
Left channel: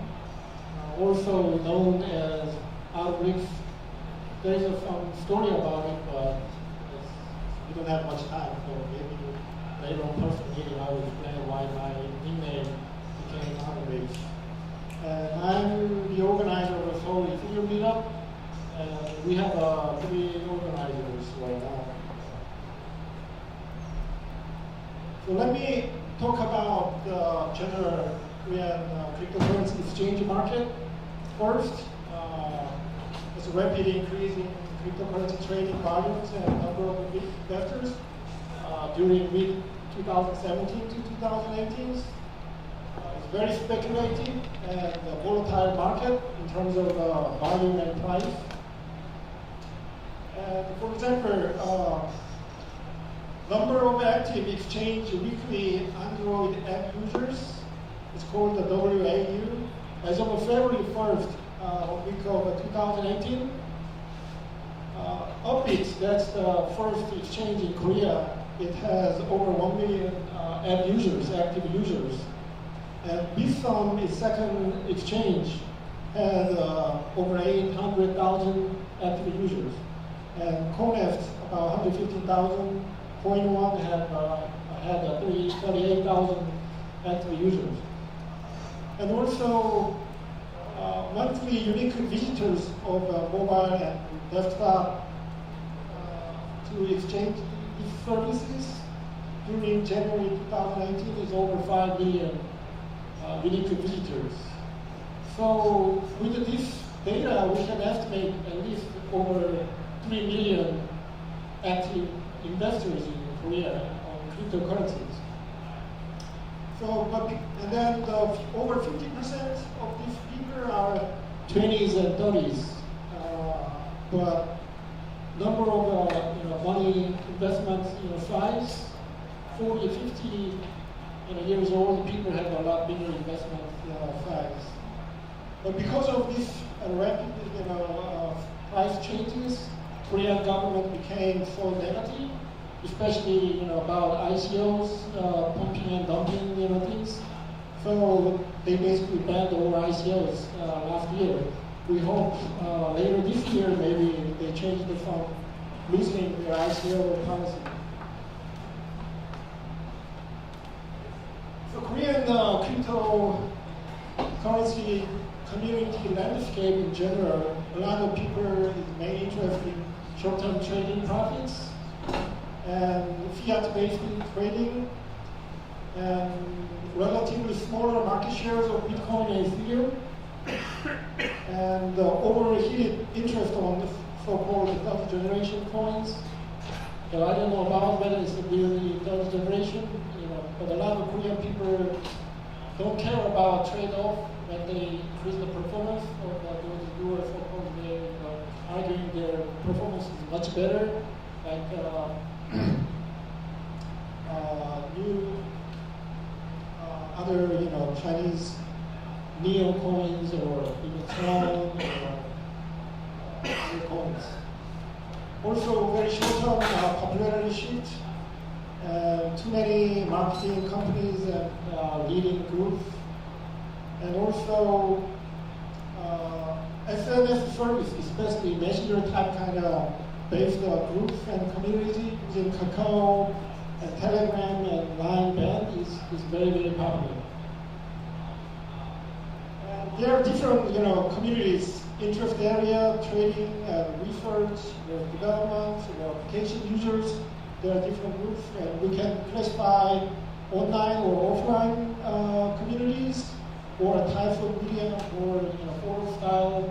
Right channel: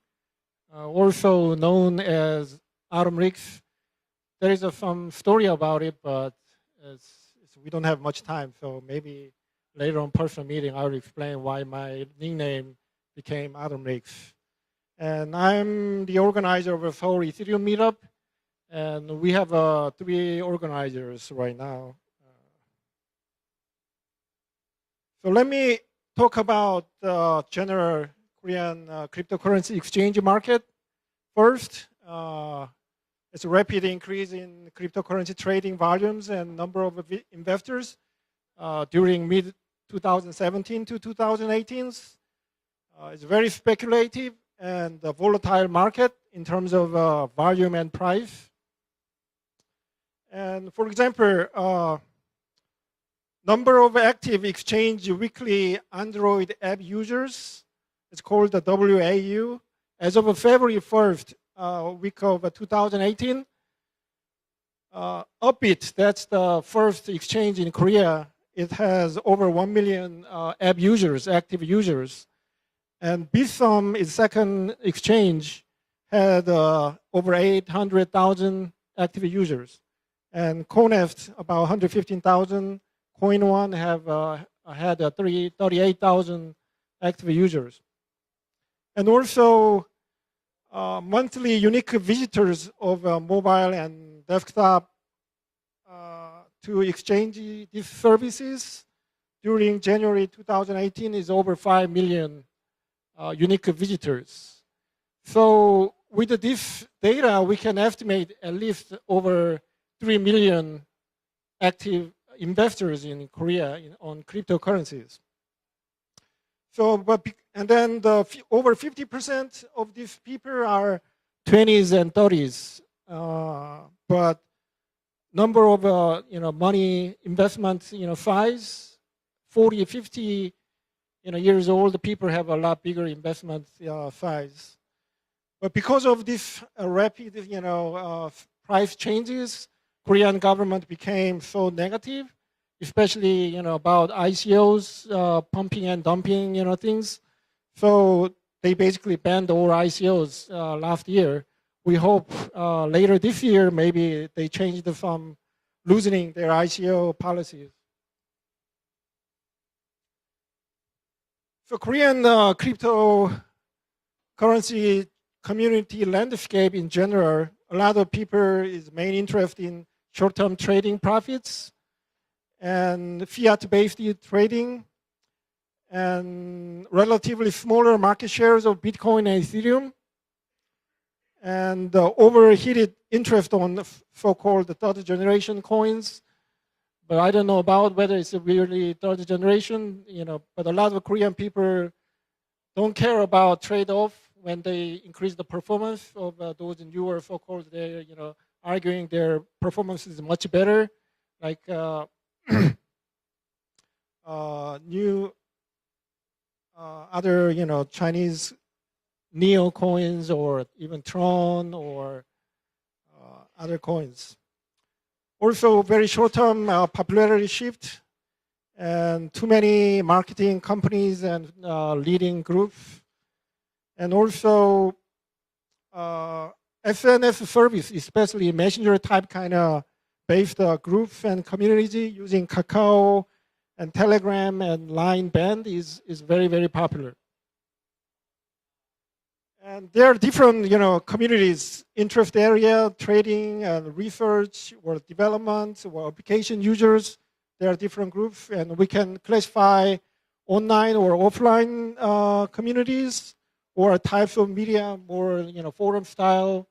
also known as Atom Riggs. There is some story about it, but we don't have much time, so maybe later on person meeting I'll explain why my nickname became Atom Riggs. And I'm the organizer of the Seoul Ethereum meetup, and we have 3 organizers right now. So let me talk about the general Korean cryptocurrency exchange market first. It's a rapid increase in cryptocurrency trading volumes and number of investors during mid-2017 to 2018. It's very speculative and a volatile market in terms of volume and price. And for example, number of active exchange weekly Android app users, it's called the WAU. As of February 1st, week of 2018, Upbit, that's the first exchange in Korea, it has over 1 million app users, active users. And Bitsum, its second exchange, had over 800,000 active users. And Coneft, about 115,000. Coin One had 38,000 active users. And also, monthly unique visitors of mobile and desktop to exchange these services during January 2018 is over 5 million unique visitors. So with this data, we can estimate at least over 3 million active investors in Korea on cryptocurrencies. So, and then over 50% of these people are 20s and 30s. But number of money investment size, 40, 50 years old people have a lot bigger investment size. But because of this rapid price changes, Korean government became so negative, especially about ICOs, pumping and dumping things. So they basically banned all ICOs last year. We hope later this year maybe they change from loosening their ICO policy. So Korean cryptocurrency community landscape in general, a lot of people is main interest in short-term trading profits and fiat-based trading and relatively smaller market shares of Bitcoin and Ethereum and overheated interest on the so-called third generation coins. I don't know about whether it's really third generation, but a lot of Korean people don't care about trade-off when they increase the performance of those viewers, so-called, arguing their performance is much better, like new other Chinese Neo coins or even Tron or other coins. Also, very short-term popularity shift, and too many marketing companies and leading groups, and also SNS service, especially messenger type kind of based groups and community using Kakao and Telegram and Line Band is very, very popular. And there are different communities, interest area, trading and research or development or application users. There are different groups, and we can classify online or offline communities or types of media or forum style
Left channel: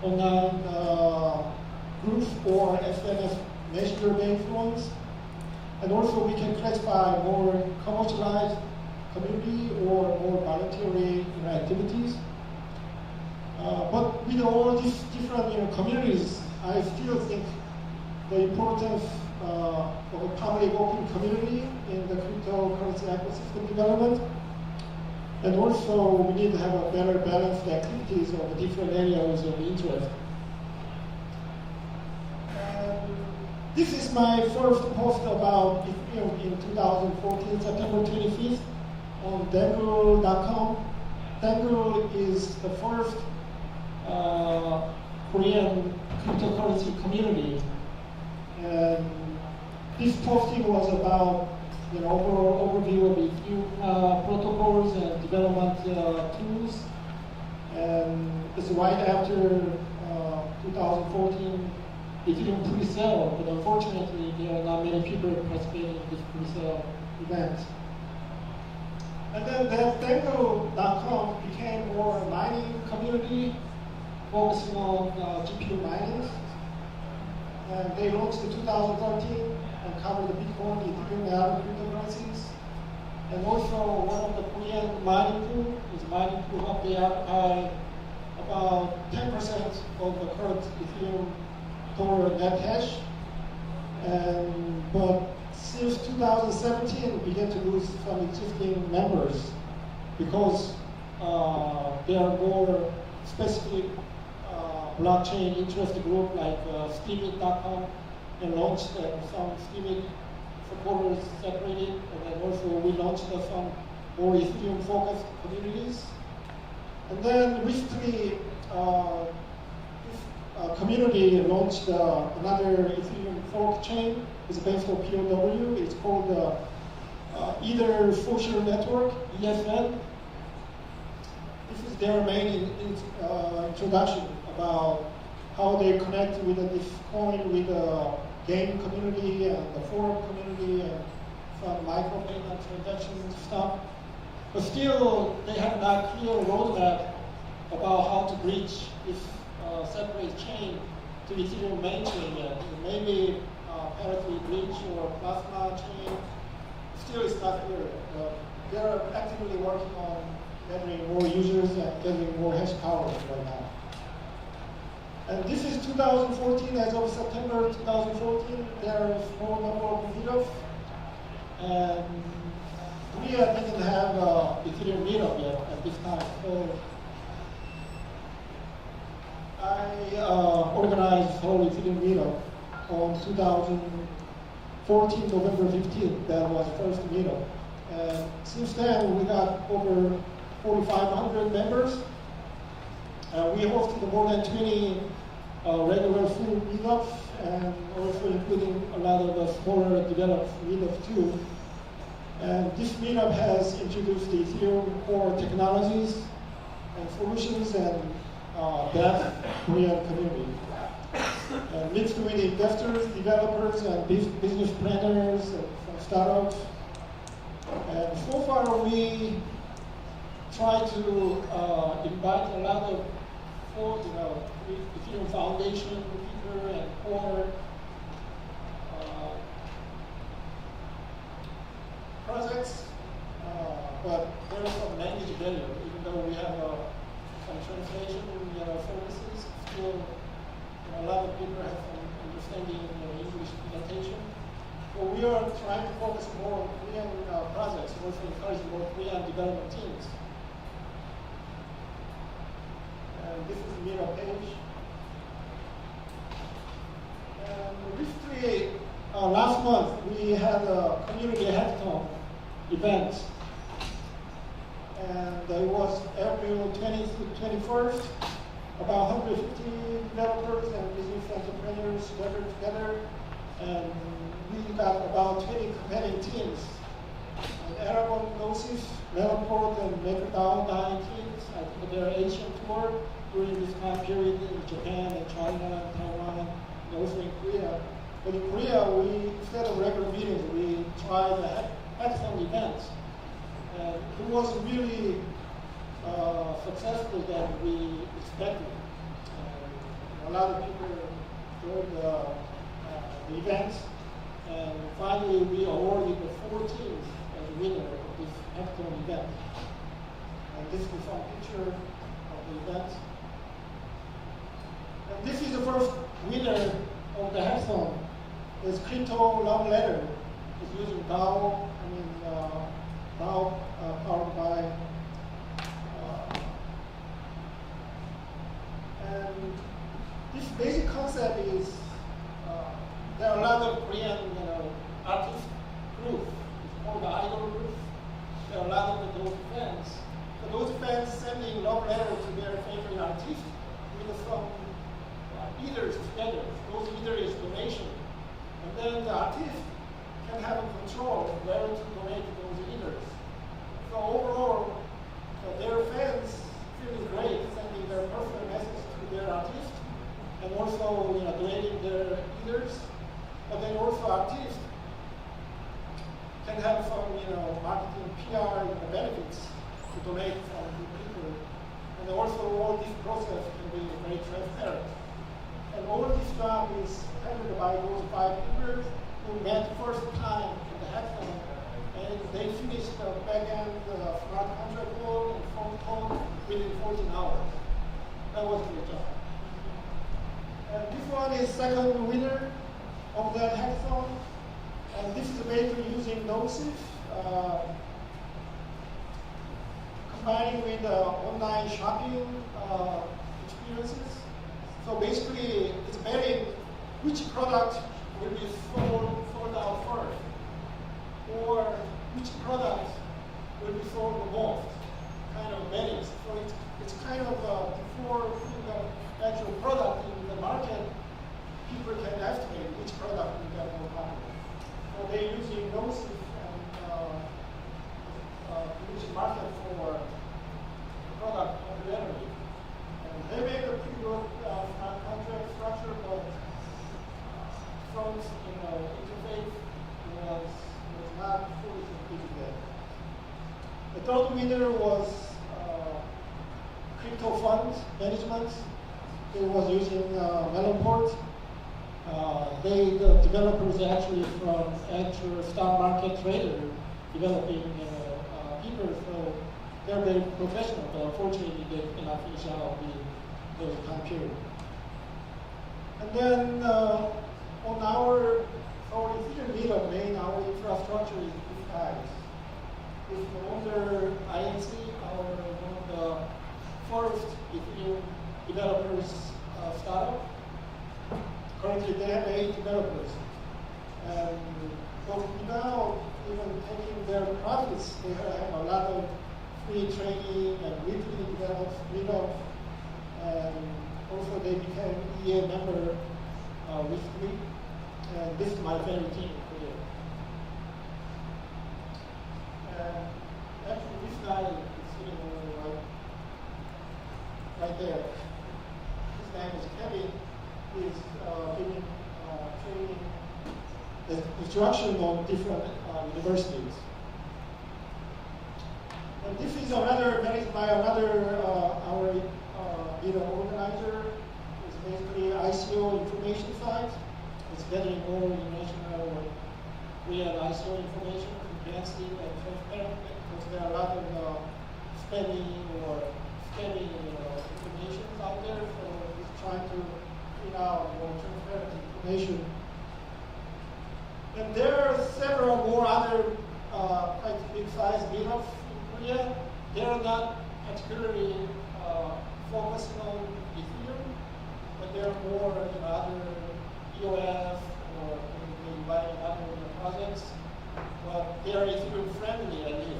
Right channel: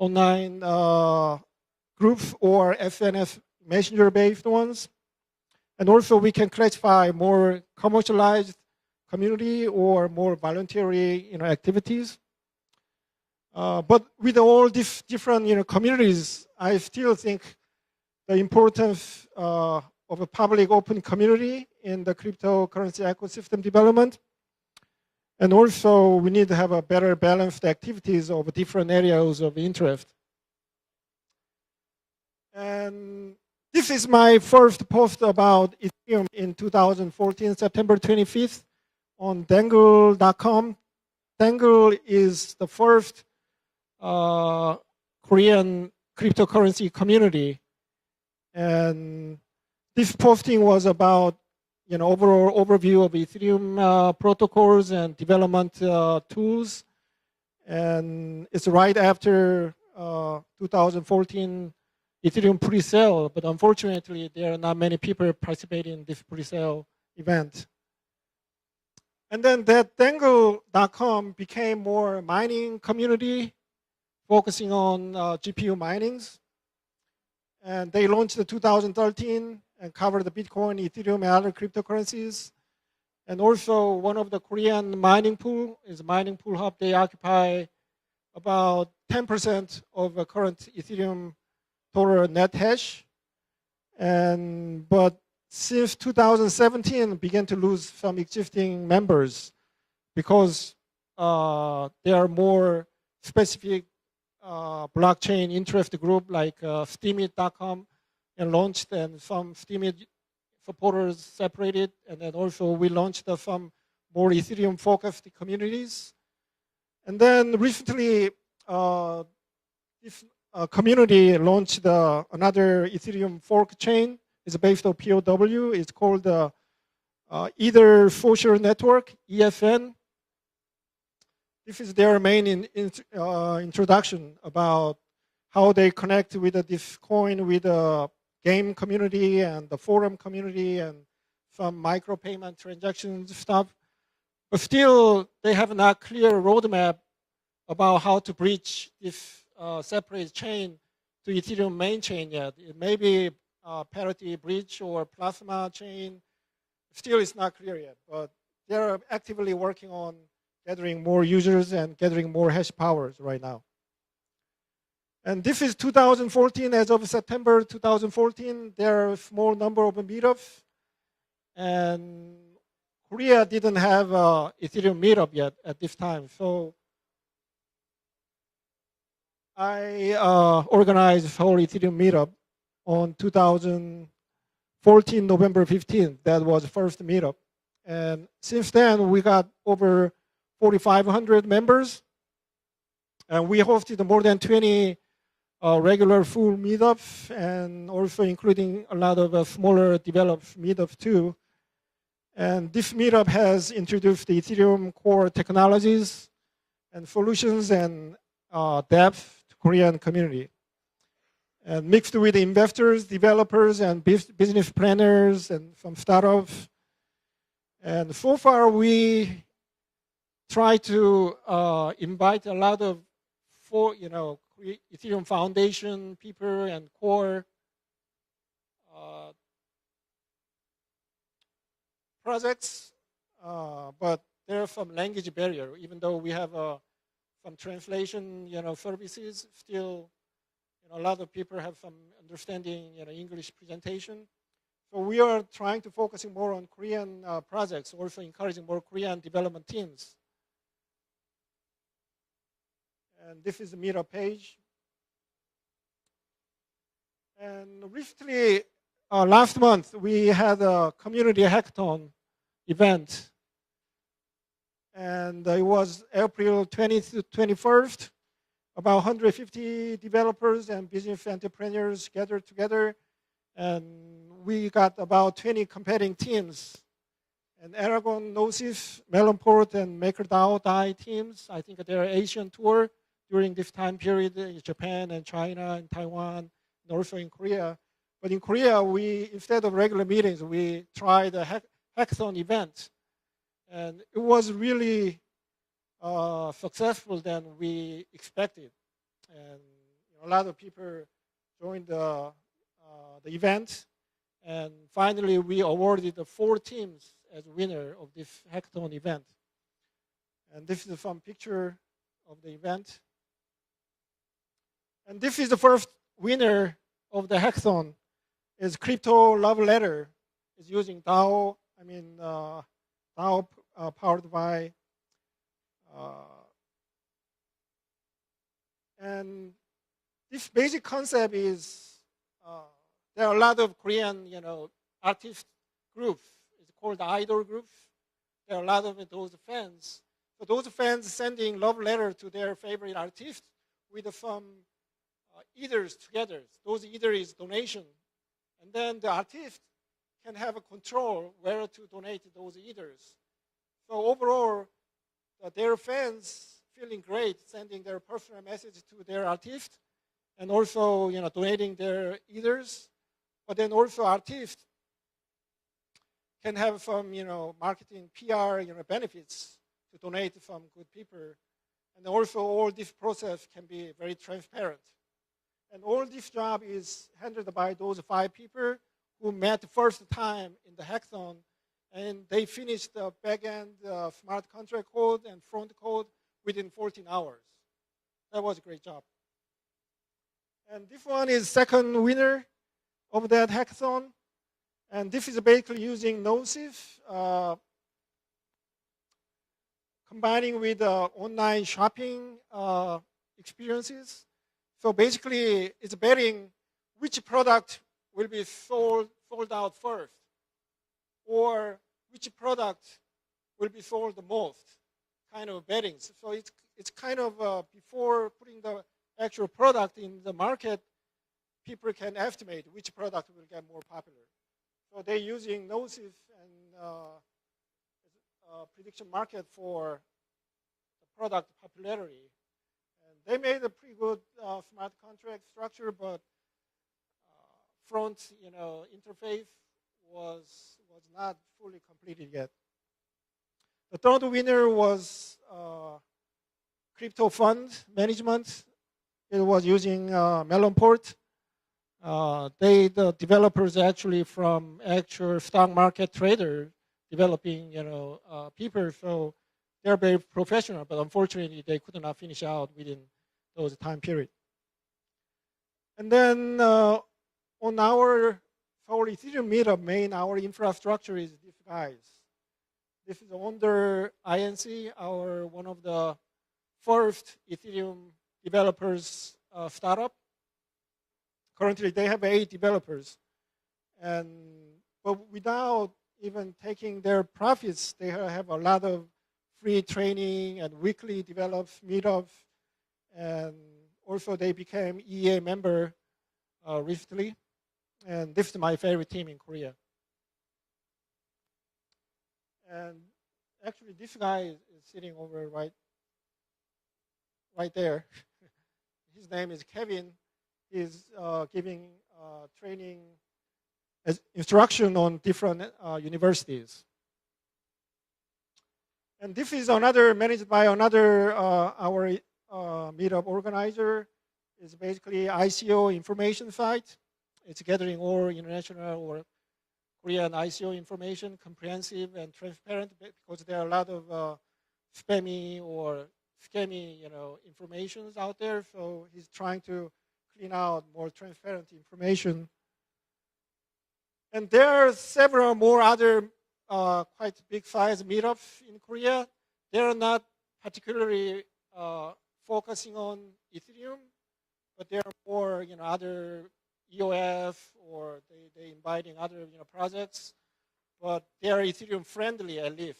online groups or SNS messenger based ones. And also we can classify more commercialized community or more voluntary activities. But with all these different communities, I still think the importance of a public open community in the cryptocurrency ecosystem development. And also we need to have a better balanced activities of different areas of interest. And this is my first post about Ethereum in 2014, September 25th on Dangle.com. Dangle is the first Korean cryptocurrency community. And this posting was about overall overview of Ethereum protocols and development tools. And it's right after 2014 Ethereum pre-sale, but unfortunately there are not many people participating in this pre-sale event. And then that Dangle.com became more mining community, focusing on GPU minings. And they launched in 2013 and covered the Bitcoin, Ethereum, and other cryptocurrencies. And also one of the Korean mining pool is Mining Pool Hub. They occupy about 10% of the current Ethereum total net hash. But since 2017, began to lose some existing members because there are more specific blockchain interest group like Steemit.com and launched, and some Steemit supporters separated, and then also we launched some more Ethereum focused communities. And then recently this community launched another Ethereum fork chain. It's based on POW. It's called Ether Social Network, ESN. This is their main introduction about how they connect with this coin with game community and the forum community and some micropayment transaction stuff. But still, they have not clear roadmap about how to bridge this separate chain to Ethereum main chain yet. Maybe parity bridge or plasma chain. Still, it's not clear. But they're actively working on gathering more users and gathering more hash power right now. And this is 2014. As of September 2014, there are a small number of meetups. And Korea didn't have Ethereum meetup yet at this time. So I organized whole Ethereum meetup on 2014, November 15th. That was the first meetup. And since then, we got over 4,500 members. And we hosted more than 20 regular full meetups, and also including a lot of smaller developed meetups too. And this meetup has introduced the Ethereum core technologies and solutions and depth Korean community. And mixed with investors, developers, and business planners and some startups. And so far we try to invite a lot of Ethereum Foundation people and core projects, but there's some language barrier. Even though we have some translation services, still a lot of people have some understanding English presentation. So we are trying to focus more on Korean projects, also encouraging more Korean development teams. And this is the meetup page. And recently, last month, we had a community hackathon event. And it was April 20th to 21st. About 150 developers and business entrepreneurs gathered together. And we got about 20 competing teams. Aragon, Gnosis, Mellowport, and MakerDAO DAI teams. I think they're Asian tour during this time period in Japan and China and Taiwan, and also in Korea. But in Korea, instead of regular meetings, we tried a hackathon event. And it was really successful than we expected. A lot of people joined the event. And finally, we awarded the 4 teams as winner of this hackathon event. And this is some picture of the event. And this is the first winner of the hackathon. It's Crypto Love Letter. It's using DAO, DAO powered by. And this basic concept is there are a lot of Korean artist groups. It's called the idol groups. There are a lot of those fans. So those fans sending love letters to their favorite artist with some leaders together. Those leaders is donation. And then the artist can have control where to donate to those leaders. So overall, their fans feeling great, sending their personal messages to their artist, and also donating their leaders. But then also artists can have some marketing PR benefits to donate from people. And also all this process can be very transparent. And all this stuff is handled by those 5 people who met first time in the hackathon. And they finished the back-end smart contract code and front code within 14 hours. That was a great job. And this one is second winner of that hackathon. And this is basically using Gnosis, combining with online shopping experiences. So basically, it's betting which product will be sold out first, or which product will be sold the most, kind of betting. So it's kind of before the actual product in the market, people can estimate which product will get more popular. So they're using Gnosis and which market for product popularity. And they made a pretty good contract structure, but front interface was not fully completed yet. The third winner was crypto fund management. It was using Melonport. The developers actually from actual stock market trader developing people, so they're very professional, but unfortunately they could not finish out in those time period. And then on our Ethereum meetup main, our infrastructure is two types. It's under INC, our one of the first Ethereum developers startup. Currently, they have 8 developers, and but without even taking their profits, they have a lot of free training and weekly meetups, and also they became EA member recently, and this is my favorite team in Korea. And actually, this guy is sitting over right there. His name is Kevin. He's giving training instruction on different universities. And this is another managed by another our meetup organizer. It's basically ICO information site. It's gathering more international or Korean ICO information, comprehensive and transparent, because there are a lot of spammy or scamming information out there. So it's trying to clean out more transparent information. And there are several more other quite big size meetups in Korea. They are not particularly focused on Ethereum, but there are more other EOS or inviting other projects. But they are Ethereum friendly at least.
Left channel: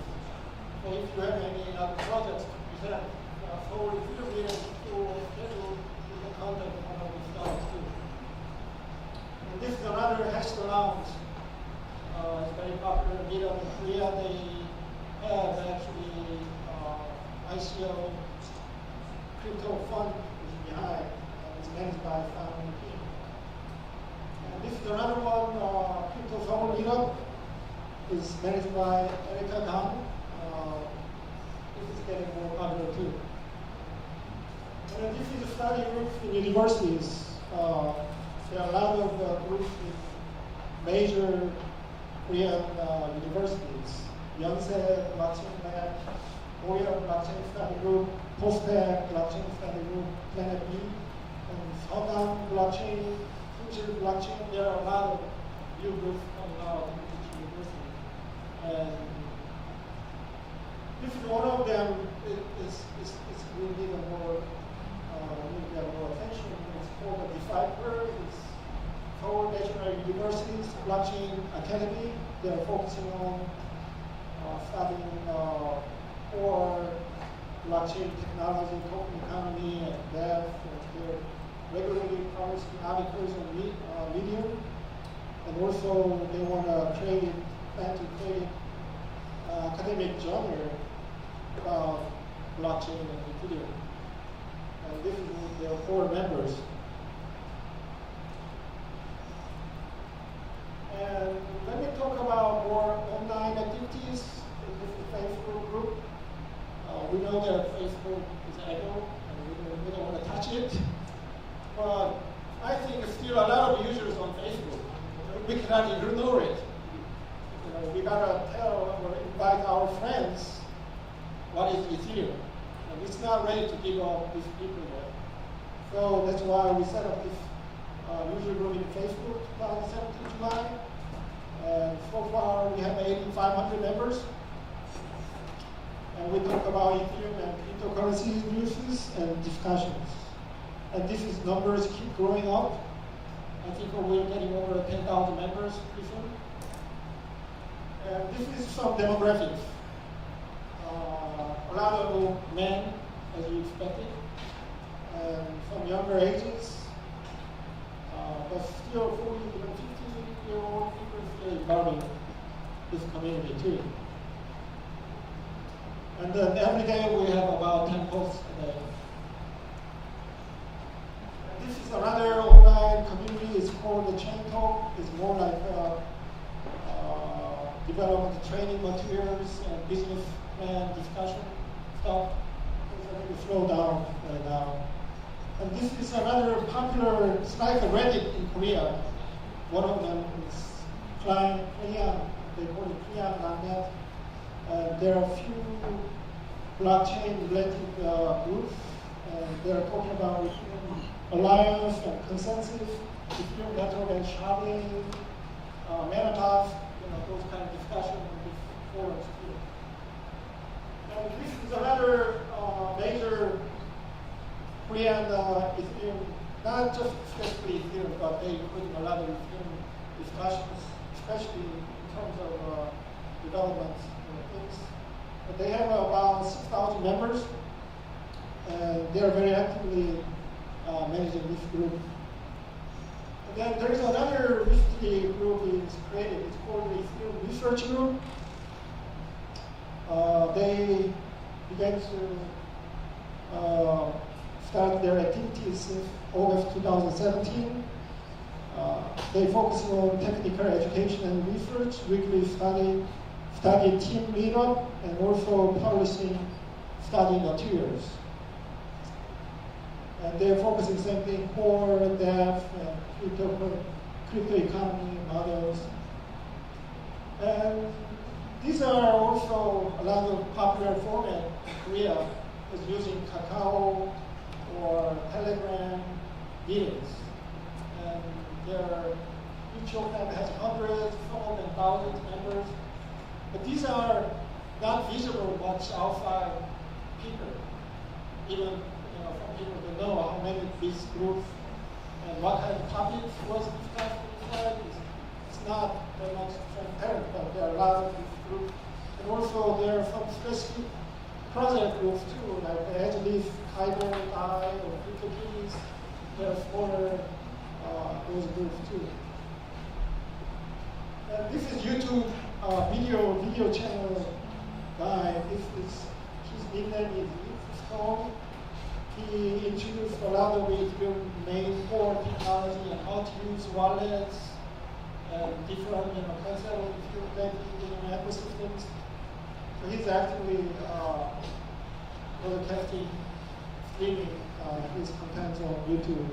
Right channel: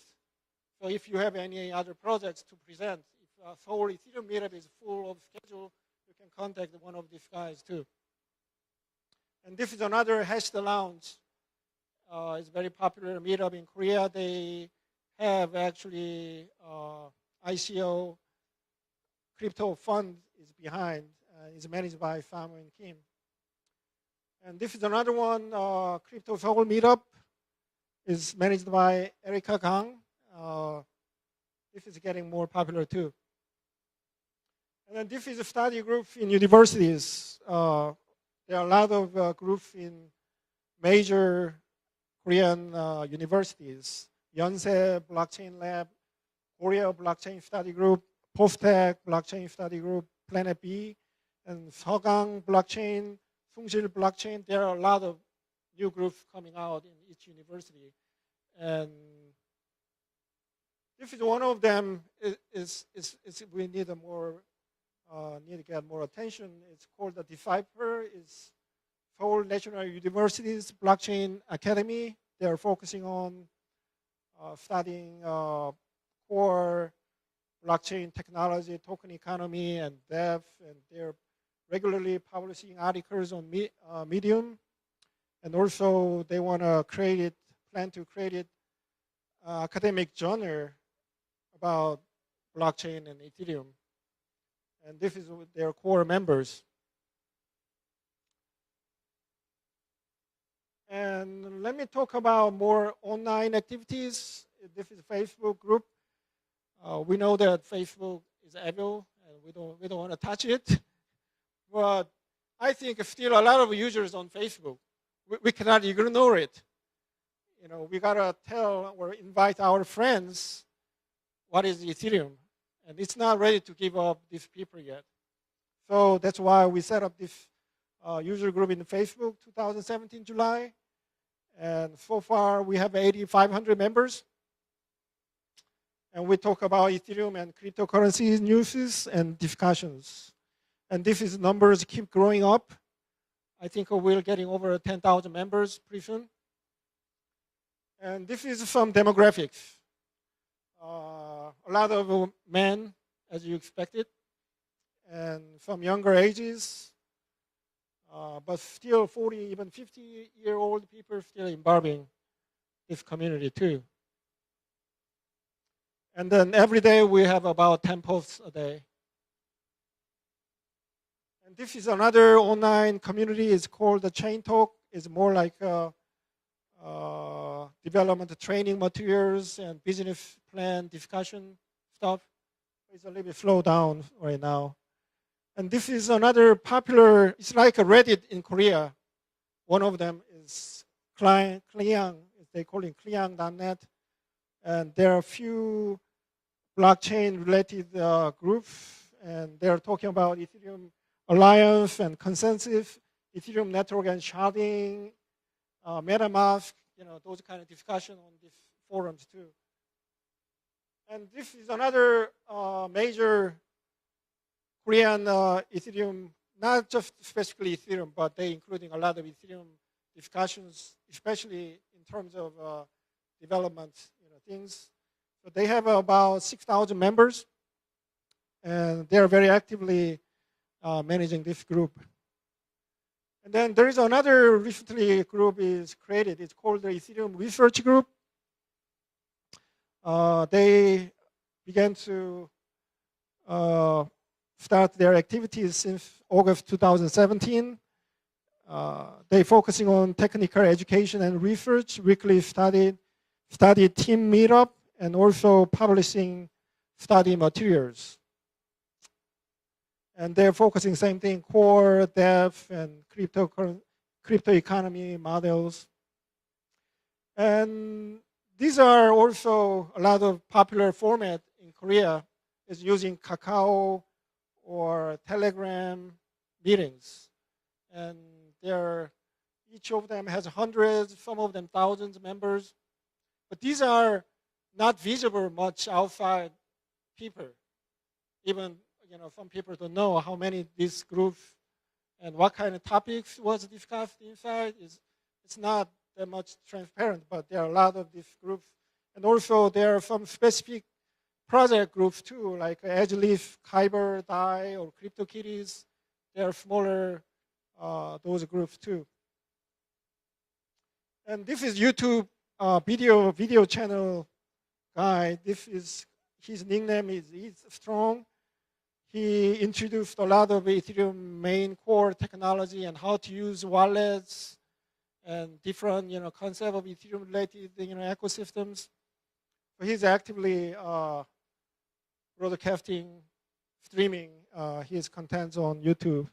So if you have any other projects to present for Ethereum meetups, you can contact one of these guys too. And this is another Hash the Lounge. It's a very popular meetup in Korea. They have actually ICO crypto fund is behind. It's managed by Founding Team. And this is another one, Crypto Seoul meetup. It's managed by Erica Kang. This is getting more popular too. And this is a study group in universities. There are a lot of groups in major Korean universities. Yonsei Blockchain Lab, Korea Blockchain Study Group, Postec Blockchain Study Group, Planet B, and Seogang Blockchain, Sungsil Blockchain. There are a lot of new groups coming out in each university. And if one of them we need a more, we get more attention. It's called the Decipher. It's Seoul National University's Blockchain Academy. They're focusing on studying core blockchain technology, token economy, and dev. They're regularly publishing articles on Medium, and also they want to plan to create an academic journal about blockchain and Ethereum. And this is their core members. And let me talk about more online activities in this Facebook group. We know that Facebook is evil, and we don't want to touch it. But I think still a lot of users on Facebook. We cannot ignore it. We gotta tell or invite our friends what is Ethereum. And it's not ready to give up with people yet. So that's why we set up this user group in Facebook 2017 July. And so far, we have 8,500 members. And we talk about Ethereum and cryptocurrencies news and discussions. And these numbers keep growing up. I think we're getting over 10,000 members pretty soon. And this is some demographics. A lot of men, as you expected, and some younger ages, but still 40, even 50-year-old people still involving this community too. And then every day we have about 10 posts a day. This is another online community. It's called the Chain Talk. It's more like development training materials and business plan discussion stuff. It's a little slow down right now. And this is another popular, it's like a Reddit in Korea. One of them is Klein, they call it Klein.net. And there are a few blockchain-related groups, and they're talking about Ethereum Alliance and consensus, Ethereum network and sharding, MetaMask, those kind of discussion in these forums too. And this is another major Korean Ethereum, not just specifically Ethereum, but they including a lot of Ethereum discussions, especially in terms of development things. They have about 6,000 members, and they're very actively managing this group. Then there is another recently group is created. It's called the Ethereum Research Group. They began to start their activities since August 2017. They're focusing on technical education and research, weekly study team meetup, and also publishing study materials. And they're focusing same thing, core, dev, and crypto economy models. And these are also a lot of popular format in Korea is using Kakao or Telegram meetings. And each of them has hundreds, some of them thousands members. But these are not visible much outside people. Even some people don't know how many this group and what kind of topics was discussed inside. It's not that much transparent, but there are a lot of these groups. And also there are some specific project groups too, like Edgeleaf, Kyber, DAI, or CryptoKitties. There are smaller those groups too. And this is YouTube video channel guy. His nickname is Strong. He introduced a lot of Ethereum main core technology and how to use wallets and different concept of Ethereum ecosystems. He's actively broadcasting, streaming his contents on YouTube.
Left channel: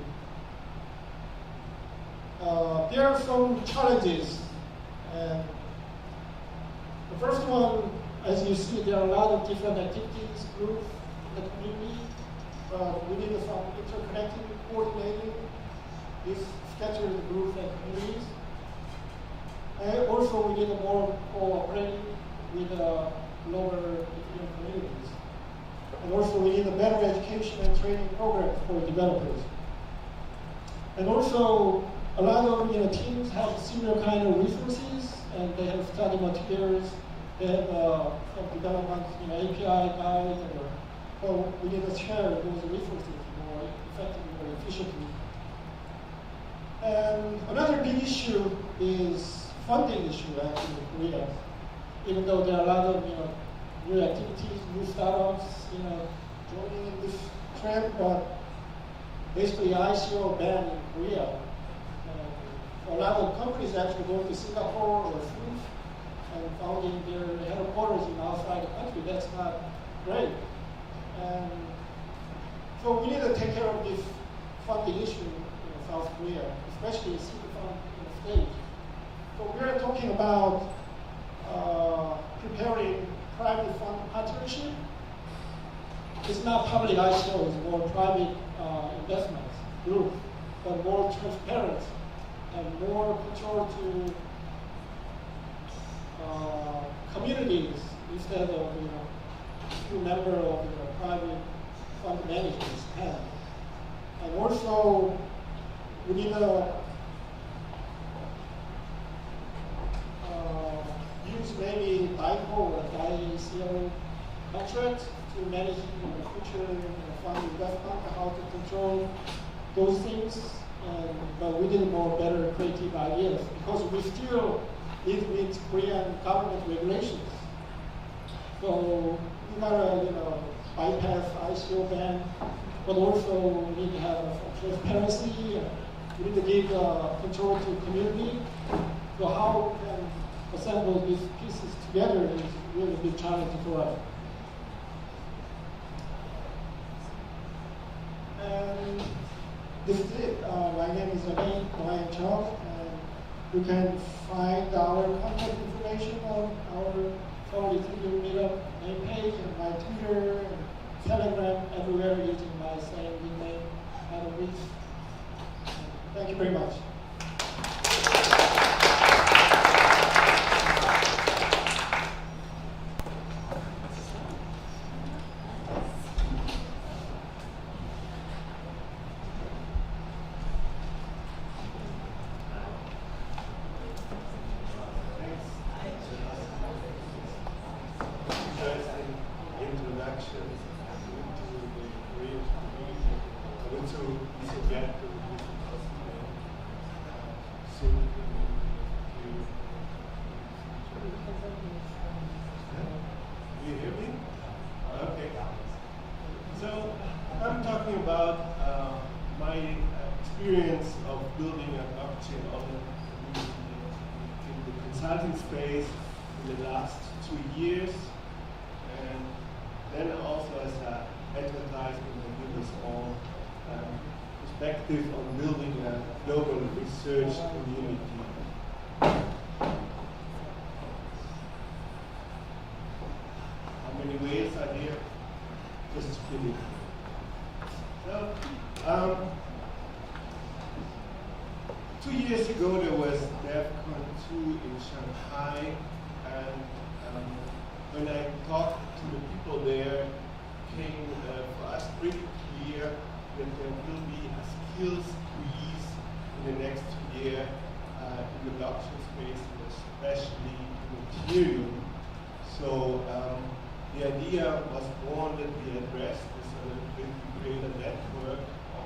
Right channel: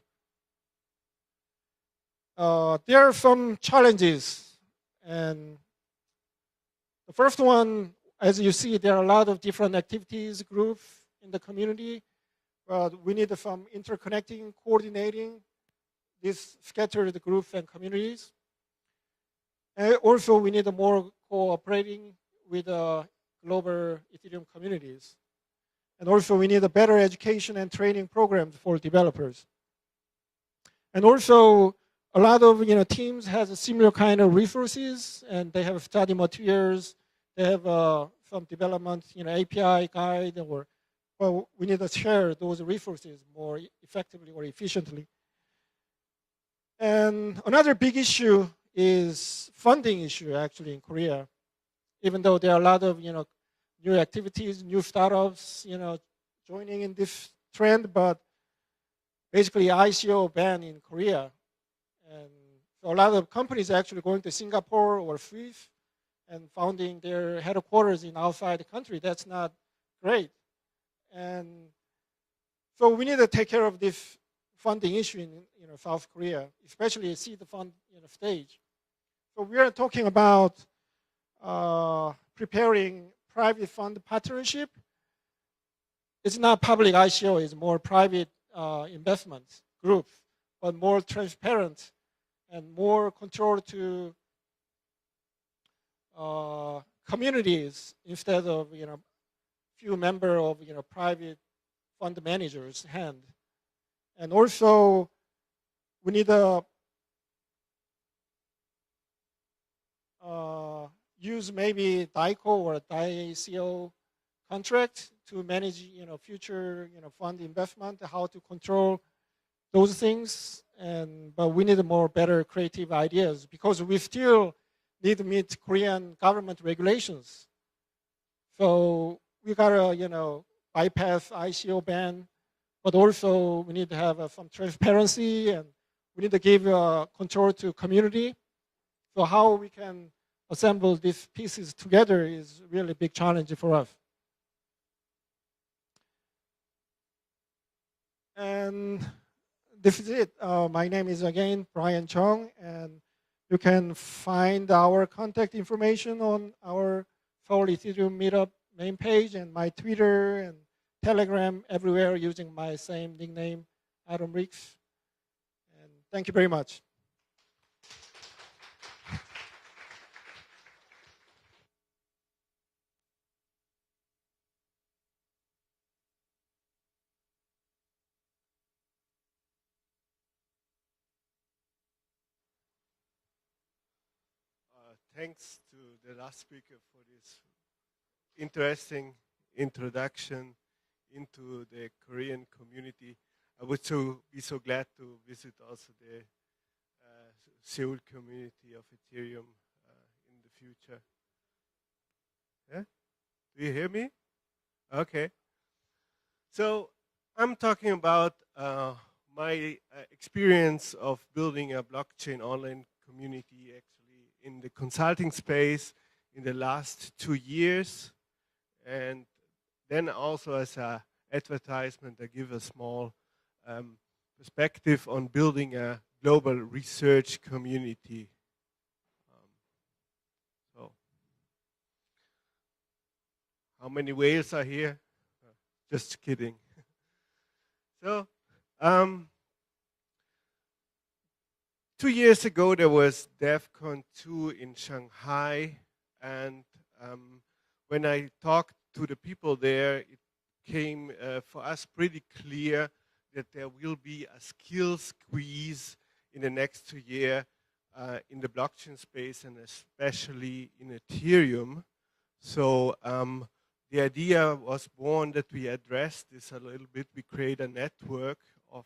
There are some challenges, and the first one, as you see, there are a lot of different activities, groups in the community. We need some interconnecting, coordinating these scattered groups and communities. And also, we need more cooperating with global Ethereum communities. And also, we need a better education and training program for developers. And also, a lot of teams have similar kind of resources, and they have study materials. They have some development, API guide, but we need to share those resources more effectively, more efficiently. And another big issue is funding issue actually in Korea. Even though there are a lot of new activities, new startups, joining in this trend, but basically ICO ban in Korea. A lot of companies actually going to Singapore or Swiss and founding their headquarters in outside the country. That's not great. And so we need to take care of this funding issue in South Korea, especially seed fund stage. So we are talking about preparing private fund partnership. It's not public ICO, it's more private investment group, but more transparent and more control to communities instead of few member of private fund managers have. And also, we need to use maybe ICO or ICO contract to manage future fund investment, how to control those things. But we need more better creative ideas because we still need to meet Korean government regulations. So you gotta bypass ICO ban but also we need to have transparency, and we need to give control to community. So how we can assemble these pieces together is really a big challenge for us. And this is it. My name is again Brian Chung, and you can find our contact information on our Seoul Ethereum Meetup main page and my Twitter and Telegram, everywhere using my same nickname, Adam Riggs. Thank you very much. Interesting introduction into the Korean community. We're so glad to visit us today. Seoul community. Do you hear me? Okay. So I'm talking about my experience of building a blockchain online community in the consulting space in the last 2 years. And then also as an advertisement that gives us all perspective on building a global research community. How many whales are here? Just kidding. So, 2 years ago there was EDCON-2 in Shanghai, and when I talked to the people there, it became for us pretty clear that there will be a skills squeeze in the next year in the blockchain space, and especially in Ethereum. So the idea was born that we address this, that we create a network of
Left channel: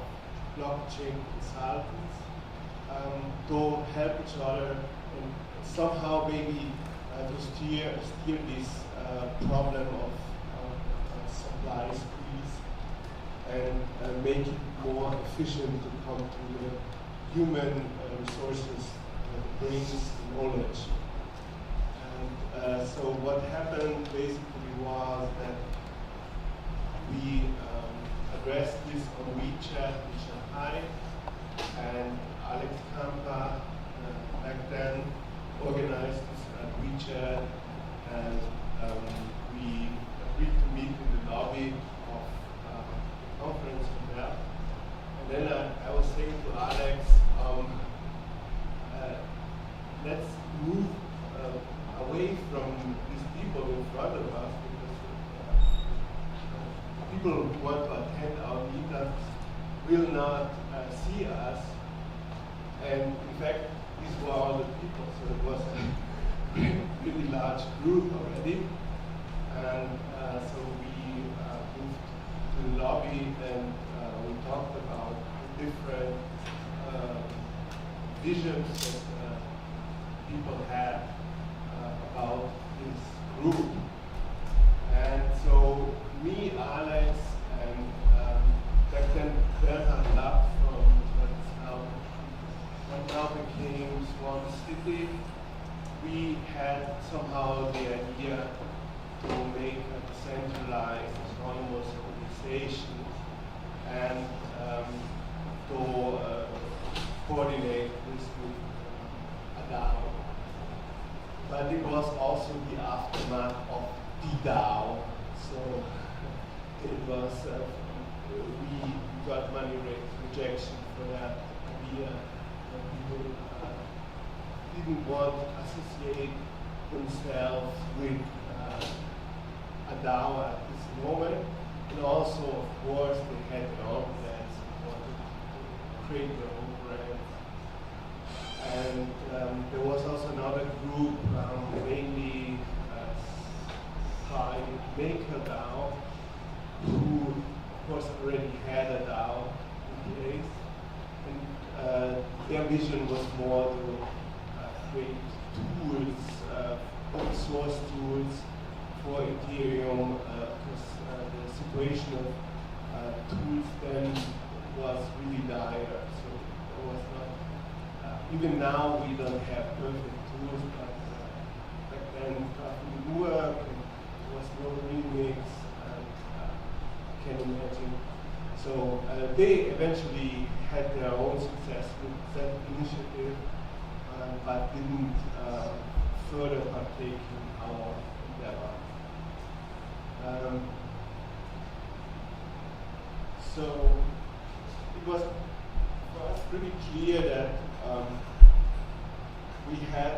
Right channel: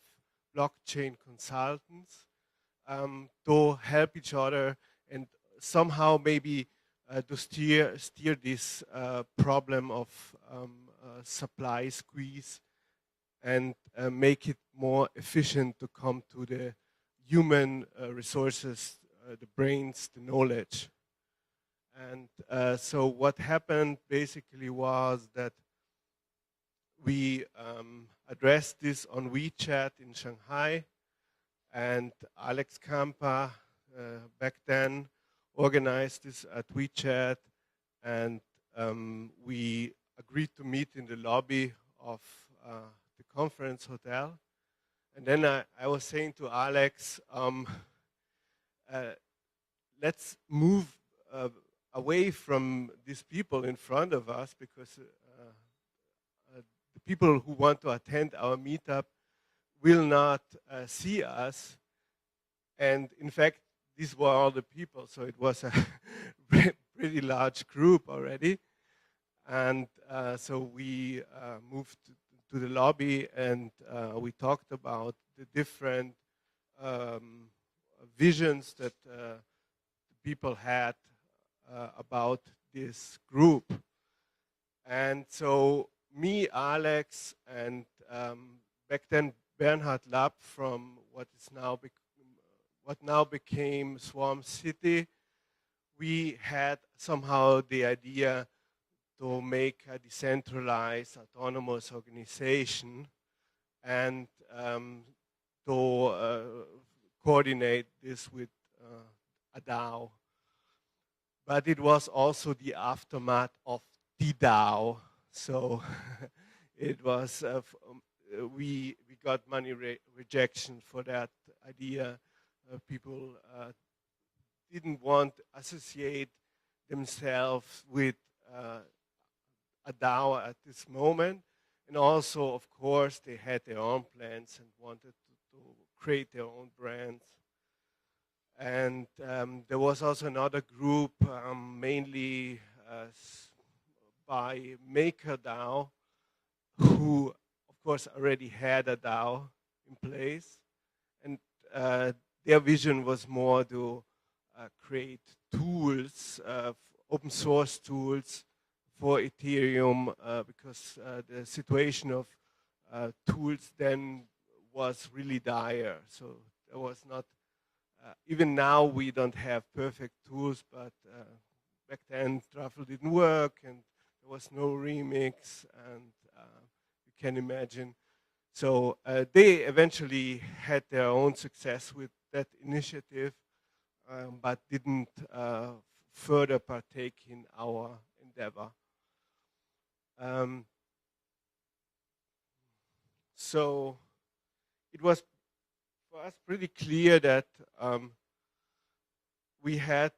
blockchain consultants to help each other and somehow maybe to steer this problem of supply squeeze and make it more efficient to come to the human resources, the brains, knowledge. And so what happened basically was that we addressed this on WeChat in Shanghai, and Alex Kampa back then organized this at WeChat, and we agreed to meet in the lobby of the conference hotel. And then I was saying to Alex, let's move away from these people in front of us, because people who want to attend our meetup will not see us. And in fact, these were all the people, so it was a pretty large group already. And so we moved to the lobby, and we talked about different visions that people had about this group. And so me, Alex, and back then Bernhard Lapp from what now became Swarm City, we had somehow the idea to make a decentralized, autonomous organization and to coordinate this with a DAO. But it was also the aftermath of the DAO, so it was, we got money rejection for that idea. People didn't want to associate themselves with a DAO at this moment. And also, of course, they had their own plans and wanted to create their own brand. And there was also another group, mainly Thai MakerDAO, who, of course, already had a DAO in place. And their vision was more to create tools, open source tools for Ethereum, because the situation of tools then was really dire. So it was not, even now we don't have perfect tools, but back then it didn't work, and there was no remix, and can imagine. So they eventually had their own success with that initiative, but didn't further partake in our endeavor. So it was pretty clear that we have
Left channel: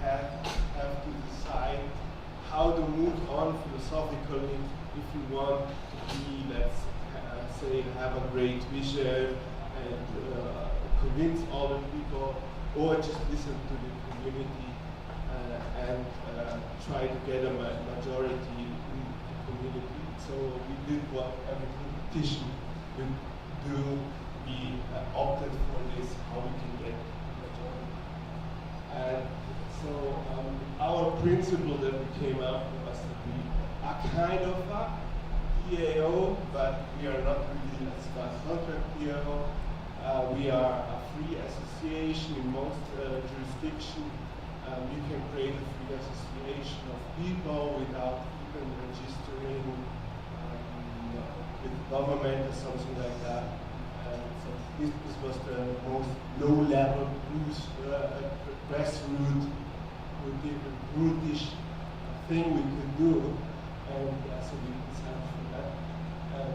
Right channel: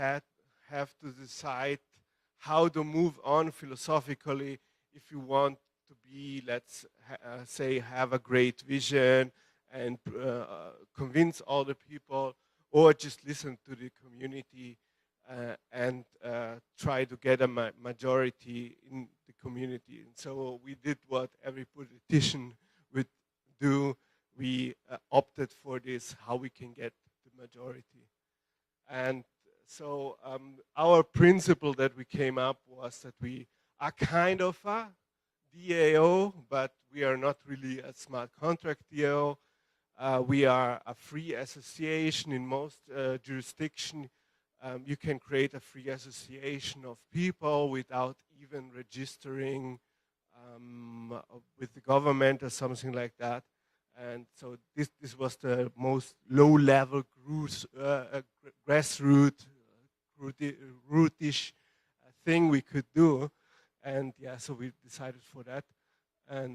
to decide how to move on philosophically if we want to be, let's say, have a great vision and convince all the people, or just listen to the community and try to get a majority in the community. So we did what every politician would do. We opted for this, how we can get a majority. And so our principle that we came up was that we are kind of a DAO, but we are not really a smart contract DAO. We are a free association in most jurisdictions. You can create a free association of people without even registering with the government or something like that. And so this was the most low-level, grassroots, brutish thing we could do. And yeah, so we decided for that. And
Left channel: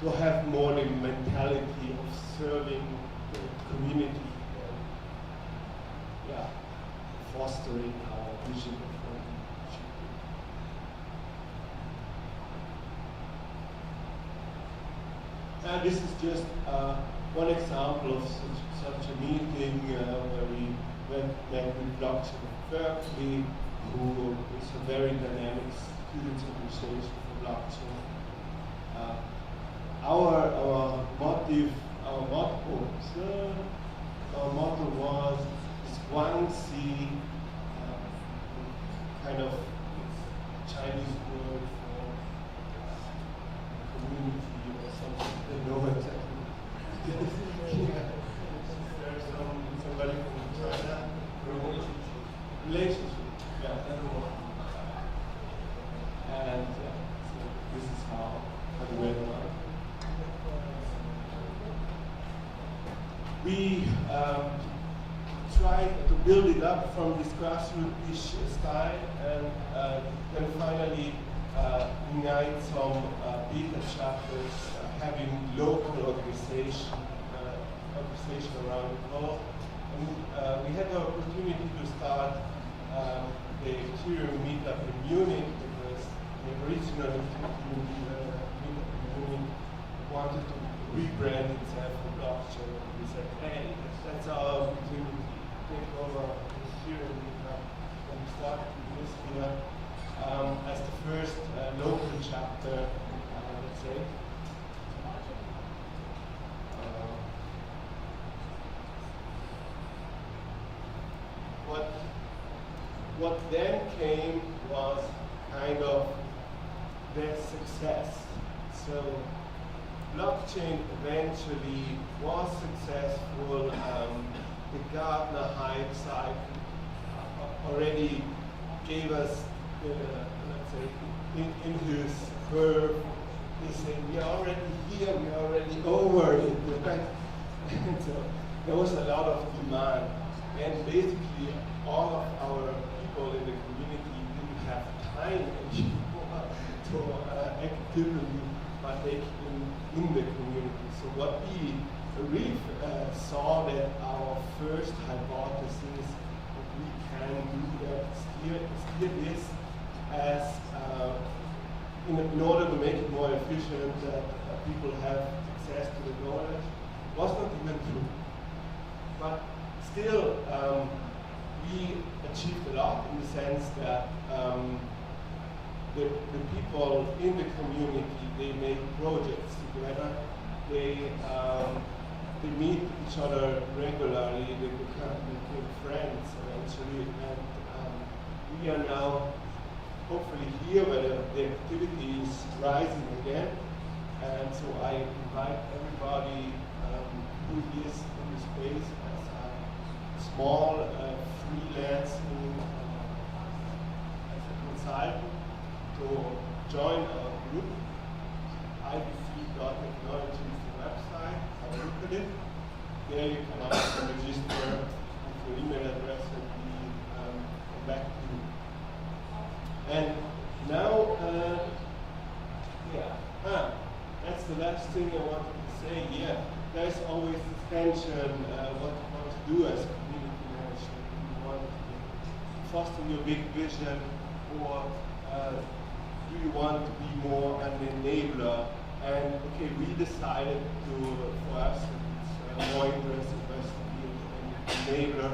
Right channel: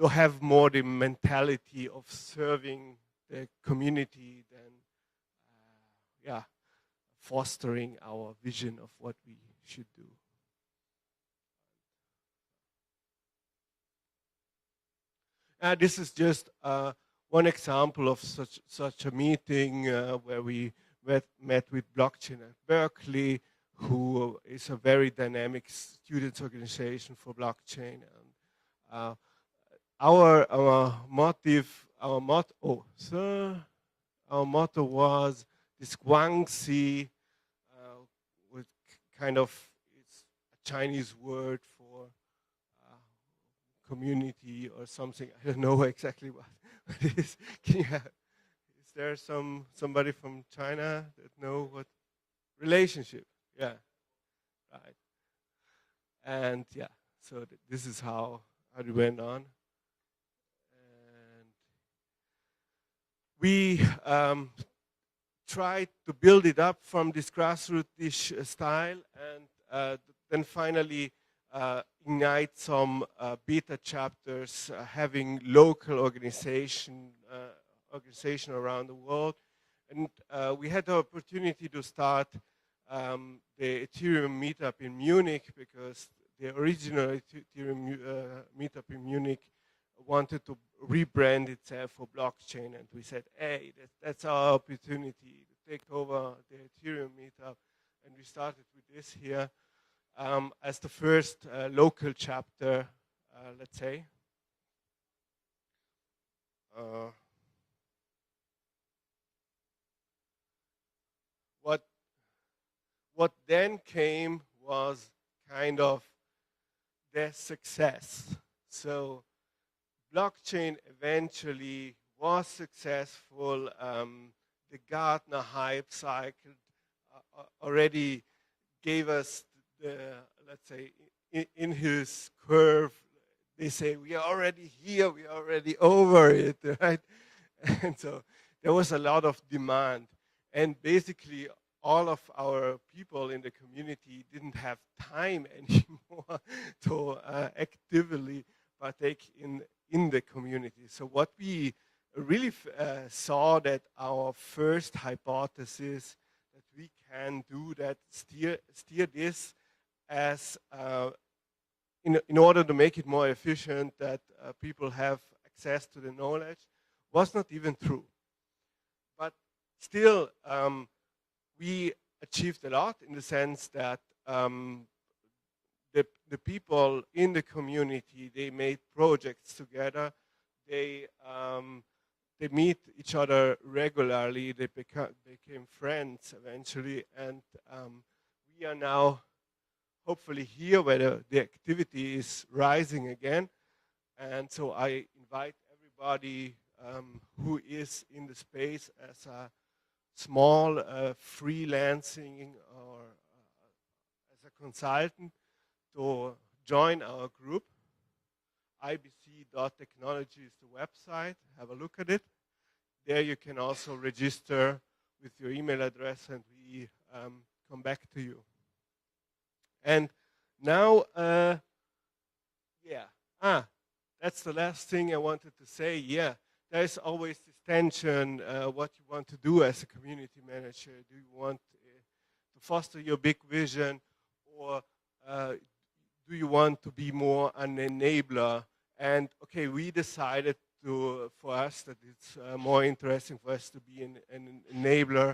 to have more the mentality of serving the community, fostering our vision of what we should do. And this is just one example of such a meeting where we met with Blockchain at Berkeley, who is a very dynamic students organization for blockchain. Our motto was this Guangxi, kind of Chinese word for community or something. I don't know exactly what it is. Yeah. Is there somebody from China? No. Relationship. Yeah. And yeah, so this is how it went on. We tried to build it up from this grassroots-ish style, and then finally ignite some beta chapters, having local organization around the world. And we had the opportunity to start the Ethereum meetup in Munich, because the original Ethereum meetup in Munich wanted to rebrand itself for blockchain. And we said, hey, that's our opportunity. Take over the Ethereum meetup. And we started with this here as the first local chapter, let's say. What then came was kind of that success. So blockchain eventually was successful. The Gartner hype cycle already gave us, let's say, in his curve, they said, we are already here, we are already over it, right? And so there was a lot of demand. And basically, all of our people in the community didn't have time anymore to actively partake in the community. So what we really saw that our first hypothesis that we can do that still is as in order to make it more efficient, that people have access to the knowledge, was not even true. But still, we achieved a lot in the sense that the people in the community, they made projects together. They meet each other regularly. They became friends eventually, and we are now hopefully here where the activity is rising again. And so I invite everybody who is in the space as a small freelancing consultant to join our group. IBC.technology is the website. Have a look at it. There you can also register your email address and we come back to you. And now, that's the last thing I wanted to say. Yeah, there's always the tension, what you want to do as a community manager. Do you want to foster your big vision, or do you want to be more an enabler? And okay, we decided for us, that it's more interesting for us to be an enabler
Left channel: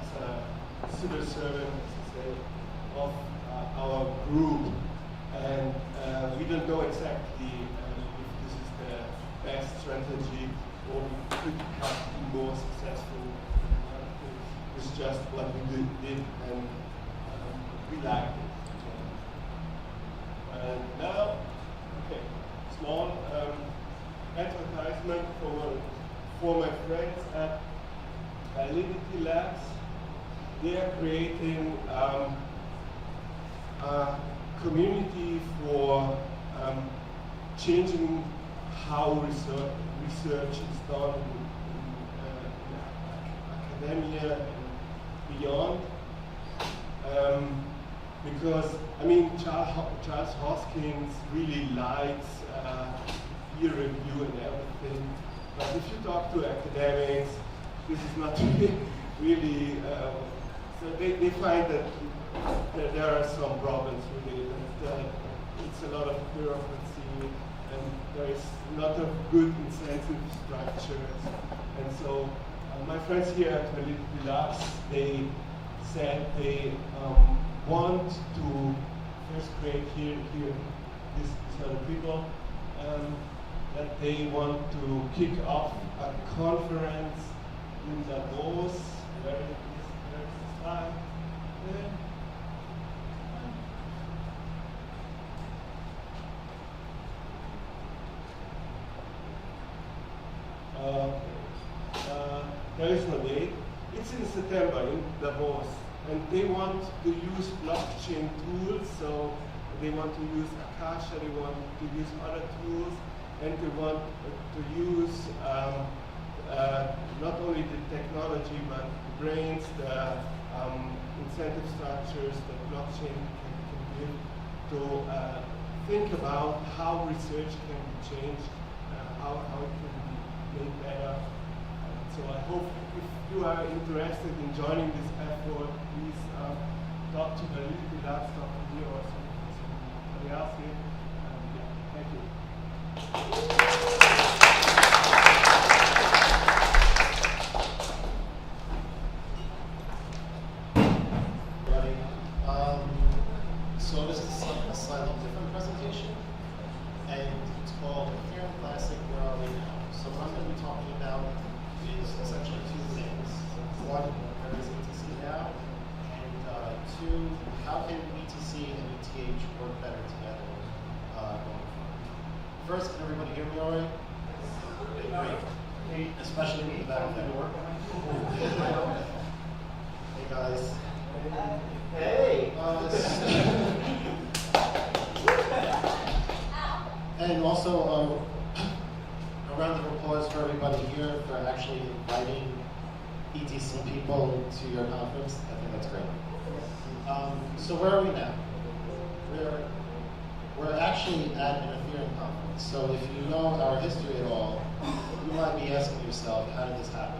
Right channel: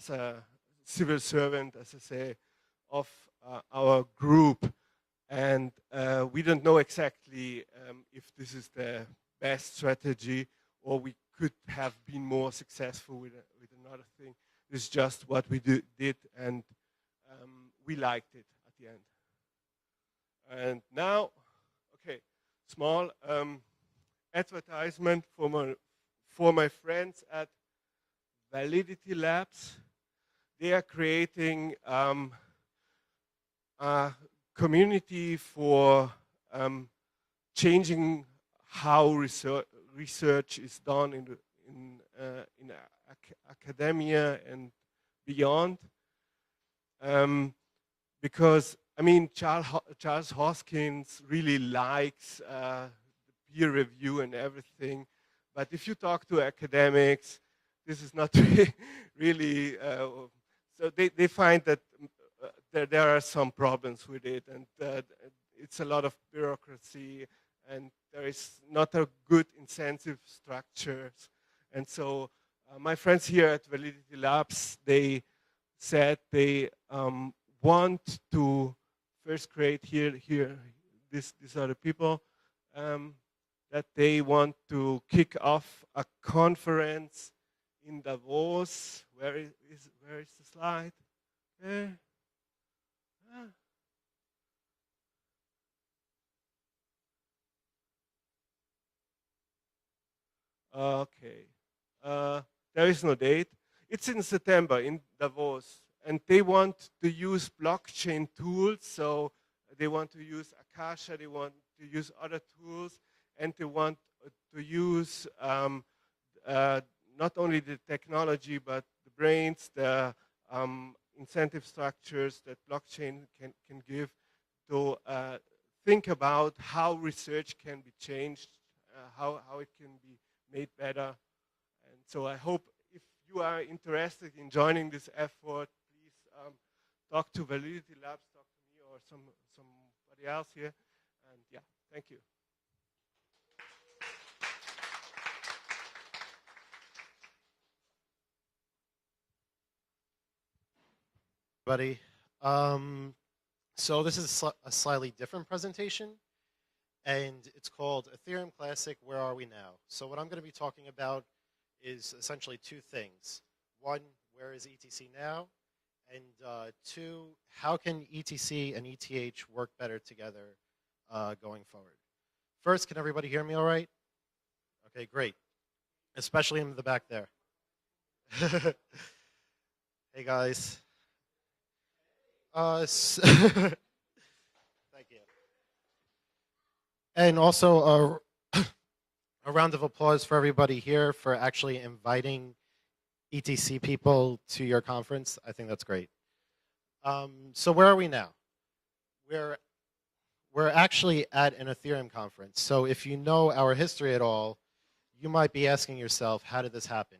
as a civil servant, as I said, of our group. And we don't know exactly if this is the best strategy, or we could have been more successful. It's just what we did, and we liked it. And now, okay, small advertisement for my friends at Validity Labs. They are creating a community for changing how research is done in academia and beyond. Because, I mean, Charles Hoskins really likes peer review and everything. But if you talk to academics, this is not really, so they find that there are some problems with it, and it's a lot of bureaucracy, and there is not a good incentive structure. And so my friends here at Validity Labs, they said they want to, first grade here, these are the people, that they want to kick off a conference in Davos. Where is the slide? There. Okay. There is no date. It's in September in Davos. And they want to use blockchain tools, so they want to use Akasha, they want to use other tools, and they want to use not only the technology, but the brains, the incentive structures that blockchain can give to think about how research can be changed, how it can be made better. So I hope if you are interested in joining this effort, please talk to Validity Labs, talk to me or somebody else here. Thank you. Buddy. So this is a slightly different presentation, and it's called Ethereum Classic, Where Are We Now? So what I'm going to be talking about is essentially two things. One, where is ETC now? And two, how can ETC and ETH work better together going forward? First, can everybody hear me all right? Okay, great. Especially in the back there. Hey guys. Hey. And also a round of applause for everybody here for actually inviting ETC people to your conference. I think that's great. So where are we now? We're actually at an Ethereum conference. So if you know our history at all, you might be asking yourself, how did this happen?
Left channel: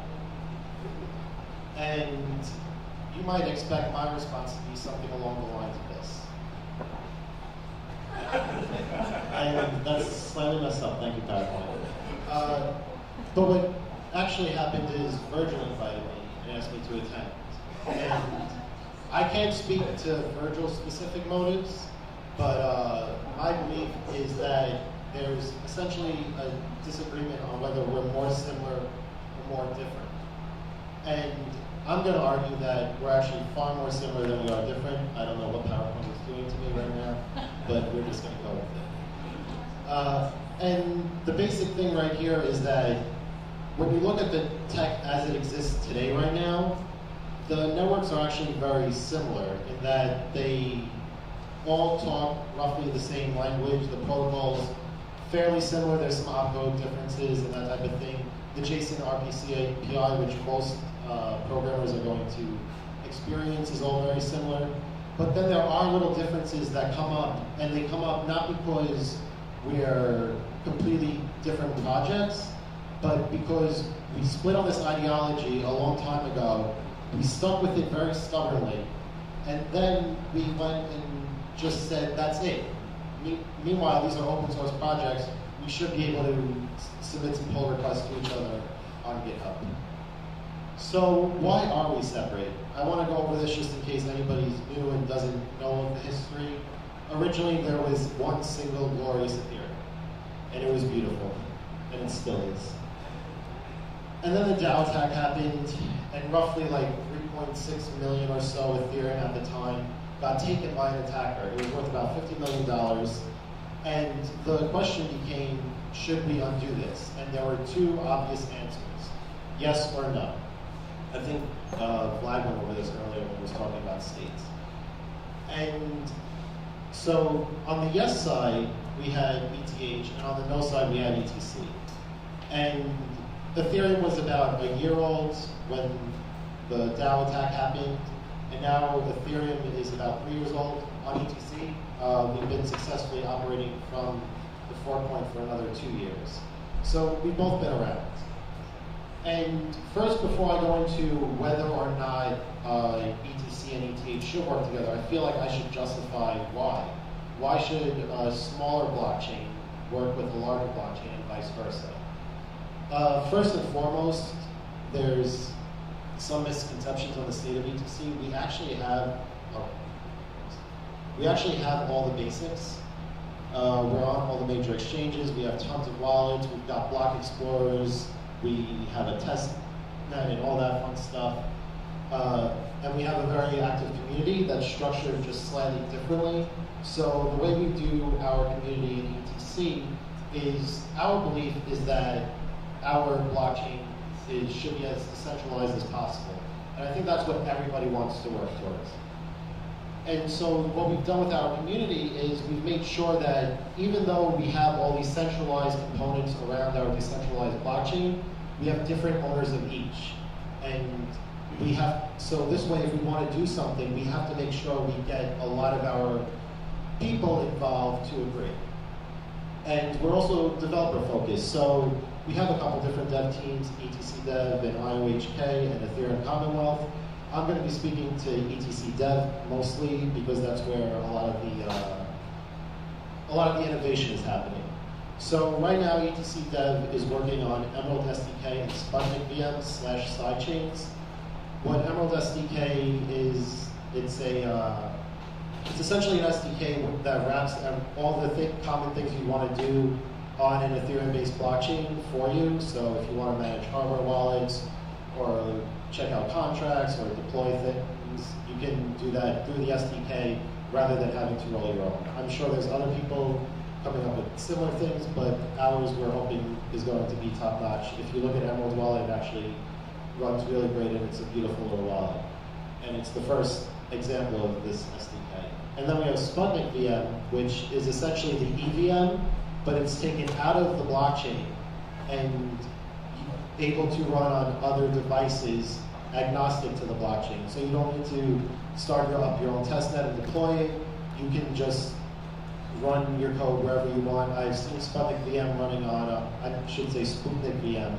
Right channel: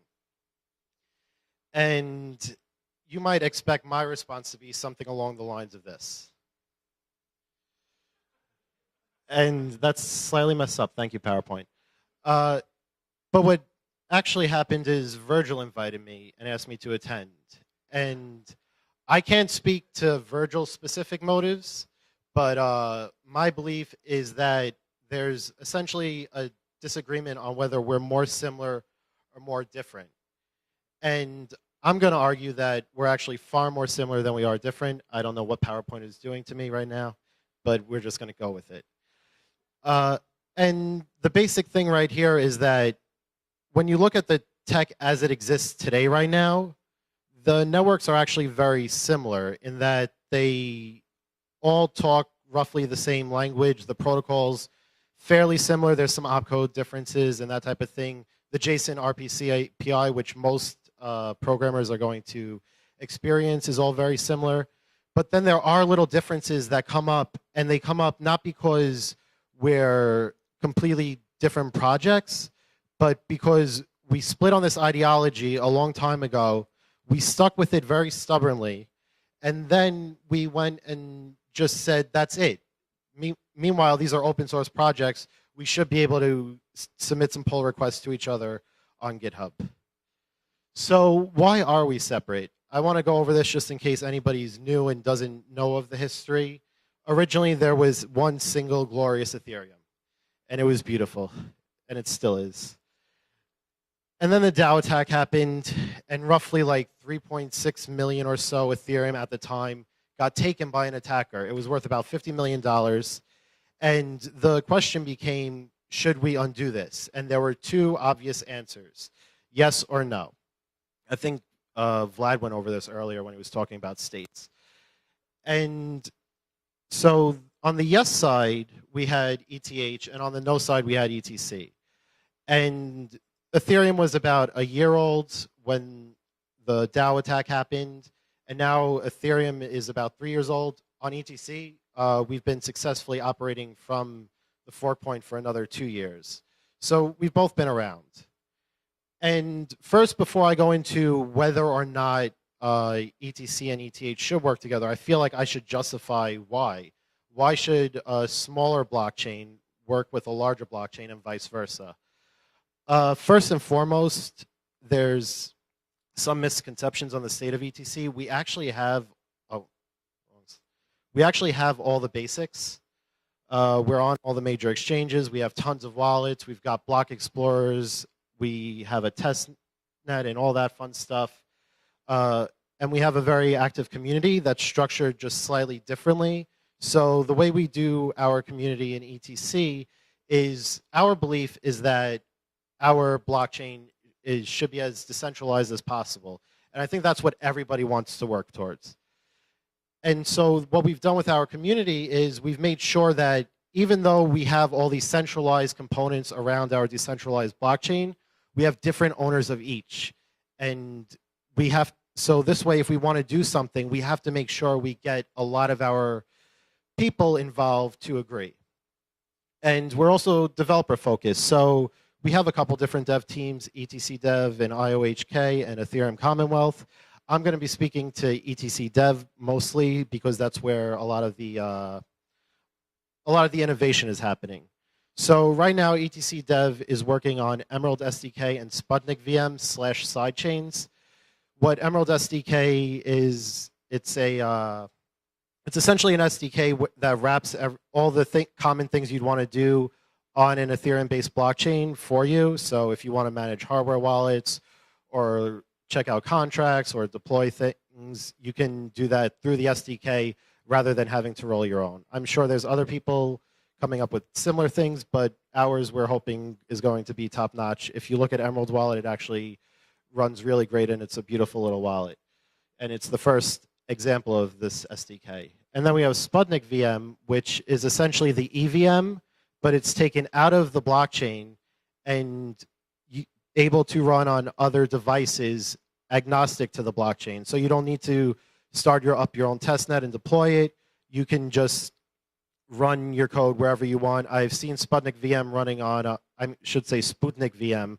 And you might expect my response to be something along the lines of this. And that's slightly messed up. Thank you, PowerPoint. But what actually happened is Virgil invited me and asked me to attend. And I can't speak to Virgil's specific motives, but my belief is that there's essentially a disagreement on whether we're more similar or more different. And I'm going to argue that we're actually far more similar than we are different. I don't know what PowerPoint is doing to me right now, but we're just going to go with it. And the basic thing right here is that when you look at the tech as it exists today right now, the networks are actually very similar in that they all talk roughly the same language. The protocol's fairly similar. There's some opcode differences and that type of thing. The JSON RPC API, which most programmers are going to experience, is all very similar. But then there are little differences that come up, and they come up not because we're completely different projects, but because we split on this ideology a long time ago. We stuck with it very stubbornly, and then we went and just said, that's it. Meanwhile, these are open source projects. We should be able to submit some pull requests to each other on GitHub. So why are we separate? I want to go over this just in case anybody's new and doesn't know of the history. Originally, there was one single glorious Ethereum, and it was beautiful, and it still is. And then the DAO attack happened, and roughly like 3.6 million or so Ethereum at the time got taken by an attacker. It was worth about $50 million. And the question became, should we undo this? And there were two obvious answers, yes or no. I think Vlad went over this earlier when he was talking about states. And so on the yes side, we had ETH, and on the no side, we had ETC. And Ethereum was about a year old when the DAO attack happened, and now Ethereum is about 3 years old on ETC. We've been successfully operating from the fork point for another 2 years. So we've both been around. And first, before I go into whether or not ETC and ETH should work together, I feel like I should justify why. Why should a smaller blockchain work with a larger blockchain and vice versa? First and foremost, there's some misconceptions on the state of ETC. We actually have all the basics. We're on all the major exchanges. We have tons of wallets. We've got block explorers. We have a test net and all that fun stuff. And we have a very active community that's structured just slightly differently. So the way we do our community in ETC is, our belief is that our blockchain should be as decentralized as possible. And I think that's what everybody wants to work towards. And so what we've done with our community is we've made sure that even though we have all these centralized components around our decentralized blockchain, we have different owners of each. And so this way, if we want to do something, we have to make sure we get a lot of our people involved to agree. And we're also developer focused. So we have a couple different dev teams, ETC Dev and IOHK and Ethereum Commonwealth. I'm going to be speaking to ETC Dev mostly because that's where a lot of the innovation is happening. So right now, ETC Dev is working on Emerald SDK and Sputnik VM / sidechains. What Emerald SDK is, it's essentially an SDK that wraps all the common things you'd want to do on an Ethereum-based blockchain for you. So if you want to manage hardware wallets or check out contracts or deploy things, you can do that through the SDK rather than having to roll your own. I'm sure there's other people coming up with similar things, but ours we're hoping is going to be top-notch. If you look at Emerald Wallet, it actually runs really great and it's a beautiful little wallet. And it's the first example of this SDK. And then we have Sputnik VM, which is essentially the EVM, but it's taken out of the blockchain and able to run on other devices agnostic to the blockchain. So you don't need to start up your own testnet and deploy it. You can just run your code wherever you want. I've seen Sputnik VM running on, I should say Sputnik VM,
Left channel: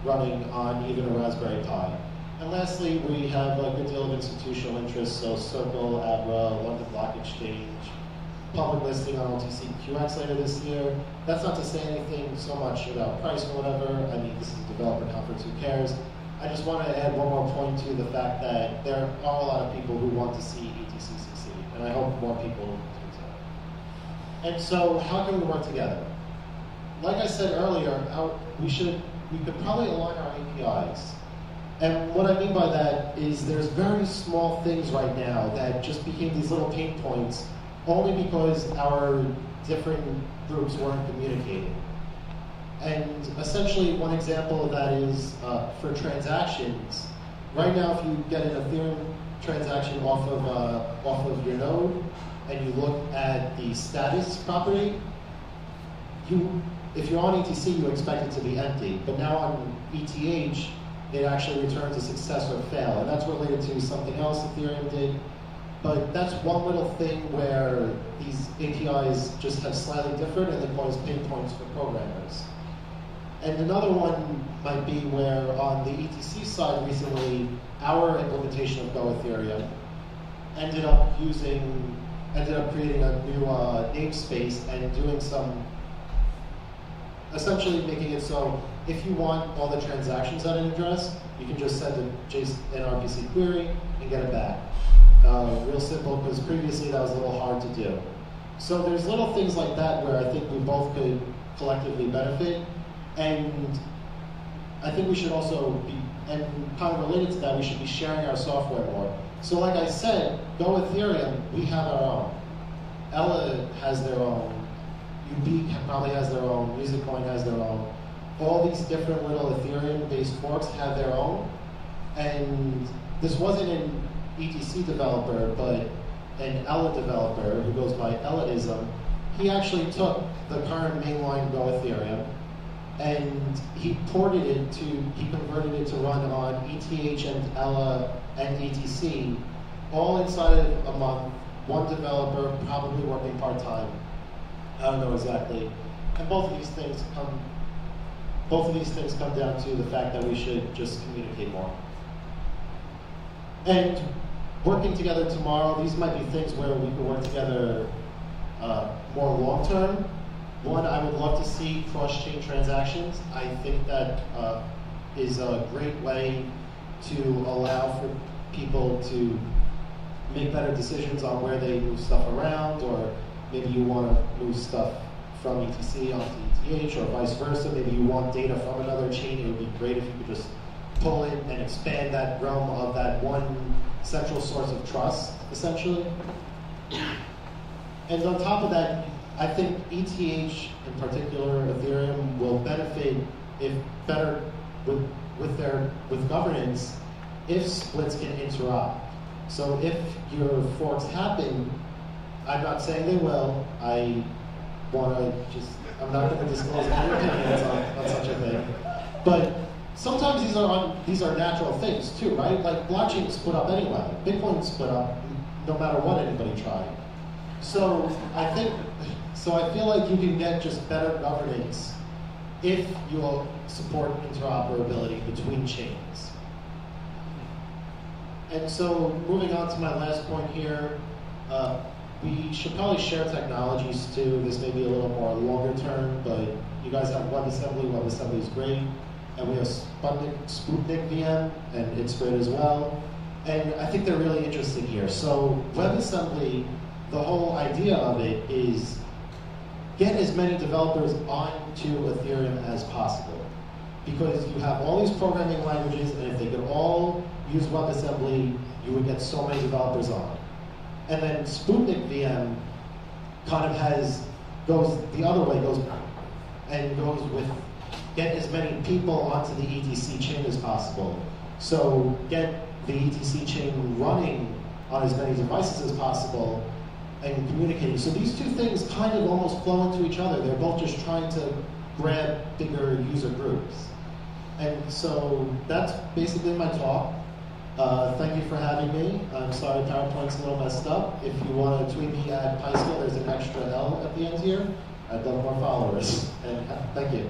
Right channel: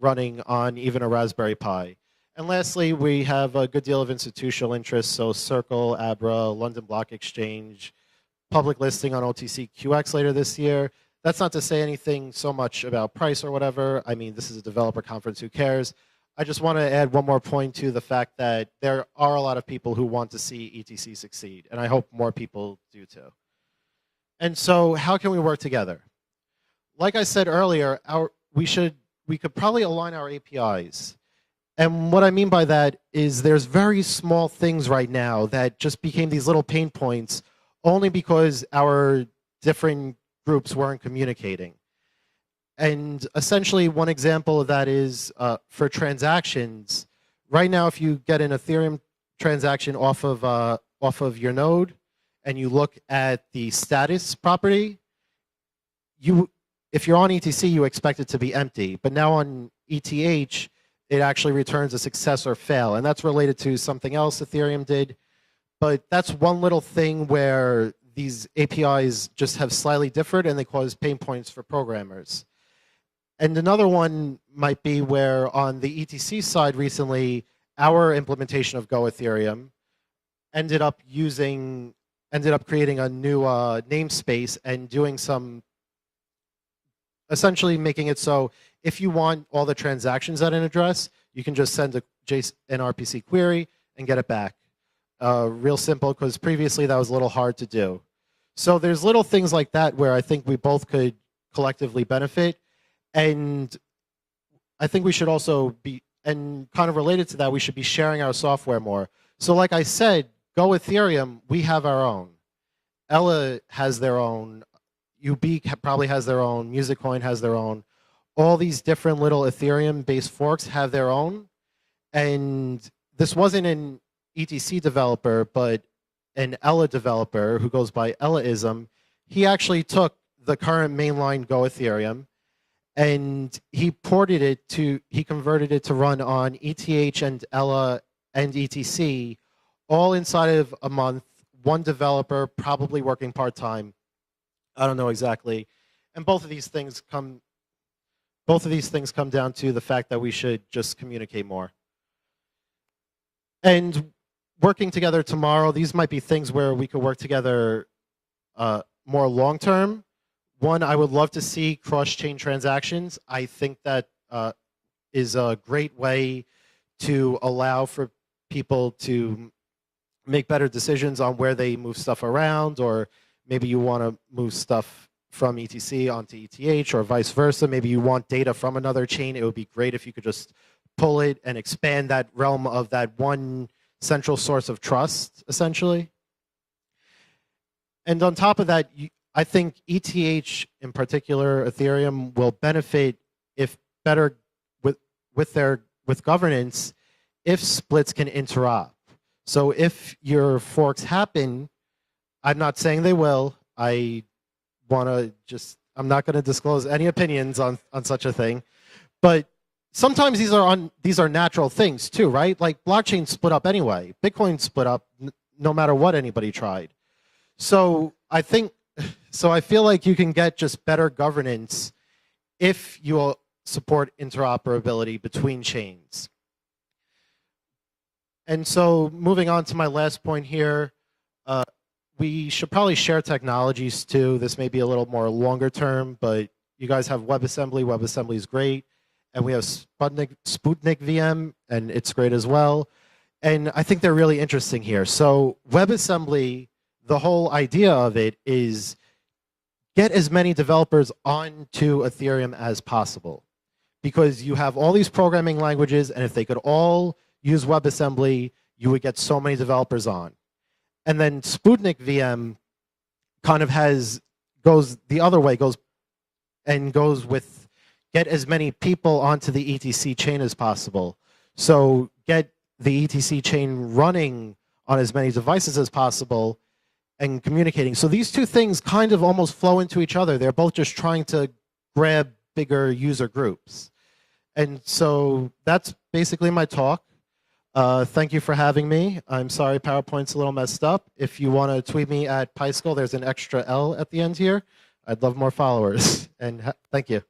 running on even a Raspberry Pi. And lastly, we have a good deal of institutional interest, so Circle, Abra, London Block Exchange, public listing on OTCQX later this year. That's not to say anything so much about price or whatever. I mean, this is a developer conference, who cares? I just want to add one more point to the fact that there are a lot of people who want to see ETC succeed, and I hope more people do too. And so how can we work together? Like I said earlier, we could probably align our APIs. And what I mean by that is there's very small things right now that just became these little pain points only because our different groups weren't communicating. And essentially, one example of that is for transactions. Right now, if you get an Ethereum transaction off of your node, and you look at the status property, if you're on ETC, you expect it to be empty. But now on ETH, it actually returns a success or fail. And that's related to something else Ethereum did. But that's one little thing where these APIs just have slightly different and they cause pain points for programmers. And another one might be where on the ETC side recently, our implementation of Go Ethereum ended up creating a new namespace and doing some, essentially making it so if you want all the transactions at an address, you can just send an RPC query and get it back. Real simple, because previously that was a little hard to do. So there's little things like that where I think we both could collectively benefit. And I think we should also be, and kind of related to that, we should be sharing our software more. So like I said, Go Ethereum, we have our own. Ella has their own. UB probably has their own. MusicCoin has their own. All these different little Ethereum-based forks have their own. And this wasn't an ETC developer, but an Ella developer who goes by Ellaism. He actually took the current mainline Go Ethereum and he converted it to run on ETH and Ella and ETC, all inside of a month, one developer, probably working part-time. I don't know exactly. And both of these things come down to the fact that we should just communicate more. And working together tomorrow, these might be things where we could work together more long-term. One, I would love to see cross-chain transactions. I think that is a great way to allow for people to make better decisions on where they move stuff around, or maybe you want to move stuff from ETC onto ETH or vice versa. Maybe you want data from another chain. It would be great if you could just pull it and expand that realm of that one central source of trust, essentially. And on top of that, I think ETH, in particular, Ethereum, will benefit if better with governance, if splits can interop. So if your forks happen, I'm not saying they will. I'm not going to disclose any opinions on such a thing. But sometimes these are natural things too, right? Like blockchain split up anyway. Bitcoin split up no matter what anybody tried. So I feel like you can get just better governance if you will support interoperability between chains. And so moving on to my last point here, we should probably share technologies too. This may be a little more longer term, but you guys have WebAssembly. WebAssembly is great. And we have Sputnik VM, and it's great as well. And I think they're really interesting here. So WebAssembly, the whole idea of it is get as many developers onto Ethereum as possible. Because you have all these programming languages, and if they could all use WebAssembly, you would get so many developers on. And then Sputnik VM kind of goes the other way, goes with get as many people onto the ETC chain as possible. So get the ETC chain running on as many devices as possible and communicating. So these two things kind of almost flow into each other. They're both just trying to grab bigger user groups. And so that's basically my talk. Thank you for having me. I'm sorry PowerPoint's a little messed up. If you want to tweet me at PySkull, there's an extra L at the end here. I'd love more followers. And thank you.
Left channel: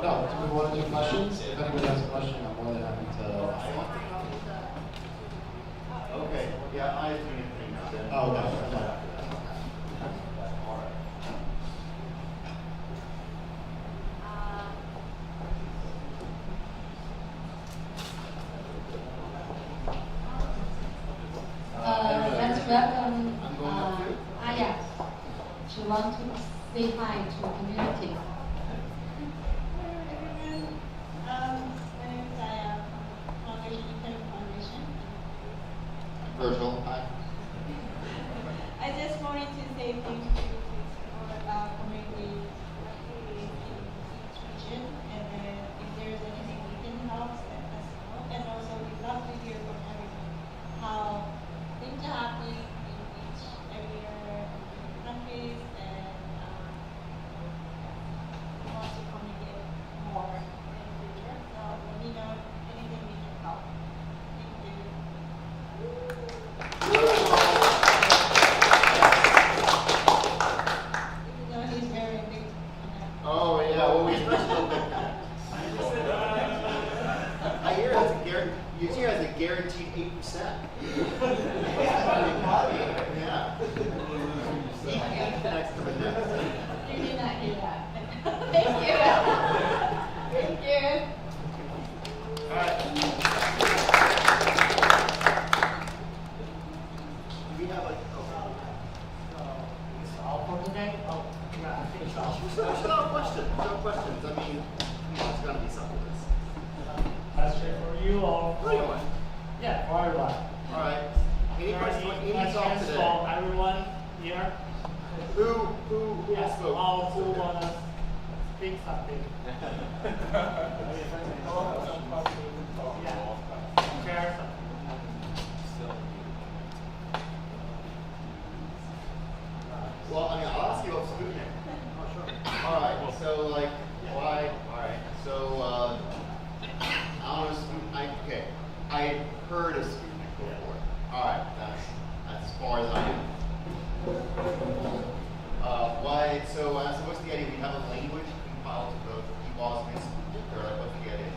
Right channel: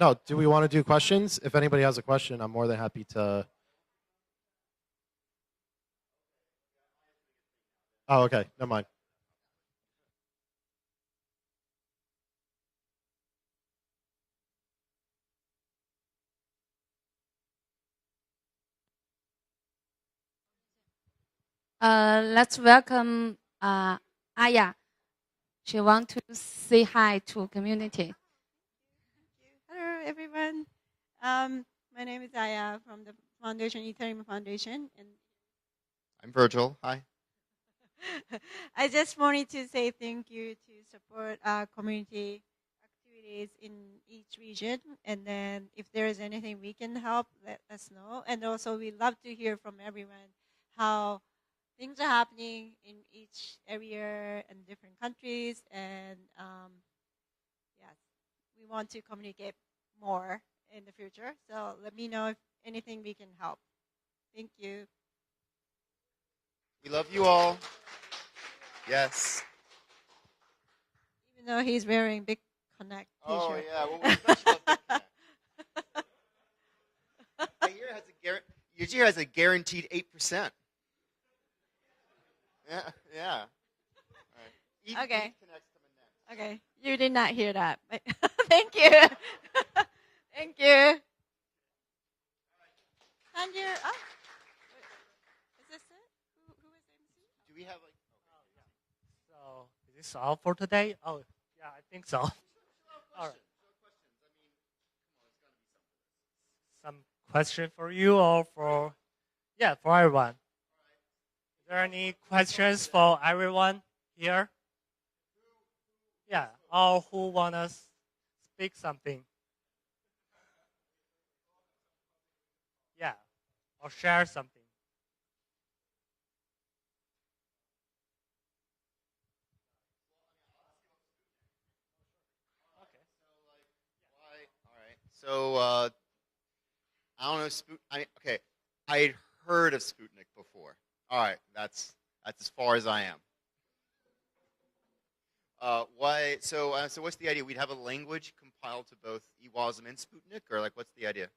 No, do we want to do questions? If anybody has a question, I'm more than happy to. Okay, yeah, I have anything. Oh, okay, never mind. Let's welcome Aya. She wants to say hi to community. Hello, everyone. My name is Aya from Foundation, Ethereum Foundation. Virgil, hi. I just wanted to say thank you for community in each region, and then if there is anything we can help, let us know. And also, we'd love to hear from everyone how things are happening in each area, in different countries, and want to communicate more in the future. So let me know if anything we can help. Thank you. Even though he's wearing big tonight. Oh, yeah. Well, I hear your chair has a guaranteed 8%. Yeah. Okay. You did not hear that. Thank you. Thank you. It's all for today? Oh, yeah, I think it's all. No questions. No questions. I mean, it's gonna be something. Question for you or for everyone? Yeah, for everyone. All right. Are there any any questions thoughts for today? everyone here? Who Yes, spoke? or who wanna speak something? Yeah, share something. Well, I mean, I'll ask you about Sputnik. Oh, sure. All right. So, like, why? All right. So, I don't know. Okay. I had heard of Sputnik before. All right. That's as far as I am. So what's the idea? We have a language compiled of EWASM and Sputnik, or like what's the idea?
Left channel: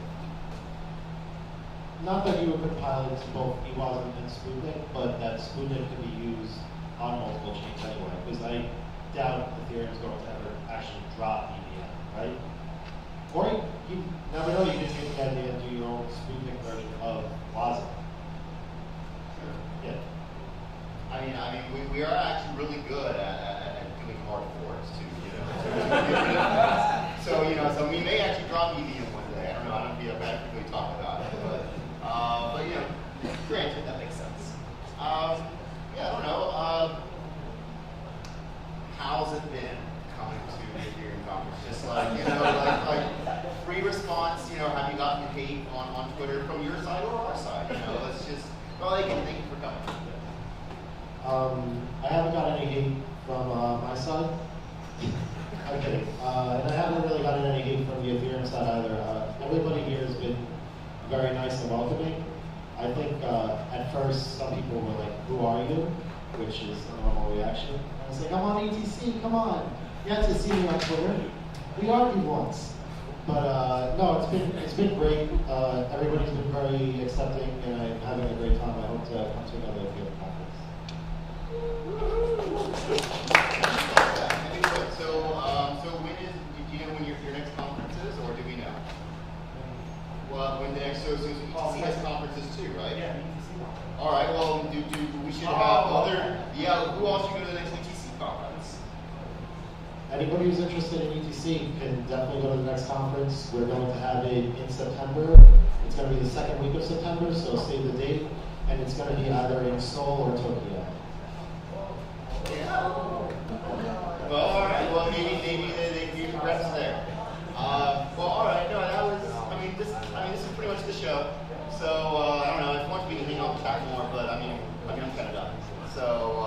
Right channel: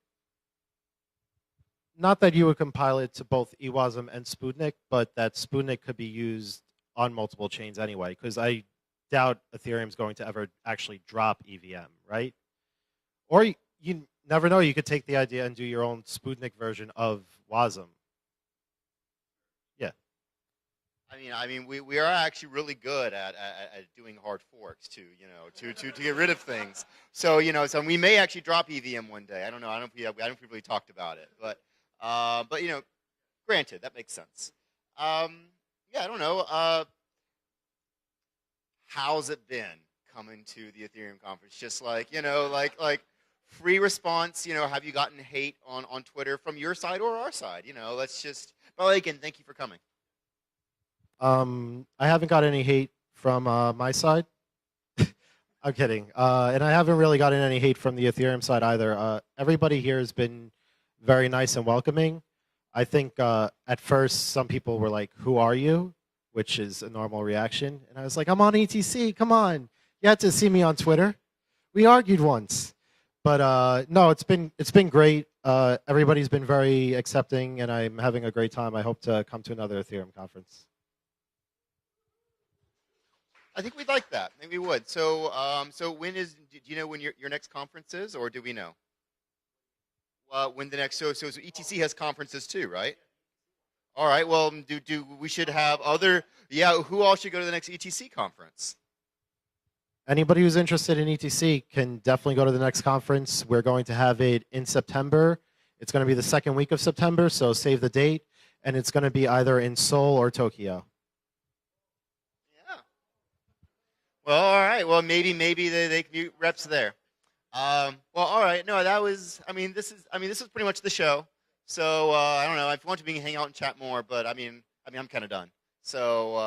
Not that you would compile it to both EWASM and Sputnik, but that Sputnik could be used on multiple chains anyway, because I doubt Ethereum's going to ever actually drop EVM, right? Or you never know, you can take the idea and do your own Sputnik version of WASM. Yeah. I mean, we are actually really good at doing hard forks to get rid of things. So, so we may actually drop EVM one day. I don't know. I haven't really talked about it, but granted, that makes sense. Yeah, I don't know. How's it been coming to the Ethereum conference? Just like, like free response, have you gotten hate on Twitter from your side or our side? Let's just, well, again, thank you for coming. I haven't got any hate from my side. I'm kidding. And I haven't really gotten any hate from the Ethereum side either. Everybody here has been very nice and welcoming. I think at first some people were like, "Who are you?" which is a normal reaction. And I was like, "I'm on ETC, come on. You had to see me on Twitter. We argued once." But no, it's been great. Everybody's been very accepting, and I'm having a great time. I hope to come to another Ethereum conference. I just like that. We would. So when is, when your next conference is, or do we know? Well, when the next, so ETC has conferences too, right? Yeah. All right. Well, we should have other? Yeah. Who all should go to the next ETC conference? Anybody who's interested in ETC can definitely go to the next conference. We're going to have it in September. It's going to be the second week of September, so save the date. And it's going to be either in Seoul or Tokyo. Well, all right. Well, maybe you reps there. Well, all right. No, that was. This is pretty much the show. So I don't know. I want to be hang out and chat more, but I'm kind of done. So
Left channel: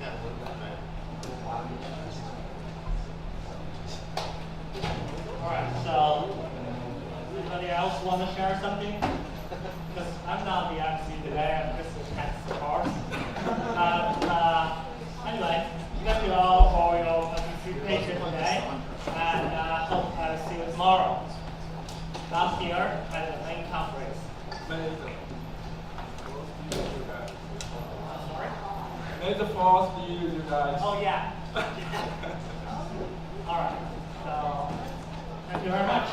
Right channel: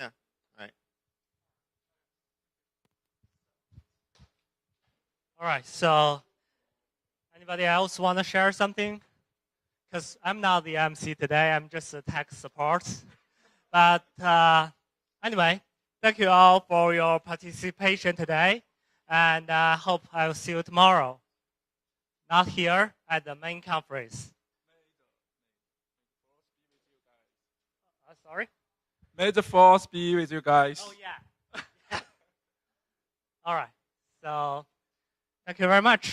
yeah. All right. So anybody else want to share something? Because I'm not the MC today. I'm just a tech support. But anyway. Thank you all for your participation today, and hope I will see you tomorrow. Not here, at the main conference. Sorry? May the force be with you guys. Oh yeah. All right. So, thank you very much.